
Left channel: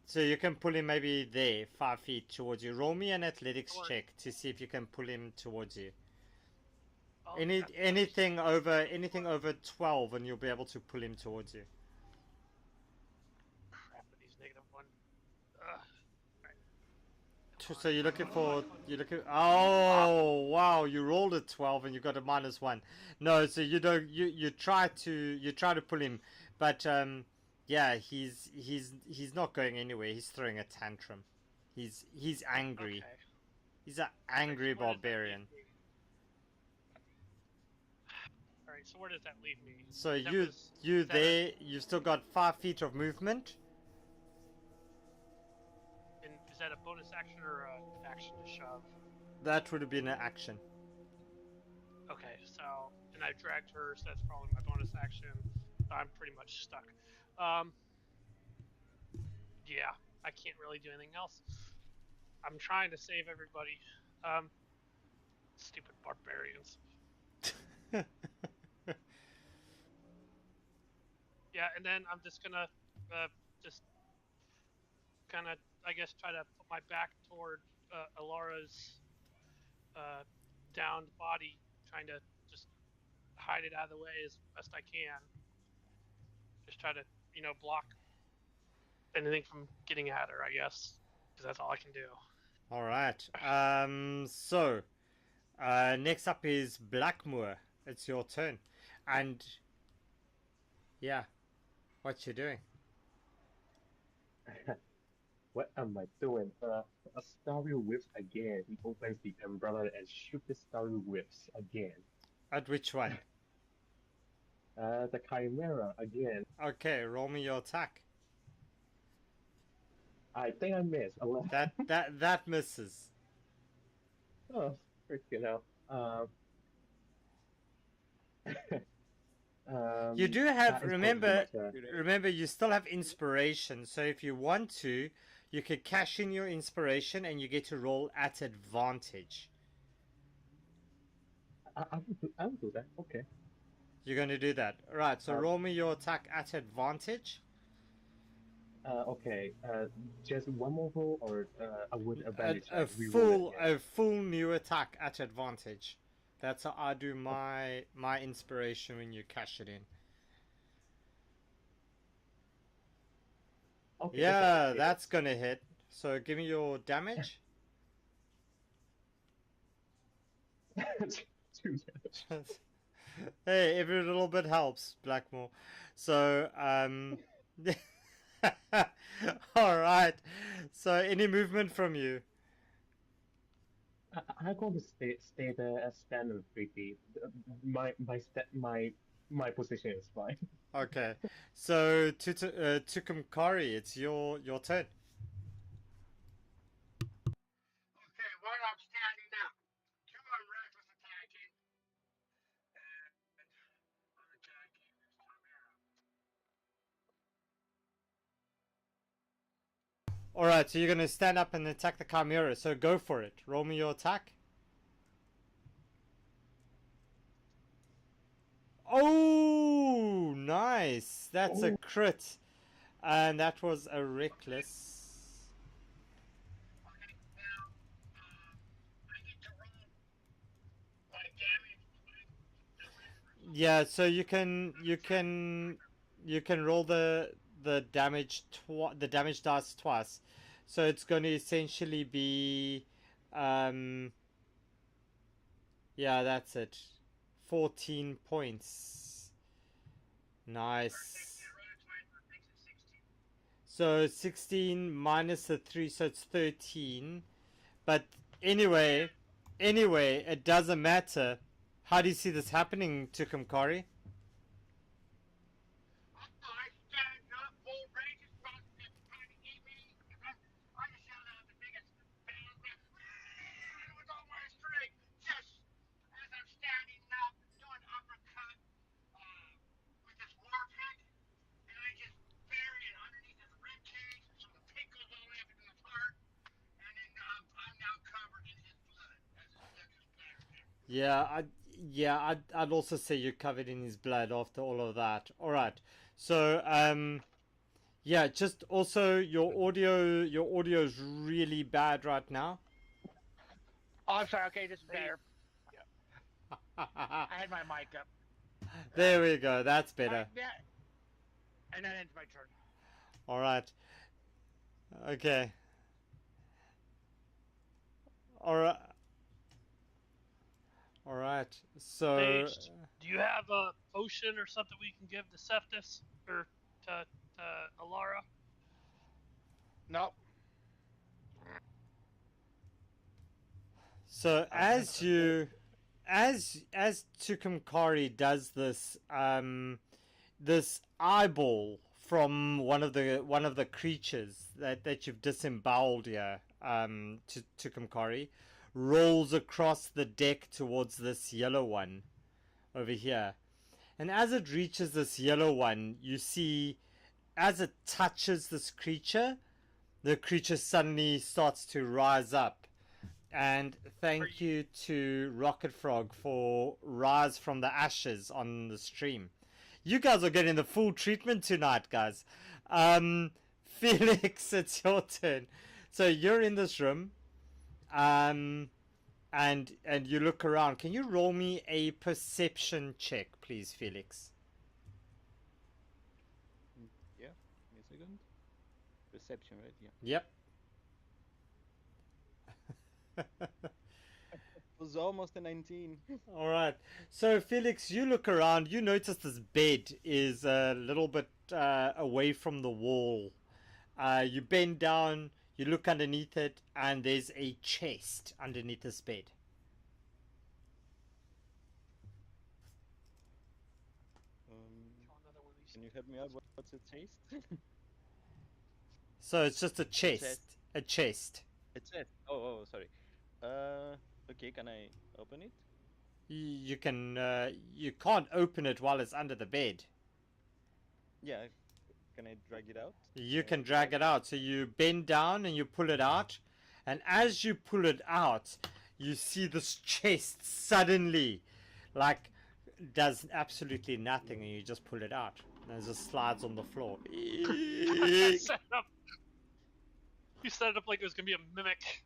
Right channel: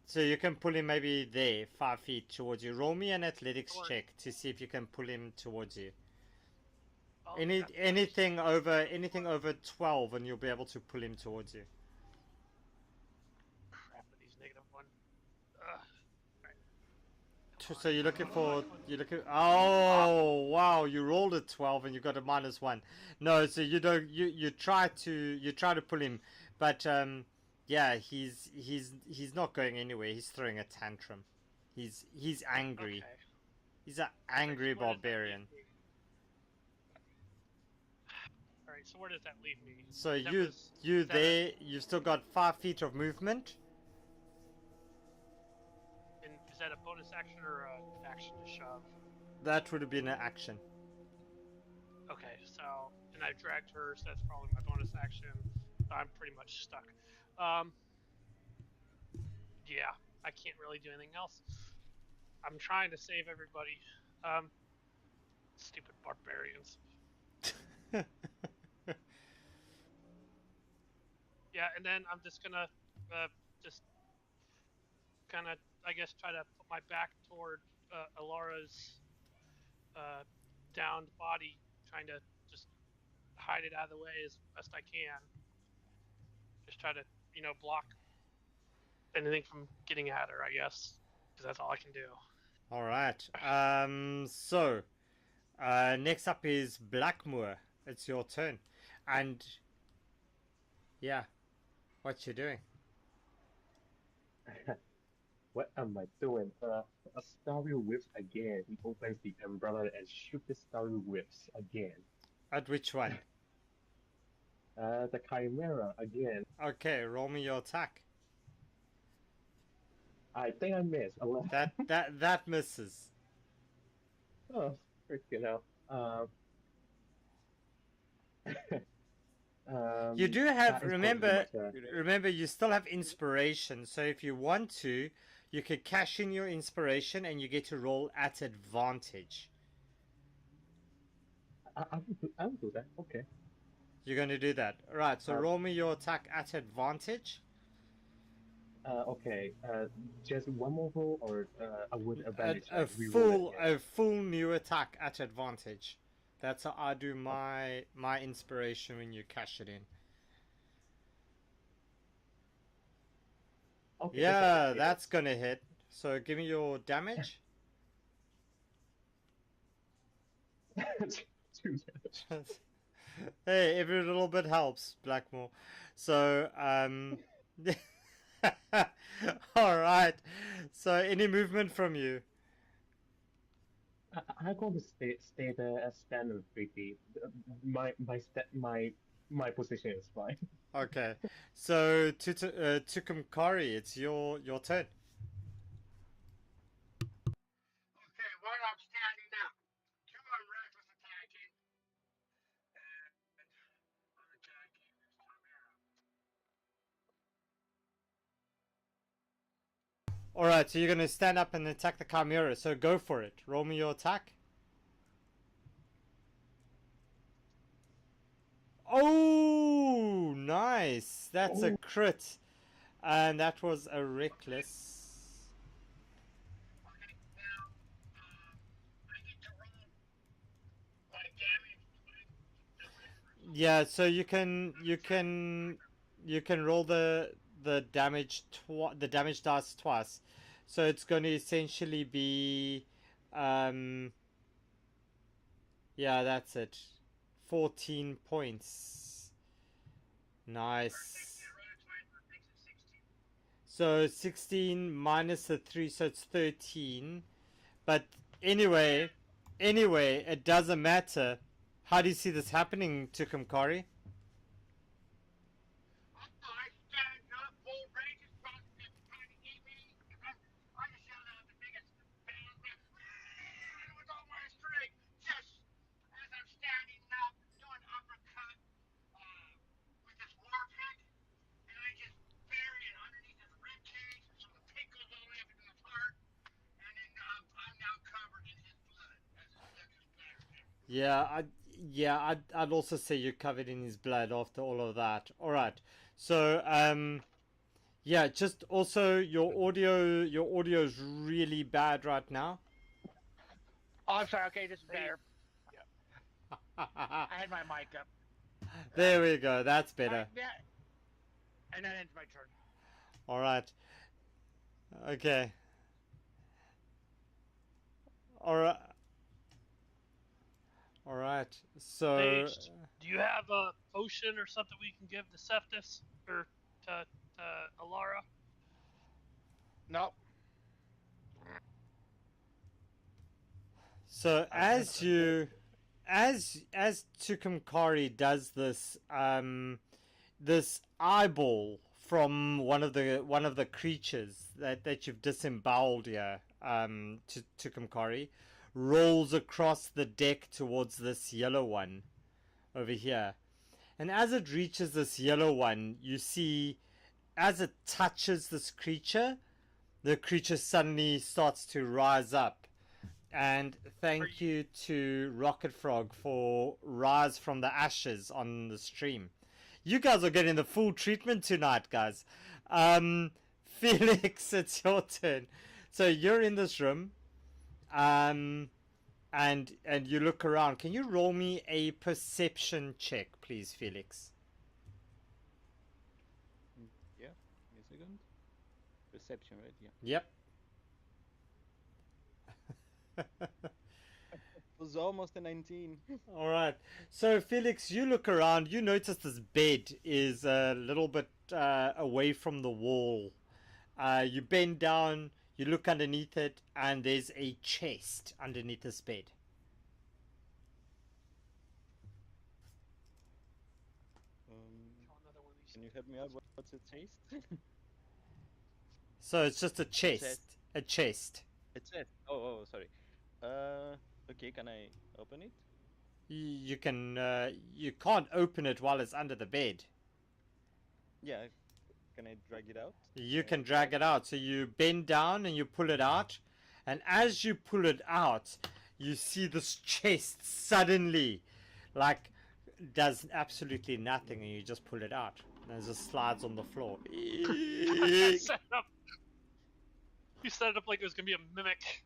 So you can pull him maybe there, 5 feet towards you. Roll me an athletics check to see if you can pull him towards you. Oh, anything over 12, and you'll be able to pull him towards you. Crap with these -1. So you're looking for. Oh wow! You rolled a 12 and you got a -1. No, so you don't. You try to pull him, but yeah, he's not going anywhere. He's throwing a tantrum. He's angry. Okay. He's an angry barbarian. All right. So where does that leave me? So you've still got 5 feet of movement. And is that a bonus action or an action to shove? That would have been an action. Okay, so and I dragged her, so that's probably my bonus action. I'm pretty much stuck. Yeah, I can't really do anything else. I'm trying to save everybody. Stupid barbarians. Yeah, and then I'm just gonna just kind of, I guess, try to put my back toward Alara's downed body, trying to just hide it out of the way as best I can. Just try to, block anything from getting at her, I guess, because that's all I can do. All right. So next up is Blackmoor. It's your turn, and yeah, what you doing? What am I doing? A starry whips again. He opens the umbrella and shoots the starry whips again. At which one? The chimera again. Okay, roll me your attack. I think I missed. That misses. Oh, freaking hell. You do have, remember, you still have inspiration. So if you want to, you could cash in your inspiration and you get to roll at advantage. I will do that. Okay. You're going to do that. Right, so roll me your attack at advantage. Okay. Just one more roll or with advantage? A full new attack at advantage. That's how I do my inspiration when you cash it in. Okay. Yeah, that's gonna hit. So give me your damage. 2 damage. Hey, every little bit helps, Blackmore. So, all right. So, any movement from you? I'm going to stay there as standard 3D. My position is fine. Okay. So, Tukumkari, it's your turn. Okay, where I'm standing now. Alright, so you're going to stand up and attack the Chimera. So go for it. Roll me your attack. Oh, nice. That's a crit. And that was a reckless. Okay, now I get to roll my damage. Yeah, so you can roll the damage the damage dice twice. So it's going to essentially be yeah, that's it. 14 points. Nice. So 16 minus the 3, so it's 13. But anyway, it doesn't matter. How do you see this happening, Tukumkari? I stand up, full range is trying to eat me. I just yelled out the biggest bang with all my strength, just as I'm standing up, doing uppercut with this war pick, and I just bury it underneath his rib cage, so the pick goes all the way up into his heart, and then I'm now covered in his blood as his blood just splatters everywhere. I'd also say you're covered in his blood after all of that. All right. So, yeah, just also your audio is really bad right now. Oh, I'm sorry. Okay, this is better. I had my mic up. There we go. That's better. Right, yeah. And that ends my turn. All right. Okay. All right. All right. So. Sage, do you have a potion or something we can give to Cephas or to Alara? Nope. So as Tukumkari does this, this eyeball from one of the creatures that you've disemboweled here, Tukumkari, rolls across the deck towards this yellow one over here. And as it reaches this yellow one, you see, as it touches this creature, the creature suddenly starts to rise up. And thank you to Rocket Frog for Rise from the Ashes on the stream. You guys are getting the full treatment tonight, guys. Felix, it's your turn. So you're in this room, and you look around. Can you roll me a perception check, please, Felix? Yeah, give me a second. Perception, right? Yeah. Yep. It was almost a 19. All right. So, Felix, you look around. You notice this bed is a little bit away from the wall. You bend down, you look underneath it, and there's a chest underneath this bed. Can you help me out? What's a chest? So it's just a chest. A chest. A chest. Oh, sorry. Okay, can I open it? You can. You can't open it while it's under the bed. Yeah. Can I drag it out? You can drag it out. So you bend down and you pull it out, and as you pull it out, you see this chest suddenly, like, does absolutely nothing, and you just pull it out. And it just slides on the floor. You set it up like it was gonna be a mimic.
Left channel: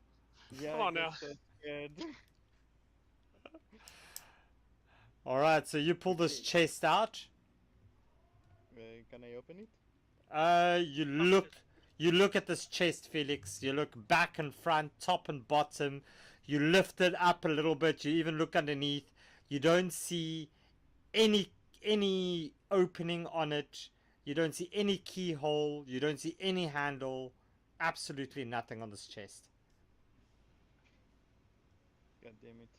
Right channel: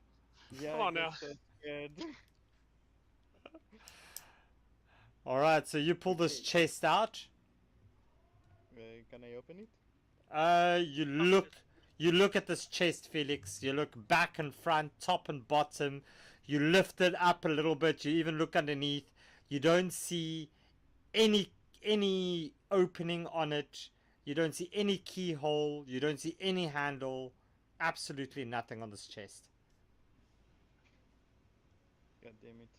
Yeah. Come on now. So scared. All right, so you pull this chest out. Can I open it? You look at this chest, Felix. You look back and front, top and bottom. You lift it up a little bit. You even look underneath. You don't see any opening on it. You don't see any keyhole. You don't see any handle. Absolutely nothing on this chest. God damn it.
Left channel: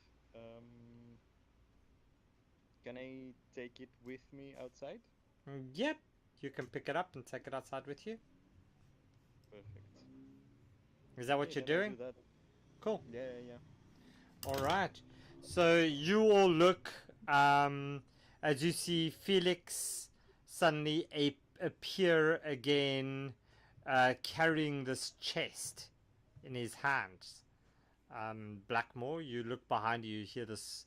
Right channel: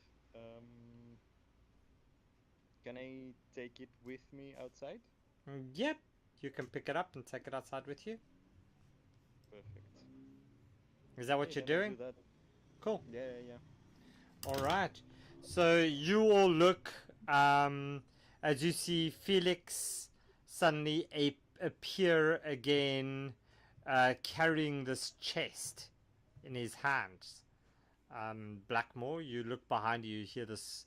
Can I take it with me outside? Yep. You can pick it up and take it outside with you. Perfect. Is that what Okay, you're then I'll doing? do that. Cool. Yeah. All right. So you all look, as you see Felix suddenly appear again carrying this chest in his hands. Blackmore, you look behind you, you hear this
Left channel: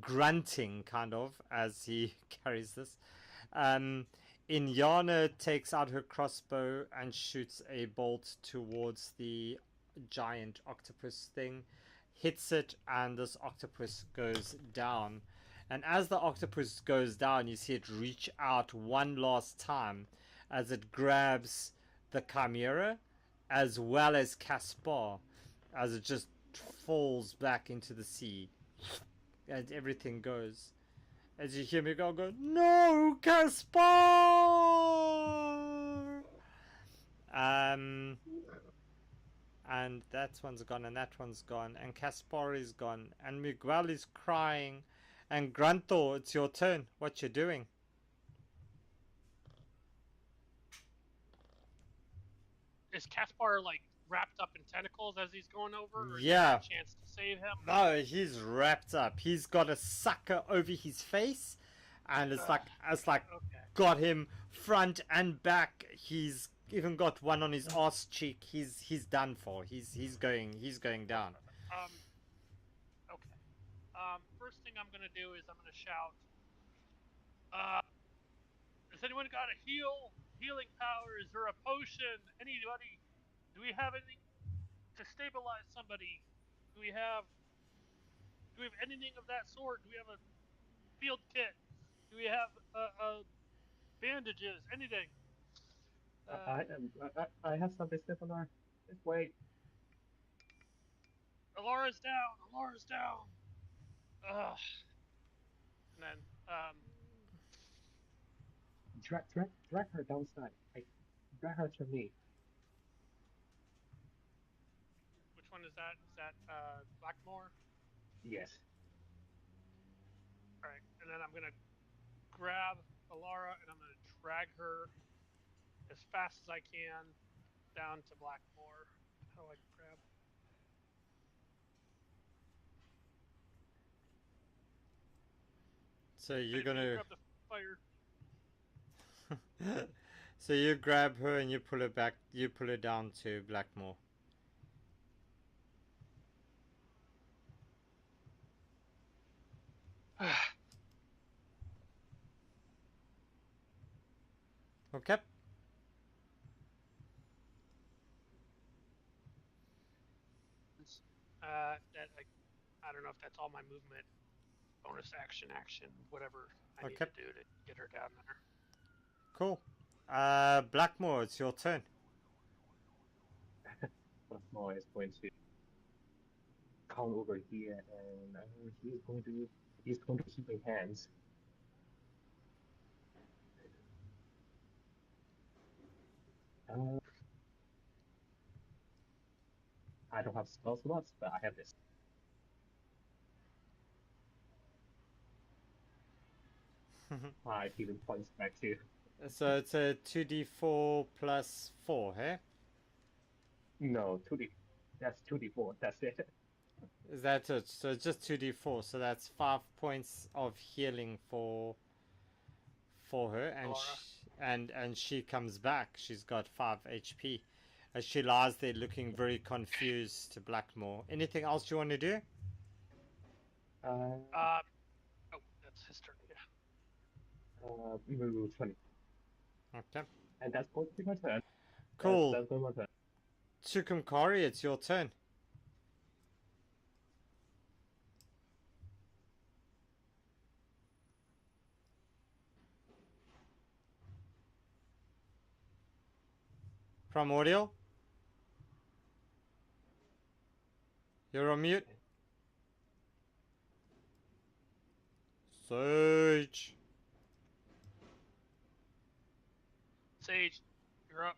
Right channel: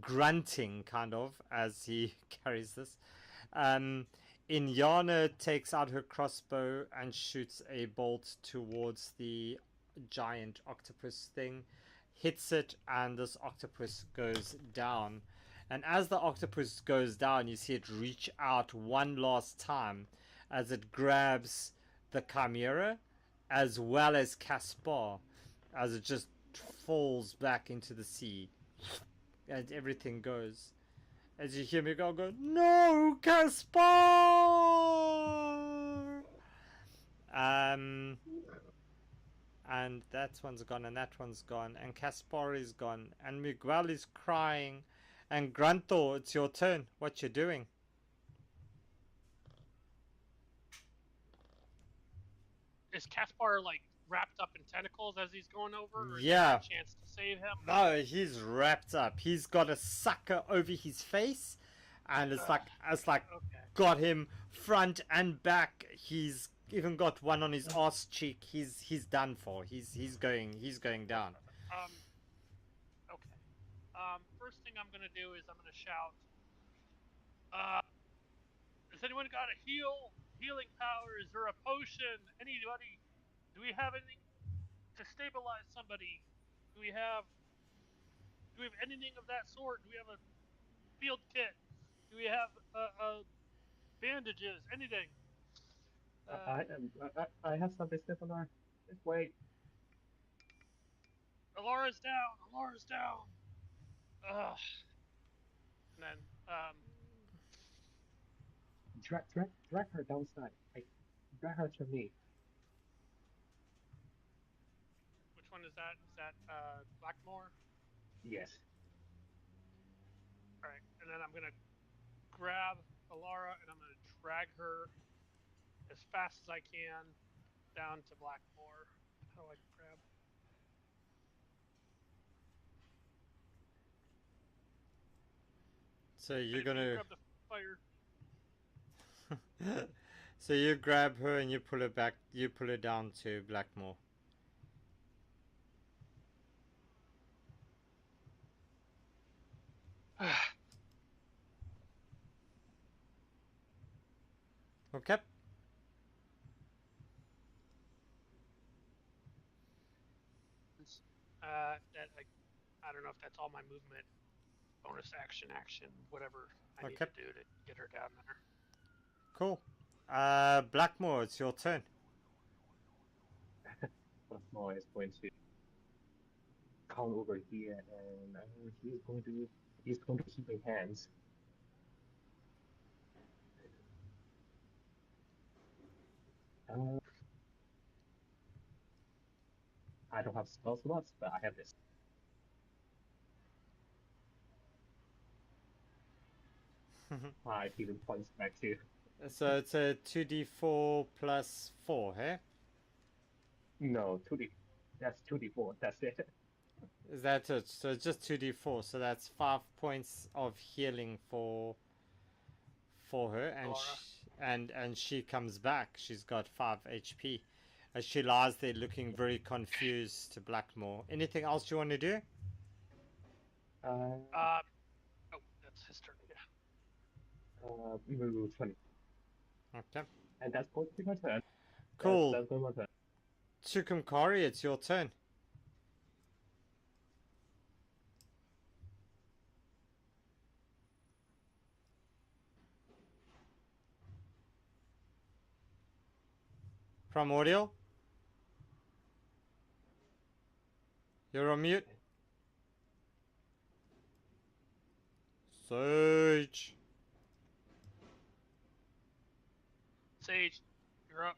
grunting kind of as he carries this. Inyana takes out her crossbow and shoots a bolt towards the giant octopus thing, hits it, and this octopus goes down. And as the octopus goes down, you see it reach out one last time as it grabs the chimera as well as Caspar, as it just falls back into the sea. And everything goes. As you hear me go, no, Caspar! And that one's gone, and that one's gone, and Caspar is gone, and Miguel is crying, and Grunthor, it's your turn. What you doing? Is Caspar like wrapped up in tentacles as he's going over, or is Yeah. there a chance to save him? No, he's wrapped up. He's got a sucker over his face, and it's like Okay. got him front and back. He's even got one on his ass cheek. He's done for. He's going down. Okay. First thing I'm gonna do is I'm gonna shout. Has anyone got a healing power? Is there a potion? Anybody? Do we have anything to stabilize somebody? Do we have anything of that sort? Do we have a field kit? Do we have bandages? Anything? I have something similar. Just wait. Alara's down. Alara's down. Ugh. And then Drag her downside. Drag her to me. which one is that? Is that Blackmore? Yes. All right. And then I'm gonna grab Alara and I'm gonna drag her as fast as I can down to Blackmore. How do I grab? So you're You gonna. grab the fire. So you grab her and you pull her back. You pull her down to Blackmore. Okay. I don't know if that's all my movement, bonus action, whatever I need Okay. to do to get her down there. Cool. Blackmore, it's your turn. Blackmore is going to come over here, and he's going to keep in hands. I don't have spell slots, but I have this. He even points back to. So it's a 2d4 plus 4, hey? No, 2d. That's 2d4. That's it. Is that it? So it's just 2d4. So that's 5 points of healing for her, and she comes back. She's got 5 HP. As she lies there looking very confused to Blackmore. Anything else you want to do? Oh, that's his turn. Yeah. Move 20. Okay. And that's going to be my turn. Cool. That's going to be my turn. Tukumkari, it's your turn. Primordial? You're on mute? Sage. Sage, you're up.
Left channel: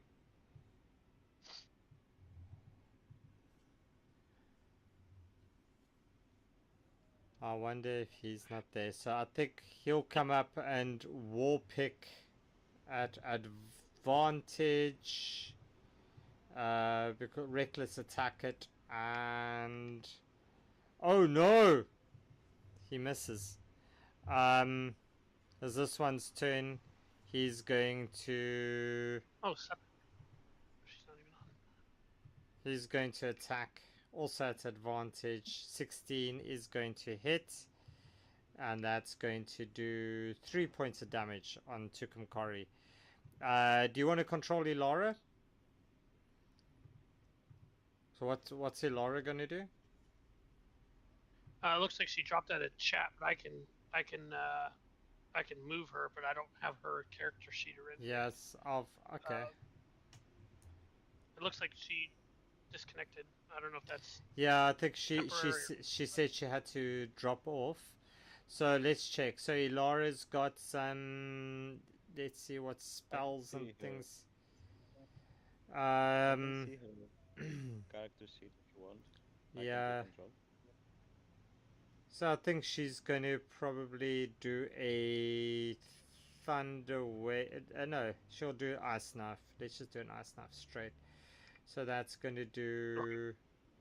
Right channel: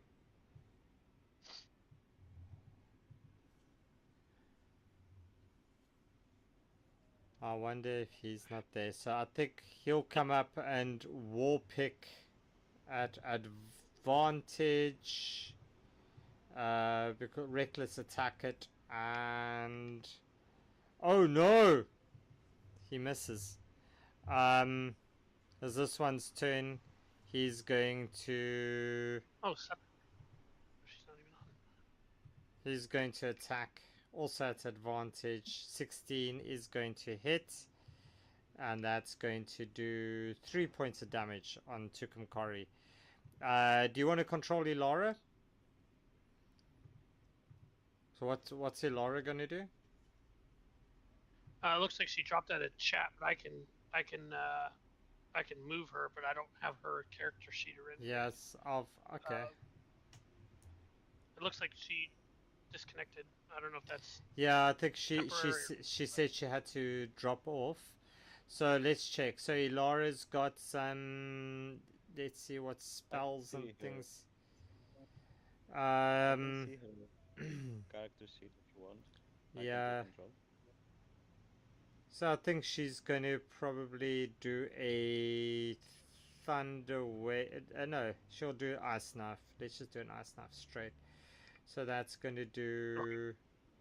I wonder if he's not there. So I think he'll come up and war pick at advantage. Because reckless attack it, and oh no, he misses. As this one's turn, he's going to. Oh, He's going to attack. Also at advantage. 16 is going to hit. And that's going to do 3 points of damage on Tukumkari. Do you want to control Ilara? So what's Ilara going to do? It looks like she dropped out of chat, but I can move her, but I don't have her character sheet or anything. Yes, okay. It looks like she disconnected. I don't know if that's Yeah, I think she said she had to drop off. So let's check. So Ilara's got some. Let's see what spells and things. I can see her character sheet if you want. I can take control. So I think she's going to probably do a thunder wave. No, she'll do ice knife. Let's just do an ice knife straight. So that's going to do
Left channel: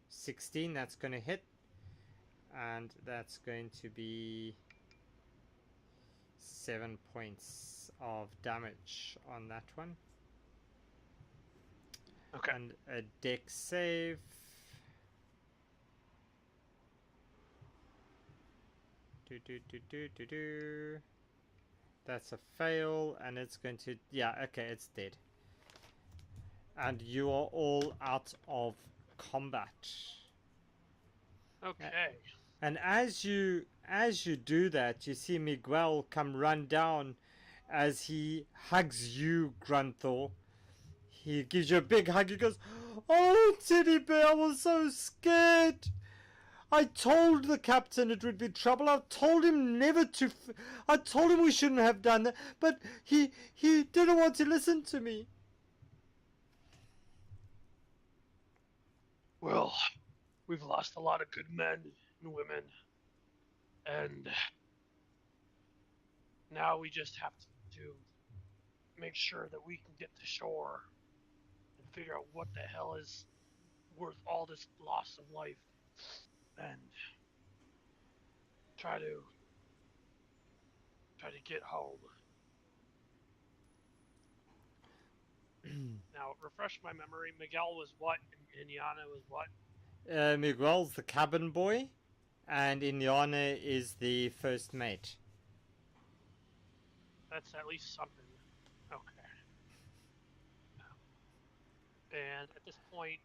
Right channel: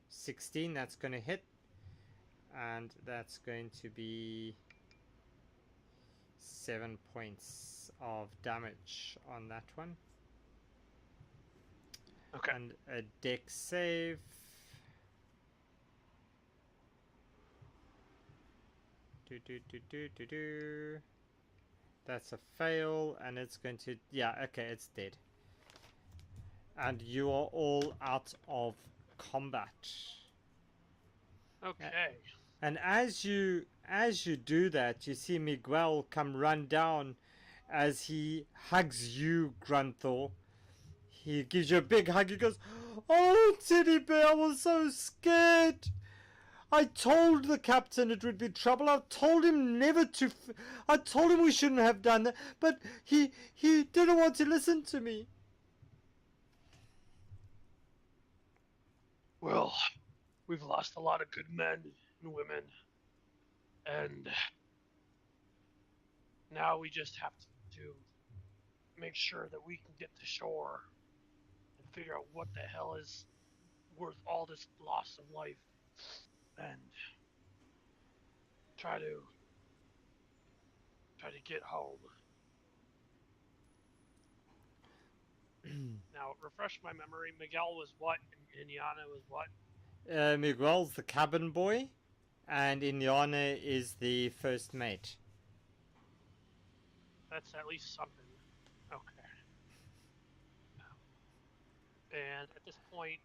16. That's going to hit. And that's going to be 7 points of damage on that one. Okay. And a dex save. That's a fail, and it's going to... Yeah, okay, it's dead. And you are all out of combat. Okay. And as you do that, you see Miguel come run down as he hugs you, Grunthor. He gives you a big hug. He goes, "Oh, Teddy Bear, I was so scared. I told the captain it would be trouble. I told him never to... I told him we shouldn't have done that. But he didn't want to listen to me." Well, we've lost a lot of good men and women. And now we just have to make sure that we can get to shore and figure out what the hell is worth all this loss of life. And try to get home. Now, refresh my memory. Miguel was what, and Inyana was what? Miguel's the cabin boy, and Inyana is the first mate. That's at least something. Okay. And at this point,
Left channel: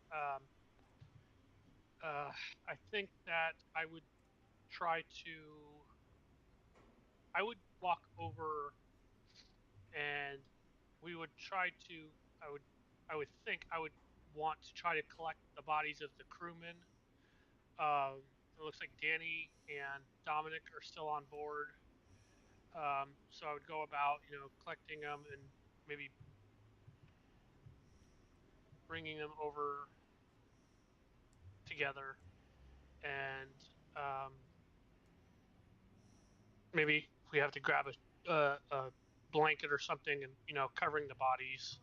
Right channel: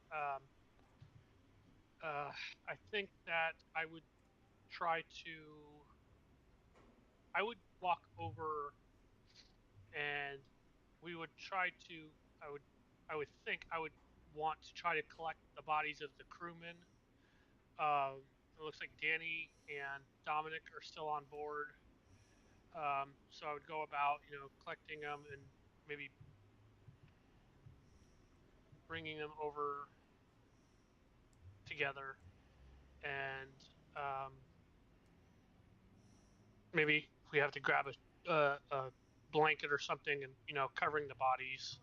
I think that I would walk over, and we would try to. I would think I would want to try to collect the bodies of the crewmen. It looks like Danny and Dominic are still on board. So I would go about, collecting them and maybe bringing them over together, and maybe if we have to grab a blanket or something, and covering the bodies.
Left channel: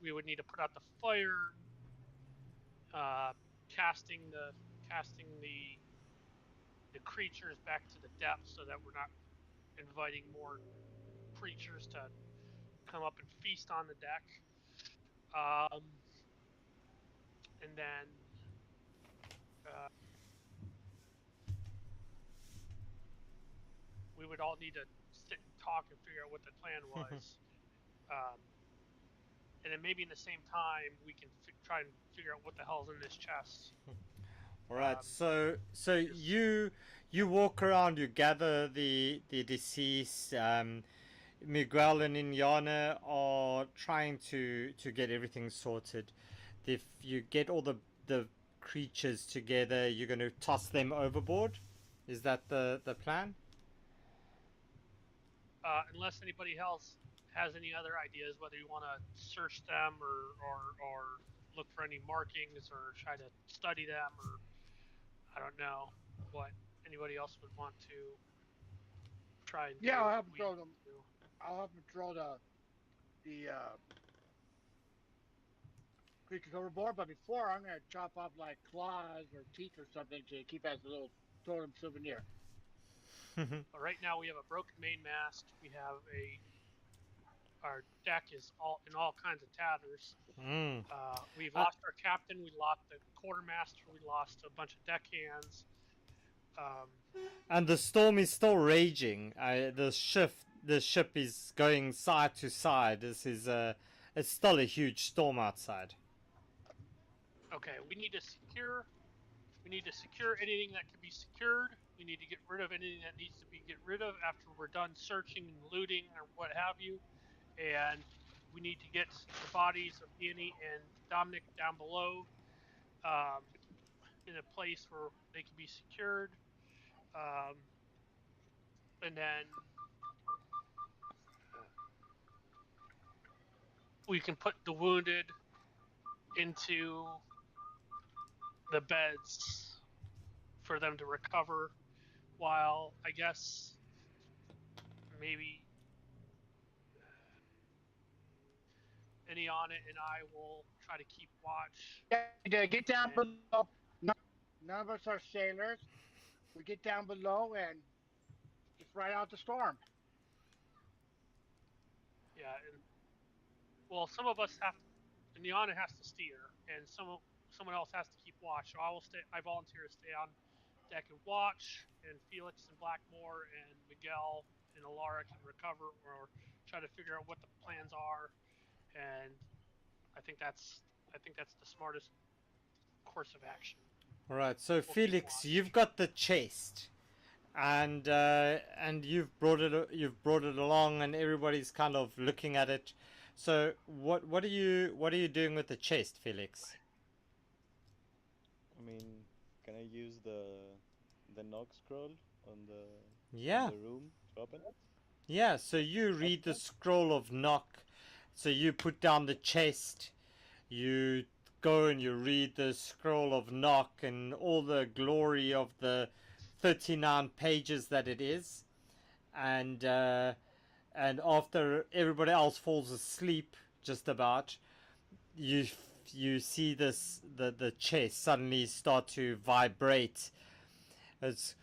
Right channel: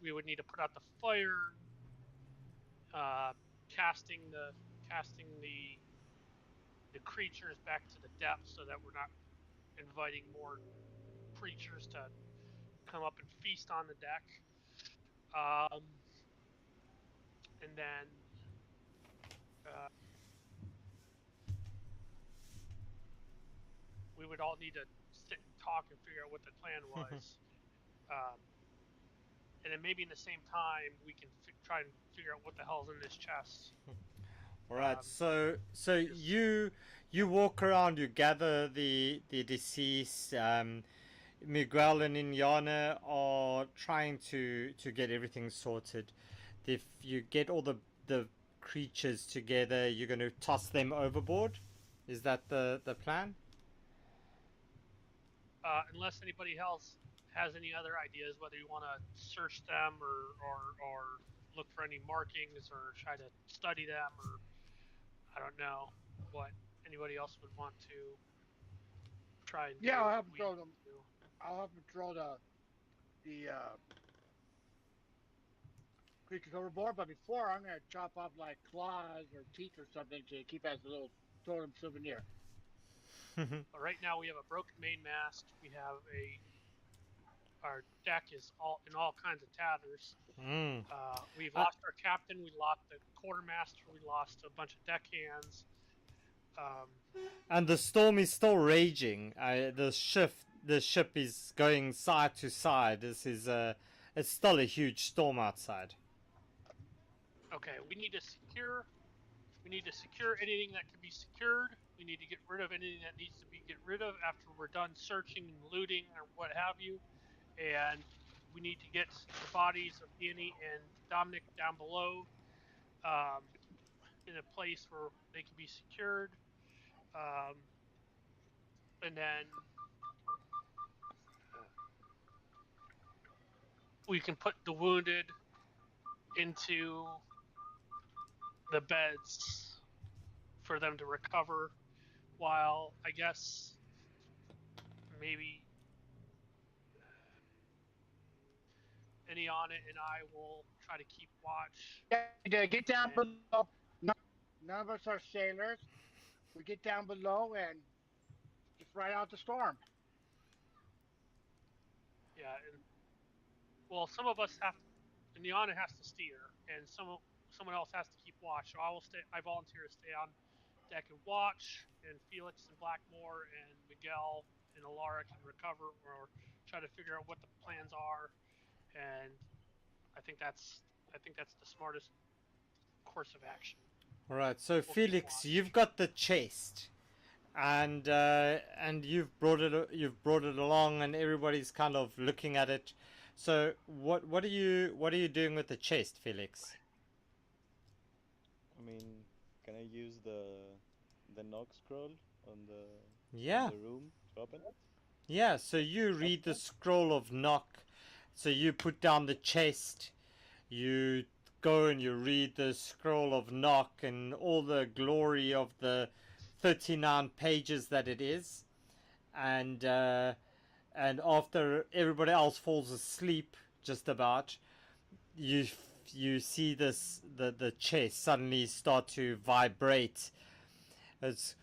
We would need to put out the fire, casting the creatures back to the depths so that we're not inviting more creatures to come up and feast on the deck. And then we would all need to sit and talk and figure out what the plan was. And then maybe in the same time we can try and figure out what the hell's in this chest. All right. So you walk around. You gather the deceased. Miguel and Inyana are trying to get everything sorted. If you get all the creatures together, you're going to toss them overboard. Is that the plan? Unless anybody else has any other ideas, whether you want to search them or look for any markings or try to study them, or I don't know what anybody else would want to try and do. Yeah, I'll have them throw them. I'll have them throw the creatures overboard. But before, I'm gonna chop off like claws or teeth or something to keep as a little totem souvenir. But right now we have a broken mainmast. We have a our deck is all in all kinds of tatters. Mm. We've lost our captain, we lost the quartermaster, we lost a bunch of deckhands. And the storm is still raging. The ship is going side to side. It's still a huge storm outside. Okay, we need to secure anything that can be secured. We need to get rid of anything that needs to be get rid of after we're done searching and looting or what have you. And we need to get the bodies of Danny and Dominic down below in a place where they can be secured. And then we can put the wounded into the beds for them to recover, while I guess maybe Iniana and I will try to keep watch. Yeah, get down below. None of us are sailors. We get down below and just ride out the storm. Yeah, and well, some of us have to, Iniana has to steer, and someone else has to keep watch. So I volunteer to stay on deck and watch, and Felix and Blackmore and Miguel and Alara can recover or try to figure out what the plans are. And I think that's the smartest course of action. All right. So We'll Felix, you've got the chest, and you've brought it along, and everybody's kind of looking at it. So what are you doing with the chest, Felix? I mean, can I use the knock scroll on Yeah. the room to open it? Yeah, so you read the scroll of knock. So you put down the chest, you go and you read the scroll of knock and all the glory of the 39 pages that it is. And after everybody else falls asleep, just about, you see the chest suddenly start to vibrate. It's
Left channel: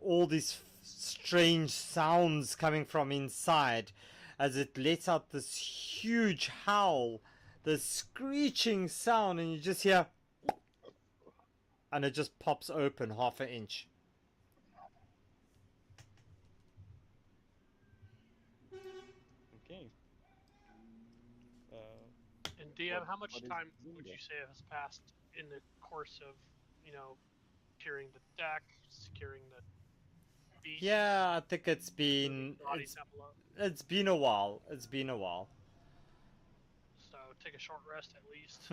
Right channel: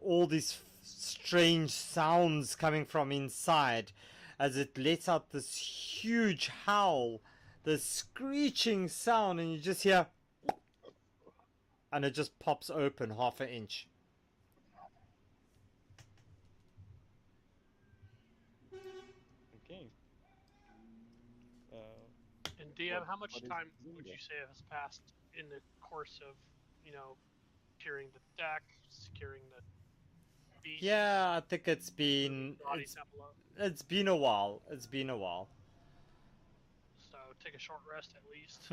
all these strange sounds coming from inside as it lets out this huge howl, this screeching sound, and you just hear, and it just pops open half an inch. Okay. And DM, how much what is time in would there? you say has passed in the course of, clearing the deck, securing the beasts? Yeah, I think it's moving been bodies down below. it's been a while. It's been a while. So take a short rest at least.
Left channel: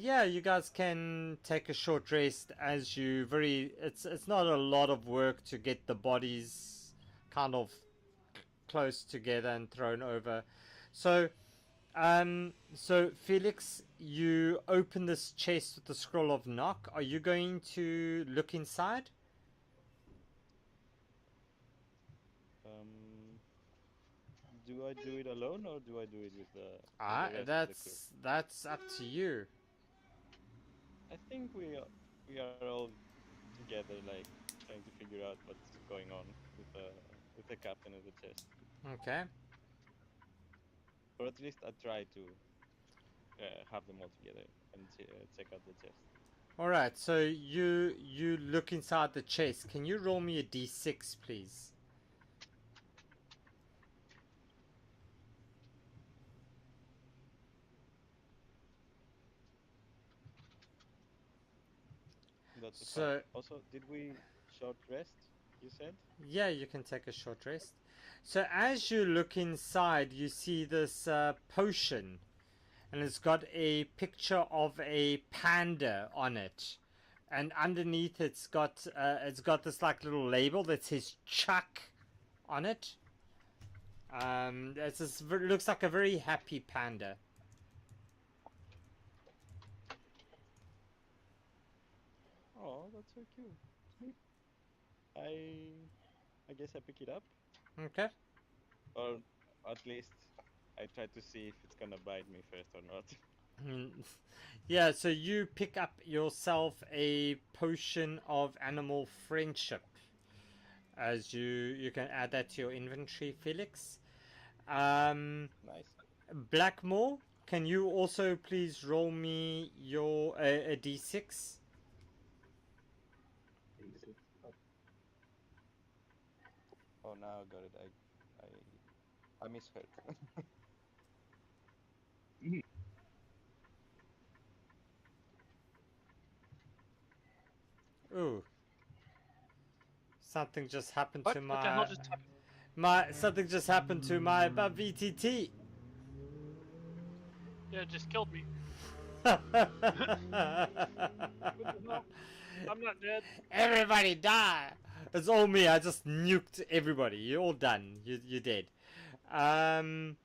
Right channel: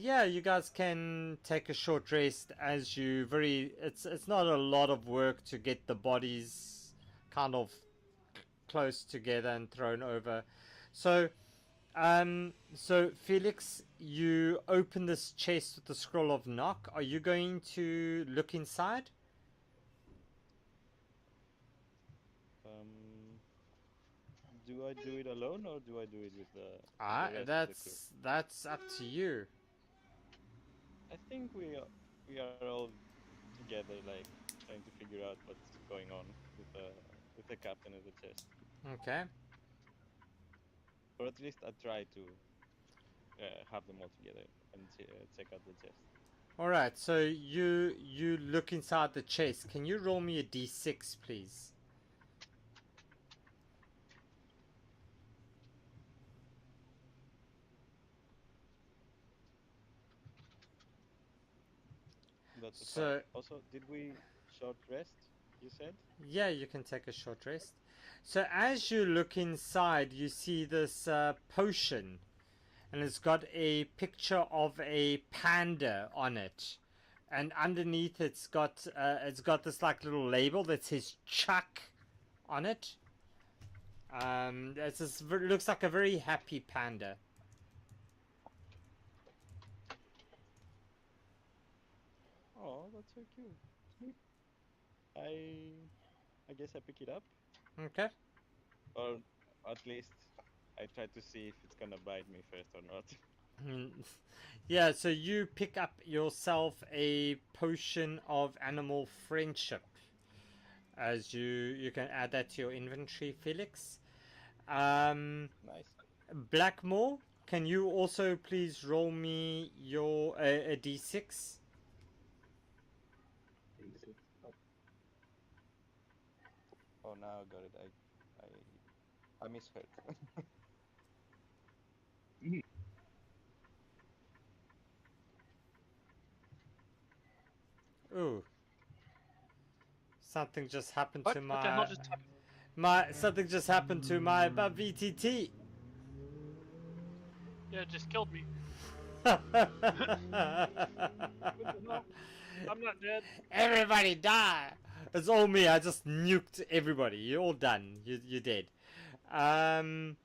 Yeah, you guys can take a short rest as you it's not a lot of work to get the bodies kind of close together and thrown over. So so Felix, you open this chest with the scroll of knock. Are you going to look inside? Do I do it alone or do I do it with the rest of the crew? That's up to you. I think we are all together, like trying to figure out what's going on with the captain of the chest, Okay. or at least I try to have them all together and check out the chest. All right. So you look inside the chest. Can you roll me a d6, please? That's a So 5. Also, did we short rest? You said. yeah, you can take a short rest. So as you look inside, you see this potion, and it's got a picture of a panda on it, and underneath it's got this like little label that says Chuck on it. Looks like a very happy panda. Oh, that's so cute. I guess I pick it up, Okay. or at least I try to see if it's gonna bite me first or not. Yeah, so you pick up yourself a potion of animal friendship. As you can add that to your inventory, Felix. Nice. Blackmore, can you also please roll me your a d6? D6. Oh, Oh, now I got it. I misheard. Ooh, something just happened What? to What the hell just happened? something just happened to my VTT. Yeah, it just killed me. What the hell? I'm not dead. Everybody die. It's all me. I just nuked everybody. You're all done. You dead. Um.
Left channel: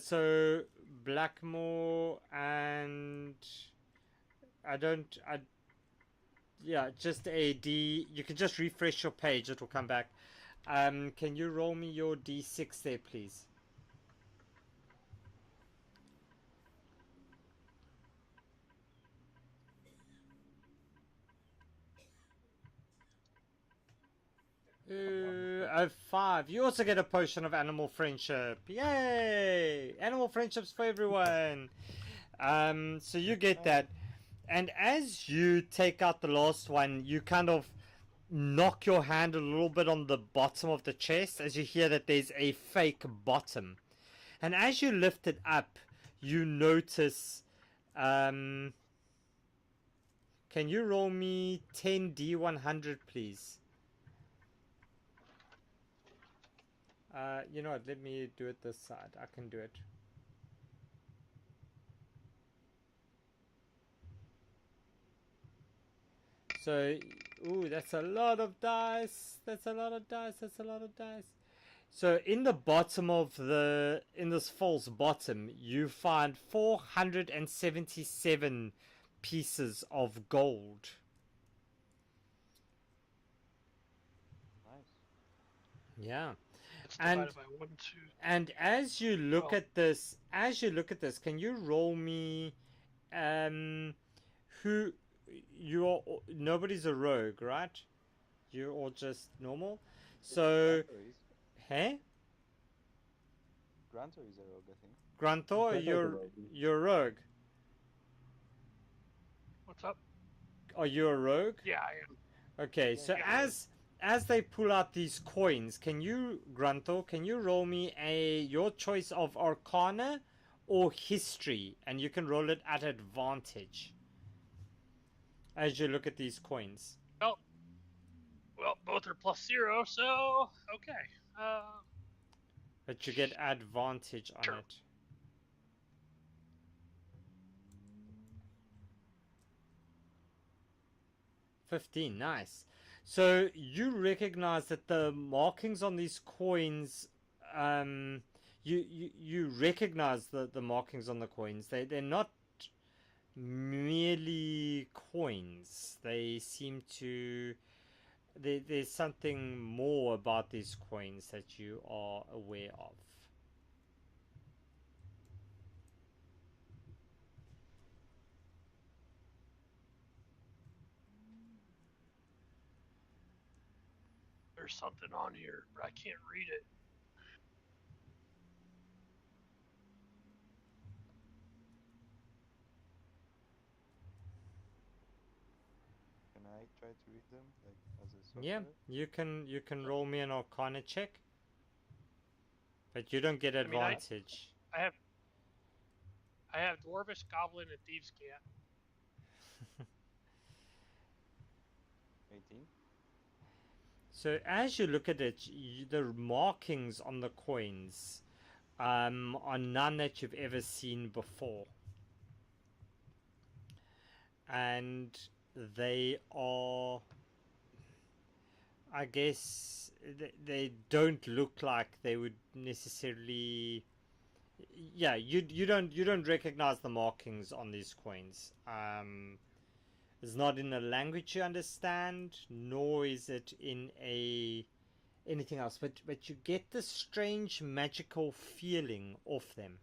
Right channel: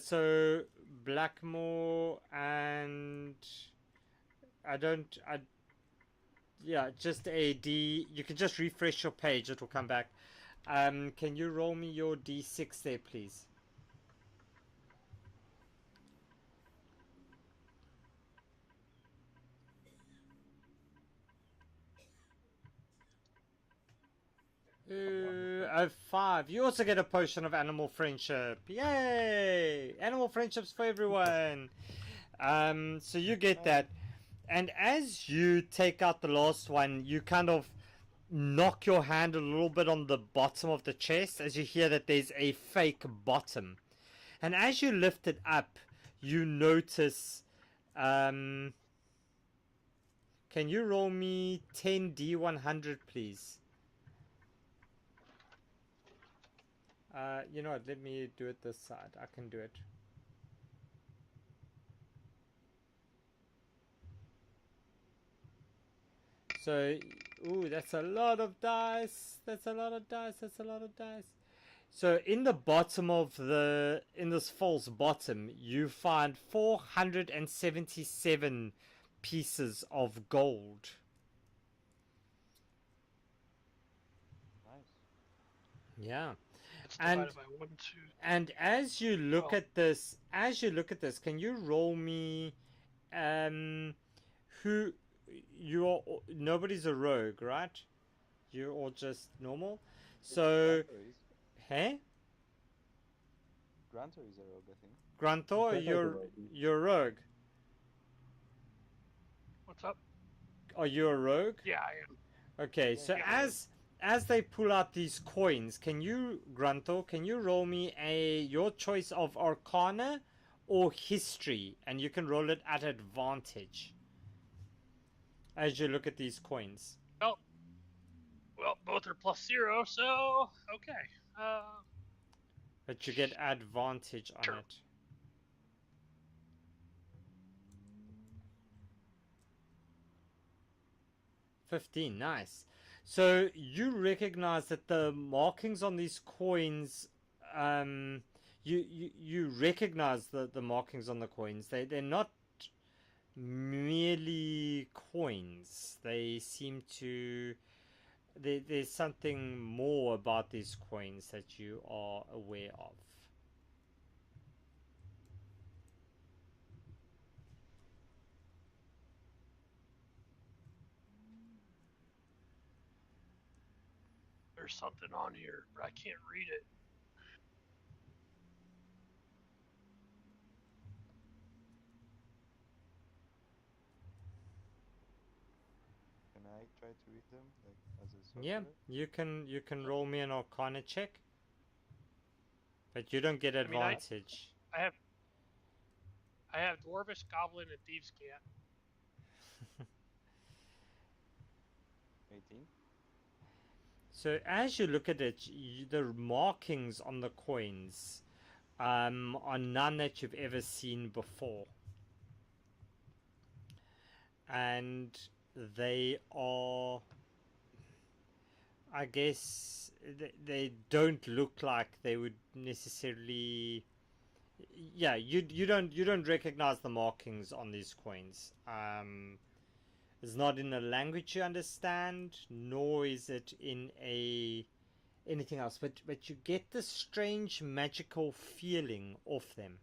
So Blackmore and I don't. I yeah. Just a D. You can just refresh your page. It will come back. Can you roll me your D6 there, please? A 5. You also get a potion of animal friendship. Yay! Animal friendships for everyone. So you get that. And as you take out the last one, you kind of knock your hand a little bit on the bottom of the chest as you hear that there's a fake bottom. And as you lift it up, you notice. Can you roll me 10d100, please? You know what? Let me do it this side. I can do it. So, ooh, that's a lot of dice. That's a lot of dice. That's a lot of dice. So, in the bottom of in this false bottom, you find 477 pieces of gold. Nice. Yeah. It's divided by 1, 2. And as you look Well. at this, can you roll me, who you are? Nobody's a rogue, right? You're all just normal. So, Grantor is. hey, Grantor is a rogue, I think. Grantor, Grantor's a rogue. you're a rogue. What's up? Are you a rogue? Yeah, I am. Okay, Yeah, so yeah. as they pull out these coins, can you, Grunto, can you roll me your choice of Arcana or History, and you can roll it at advantage as you look at these coins. Well, both are +0, so okay. But you get advantage on Sure. it. $15, nice. So you recognize that the markings on these coins, you recognize the markings on the coins. They're not merely coins. They seem to there's something more about these coins that you are aware of. There's something on here, but I can't read it. Can I try to read them, like as a sorcerer? Yeah, you can roll me an Arcana check, but you don't get advantage. I have Dwarvish, Goblin, and Thieves' Cant. 18. So as you look at it, the markings on the coins are none that you've ever seen before, and they are, I guess, they don't look like they would necessarily. Yeah, you don't recognize the markings on these coins. It's not in a language you understand, nor is it in anything else. But you get this strange magical feeling off them.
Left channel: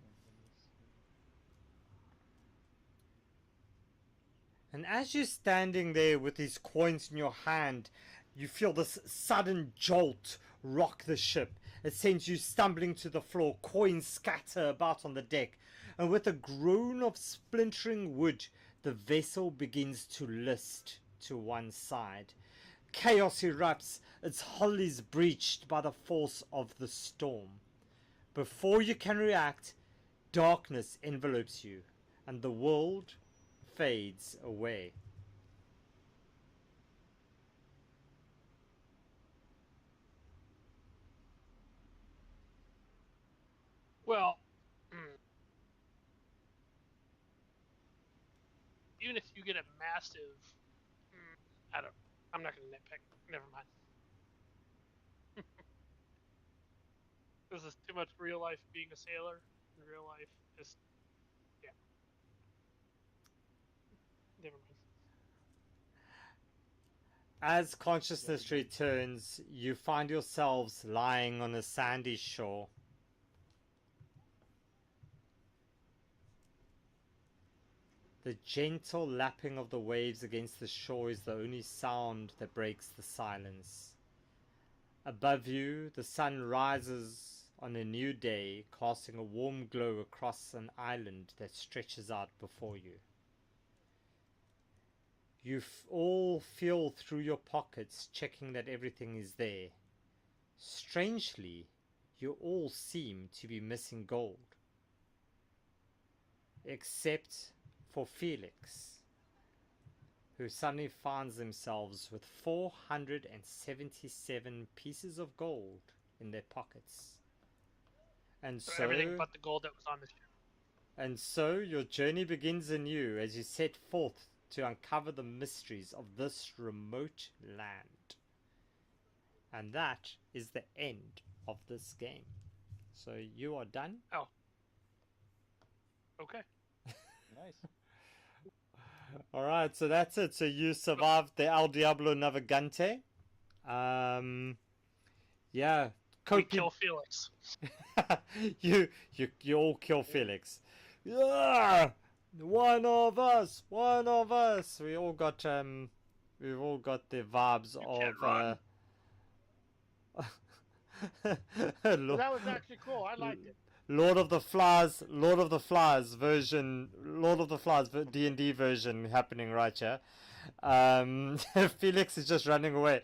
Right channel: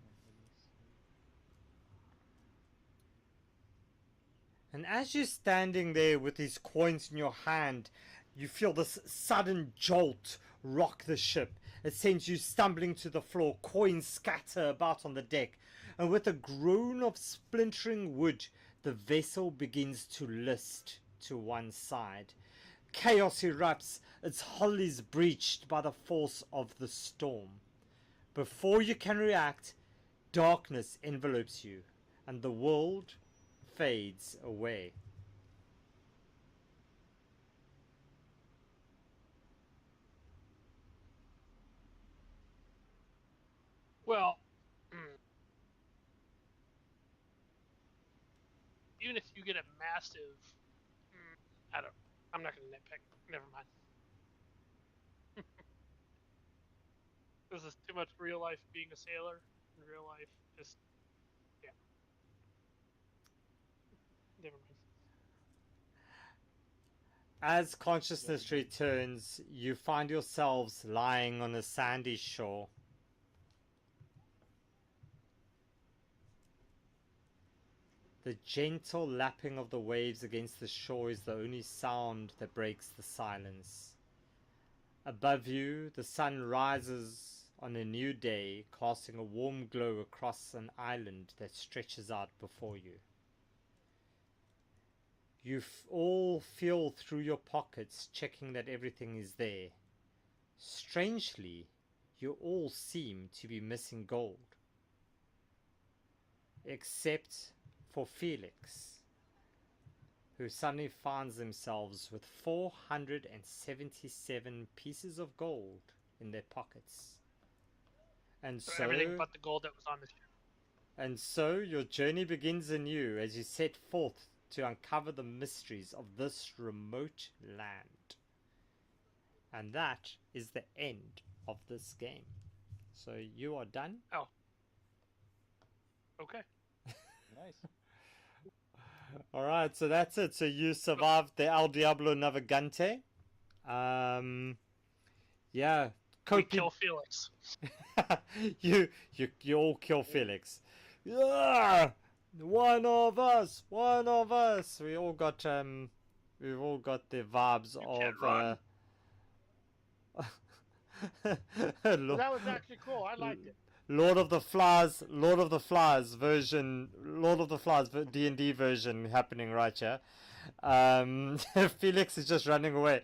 Let me see. And as you're standing there with these coins in your hand, You feel this sudden jolt rock the ship. It sends you stumbling to the floor. Coins scatter about on the deck. And with a groan of splintering wood, the vessel begins to list to one side. Chaos erupts. Its hull is breached by the force of the storm. Before you can react, darkness envelopes you, and the world fades away. Well, even if you get a massive, I'm not going to nitpick. Never mind. This is too much real life being a sailor. In real life, just yeah. Never mind. As consciousness returns, you find yourselves lying on a sandy shore. The gentle lapping of the waves against the shore is the only sound that breaks the silence. Above you, the sun rises on a new day, casting a warm glow across an island that stretches out before you. You all feel through your pockets, checking that everything is there. Strangely, you all seem to be missing gold. Except for Felix, who suddenly finds themselves with 477 pieces of gold in their pockets. And so everything but the gold that was on the ship. And so your journey begins anew as you set forth to uncover the mysteries of this remote land. And that is the end of this game. So you are done. Oh. Okay. Nice. Alright, so that's it. So you survived the El Diablo Navigante. Yeah. We kill Felix. you all kill Felix. Yeah! One of us. We all got we've all got the vibes You of can't run. Well, that was actually cool. I liked it. Lord of the Flies version, D&D version happening right here. Felix is just running away.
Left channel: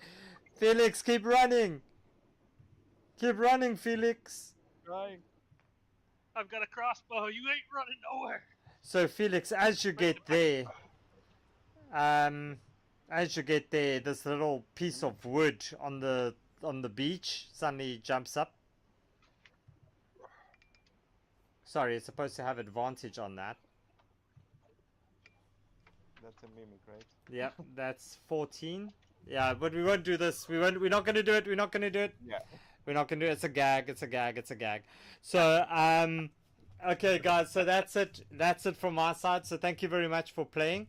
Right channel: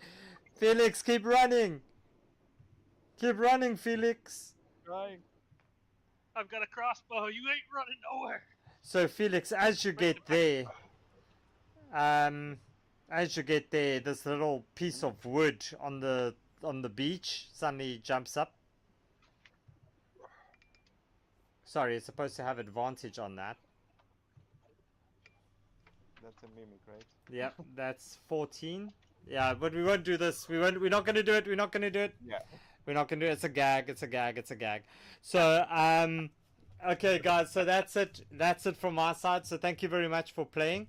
Felix, keep running. Keep running, Felix. Right. I've got a crossbow. You ain't running nowhere. So Felix, as you get there, this little piece of wood on the beach suddenly jumps up. Sorry, it's supposed to have advantage on that. That's a mimic, right? Yep, that's 14. Yeah, but we won't do this. We're not going to do it. We're not going to do it. Yeah. We're not going to do it. It's a gag. So, okay, guys. So that's it. That's it from my side. So thank you very much for playing.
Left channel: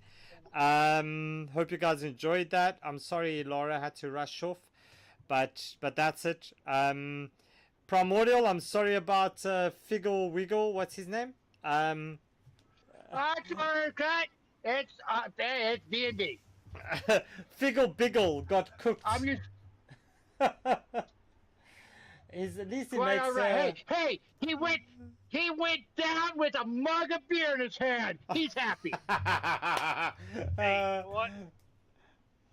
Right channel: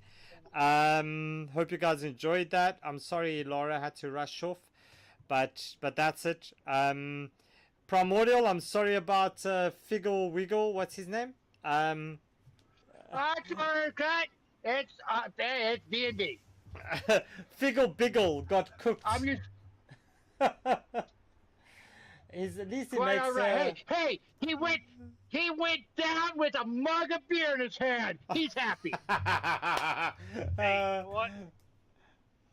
Hope you guys enjoyed that. I'm sorry Laura had to rush off, but that's it. Primordial, I'm sorry about Figgle Wiggle. What's his name? Cut. It's D&D. Figgle Biggle got cooked. I'm used. At least he Quite makes, all right. Hey, he went down with a mug of beer in his hand. He's happy. Hey, you know what?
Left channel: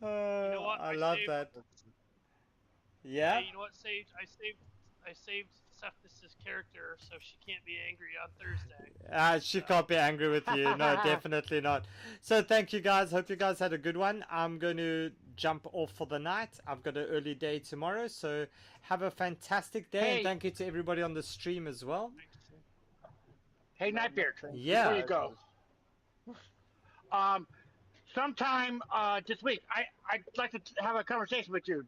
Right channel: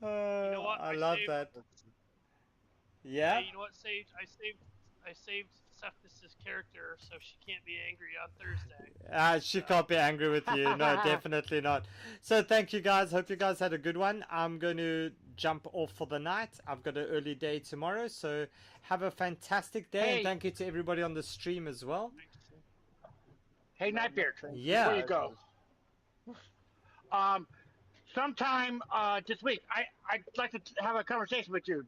You know what? I love saved, that. Yeah. Hey, you know what, Sage? I saved Cephas's character, so she can't be angry on Thursday. She can't be angry with you. No, definitely not. So thank you guys. Hope you guys had a good one. I'm going to jump off for the night. I've got an early day tomorrow, so have a fantastic day. Hey. And thank you to everybody on the stream as well. Hey, Nightbeard. Yeah. Before you go, sometime this week, I'd like to have a conversation with you.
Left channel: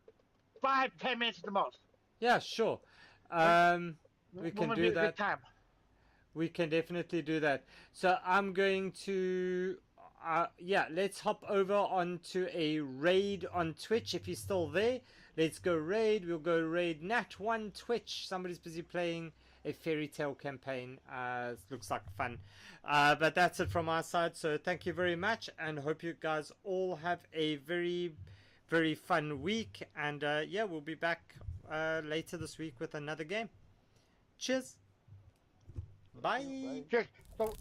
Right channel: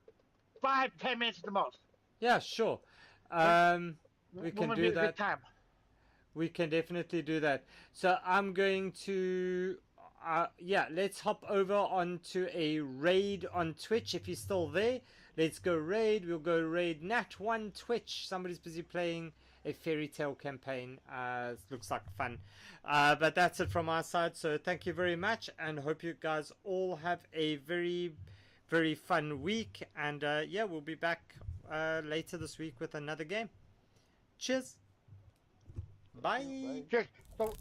5-10 minutes at the most. Yeah, sure. We When can would do be a that. good time? We can definitely do that. So I'm going to, let's hop over onto a raid on Twitch if you're still there. Let's go raid. We'll go raid Nat1 Twitch. Somebody's busy playing a fairy tale campaign. Looks like fun. But that's it from our side. So thank you very much, and hope you guys all have a very, very fun week, and yeah, we'll be back later this week with another game. Cheers. Bye. Bye. Cheers. So